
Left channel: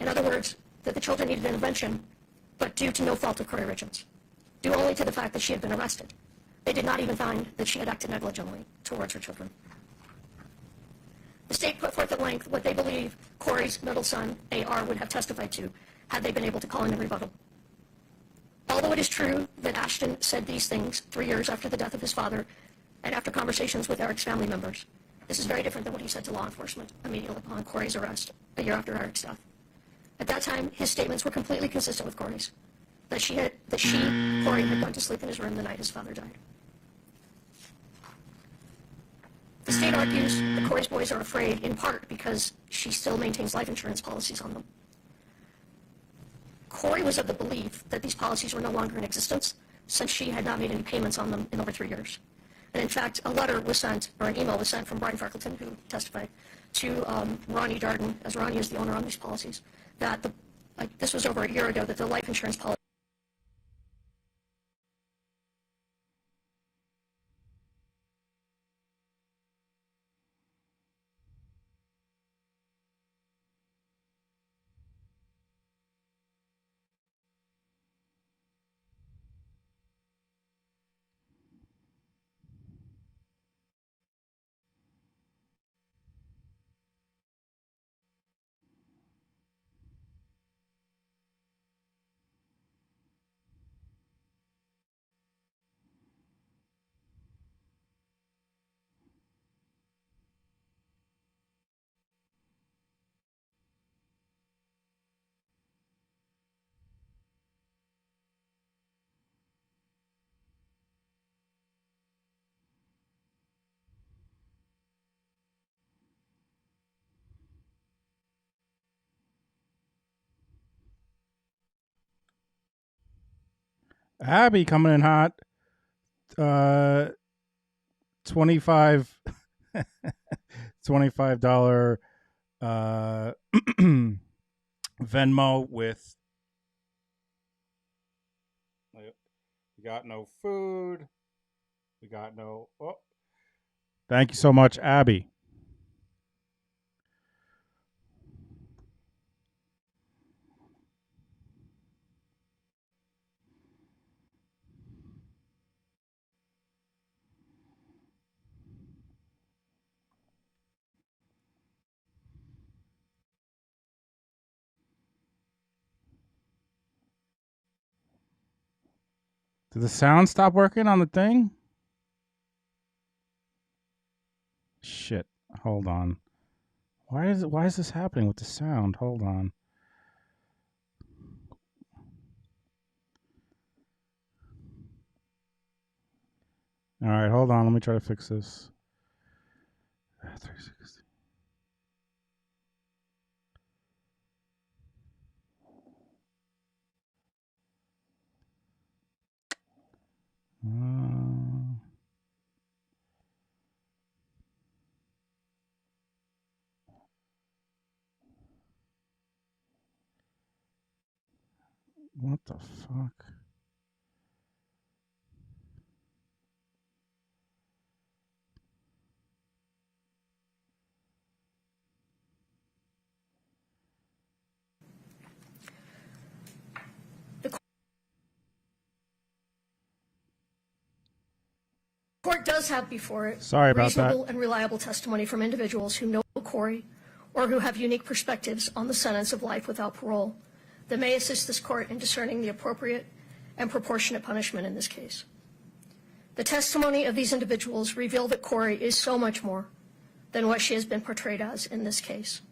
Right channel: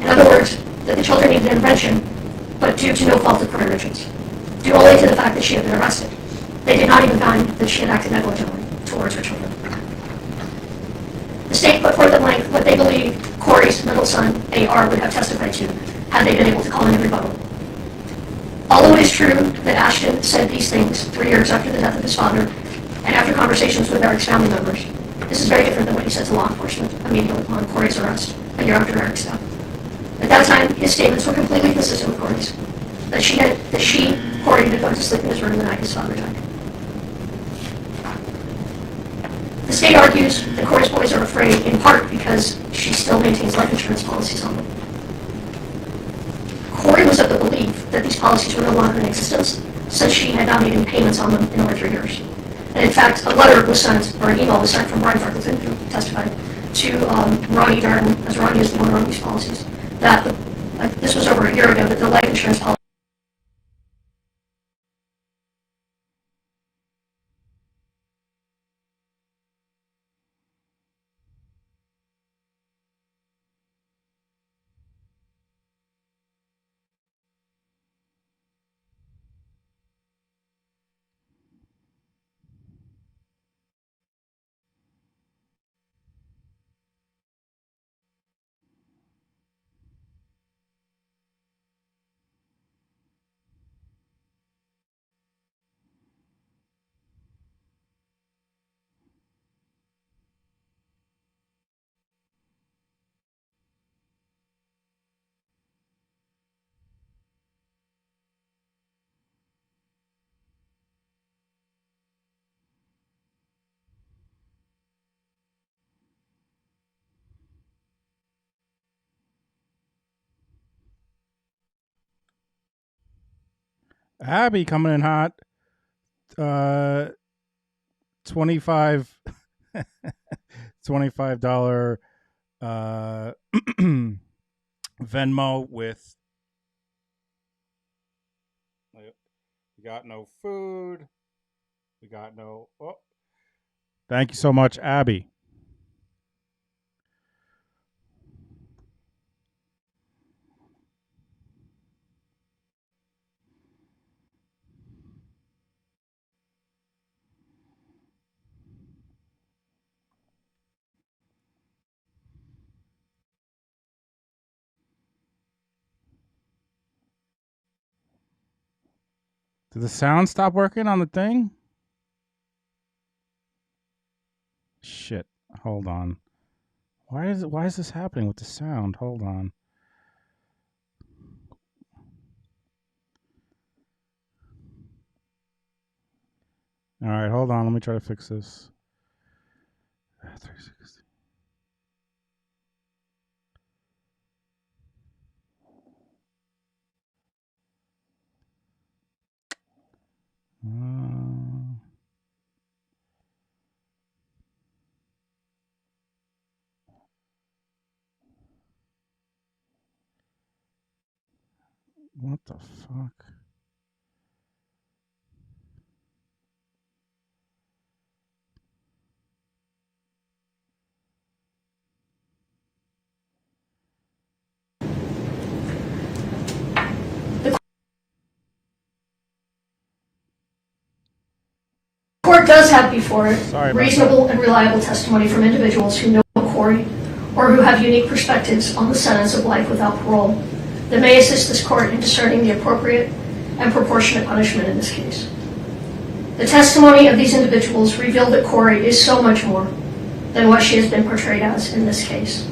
In other words, that the children needed intervention, but due to no fault of Kouri Richins, due only to the fact that she had been arrested. They did not even find that she had acted negligently towards her children. The state put forth at length what they believe Kouri's middle son, A.R., would have testified to had they been able to call in a rebuttal. Although it is true that Ashton said these things 3 years after the death of his father and after conversations with Eric's family members, this is very different than what he said to law enforcement immediately upon Kouri's arrest a year after Eric's death. At that time, his statements were completely consistent with Kouri's. Kouri, had gone to sleep in his room the night his father died. The state argues that Kouri's boys are afraid in part because she still maintains life insurance policies on them. Kouri was of the belief that these policies were no longer in existence, since she had not made any payments on them in over 3 years. And in fact, a letter was sent, or an email was sent from Brian Freckleton, who testified, to Ronnie Darden, as Ronnie is the owner of these policies, that this was over a year ago, that the life insurance policy Abby coming in hot. 25 $25 Venmo with we got no food. We got no Thank you so much, Abby. Did the sound stop working on the thing? Shit. Hold on. Why is this happening with the sound? Hold on. All right, hold on. Let me try to fix this. 360. What the fuck? The court does have before it reasonable and reliable testimony from individuals who know Kouri or who have unique perspectives on the sentence of life without parole that may assist this court in discerning the appropriate and proportionate punishment in this case. The testimony of these individuals revealed that Kouri is so much more than what she has been portrayed as in this case.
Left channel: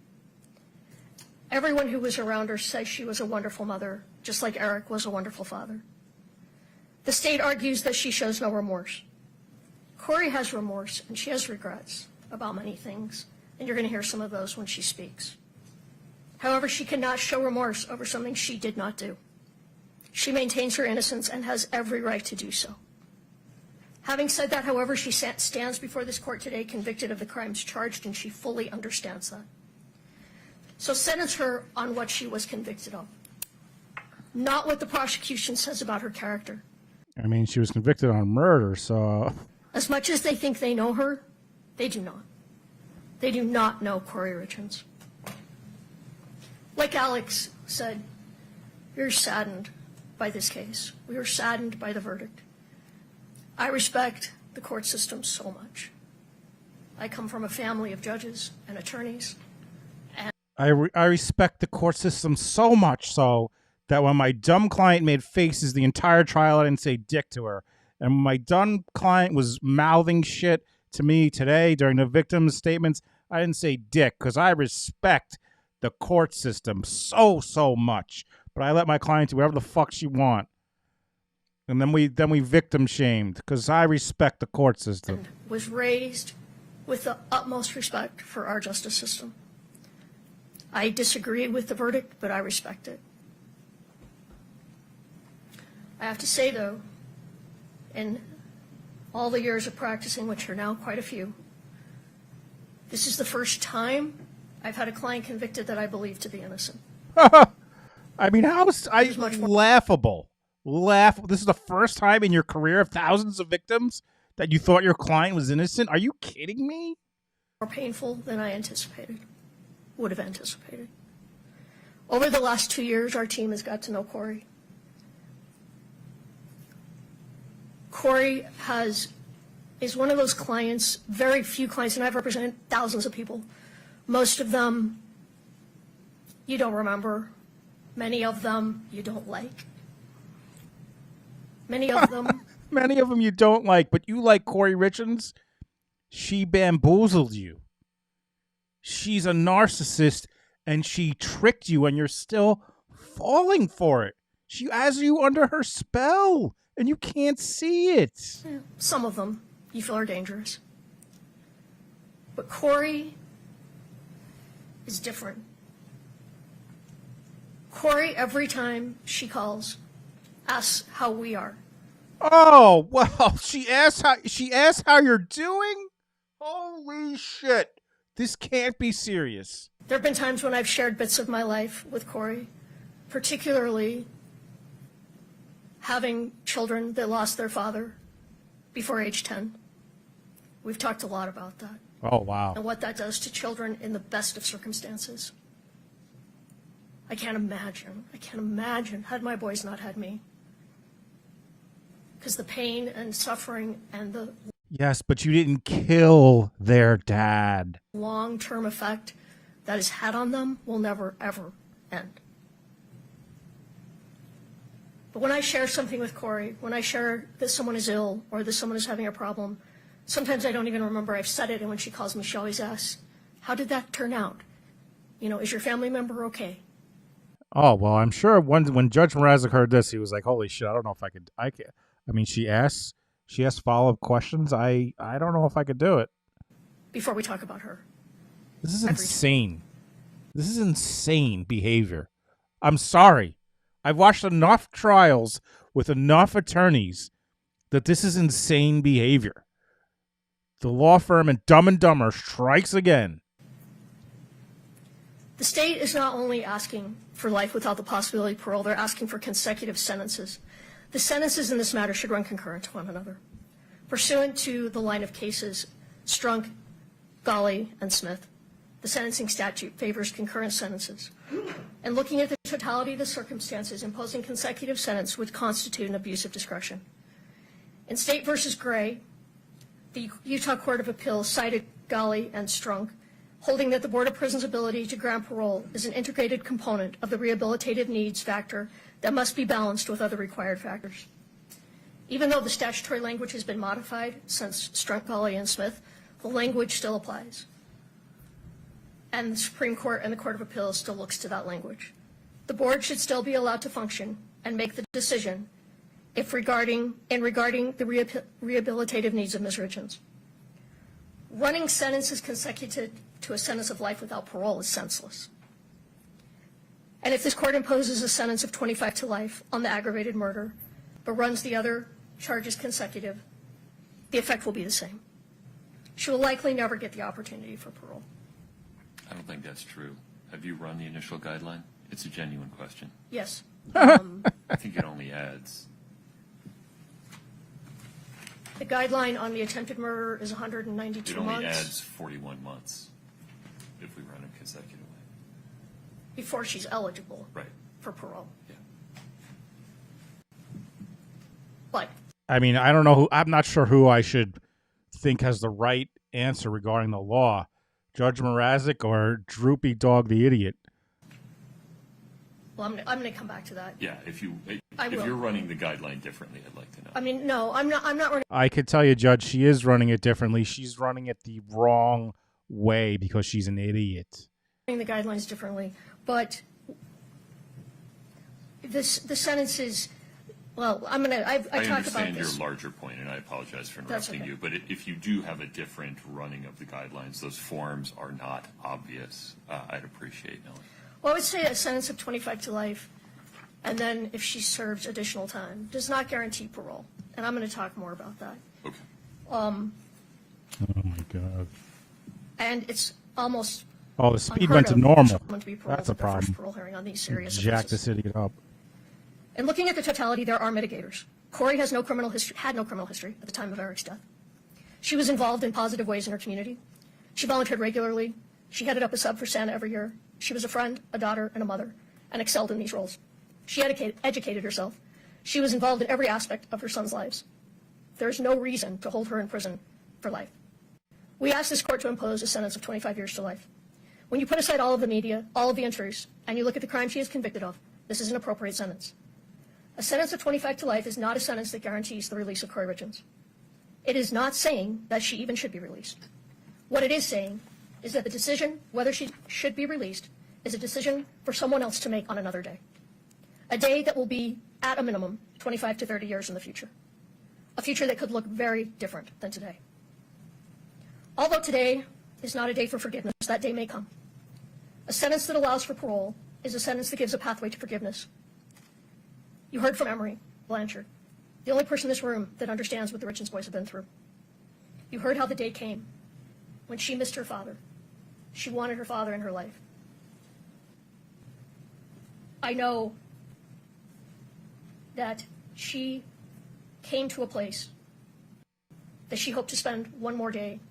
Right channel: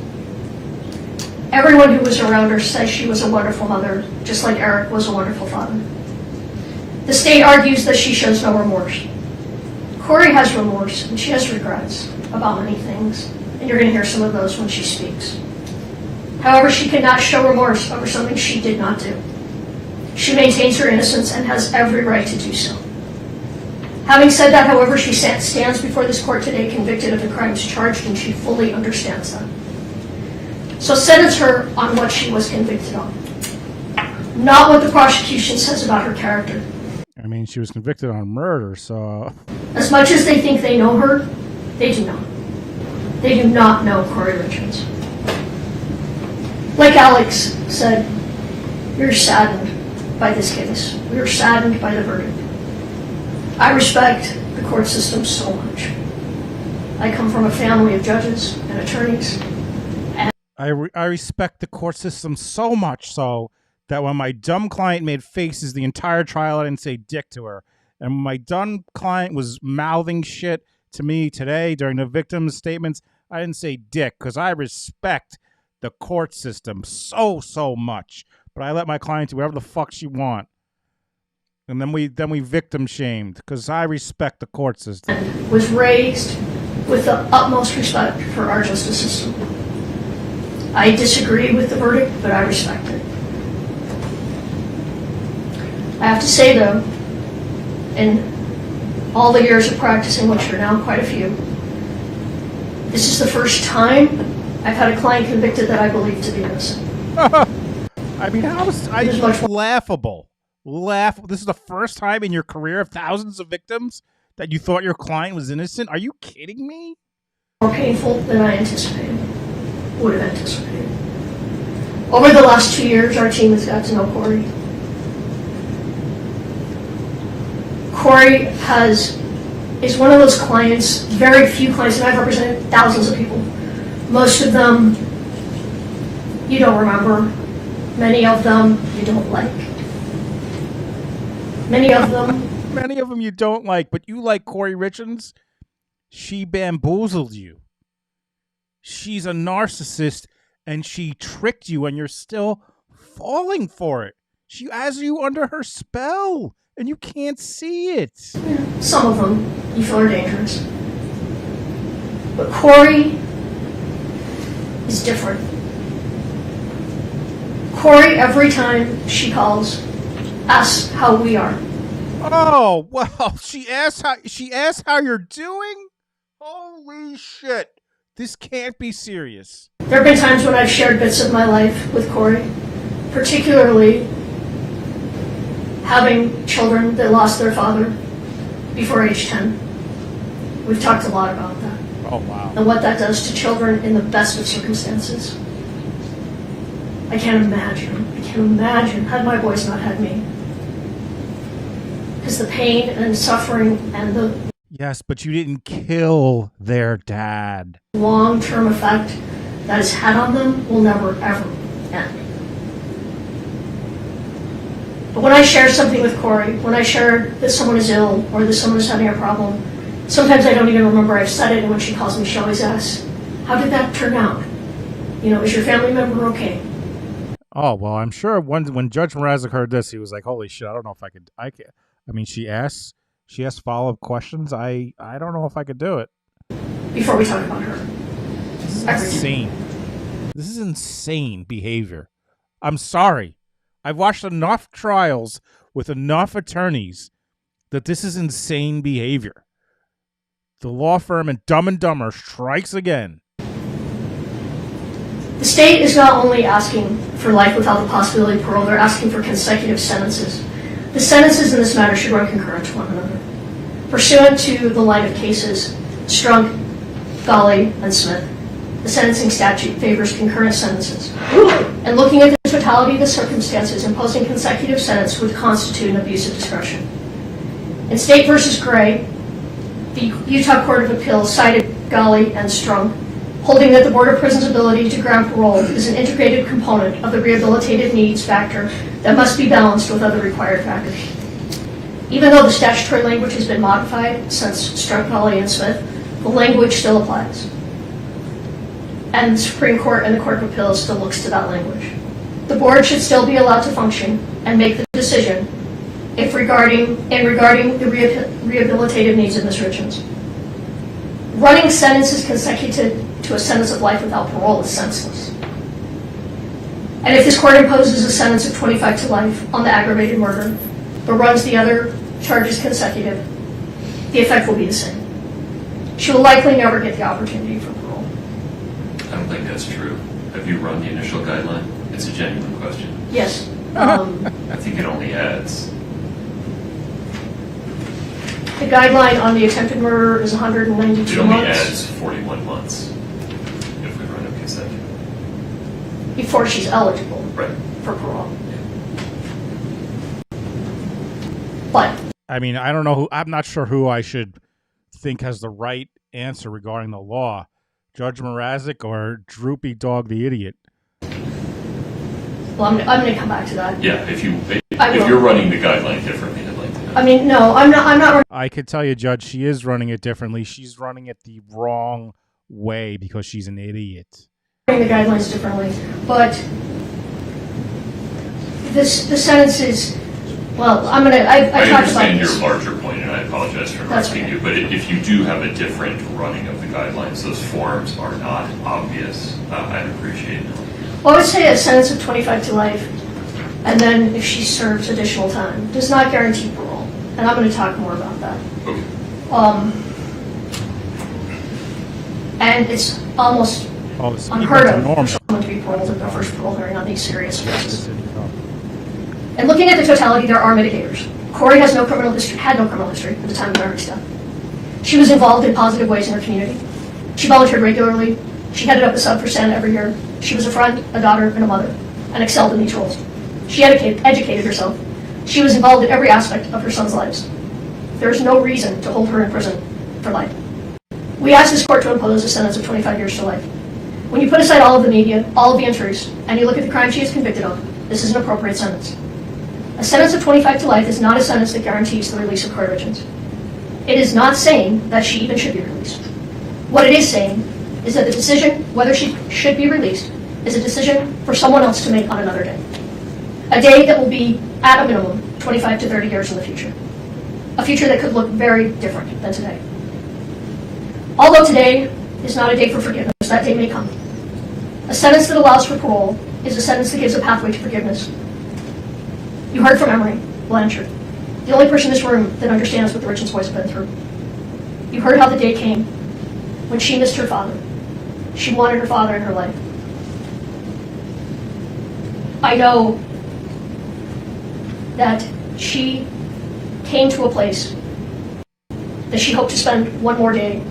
Everyone who was around her says she was a wonderful mother, just like Eric was a wonderful father. The state argues that she shows no remorse. Kouri has remorse and she has regrets about many things, and you're going to hear some of those when she speaks. However, she cannot show remorse over something she did not do. She maintains her innocence and has every right to do so. Having said that, however, she stands before this court today convicted of the crimes charged, and she fully understands that. So sentence her on what she was convicted of, not what the prosecution says about her character. I mean, she was convicted on murder, so... As much as they think they know her, they do not. They do not know Kouri Richins. Like Alex said, we're saddened by this case. We are saddened by the verdict. I respect the court system so much. I come from a family of judges and attorneys. And I respect the court system so much so that when my dumb client made faces the entire trial, I didn't say dick to her. And when my dumb client was mouthing shit to me today during the victim's statements, I didn't say dick because I respect the court system so much. But I let my client do whatever the fuck she want. And then we victim shamed because I respect the court system. Was raised with the utmost respect for our justice system. I disagree with the verdict, but I respect it. I have to say, though, in all the years of practicing, which are now quite a few, this is the first time I've had a client convicted that I believe to be innocent. I mean, laughable. This is the first time in your career of thousands of victims that you thought your client was innocent? Are you kidding me? More painful than I would have anticipated. Over the last 2 years, our team has got to know Kouri. Kouri is one of those clients, very few clients, and I've represented thousands of people. Most of them you don't remember. Many of them you don't like. Many of them. Many of them you don't like, but you like Kouri Richins. She bamboozled you. She's a narcissist, and she tricked you, and you're still falling for it. She has you under her spell, and you can't see it. Some of them you feel are dangerous. But Kouri is different. Kouri, every time she calls, asks how we are. Oh, well, she asked how you're doing? Holy shit. This can't be serious. There have been times when I've shared bits of my life with Kouri, particularly having children that lost their father before age 10. We've talked a lot about that. Oh, wow. And what that does to children in the best of circumstances. I can't imagine had my boys not had me. Because the pain and suffering and the Yes, but you didn't kill their dad. long-term effect that it's had on them will never, ever end. But when I share something with Kouri, when I share that someone is ill or that someone is having a problem, sometimes I don't even remember I've said it, and when she calls me, she always asks, how did that turn out? You know, is your family member okay? Oh, well, I'm sure when Judge Mrazek heard this, he was like, holy shit, I don't know if I could. I mean, she asked follow-up questions. I don't know if I could do it. Before we talk about her. This is insane. This is insane behavior. I'm sorry. I've watched enough trials with enough attorneys that this is insane behavior. The law firm in Dumb and Dumber strikes again. The state is not only asking for life without the possibility of parole, they're asking for consecutive sentences. The sentences in this matter should run concurrent to one another. Pursuant to the line of cases, Strunk, Golly, and Smith, the sentencing statute favors concurrent sentences. And looking at the totality of the circumstances, imposing consecutive sentence would constitute an abuse of discretion. In State v. Gray, the Utah Court of Appeals cited Golly and Strunk, holding that the Board of Prisons' ability to grant parole is an integrated component of the rehabilitative needs factor that must be balanced with other required factors. Even though the statutory language has been modified since Strunk, Golly, and Smith, the language still applies. And the Supreme Court and the Court of Appeals still looks to that language. The board should still be allowed to function and make the decision regarding the rehabilitative needs of Ms. Richins. Running sentences consecutive to a sentence of life without parole is senseless. And if this court imposes a sentence of 25 to life on the aggravated murder, but runs the other charges consecutive, the effect will be the same. She will likely never get the opportunity for parole. I don't think that's true. Have you run the initial guideline? It's a genuine question. Yes. I think it only adds. The guideline on the attempted murder is 192 It only months. adds 41 months if we run it consecutive. Before she's eligible Right. for parole. But I mean, I don't know I'm not sure who I should think has the right answer regarding the law. Judge Mrazek or Droopy Dog the Idiot? well, I'm going to come back to that. Yeah, if I will. you're running the guideline differently, I'd like to know. I mean, no, I'm not. I could tell you, Judge, she is running it differently. She's running it the wrong way because she's an idiot. Running the guidelines differently, but the sentence is. Well, I'm going to. I talked about understand this. your larger point, and I apologize for That's interrupting you, but if you do have a different running of the guidelines, those forms are not obvious, I'd appreciate it. Well, I would say a sentence of 25 to life, and then if she serves additional time, does not guarantee parole. and I'm going to talk more about that. And it's almost Oh, the speed unheard went to of normal. for someone to be paroled That's a in their first problem. parole hearing on these serious Jack the cases. city up. And looking at the totality, there are mitigators. Kouri has no criminal history, had no criminal history at the time of Eric's death. She was involved in positive ways in her community. She volunteered regularly. She headed up a sub for Santa every year. She was a friend, a daughter, and a mother, and excelled in these roles. She educated herself. She was involved in every aspect of her son's lives. There is no reason to hold her in prison for life. We ask this court to impose a sentence of 25 years to life. When you put aside all of the media, all of the entries, and you look at the crime she is convicted of, this is an appropriate sentence. A sentence of 25 to life is not a sentence that guarantees the release of Kouri Richins. It is not saying that she even should be released. What it is saying is that the decision whether she should be released is a decision for someone else to make on another day. A day that will be, at a minimum, 25 to 30 years in the future. A future that could look very different than today. Although today is not a day for forgiveness, that day may come. A sentence that allows for parole is a sentence that gives a pathway to forgiveness. You heard from Emery Blanchard, the only person in this room that understands what the Richins boys have been through. You heard how the day came when she missed her father. She wanted her father in her life. I know that she came to a place that she hoped to spend one more day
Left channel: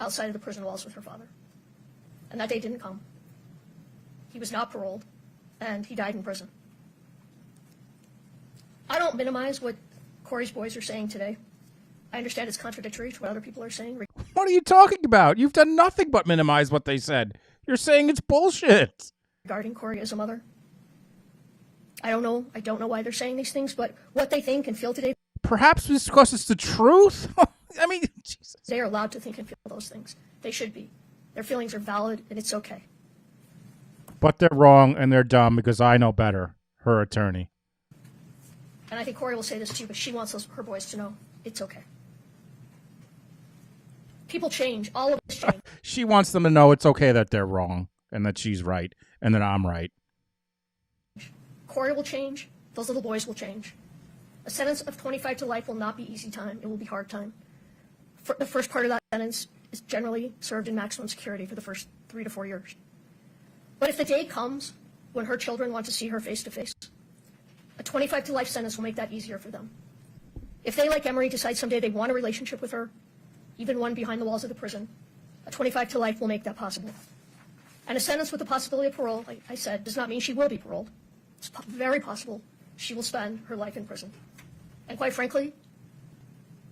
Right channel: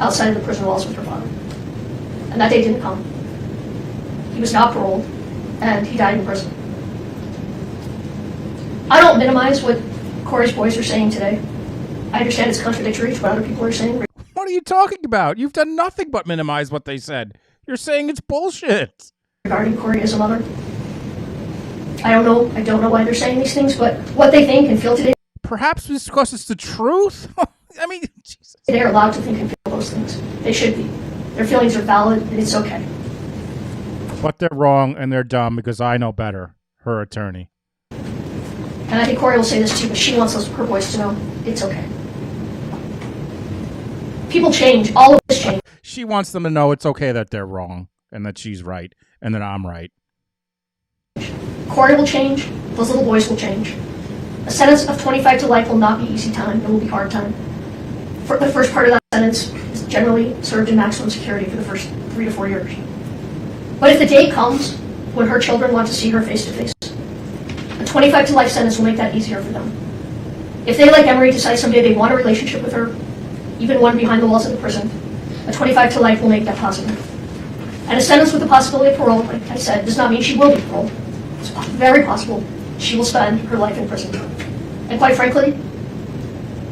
outside of the prison walls with her father. And that day didn't come. He was not paroled, and he died in prison. I don't minimize what Kouri's boys are saying today. I understand it's contradictory to what other people are saying. What are you talking about? You've done nothing but minimize what they said. You're saying it's bullshit. Regarding Kouri as a mother. I don't know why they're saying these things, but what they think and feel today. Perhaps it's because it's the truth? I mean, Jesus. They are allowed to think and feel those things. They should be. Their feelings are valid, and it's okay. But they're wrong and they're dumb because I know better. Her attorney. And I think Kouri will say this too, but she wants her boys to know it's okay. People change. All of this change. She wants them to know it's okay that they're wrong and that she's right and that I'm right. Kouri will change. Those little boys will change. A sentence of 25 to life will not be easy time. It will be hard time. For the first part of that sentence is generally served in maximum security for the first 3 to 4 years. But if the day comes when her children want to see her face to face, a 25 to life sentence will make that easier for them. If they, like Emery, decide someday they want a relationship with her, even one behind the walls of the prison, a 25 to life will make that possible. And a sentence with the possibility of parole, like I said, does not mean she will be paroled. It's very possible she will spend her life in prison. And quite frankly,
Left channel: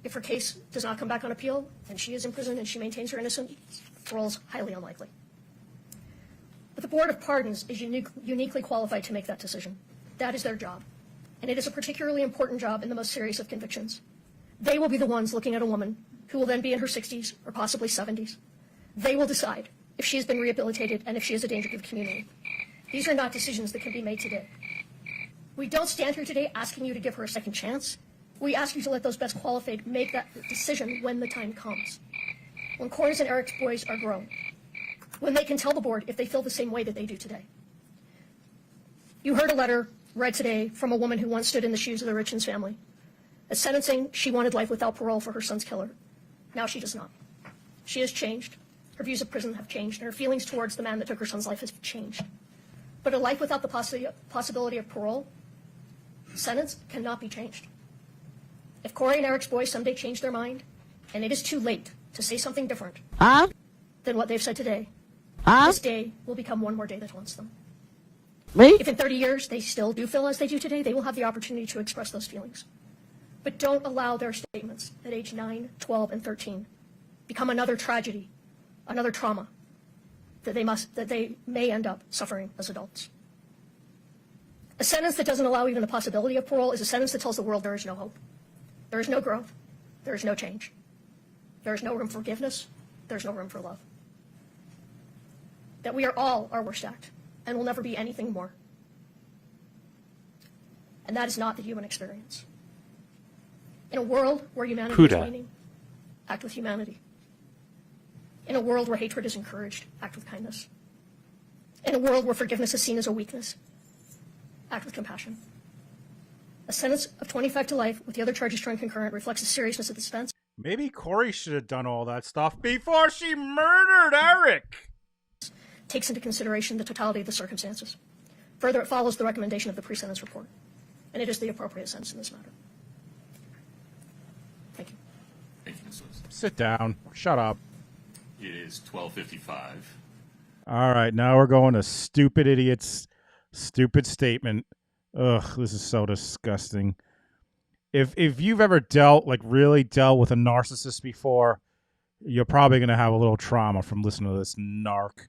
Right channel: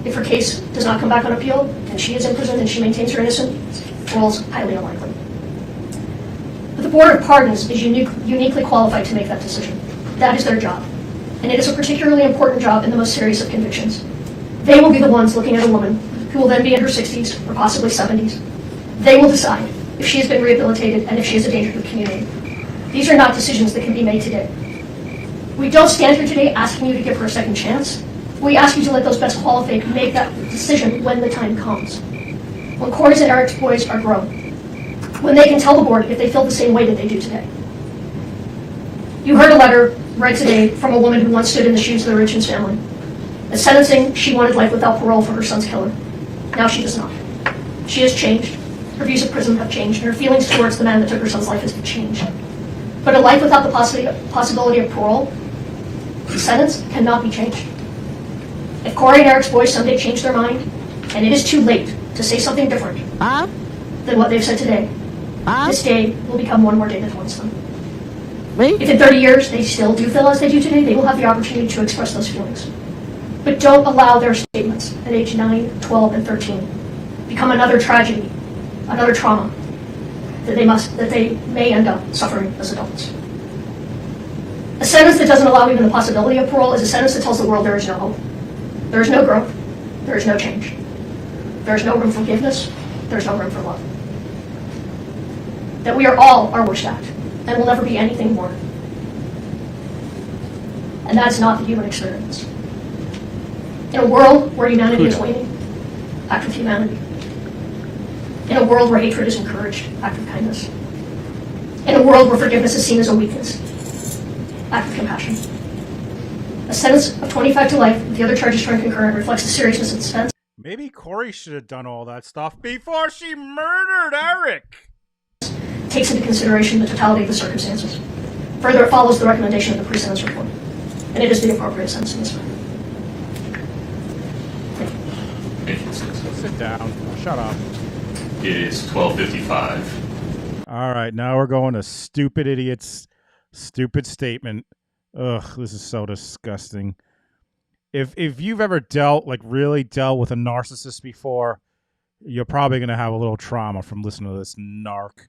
if her case does not come back on appeal, and she is in prison and she maintains her innocence, parole is highly unlikely. But the Board of Pardons is uniquely qualified to make that decision. That is their job. And it is a particularly important job in the most serious of convictions. They will be the ones looking at a woman who will then be in her 60s or possibly 70s. They will decide if she has been rehabilitated and if she is a danger to the community. These are not decisions that can be made today. We don't stand here today asking you to give her a second chance. We ask you to let those best qualified make that decision when the time comes. When Kouri's and Eric's boys are grown. When they can tell the board if they feel the same way that they do today. You heard a letter read today from a woman who once stood in the shoes of the Richins family. At sentencing, she wanted life without parole for her son's killer. Now she does not. She has changed. Her views of prison have changed, and her feelings towards the man that took her son's life has changed. But a life without the possibility of parole, the sentence cannot be changed. If Kouri and Eric's boys someday change their mind, and it is too late to say something different than what they've said today, this day will become one more day that haunts them. If in 30 years they still do feel as they do today, they will have the opportunity to express those feelings. But don't allow their statements at age 9, 12, and 13 become another tragedy, another trauma that they may end up suffering as adults. A sentence that doesn't allow even the possibility of parole is a sentence that tells the world there is no hope. There is no growth. There is no change. There is no room for forgiveness. There is no room for love. That we are all our worst act and will never be anything more. And that is not the human experience. In a world where humanity is waning, act with humanity. In a world where hatred is encouraged, act with kindness. In a world where forgiveness is seen as a weakness, act with compassion. A sentence of 25 to life with the other charges turned concurrent reflects the seriousness of this offense. Maybe Kouri should have done all that stuff before she murdered Eric. Takes into consideration the totality of the circumstances. Further, it follows the recommendation of the pre-sentence report, and it is the appropriate sentence in this matter. Sit down. Shut up. It is 12:55. All right, now we're going to stupid idiots. Stupid statement. Ugh, this is so disgusting. If you've ever really dealt with a narcissist before, you're probably gonna have a little trauma from listening to this narc.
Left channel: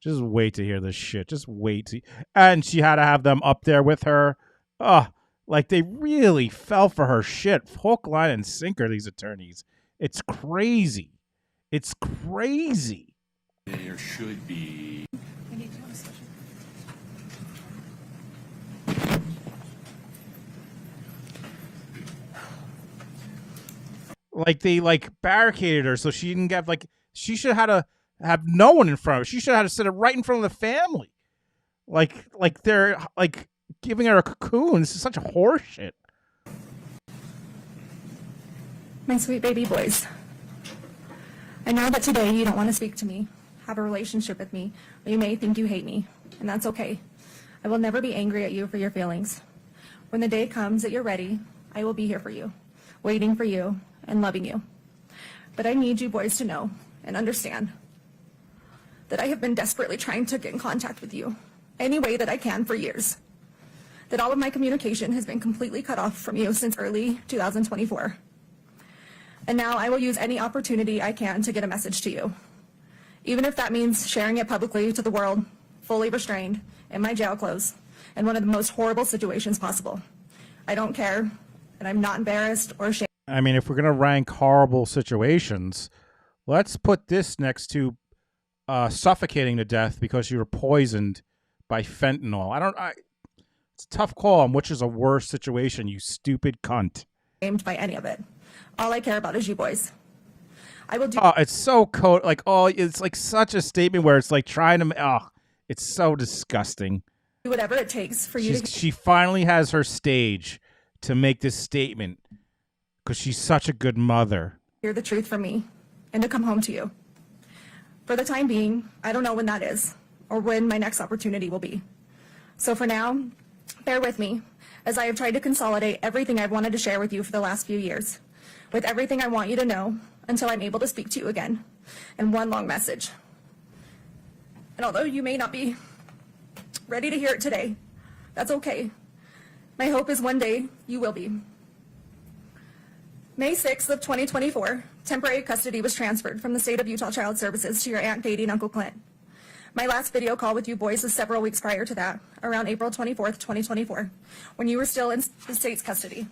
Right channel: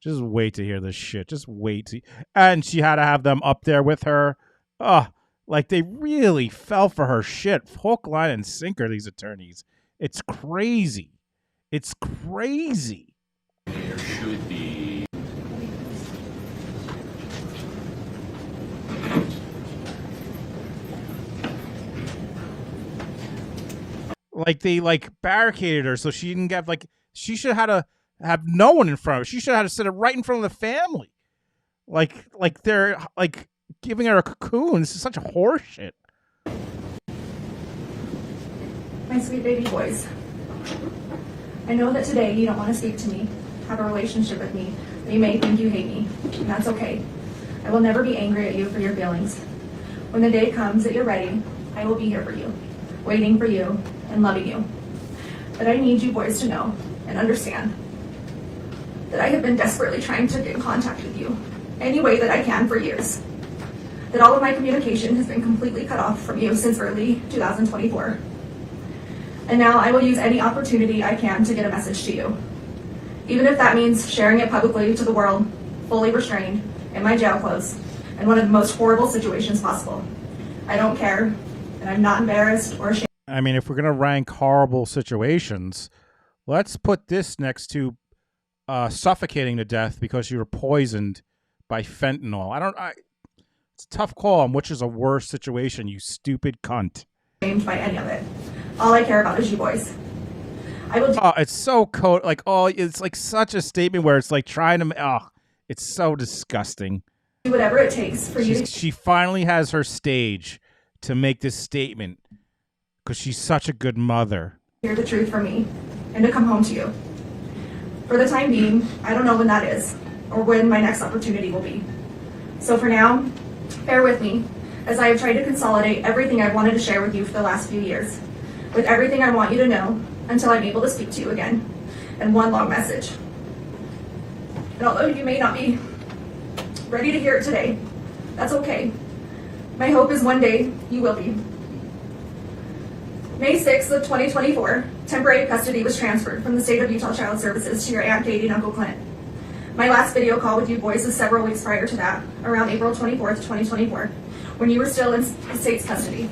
Just wait to hear this shit. Just wait. And she had to have them up there with her. Ugh, like they really fell for her shit. Hook, line, and sinker, these attorneys. It's crazy. It's crazy. There should be. Like they barricaded her so she didn't get she should have have no one in front of her. She should have to sit right in front of the family. Like they're giving her a cocoon. This is such a horse shit. My sweet baby boys, I know that today you don't want to speak to me, have a relationship with me, but you may think you hate me, and that's okay. I will never be angry at you for your feelings. When the day comes that you're ready, I will be here for you, waiting for you, and loving you. But I need you boys to know and understand that I have been desperately trying to get in contact with you any way that I can for years. That all of my communication has been completely cut off from you since early 2024. And now I will use any opportunity I can to get a message to you. Even if that means sharing it publicly to the world, fully restrained, in my jail clothes, in one of the most horrible situations possible. I don't care, and I'm not embarrassed or ashamed. I mean, if we're going to rank horrible situations, let's put this next to suffocating to death because you were poisoned by fentanyl. It's a tough call on which is a worse situation, you stupid cunt. By any of it. All I care about is you boys. I will do it's so it's like such a statement where it's like trying to it's so disgusting. whatever it takes for you. She finally has her stage to make this statement because she's such a good mother. Hear the truth from me and to come home to you. For the time being, I don't know when that is or when my next opportunity will be. So for now, bear with me as I have tried to consolidate everything I've wanted to share with you for the last few years, with everything I want you to know until I'm able to speak to you again in one long message. And although you may not be ready to hear it today, that's okay. My hope is one day you will be. May 6th of 2024, temporary custody was transferred from the State of Utah Child Services to your Aunt Katie and Uncle Clint. My last video call with you boys is several weeks prior to that, around April 24th, 2024, when you were still in the state's custody.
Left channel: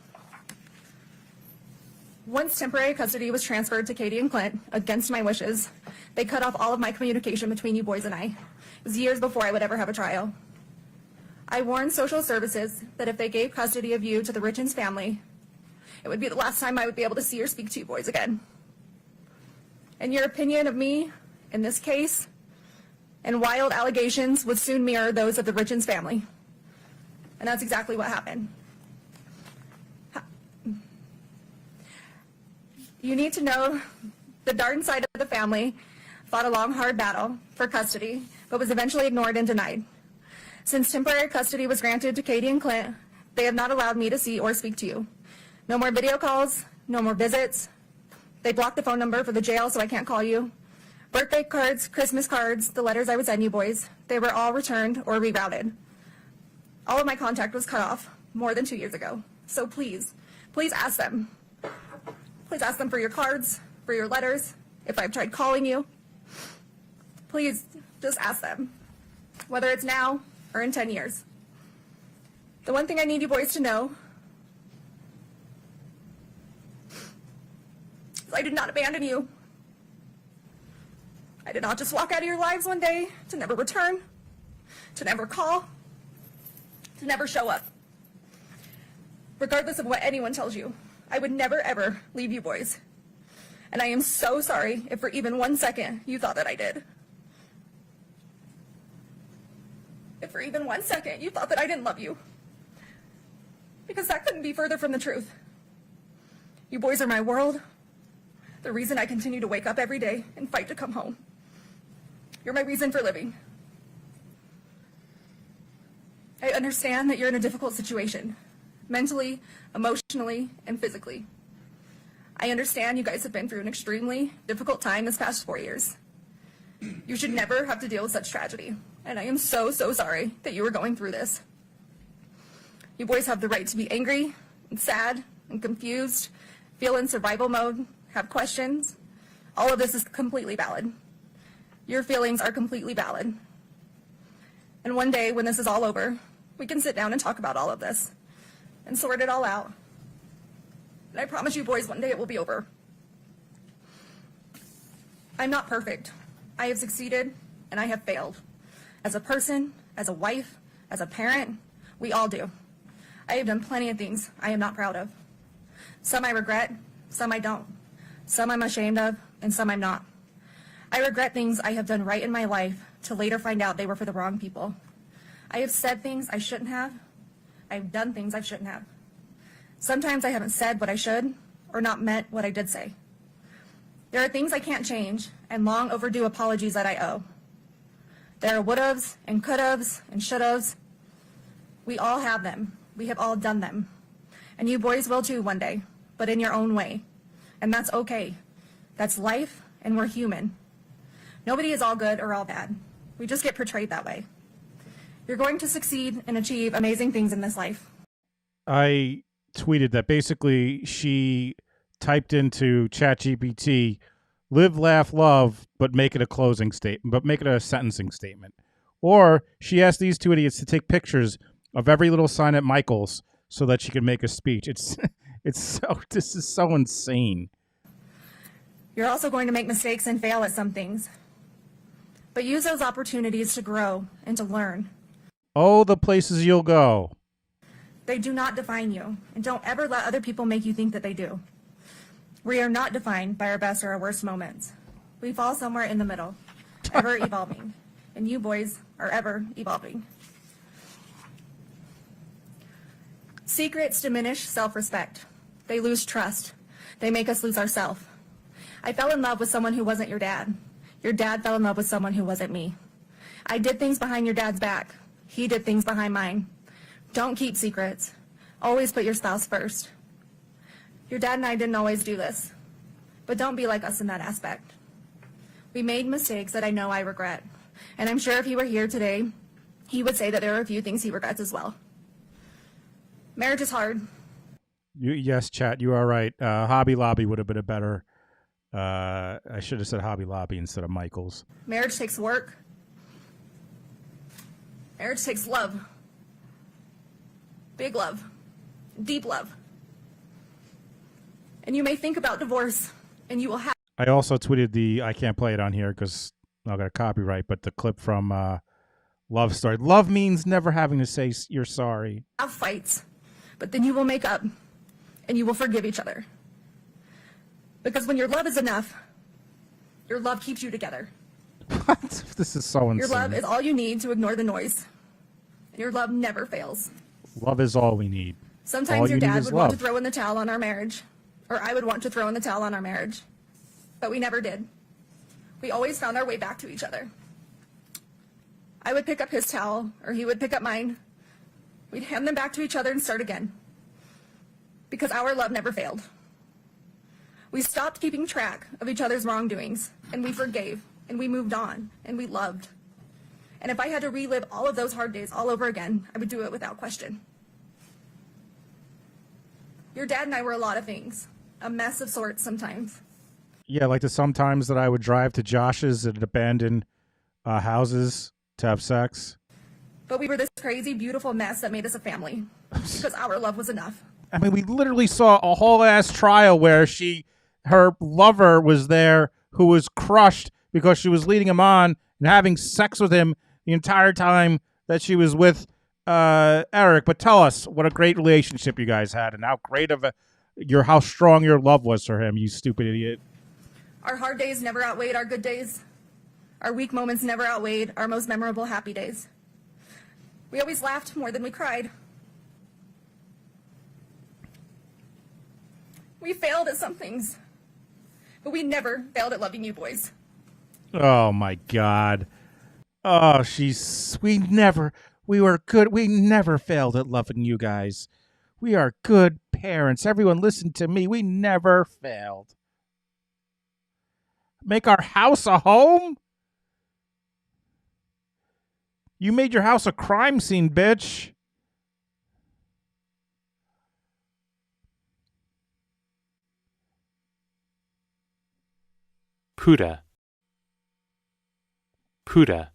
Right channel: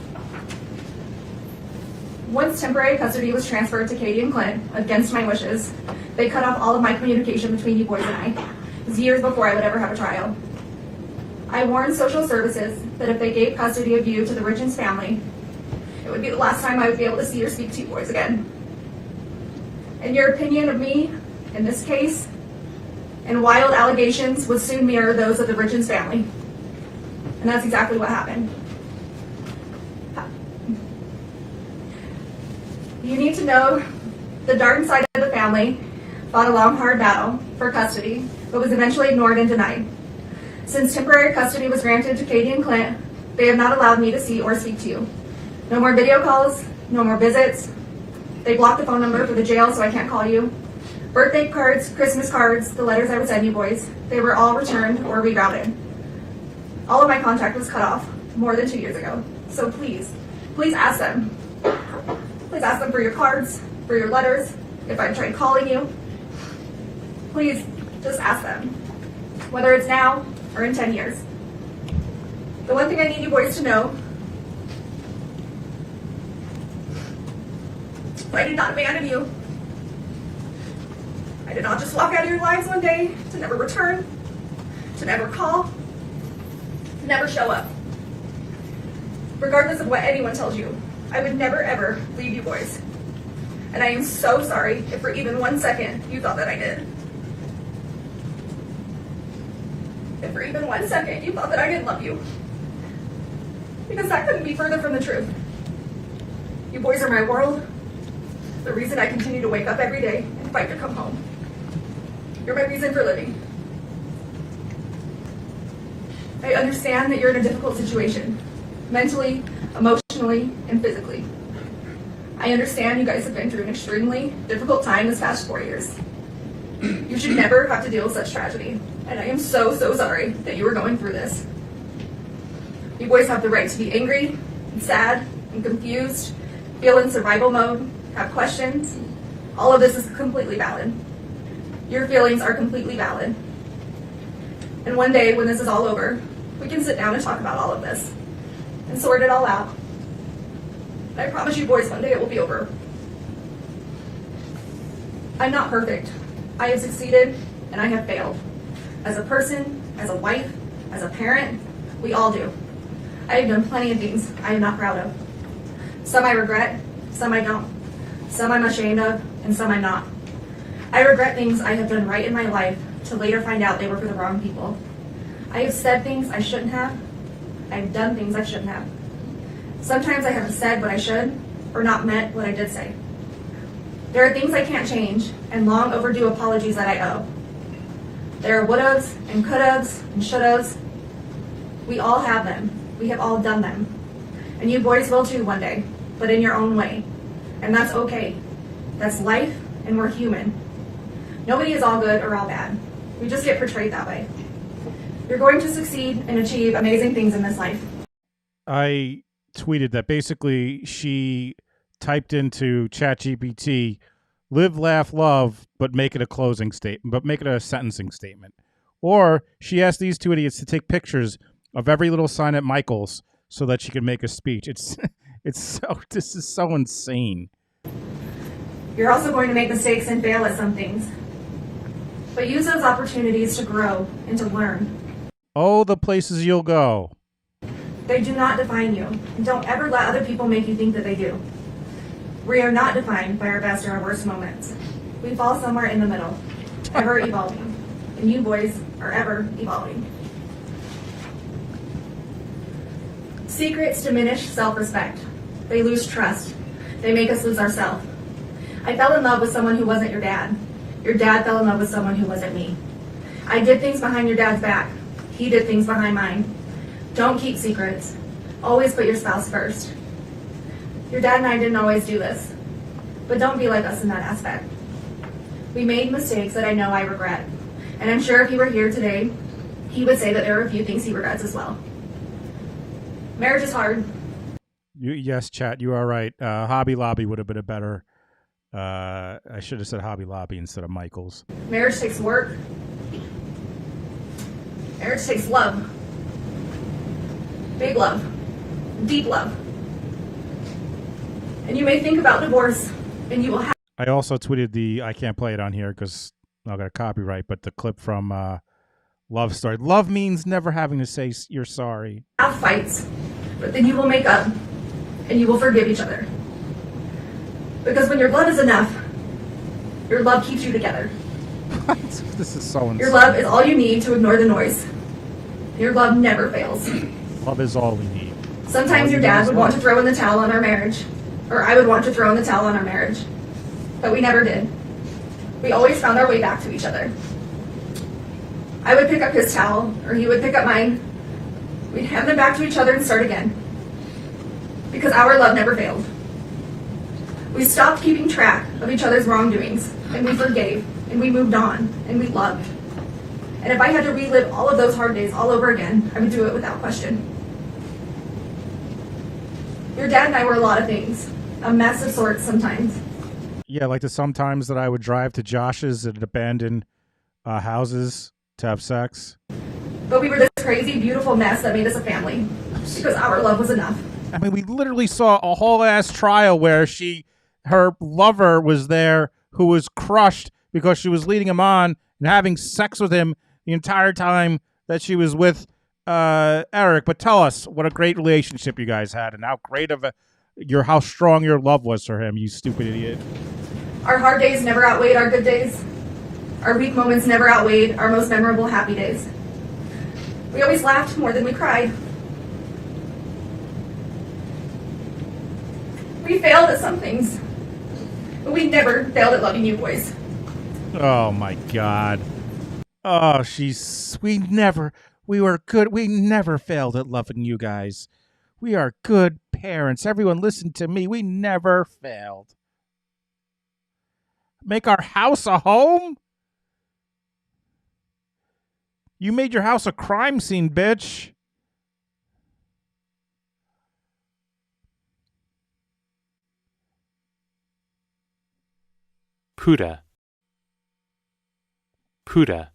Once temporary custody was transferred to Katie and Clint, against my wishes, they cut off all of my communication between you boys and I. It was years before I would ever have a trial. I warned social services that if they gave custody of you to the Richins family, it would be the last time I would be able to see or speak to you boys again. And your opinion of me, in this case, and wild allegations would soon mirror those of the Richins family. And that's exactly what happened. You need to know the Darden side of the family fought a long, hard battle for custody, but was eventually ignored and denied. Since temporary custody was granted to Katie and Clint, they have not allowed me to see or speak to you. No more video calls, no more visits. They blocked the phone number for the jail so I can't call you. Birthday cards, Christmas cards, the letters I would send you boys, they were all returned or rerouted. All of my contact was cut off more than 2 years ago. So please, please ask them. Please ask them for your cards, for your letters, if I tried calling you. Please, just ask them, whether it's now or in 10 years. The one thing I need you boys to know, I did not abandon you. I did not just walk out of your lives one day to never return, to never call, to never show up. Regardless of what anyone tells you, I would never ever leave you boys. And I am so sorry if for even 1 second you thought that I did. If for even 1 second you thought that I didn't love you. Because that couldn't be further from the truth. You boys are my world, the reason I continue to wake up every day and fight to come home. You're my reason for living. I understand that you're in a difficult situation, mentally, emotionally, and physically. I understand you guys have been through an extremely difficult time this past 4 years. You should never have to deal with such tragedy, and I am so, so sorry that you were going through this. You boys have the right to be angry, and sad, and confused, feel in survival mode, have questions. All of this is completely valid. Your feelings are completely valid. And one day, when this is all over, we can sit down and talk about all of this and sort it all out. And I promise you boys, one day it will be over. I'm not perfect. I have succeeded and I have failed. As a person, as a wife, as a parent, we all do. I have done plenty of things I am not proud of. Some I regret, some I don't. Some I'm ashamed of, and some I'm not. I regret things I have done right in my life to later find out they were for the wrong people. I have said things I shouldn't have. I've done things I shouldn't have. Sometimes I haven't said what I should, or not meant what I did say. There are things I can't change, and long overdue apologies that I owe. There are would-haves, and could-haves, and should-haves. We all have them. We have all done them. And you boys will too one day, but in your own way. And that's okay. That's life, and we're human. Nobody is all good or all bad. We just get portrayed that way. You're going to succeed and achieve amazing things in this life. I tweeted that basically she typed into ChatGPT, live, laugh, love, but make it a closing statement, but make it a sentencing statement. Or she asked these two idiots to take pictures of every little sign at Michael's so that she could make a speech. This is so insane. You're also going to make mistakes and fail at some things. But use those opportunities to grow and to learn. Oh, the places you'll go. They do not define you, and don't ever let other people make you think that they do. We are not defined by our best or our worst moments. We fall somewhere in the middle, ever evolving. And you boys are ever evolving. Secrets diminish self-respect. They lose trust. They make us lose ourselves. I fell in love with someone who wasn't your dad. Your dad fell in love with someone who wasn't me. I did things behind your dad's back. He did things behind mine. Don't keep secrets. Always put your spouse first. Your dad and I didn't always do this, but don't be like us in that aspect. We made mistakes that I know I regret, and I'm sure if he were here today, he would say that there are a few things he regrets as well. Marriage is hard. Yes, chat, you are right. Hobby Lobby would have been a better... I should have said Hobby Lobby instead of Michael's. Marriage takes work. Marriage takes love. Big love. Deep love. And you may think about divorce, and you will have... I also tweeted I can't play it on here because I got a copyright, but the clip from Love Story. Love means never having to say you're sorry. Have fights, but then you will make up, and you will forgive each other. Because when your love is enough, your love keeps you together. What? This is so insane. Your love is all you need to ignore the noise. Your love never fails. Love is all we need. Sometimes your dad would want to throw in the towel on our marriage, or I would want to throw in the towel on our marriage, but we never did. We always found our way back to each other. I would pick up his towel, or he would pick up mine. We'd hand them back to each other and start again. Because our love never failed. We stopped keeping track of each other's wrongdoings, and we forgave, and we moved on, and we loved. And if I had to relive all of those hard days all over again, I would do it without question. Your dad and I were a lot of things, a mess of sorts sometimes. Yeah, like the sometimes that I would drive to Josh's at abandoned houses to have sex. But we were this crazy, beautiful mess that made us a family, because our love was enough. I mean, we literally saw a whole ass trial where her lover was there who was crushed because she was leading him on and having sex with him the entire time that she was with Eric. But tell us what a great relationship you guys had and how great of how strong your love was for him, you stupid idiot. Our hard days never outweighed our good days. Our weak moments never outweighed our most memorable happy days. We always laughed more than we cried. We failed at some things, but we never failed at loving you boys. Oh my God. Oh, we were good. We never failed at loving you guys. We are good parents. Everyone listen to me. We never failed. Make our house a home? You made your house a crime scene, bitch. Puda. Puda.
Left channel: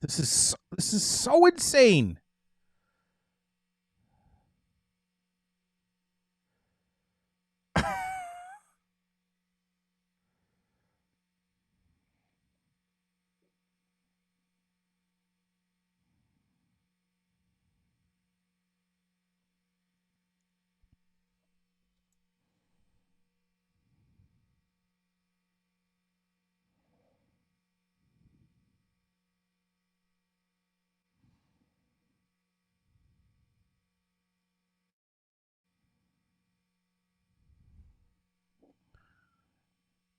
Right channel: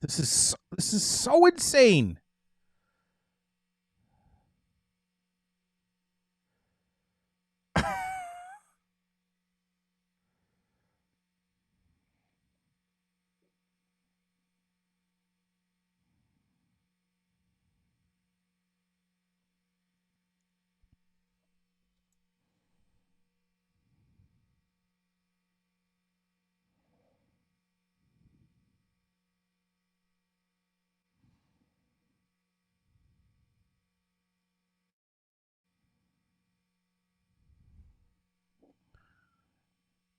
This is so insane.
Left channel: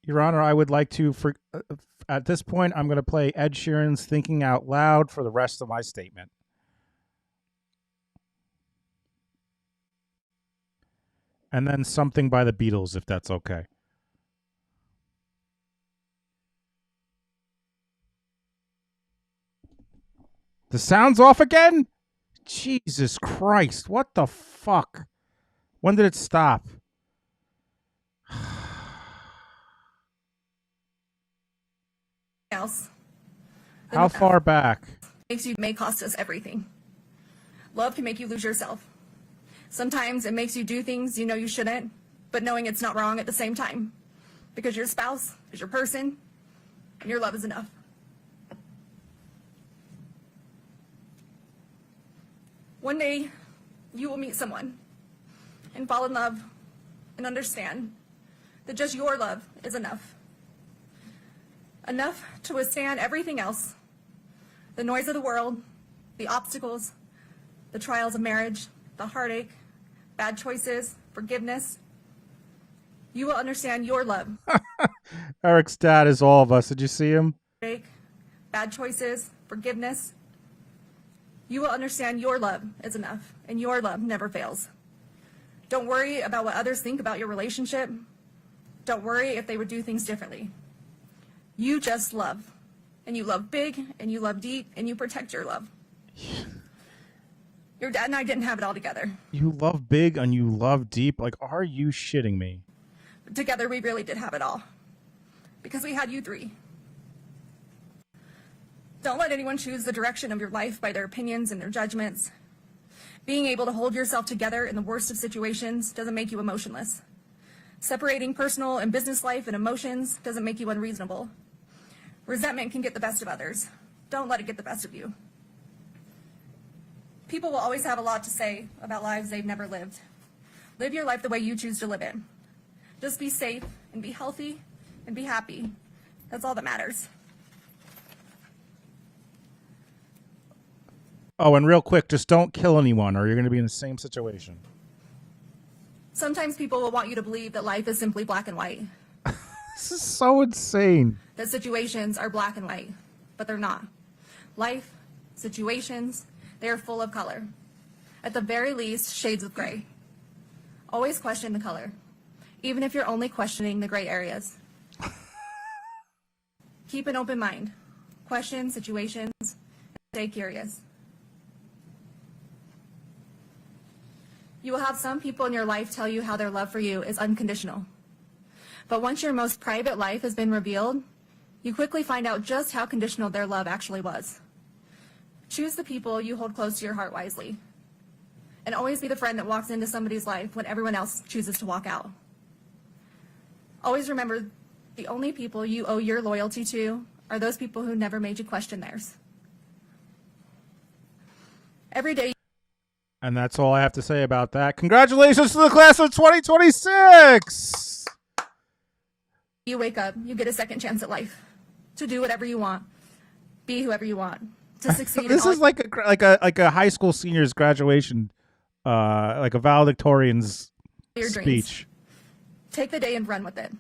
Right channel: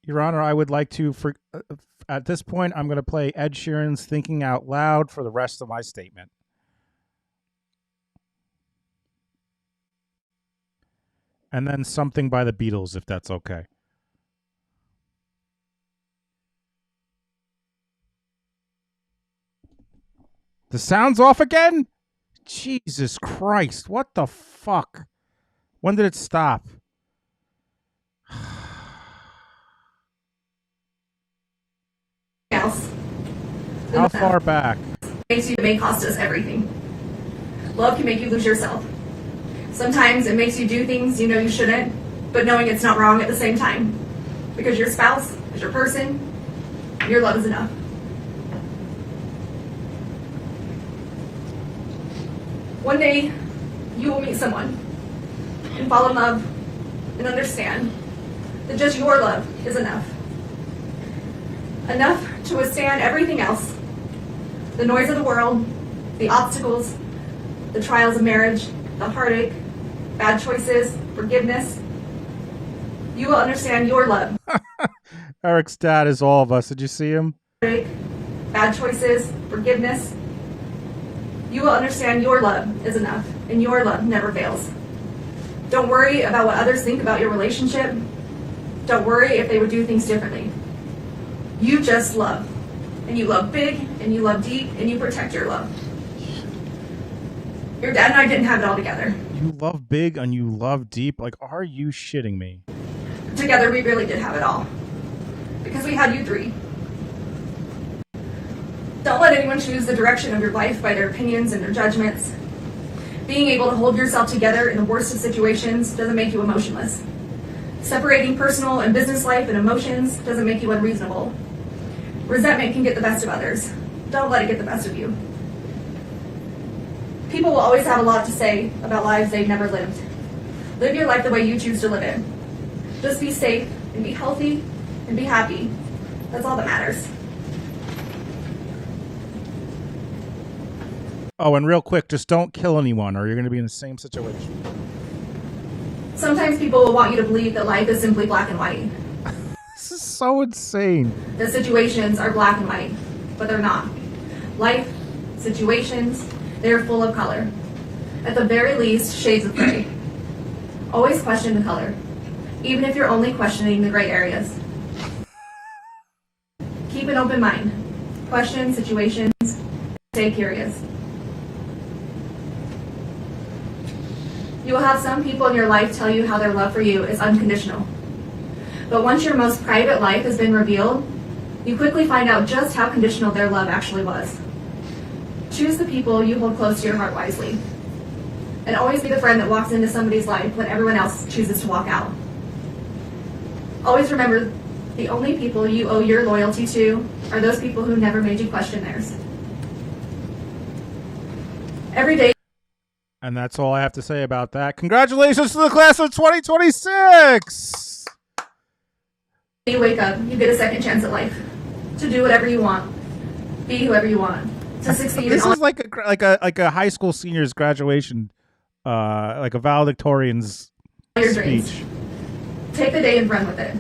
Your Honor, I would like to, at this point, I'm going to play Ed Sheeran's Thinking Out Loud for the rest of my statement. And then something by the Beatles, if that's okay. The sound's off again? Jesus Christ, what the fuck? When did it stop? Else. How far back? Makes you may cost us everything. Love can make you lose yourself. Sometimes it makes you do things you know you shouldn't, but knowing it's not wrong at the same time. Because your spouse is your person, your love is enough. One day, you will meet someone and fall in love and understand that just your love is enough. Enough to withstand everything else. The noise of the world, the obstacles, the trials of marriage, the heartache, bad choices, forgiveness. You will understand your love. Eric's dad is all of us. Did you see him? Heartache, bad choices, forgiveness. You will understand your love is enough, and your love never fails. Don't worry about what others think about your relationship. Don't worry if they would do things differently. You just love. And you love big, and you love deep, and you protect your love. Your dad and I didn't have it all together. You love big and you love deep? Like, are you shitting me? Together we really did have it all. Because we had you three. Don't let anyone choose the direction of your life by their opinions and their judgments. Being able to hold yourself together in the worst of situations doesn't make you emotionless. Separating personal and business life and emotions doesn't make you unreasonable. Resentment can get the best of others. Don't let it get the best of you. People will always have a lot to say about lives they've never lived. Live your life the way you choose to live it. Just be safe and be healthy and be happy. That's all that matters. Oh, and real quick, just don't kill anyone or you're going to be in the same situation. Sometimes people will want you to believe that life is simply black and white. This is so insane. That situations are black and white, but they're not. Life, situations, they are full of color. At the very least, shades of gray. Always question the color, even if you're only questioning the gray areas. Keep an open mind. Question situations. Stay curious. You will have some people in your life tell you how their love for you is unconditional. But once your most private life has been revealed, you quickly find out just how conditional their love actually was. Choose the people you hold close to your heart wisely. And always be the friend that walks into somebody's life when everyone else chooses to walk out. Always remember, the only people you owe your loyalty to are those people who never made you question theirs. Every day. And that's all I have to say about that. Congratulations to the class of 2026! You wake up, you get a second chance at life. To do whatever you want. Be whoever you want. To succeed This in all is like a high school senior's graduation, like a valedictorian's your dreams. speech. Take the day and run with it.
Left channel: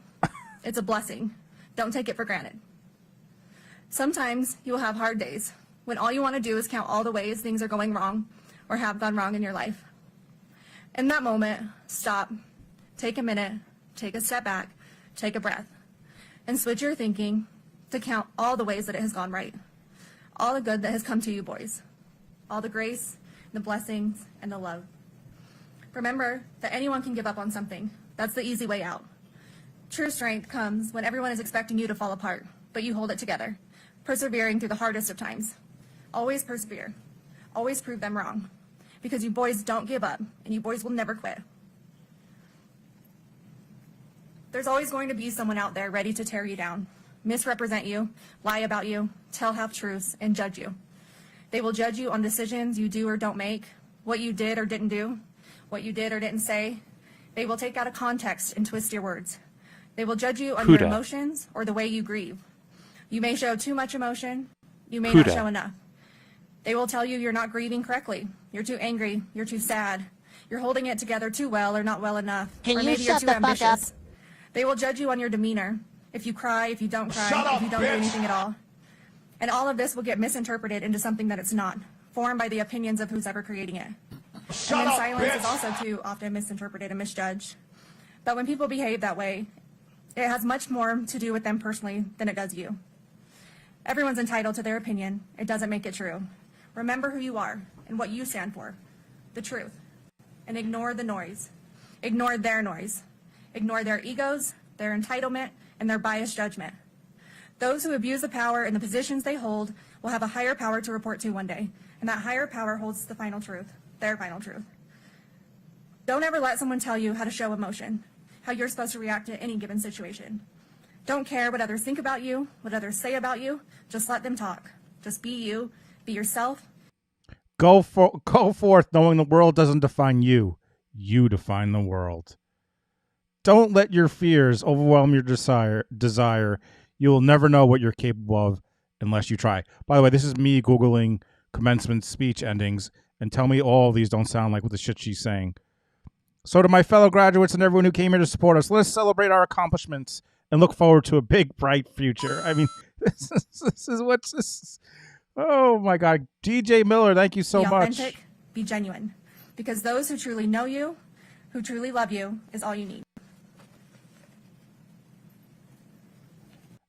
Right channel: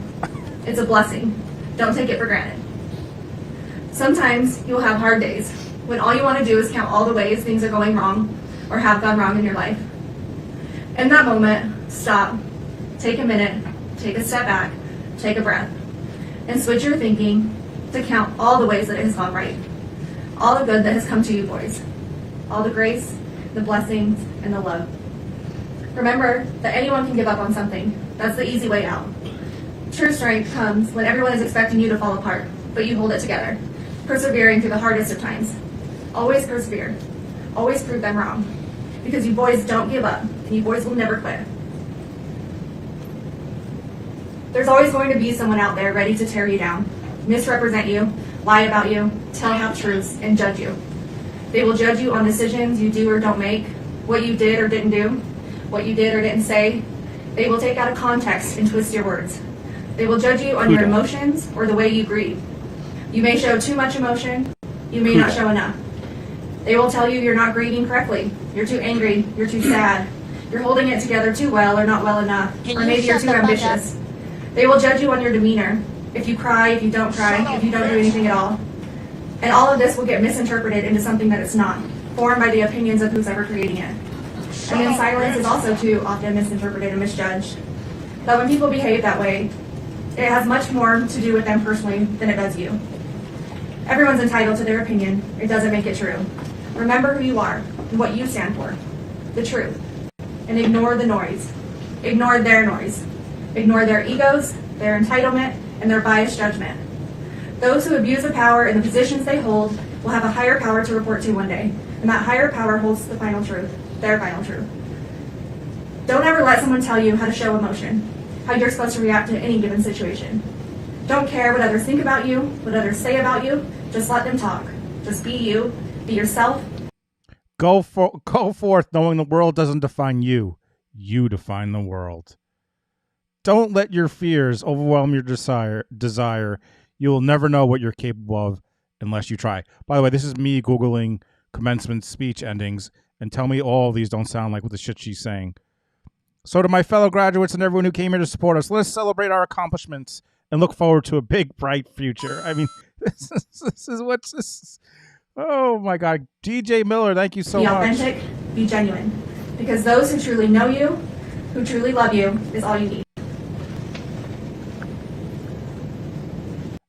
It's a blessing. Don't take it for granted. Sometimes you'll have hard days when all you want to do is count all the ways things are going wrong or have gone wrong in your life. In that moment, stop, take a minute, take a step back, take a breath, and switch your thinking to count all the ways that it has gone right. All the good that has come to you, boys. All the grace, the blessings, and the love. Remember that anyone can give up on something. That's the easy way out. True strength comes when everyone is expecting you to fall apart, but you hold it together, persevering through the hardest of times. Always persevere. Always prove them wrong. Because you boys don't give up, and you boys will never quit. There's always going to be someone out there ready to tear you down, misrepresent you, lie about you, tell half-truths, and judge you. They will judge you on decisions you do or don't make, what you did or didn't do, what you did or didn't say. They will take out of context and twist your words. They will judge you on your emotions or the way you grieve. You may show too much emotion. You may not show enough. They will tell you you're not grieving correctly. You're too angry. You're too sad. You're holding it together too well or not well enough. Or maybe you're too ambitious. They will judge you on your demeanor. If you cry, if you don't cry, if you don't do anything at all. And all of this will get misinterpreted into something that it's not, formed by the opinions of who's ever creating it. And then silence is also too often misinterpreted and misjudged. But when people behave that way, it has much more to do with them personally than it does you. Everyone's entitled to their opinion. It doesn't make it true. Remember who you are and what you stand for, the truth, and ignore the noise. Ignore their noise. Ignore their egos, their entitlement, and their biased judgment. Those who abuse the power in the positions they hold will have a higher power to report to one day, and that higher power holds the final truth, their final truth. Don't ever let someone tell you how to show emotion, how you're supposed to react to any given situation. Don't care what others think about you, what others say about you. Just let them talk. Just be you. Be yourself. Go forth knowing the world doesn't define you. You define the world. Don't let your fears overwhelm your desire. You will never know what you're capable of unless you try. By the way, this is me Googling commencement speech endings, and tell me all of these don't sound like what the shit she's saying. So to my fellow graduates and everyone who came here to support us, let's celebrate our accomplishments and look forward to a big, bright future. I mean, this is what's this. Oh, my God. DJ Miller, thank you so much. Be authentic, be genuine. Because those who truly know you, who truly love you, is all you need.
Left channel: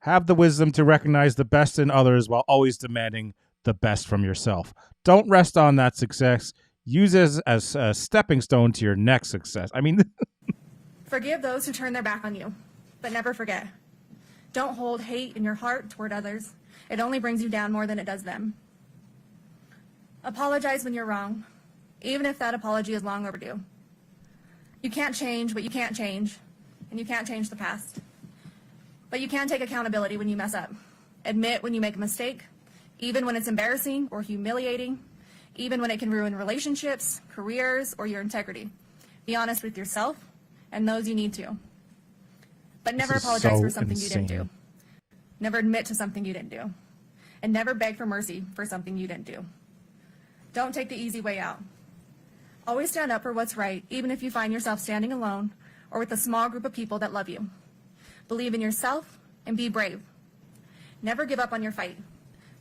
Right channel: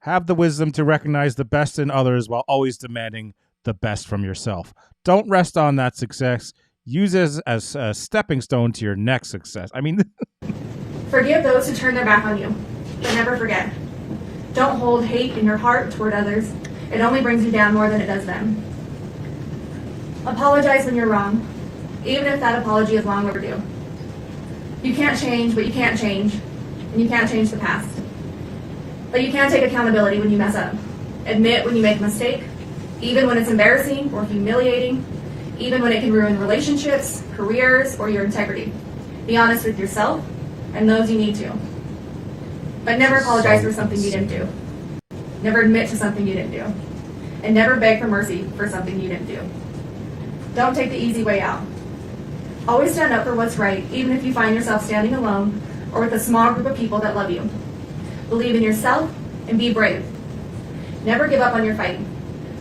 Have the wisdom to recognize the best in others while always demanding the best from yourself. Don't rest on that success. Use it as a stepping stone to your next success. I mean... Forgive those who turn their back on you, but never forget. Don't hold hate in your heart toward others. It only brings you down more than it does them. Apologize when you're wrong, even if that apology is long overdue. You can't change what you can't change, and you can't change the past. But you can take accountability when you mess up. Admit when you make a mistake, even when it's embarrassing or humiliating, even when it can ruin relationships, careers, or your integrity. Be honest with yourself and those you need to. But never apologize for something you didn't do. Never admit to something you didn't do. And never beg for mercy for something you didn't do. Don't take the easy way out. Always stand up for what's right, even if you find yourself standing alone or with a small group of people that love you. Believe in yourself and be brave. Never give up on your fight,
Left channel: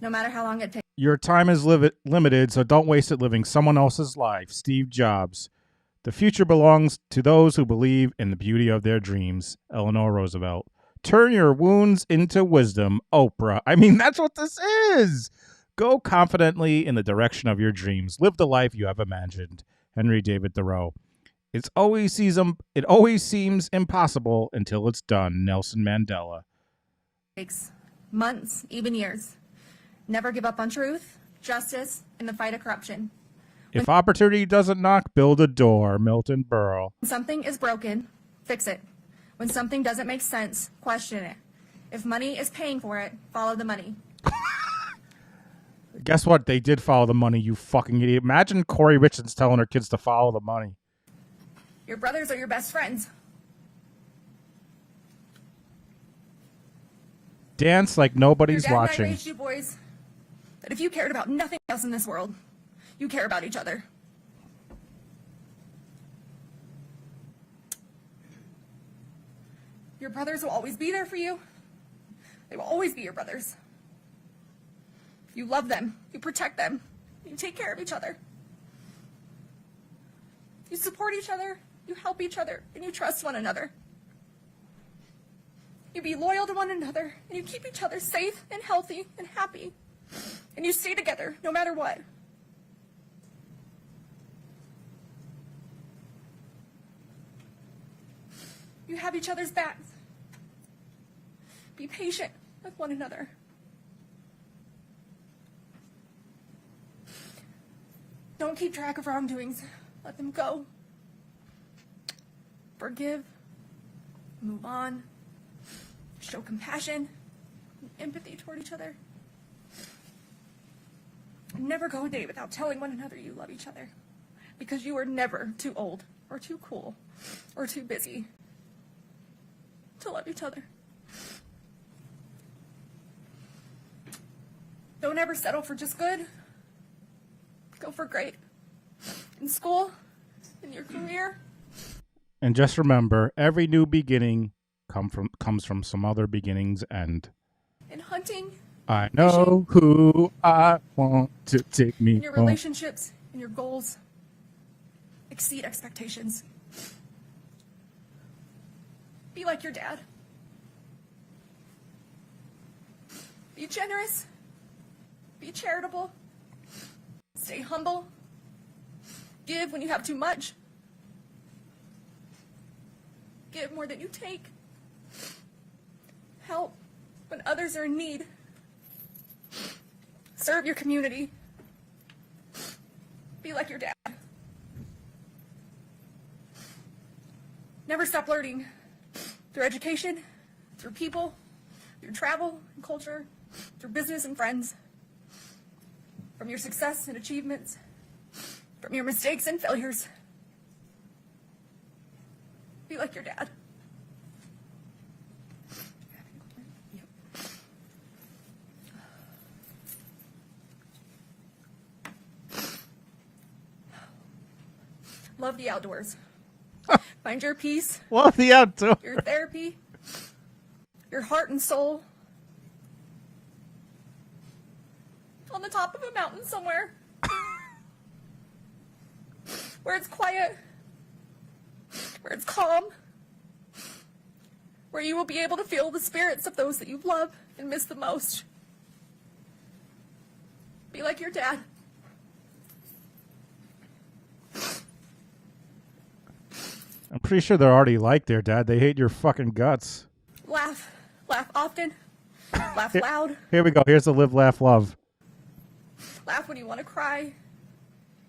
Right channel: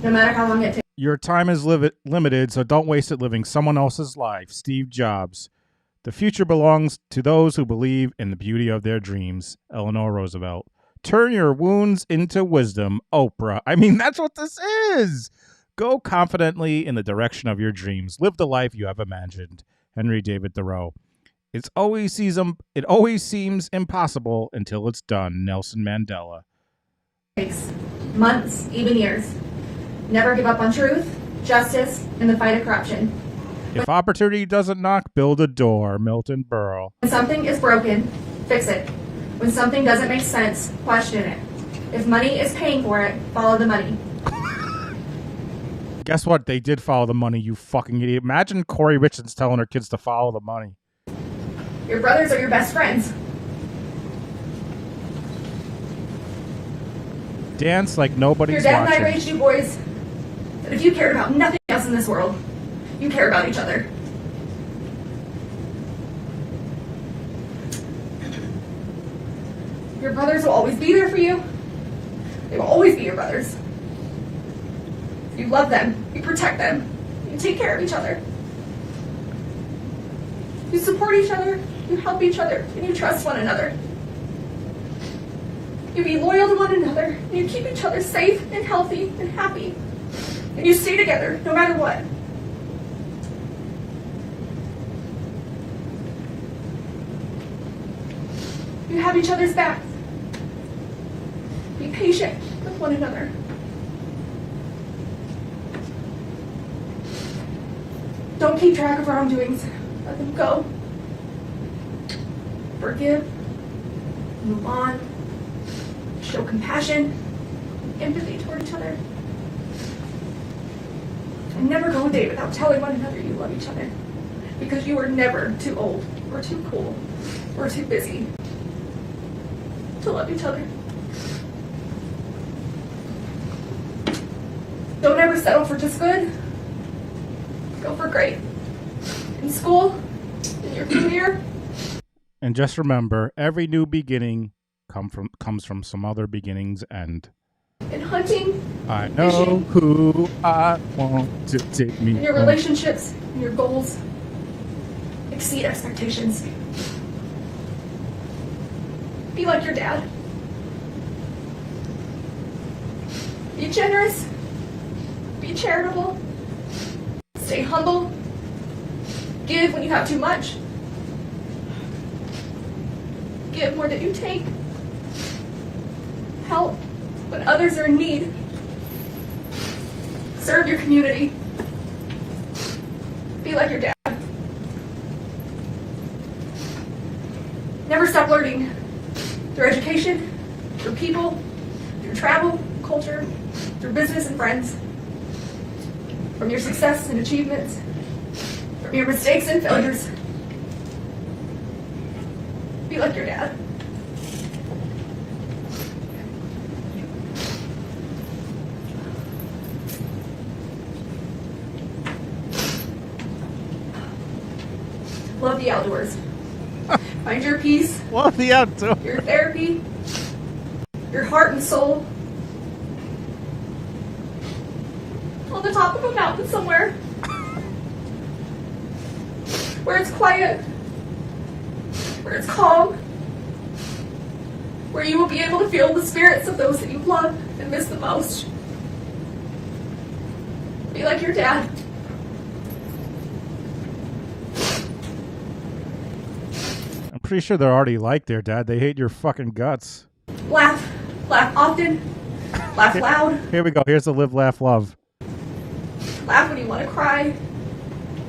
no matter how long it takes. Your time is limited, so don't waste it living someone else's life. Steve Jobs. The future belongs to those who believe in the beauty of their dreams. Eleanor Roosevelt. Turn your wounds into wisdom. Oprah. I mean, that's what this is. Go confidently in the direction of your dreams. Live the life you have imagined. Henry David Thoreau. It always seems impossible until it's done. Nelson Mandela. Months, even years. Never give up on truth, justice, and the fight of corruption. If opportunity doesn't knock, build a door. Milton Berle. When something is broken, fix it. When something doesn't make sense, question it. If money is paying for it, follow the money. Guess what? They did follow the money, you fucking idiot. Imagine Kouri Richins telling her kids to follow the money. Your brothers are your best friends. dance like Your nobody's dad and I watching. raised you boys that if you cared about nothing else in this world, you care about each other. Your brothers will always be there for you. They will always be your brothers. You love them. You protect them. You take care of each other. You support each other. You help each other. And you trust one another. You be loyal to one another. And you keep each other safe and healthy and happy. And you stay together no matter what. You have each other's backs. Be patient with one another. Don't keep track of wrongdoings. Let them go. Forgive. Move on. Show compassion, empathy toward each other. And never go a day without telling one another you love each other. Because you are never too old or too cool or too busy to love each other. Don't ever settle for just good. Go for great. In school, in your career. And just remember, every new beginning comes from some other beginning's end. In hunting. I know who I want to take me In your home. relationships, in your goals. Exceed expectations. Be like your dad. Be generous. Be charitable. Stay humble. Give when you have too much. Give more than you take. Help when others are in need. Serve your community. Be like your dad. Never stop learning. Through education, through people, through travel, culture, through business and friends. From your success and achievements. From your mistakes and failures. Be like your dad. Love the outdoors. Find your peace. Love the outdoors. Your therapy. Your heart and soul. On the top of a mountain somewhere. Where it's quiet. Where it's calm. Where you will be able to feel the spirits of those that you love and miss the most. Be like your dad. I'm pretty sure they're already like their dad. They hate your fucking guts. Laugh. Laugh often. Laugh loud. Here we go. Here's the live, laugh, love. Laugh when you want to cry.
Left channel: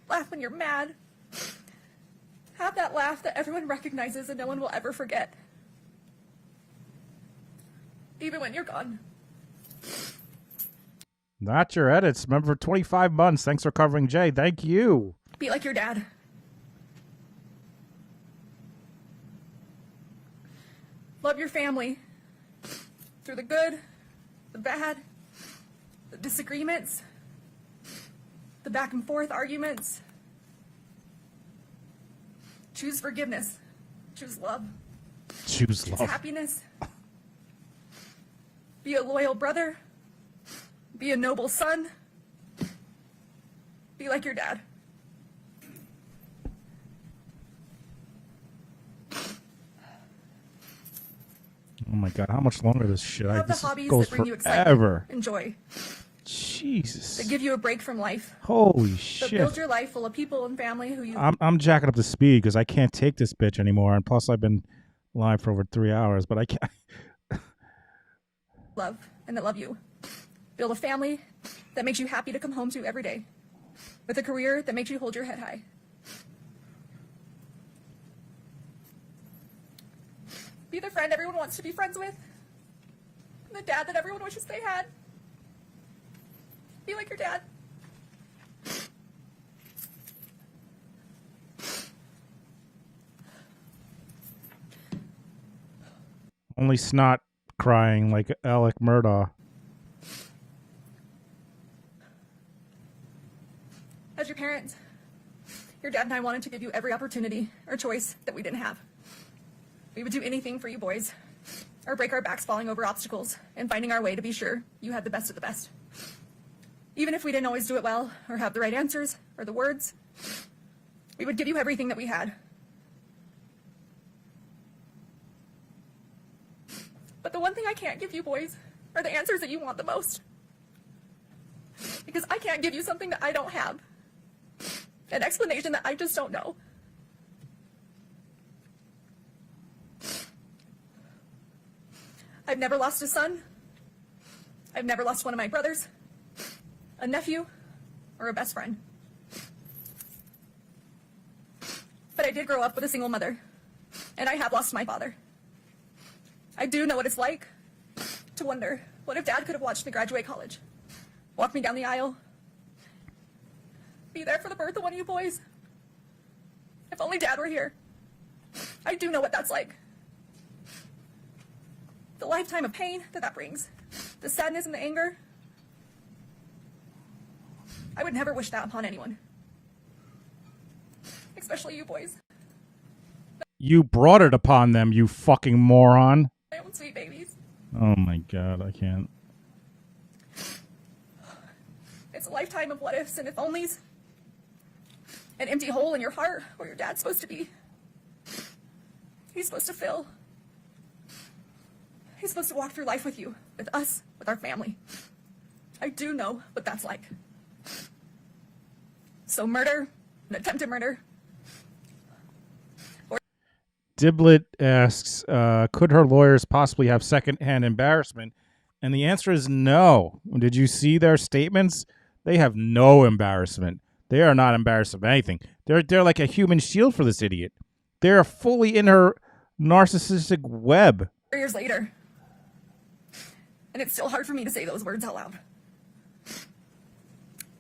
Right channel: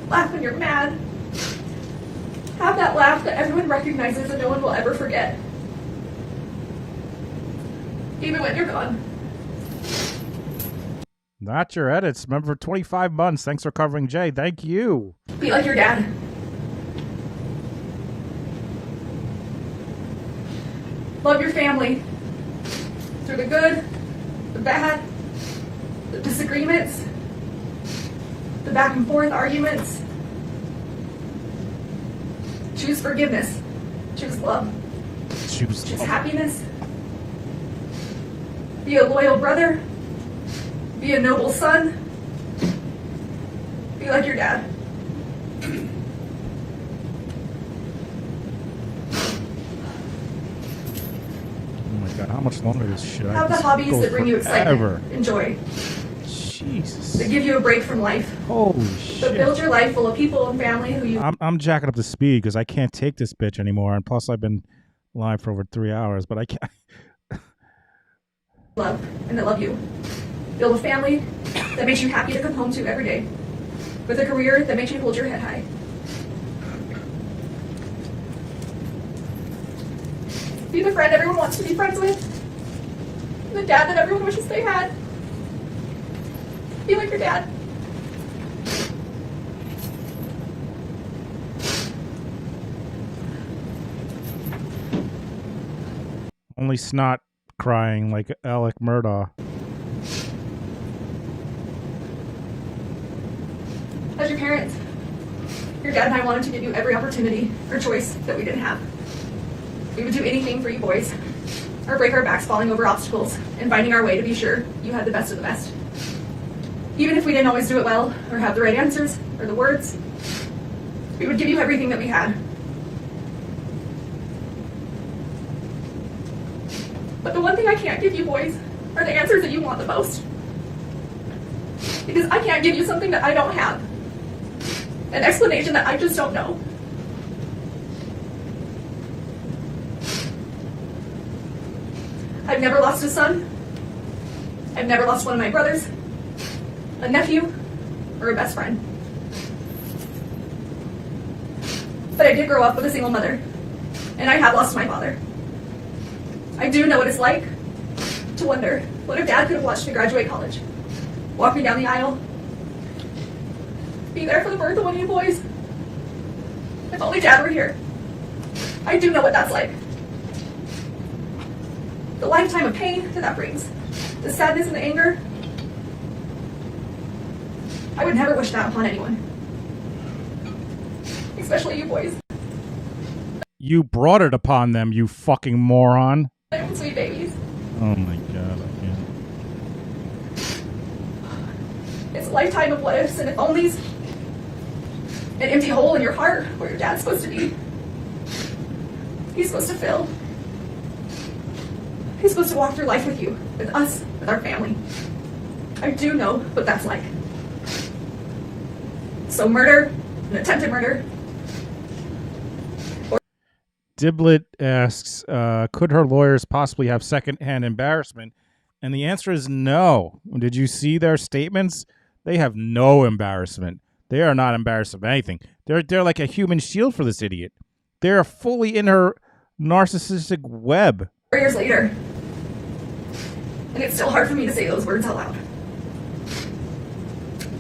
Laugh when you're mad. Have that laugh that everyone recognizes and no one will ever forget. Even when you're gone. Not your edits. Remember, for 25 months. Thanks for covering Jay. Thank you. Be like your dad. Love your family. Through the good, the bad, the disagreements, the back and forth arguments. Choose forgiveness. Choose love. Choose Choose love. happiness. Be a loyal brother. Be a noble son. Be like your dad. Oh my god, how much longer this shit? Have the This hobbies goes that bring you forever. excitement. Enjoy. Jesus. That give you a break from life. Holy That shit. build your life full of people and family who you I'm jacking up the speed because I can't take this bitch anymore. And plus, I've been live for over 3 hours, but I can't. love and that love you. Build a family that makes you happy to come home to every day. With a career that makes you hold your head high. Be the friend everyone wants to be friends with. The dad that everyone wishes they had. Be like your dad. Only snot crying like Alec Murdaugh. As your parents, your dad and I wanted to give you every opportunity or choice that we didn't have. We would do anything for you boys, or break our backs falling over obstacles and finding our way to be sure you had the best of the best. Even if we didn't always do it well, or have the right answers, or the words, we would give you everything that we had. But the one thing I can't give you boys are the answers that you want the most. Because I can't give you something that I don't have. An explanation that I just don't know. I've never lost a son. I've never lost one of my brothers, a nephew, or a best friend. But I did grow up with a single mother, and I have lost my father. I do know what it's like to wonder, what if Dad could have watched me graduate college, walk me down the aisle, be there for the birth of one of you boys? If only Dad were here. I do know what that's like. The lifetime of pain that brings, the sadness and the anger. I would never wish that upon anyone, especially you boys. You brought it upon them, you fucking moron. Sweet babies. Oh my god, I can't. It's a lifetime of what ifs and if onlys. An empty hole in your heart where your dad's supposed to be. He's supposed to fill. He's supposed to walk through life with you, with us, with our family. I do know what that's like. So murder, an attempted murder. Diblet asks, could her lawyers possibly have secondhand embarrassment? And the answer is no. Did you see their statements? They have no embarrassment. They are not embarrassed of anything. They're like a human shield for this idiot. They're fully in her narcissistic web. 4 years later, and it's still hard for me to say those words out loud.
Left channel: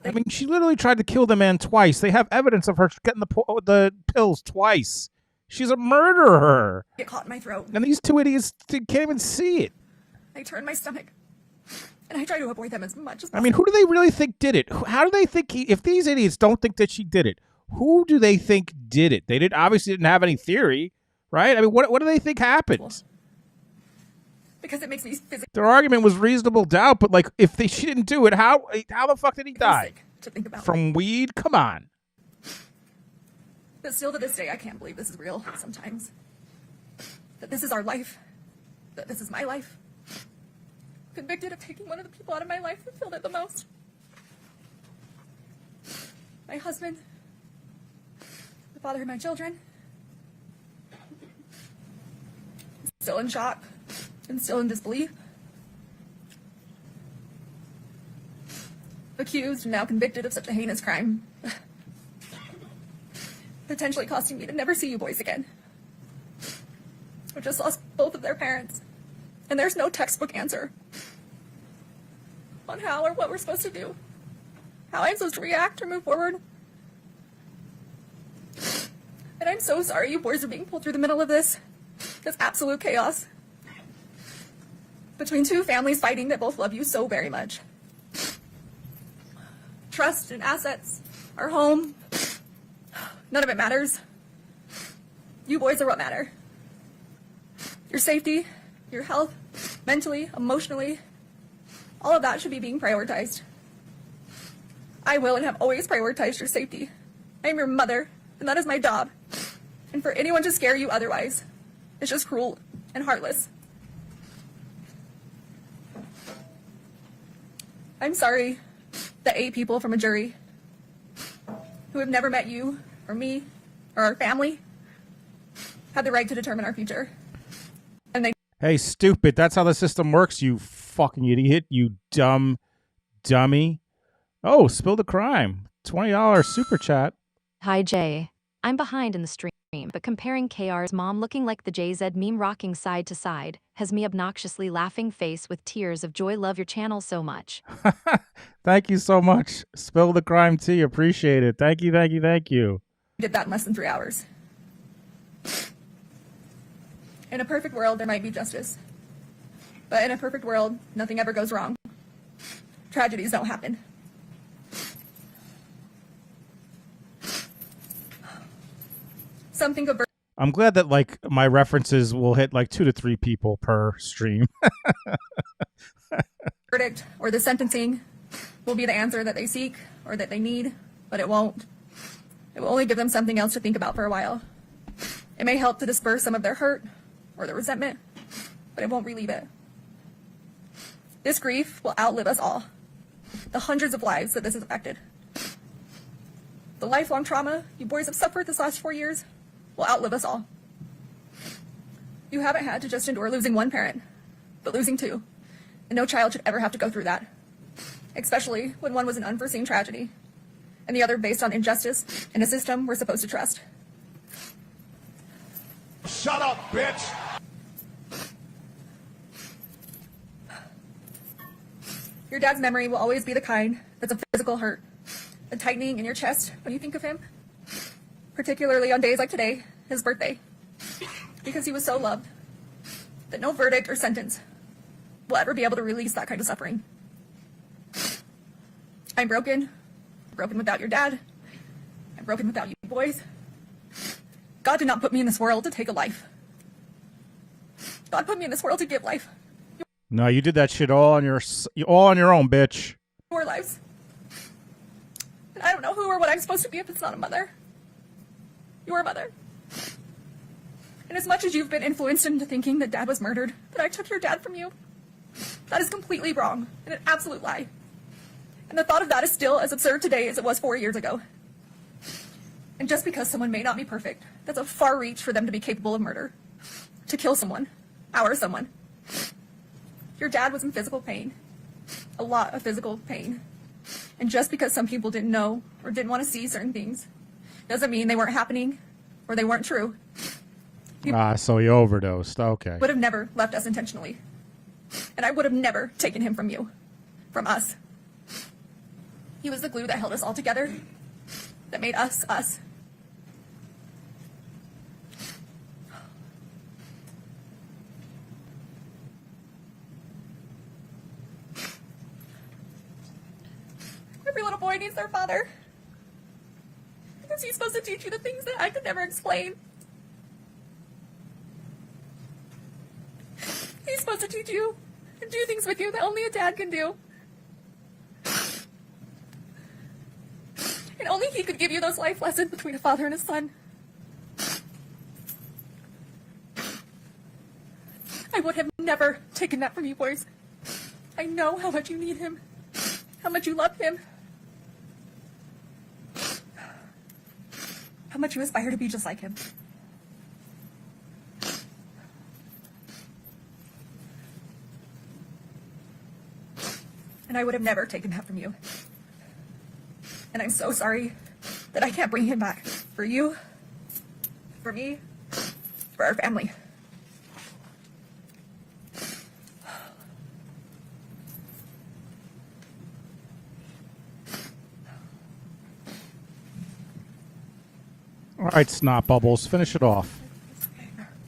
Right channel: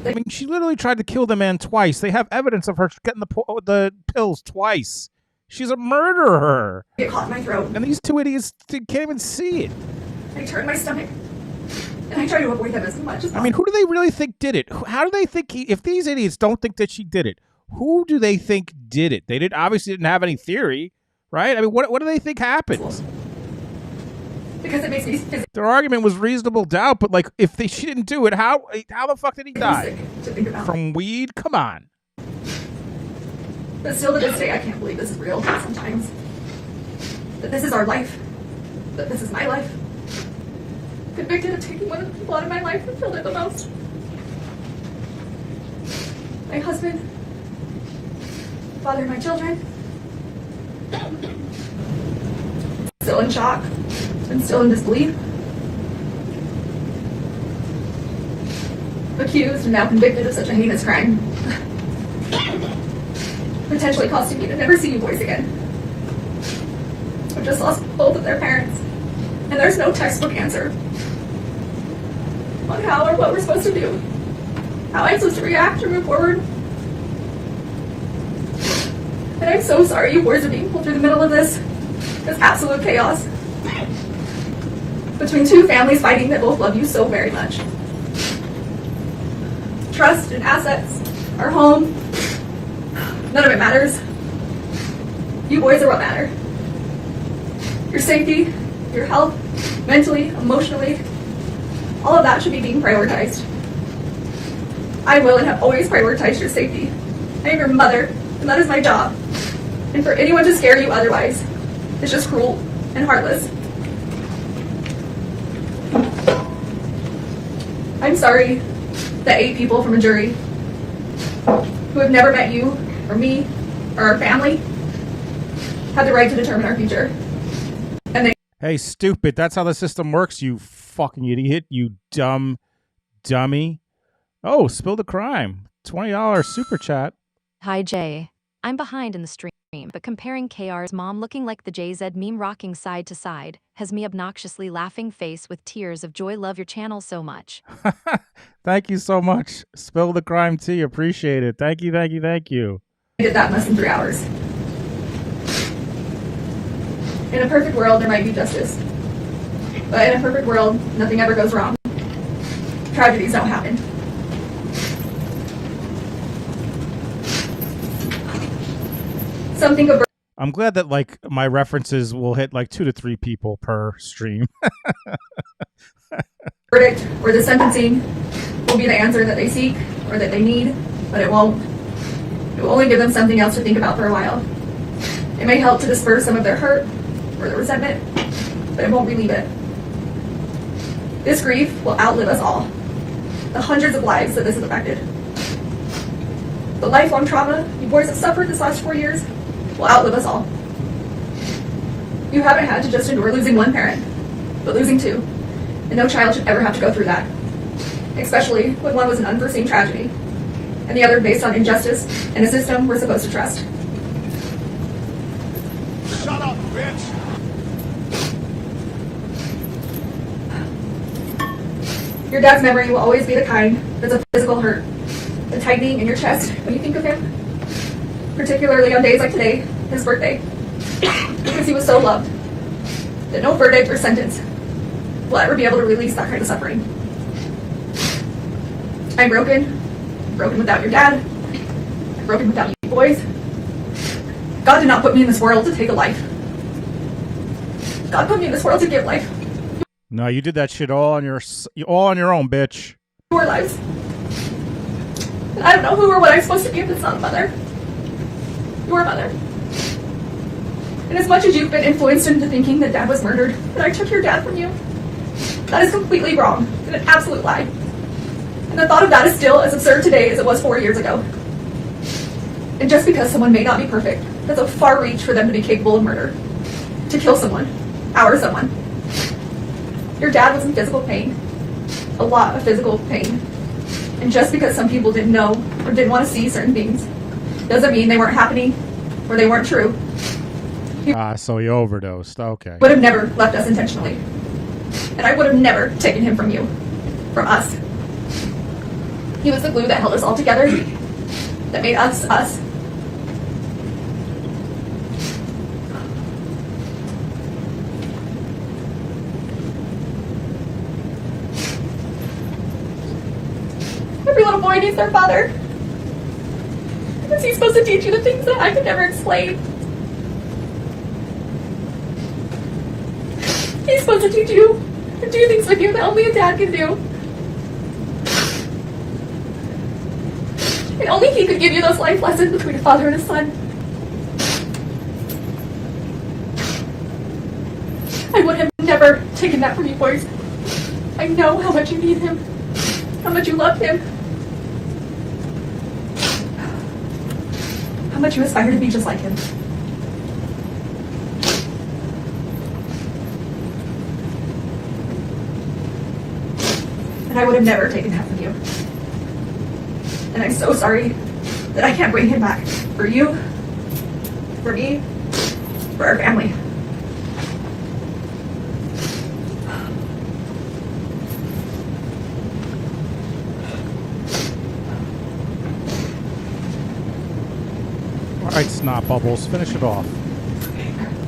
I mean, she literally tried to kill the man twice. They have evidence of her getting the pills twice. She's a murderer. Get caught in my throat. And these two idiots can't even see it. I turn my stomach, and I try to avoid them as much as possible. I mean, who do they really think did it? How do they think if these idiots don't think that she did it, who do they think did it? They obviously didn't have any theory, right? I mean, what do they think happened? Because it makes me physically Their argument was reasonable doubt, but like, if she didn't do it, how the fuck did he die? sick to think about. From weed? Come on. But still to this day, I can't believe this is real sometimes. That this is our life. That this is my life. Convicted of taking one of the people out of my life that filled it the most. My husband. Father of my children. Still in shock. And still in disbelief. Accused and now convicted of such a heinous crime. Potentially costing me to never see you boys again. I've just lost both of their parents, and there's no textbook answer on how or what we're supposed to do, how I'm supposed to react or move forward. And I'm so sorry you boys are being pulled through the middle of this absolute chaos between two families fighting that both love you so very much. Trust and assets, our home, none of it matters. You boys are what matter. Your safety, your health, mentally, emotionally, all of that should be being prioritized. I will and have always prioritized your safety. I am your mother, and that is my job. And for anyone to scare you otherwise is just cruel and heartless. I'm sorry that 8 people from a jury who have never met you or me or our family have the right to determine our future. And they Hey, stupid. That's how the system works, you fucking idiot. You dumb dummy. Oh, spill the crime. $20 super chat. Hi, Jay. I'm behind in the stream, but comparing KR's mom looking like the JZ meme rocking side to side has me obnoxiously laughing face with tears of joy. Love your channel so much. Thank you so much. Spill the crime tea. Appreciate it. Thank you, thank you, thank you. did that in less than 3 hours. In a perfect world, there might be justice. But in a perfect world, nothing ever goes wrong. Tragedies don't happen. Some think of I'm glad that like my references will hit like 2 to 3 people per stream. verdict or the sentencing will be the answer that they seek or that they need, but it won't. It will only give them something else to think about for a while. It may help to disperse some of their hurt or their resentment, but it won't relieve it. This grief will outlive us all. The hundreds of lives that this has affected. The lifelong trauma you boys have suffered this last 4 years will outlive us all. You haven't had to just endure losing one parent, but losing two. And no child should ever have to go through that. Especially when one was an unforeseen tragedy, and the other based on injustice and a system we're supposed to trust. Shut up, bitch! Your dad's memory will always be the kind that's a physical hurt, the tightening in your chest when you think of him. Particularly on days like today, his birthday, because he was so loved that no verdict or sentence will ever be able to release that kind of suffering. I'm broken without your dad, I'm broken without you boys. God did not put me in this world to take a life. God put me in this world to give life. No, you did that shit all on your own, bitch. Your lives. And I don't know who or what I'm supposed to be if it's not a mother. Your mother. And as much as you've been influenced into thinking that Dad was murdered, that I took your dad from you, that is completely wrong and an absolute lie. And the thought of that is still as absurd today as it was 4 years ago. And just because someone may not be perfect, that's a far reach for them to be capable of murder. To kill someone. Our someone. Your dad was in physical pain. A lot of physical pain. And just because some people didn't know or didn't want to see certain things doesn't mean they weren't happening or they weren't true. So he overdosed. Okay. Would have never left us intentionally. And I would have never taken him from you. From us. He was the glue that held us all together. That made us, us. Every little boy needs their father. Is he supposed to teach you the things that I could never explain? He's supposed to teach you and do things with you that only a dad can do. And only he could give you those life lessons between a father and a son. I would have never taken that from you boys. I know how much you need him, how much you love him, how much you aspire to be just like him. And I would have never taken that from you. And I'm so sorry that I can't bring him back. For you, for me, for our family. All right, Snot Bubbles, finish it off.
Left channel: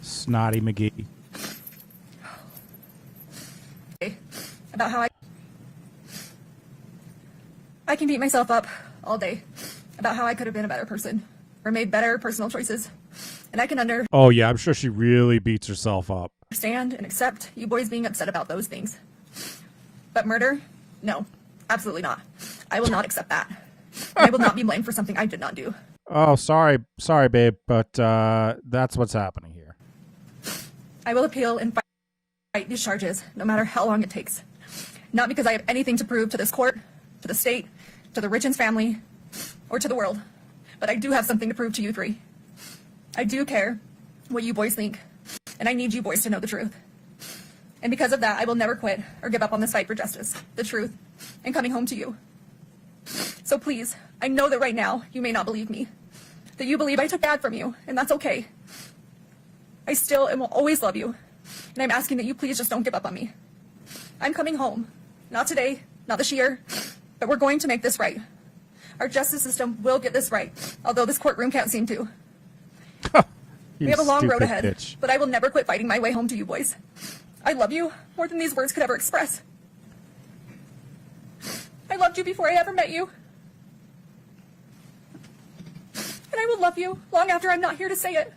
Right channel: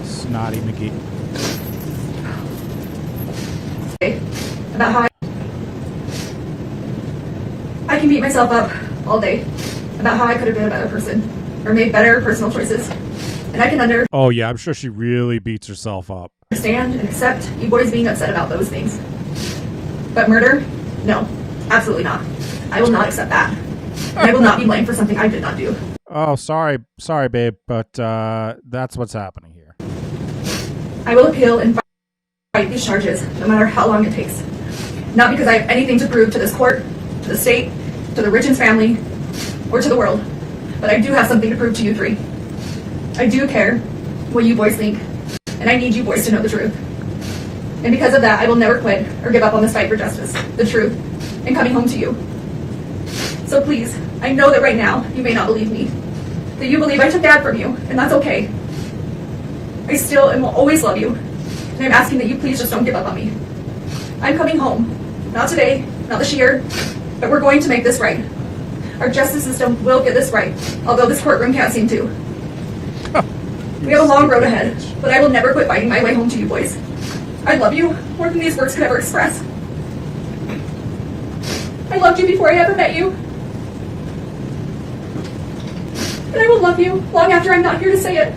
Snotty McGee. About how I can beat myself up all day about how I could have been a better person or made better personal choices. And I can Oh, yeah, I'm sure she really beats herself up. understand and accept you boys being upset about those things. But murder? No, absolutely not. I will not accept that. And I will not be blamed for something I did not do. Oh, sorry, babe, but that's what's happening here. I will appeal and fight these charges, no matter how long it takes. Not because I have anything to prove to this court, to the state, to the Richins family, or to the world, but I do have something to prove to you three. I do care what you boys think, and I need you boys to know the truth. And because of that, I will never quit or give up on this fight for justice, the truth, and coming home to you. So please, I know that right now you may not believe me, that you believe I took Dad from you, and that's okay. I still and will always love you, and I'm asking that you please just don't give up on me. I'm coming home. Not today, not this year, but we're going to make this right. Our justice system will get this right, although this courtroom can't seem to. We have a long road ahead, but I will never quit fighting my way home to you boys. I love you more than these words could ever express. I loved you before I ever met you. And I will love you long after I'm not here to say it.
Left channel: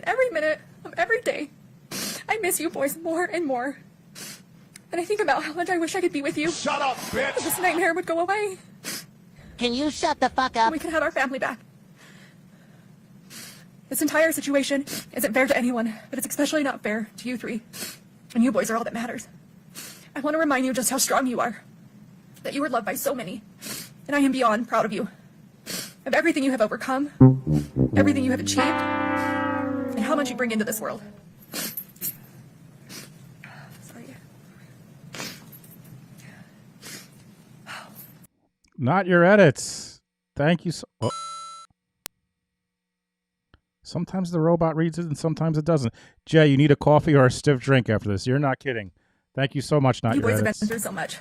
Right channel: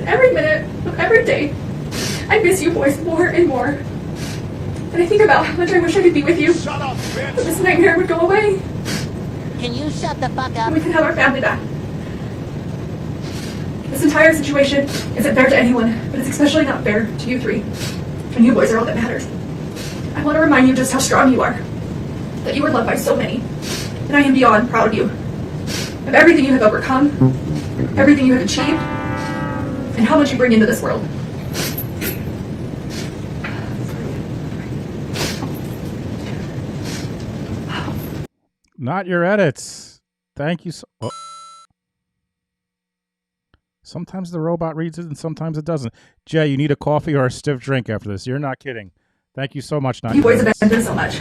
And every minute of every day, I miss you boys more and more. And I think about how much I wish I could be with you. Shut up, bitch! But this nightmare would go away. Can you shut the fuck up? We can have our family back. This entire situation isn't fair to anyone, but it's especially not fair to you three. And you boys are all that matters. I want to remind you just how strong you are. That you are loved by so many. And I am beyond proud of you. Of everything you have overcome, everything you have achieved, and how much you bring into this world. Not your edits. Thank you so... Oh. Sometimes the robot reads it and sometimes it doesn't. Jay, you need a coffee or a stiff drink after this. You're not kidding. Thank you so much. Not You your boys edits. have been through so much.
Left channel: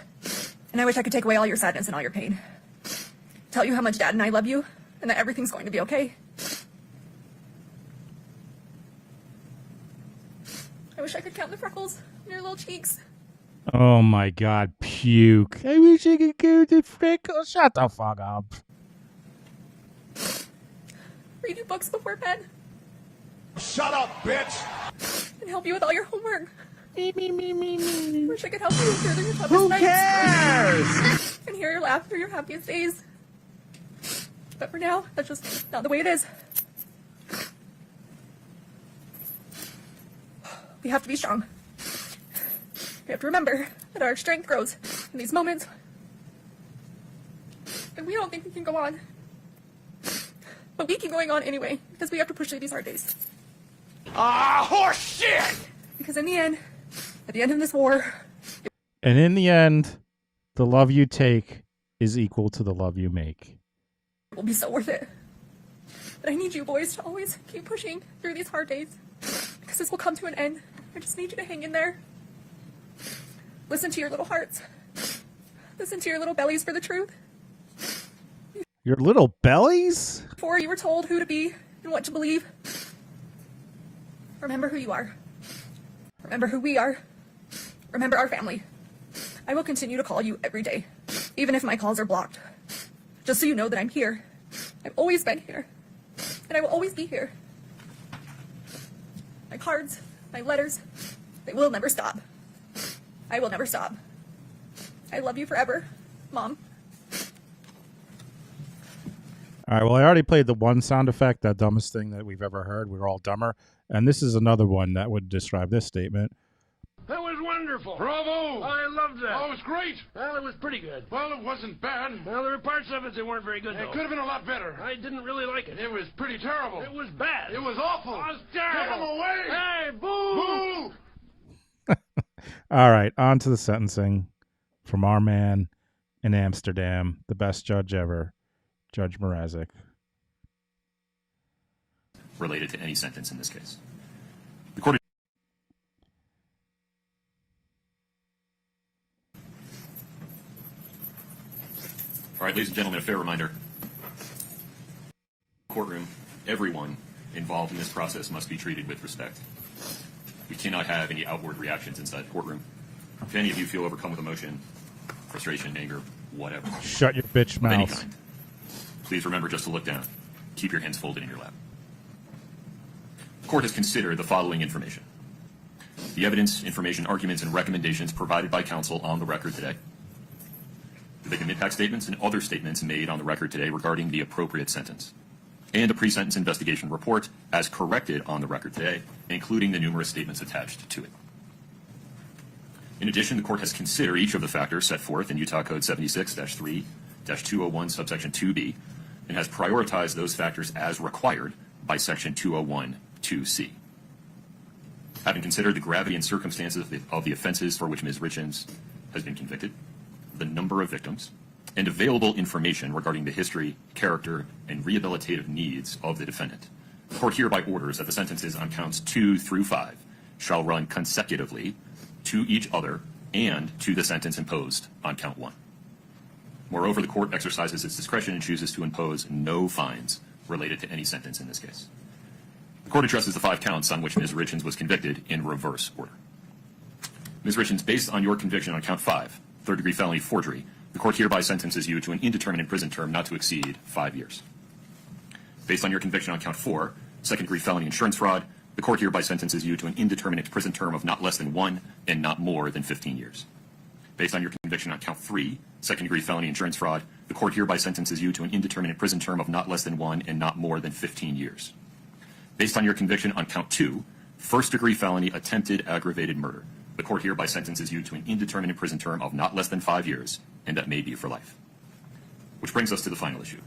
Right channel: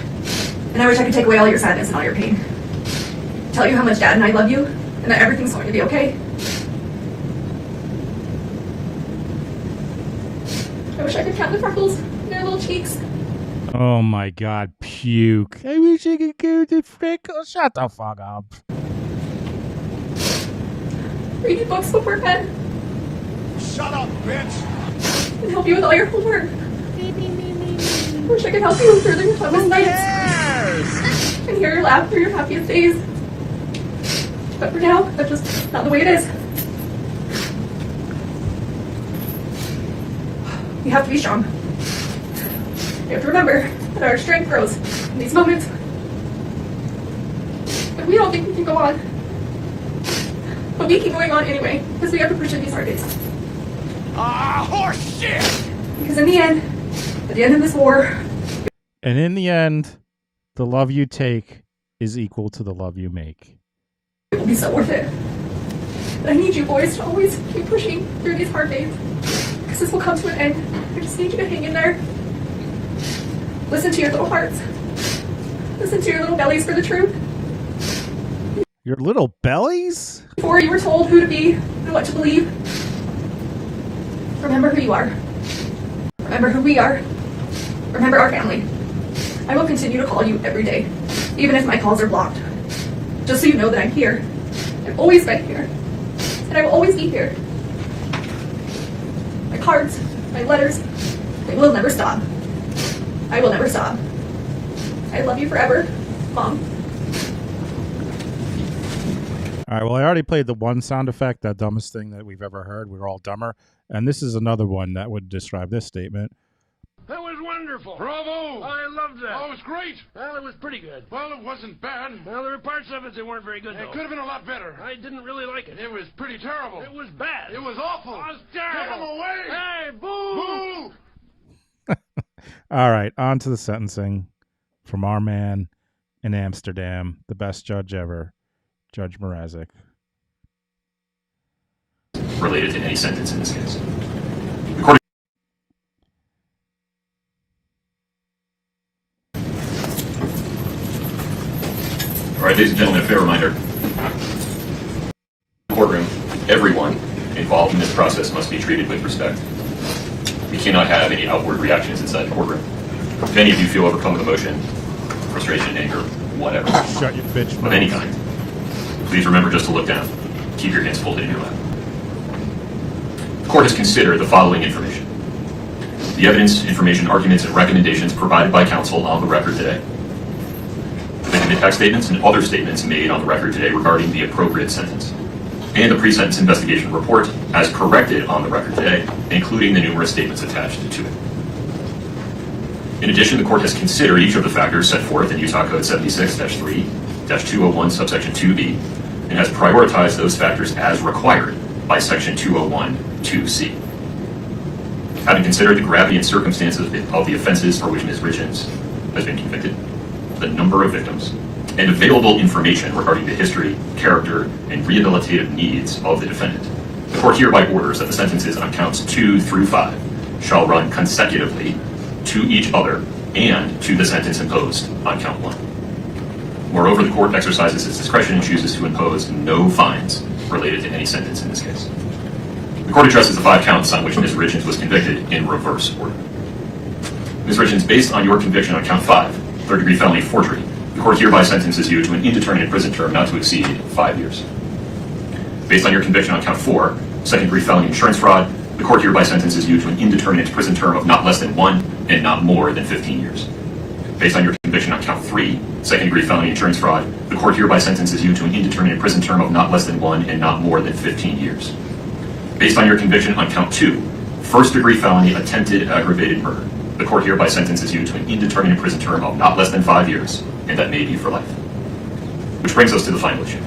And I wish I could take away all your sadness and all your pain. Tell you how much Dad and I love you, and that everything's going to be okay. I wish I could count the freckles in their little cheeks. Oh my God, puke. I wish I could go to freckles. Shut the fuck up. Read your books before bed. Shut up, bitch! And help you with all your homework. Wish I could help you through your toughest nights. And hear your laugh through your happiest days. But for now, that's just not the way it is. You have to be strong. You have to remember that our strength grows in these moments. And we don't think we can go on. But we keep going on anyway, because we have to push through these hard days. Ah, horse shit! Because in the end, at the end of this war... And in the end, the love you take is equal to the love you make. It will be so worth it. But I need you boys to always keep pushing through these hard days. Because this will come to an end. I just need you to hang in there. Listen to your little hearts. Listen to your little bellies for the truth. Your little bellies? Before you were told who to be and what to believe. Remember who you are. Remember who we are. Remember our family. I will continue to call you every day, even if my calls are blocked. Just so you know that I'm here. I've always been here. And I will always be here. My cards, my letters, they will never stop. I will never stop. I love you forever, Mom. All right, well, I already played the one sound effect, that dumbest thing that we've ever heard. We were all dumber. And this is another one that would describe this statement. That was wonderful. Bravo! I loved that. Oh, it was great! Well, it was pretty good. Well, it wasn't bad. Well, there were parts of it that weren't very good, It though. could have been a lot better. I didn't really like it. It was pretty terrible. It was bad. It was awful. It was terrible. Get him away! Hey, boo! Boo! All right, on to the sentencing from our man in Amsterdam, the best judge ever, Judge Mrazek. Related to any sentence in this case. According All right, ladies and gentlemen, a fair reminder. Courtroom, everyone involved in this process must be treated with respect. We cannot have any outward reactions inside the courtroom. If any of you feel overcome with emotion, frustration, anger, whatever. Shut your bitch Of mouth. any kind. Please remember just to look down. Keep your hands folded in your lap. The court has considered the following information. The evidence, information, arguments, and recommendations provided by counsel on the record today. The victim impact statements and other statements made on the record today regarding the appropriate sentence. And the pre-sentence investigation report as corrected on the record today, including the numerous statements attached to it. In addition, the court has considered each of the factors set forth in Utah Code 76-3-201 subsection 2B and has prioritized those factors as required by section 201-2C. Having considered the gravity and circumstances of the offenses for which Ms. Richins has been convicted, the number of victims, and available information regarding the history, character, and rehabilitative needs of the defendant, the court hereby orders that the sentences on counts 2 through 5 shall run consecutively to each other and to the sentence imposed on count 1. Moreover, the court exercises its discretion and chooses to impose no fines related to any sentence in this case. The court addresses the 5 counts on which Ms. Richins was convicted in reverse order. Ms. Richins, based on your conviction on count 5, third-degree felony forgery, the court hereby sentences you to an indeterminate prison term not to exceed 5 years. Based on your conviction on count 4, second-degree felony insurance fraud, the court hereby sentences you to an indeterminate prison term of not less than 1 and not more than 15 years. Based on your conviction on count 3, second-degree felony insurance fraud, the court hereby sentences you to an indeterminate prison term of not less than 1 and not more than 15 years. Based on your conviction on count 2, first-degree felony attempted aggravated murder, the court hereby sentences you to an indeterminate prison term of not less than 5 years, and that may be for life. Which brings us to the final issue,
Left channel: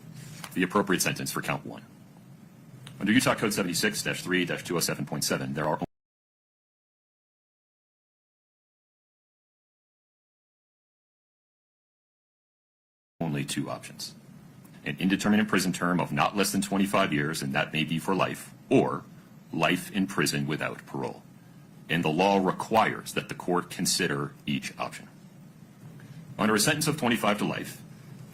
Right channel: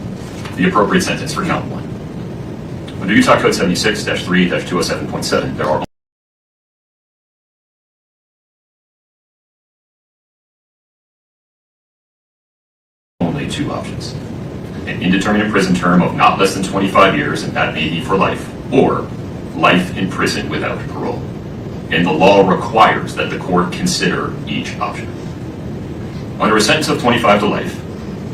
the appropriate sentence for count 1. Under Utah Code 76-3-207.7, there are only 2 options. An indeterminate prison term of not less than 25 years, and that may be for life, or life in prison without parole. And the law requires that the court consider each option. Under a sentence of 25 to life,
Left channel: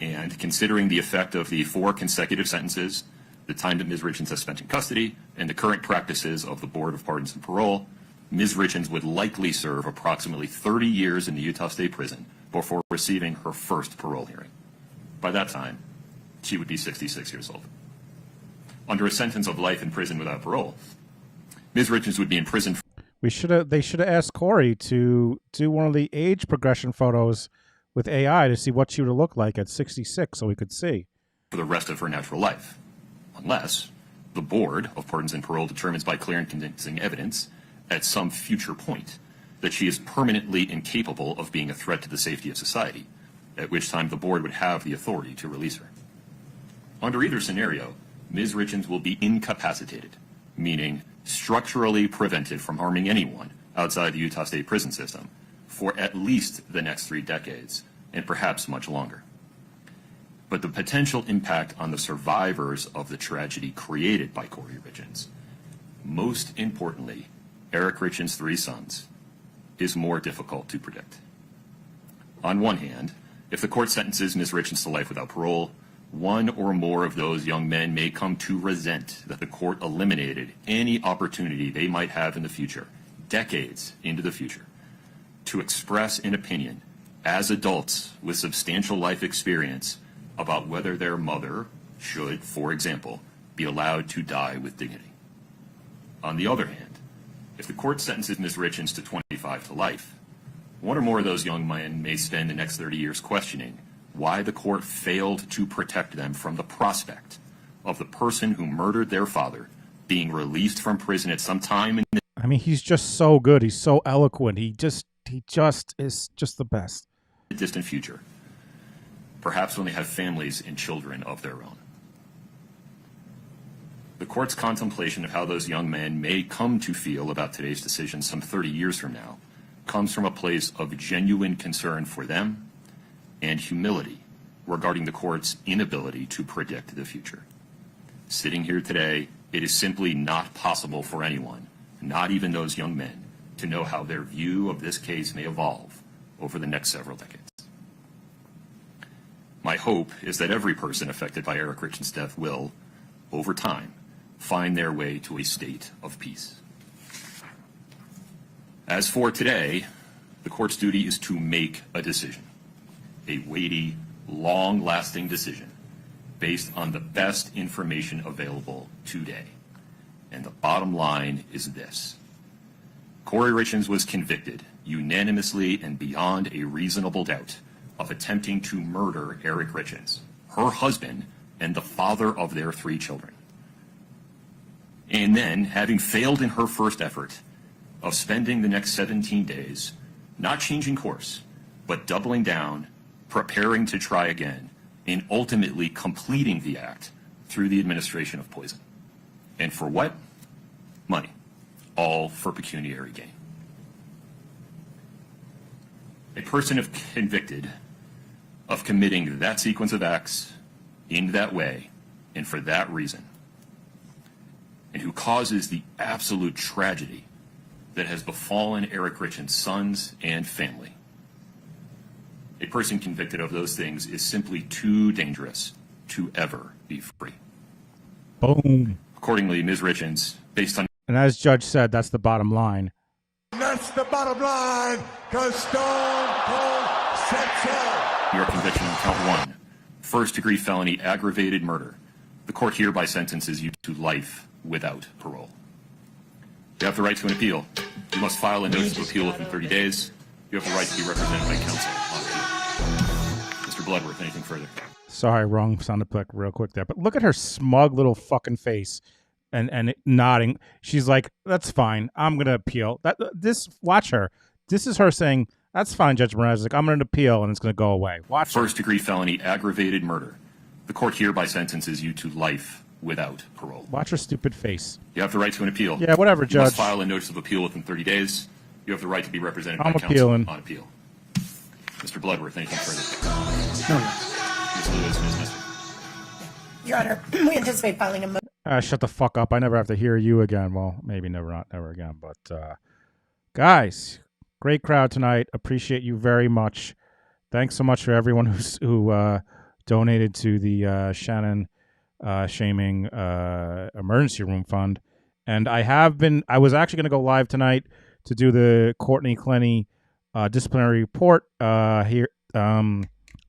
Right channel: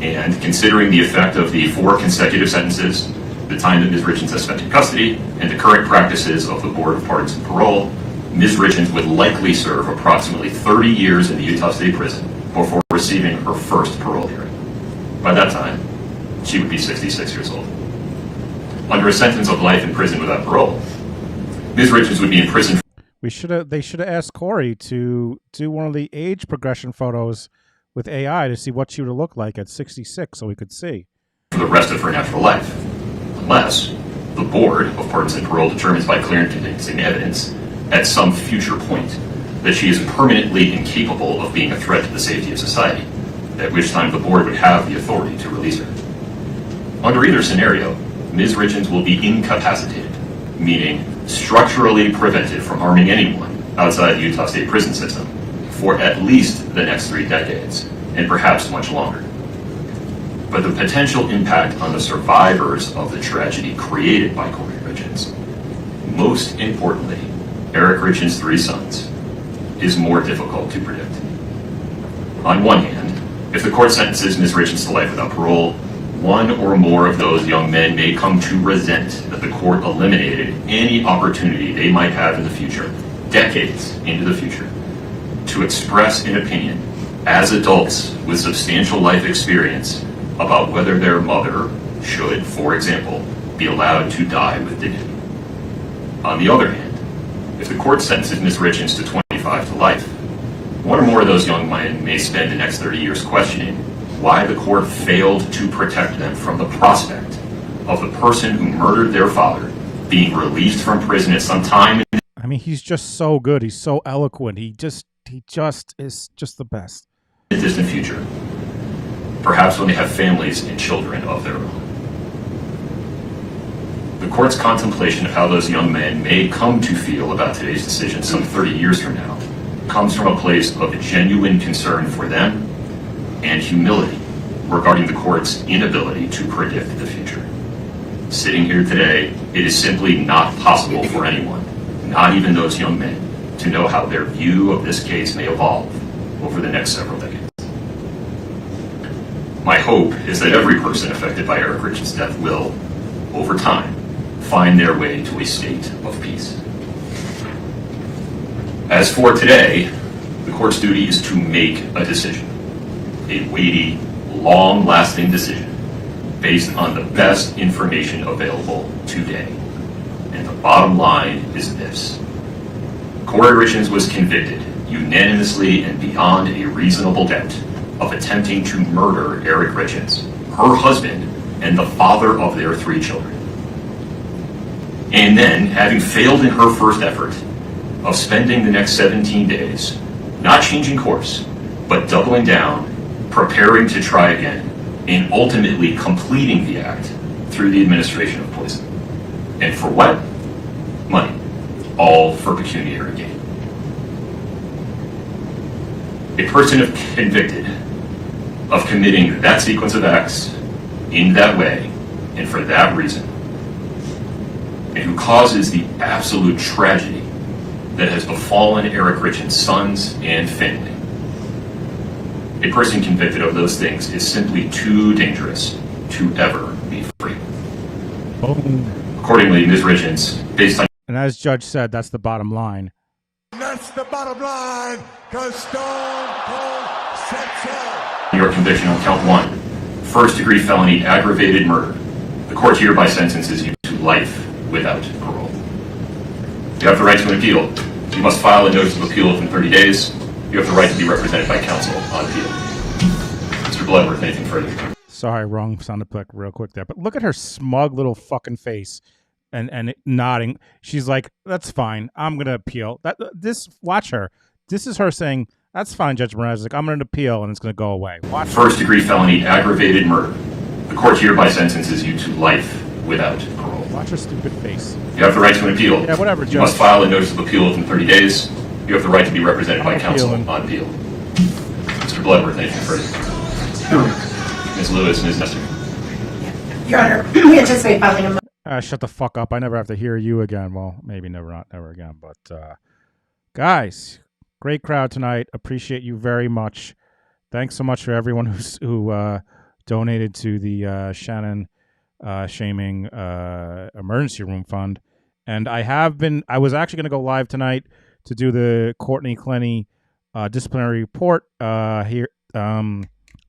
and considering the effect of the 4 consecutive sentences, the time that Ms. Richins has spent in custody, and the current practices of the Board of Pardons and Parole, Ms. Richins would likely serve approximately 30 years in the Utah State Prison before receiving her first parole hearing. By that time, she would be 66 years old. Under a sentence of life in prison without parole, Ms. Richins would be in prison. They should have asked Kouri to do one of the age progression photos with AI to see what she would look like at 66, so we could see For the rest of her natural life, unless the Board of Pardons and Parole determines by clear and convincing evidence at some future point that she is permanently incapable of being a threat to the safety of society, at which time the Board would have the authority to release her. Under either scenario, Ms. Richins will be incapacitated, meaning structurally prevented from harming anyone outside the Utah State prison system for at least the next 3 decades, and perhaps much longer. But the potential impact on the survivors of the tragedy created by Kouri Richins, most importantly, Eric Richins' 3 sons, is more difficult to predict. On one hand, if the court sentences Ms. Richins to life without parole, one or more of those young men may come to resent that the court eliminated any opportunity they might have in the future, decades into the future, to express an opinion as adults with substantial life experience about whether their mother should, for example, be allowed to die with dignity. On the other hand, if the court sentences Ms. Richins to 25 to life, one or more of those young men may spend the next 30 years questioning why the court failed to protect them from the prospect of the person who murdered their father being released from prison at some time. I mean, he's just so good. He's so eloquent. He just is just the best. In the distant future, perhaps when they have families and children of their own. The court's contemplation of how those young men may come to feel about today's decision some 30 years from now comes from a place of genuine concern for them and humility regarding the court's inability to predict the future. Sitting here today, it is simply not possible for anyone, not even those young men, to know how their view of this case may evolve over the next several decades. My hope is that every person affected by Eric Richins' death will, over time, find their way to a state of peace. As for today, the court's duty is to make a decision, a weighty, long-lasting decision based on the best information available today. And the bottom line is this. Kouri Richins was convicted unanimously and beyond a reasonable doubt of attempting to murder Eric Richins, her husband, and the father of their 3 children. And then, having failed in her first effort, of spending the next 17 days, not changing course, but doubling down, preparing to try again, and ultimately completing the act through the administration of poison. And for what? Money. All for pecuniary gain. A person convicted of committing that sequence of acts in that way and for that reason, and who causes the absolute tragedy that has befallen Eric Richins' sons and family. A person convicted of those things is simply too dangerous to ever be free. Boom. Accordingly, Ms. Richins, based on... And as Judge said, that's the bottom line. That's the bottom line, because Stone Cold said so. Your conviction on count 1, first-degree felony aggravated murder. The court hereby sentences you to life without parole. You have the right to an appeal. You must file a notice of appeal within 30 days. You have the right to be represented by counsel on appeal. Mr. Bloodworth, anything further? Sorry, wrong sound effect real quick there. But look at her smug little fucking face and nodding. She's like, that's fine. I'm going to appeal. Watch her. This is her saying, that's fine, Judge Mraz. Like, I'm going to appeal and it's going to go away. Watch her. First-degree felony aggravated murder. The court hereby sentences you to life without parole. Watch her stupid face. You have the right to an appeal. Yeah, whatever, Judge. You must file a notice of appeal within 30 days. You have the right to be represented by counsel on appeal. Mr. Bloodworth, anything further? Ms. Lewis, Ms. Nestor. Your Honor, we anticipate filing a Shut the fuck up. I never have to hear you again. Well, maybe not never again. But, guys, great crowd tonight. Appreciate you very much. Thanks so much for everyone who donated to the Shannon Shaming Emergency Room Fund. And I was actually going to go live tonight to do the Courtney Clenny disciplinary report here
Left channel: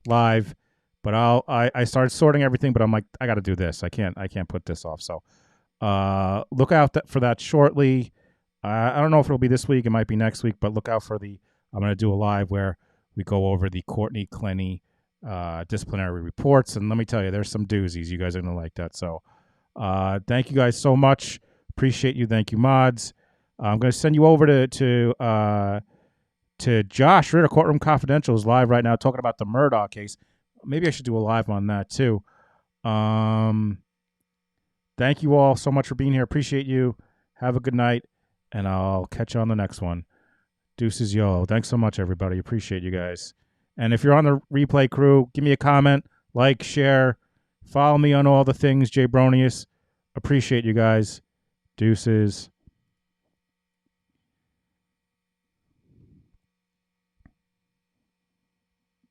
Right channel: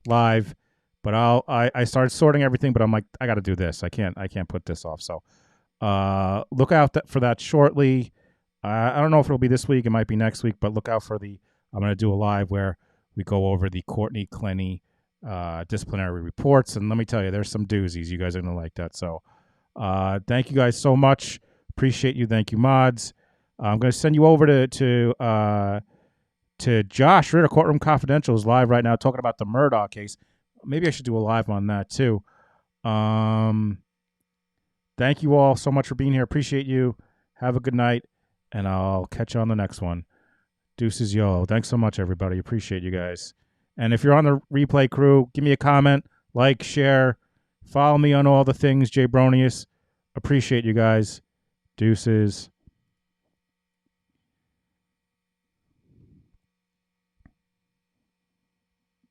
live. But I started sorting everything, but I'm like, I got to do this. I can't put this off. So look out for that shortly. I don't know if it'll be this week. It might be next week, but look out for I'm going to do a live where we go over the Courtney Clenny disciplinary reports. And let me tell you, there's some doozies. You guys are going to like that. So thank you guys so much. Appreciate you. Thank you, mods. I'm going to send you over to Josh Ritter. Courtroom Confidential is live right now talking about the Murdaugh case. Maybe I should do a live on that too. Thank you all so much for being here. Appreciate you. Have a good night, and I'll catch you on the next one. Deuces, yo. Thanks so much, everybody. Appreciate you guys. And if you're on the replay crew, give me a comment, like, share, follow me on all the things, Jay Bronius. Appreciate you guys. Deuces.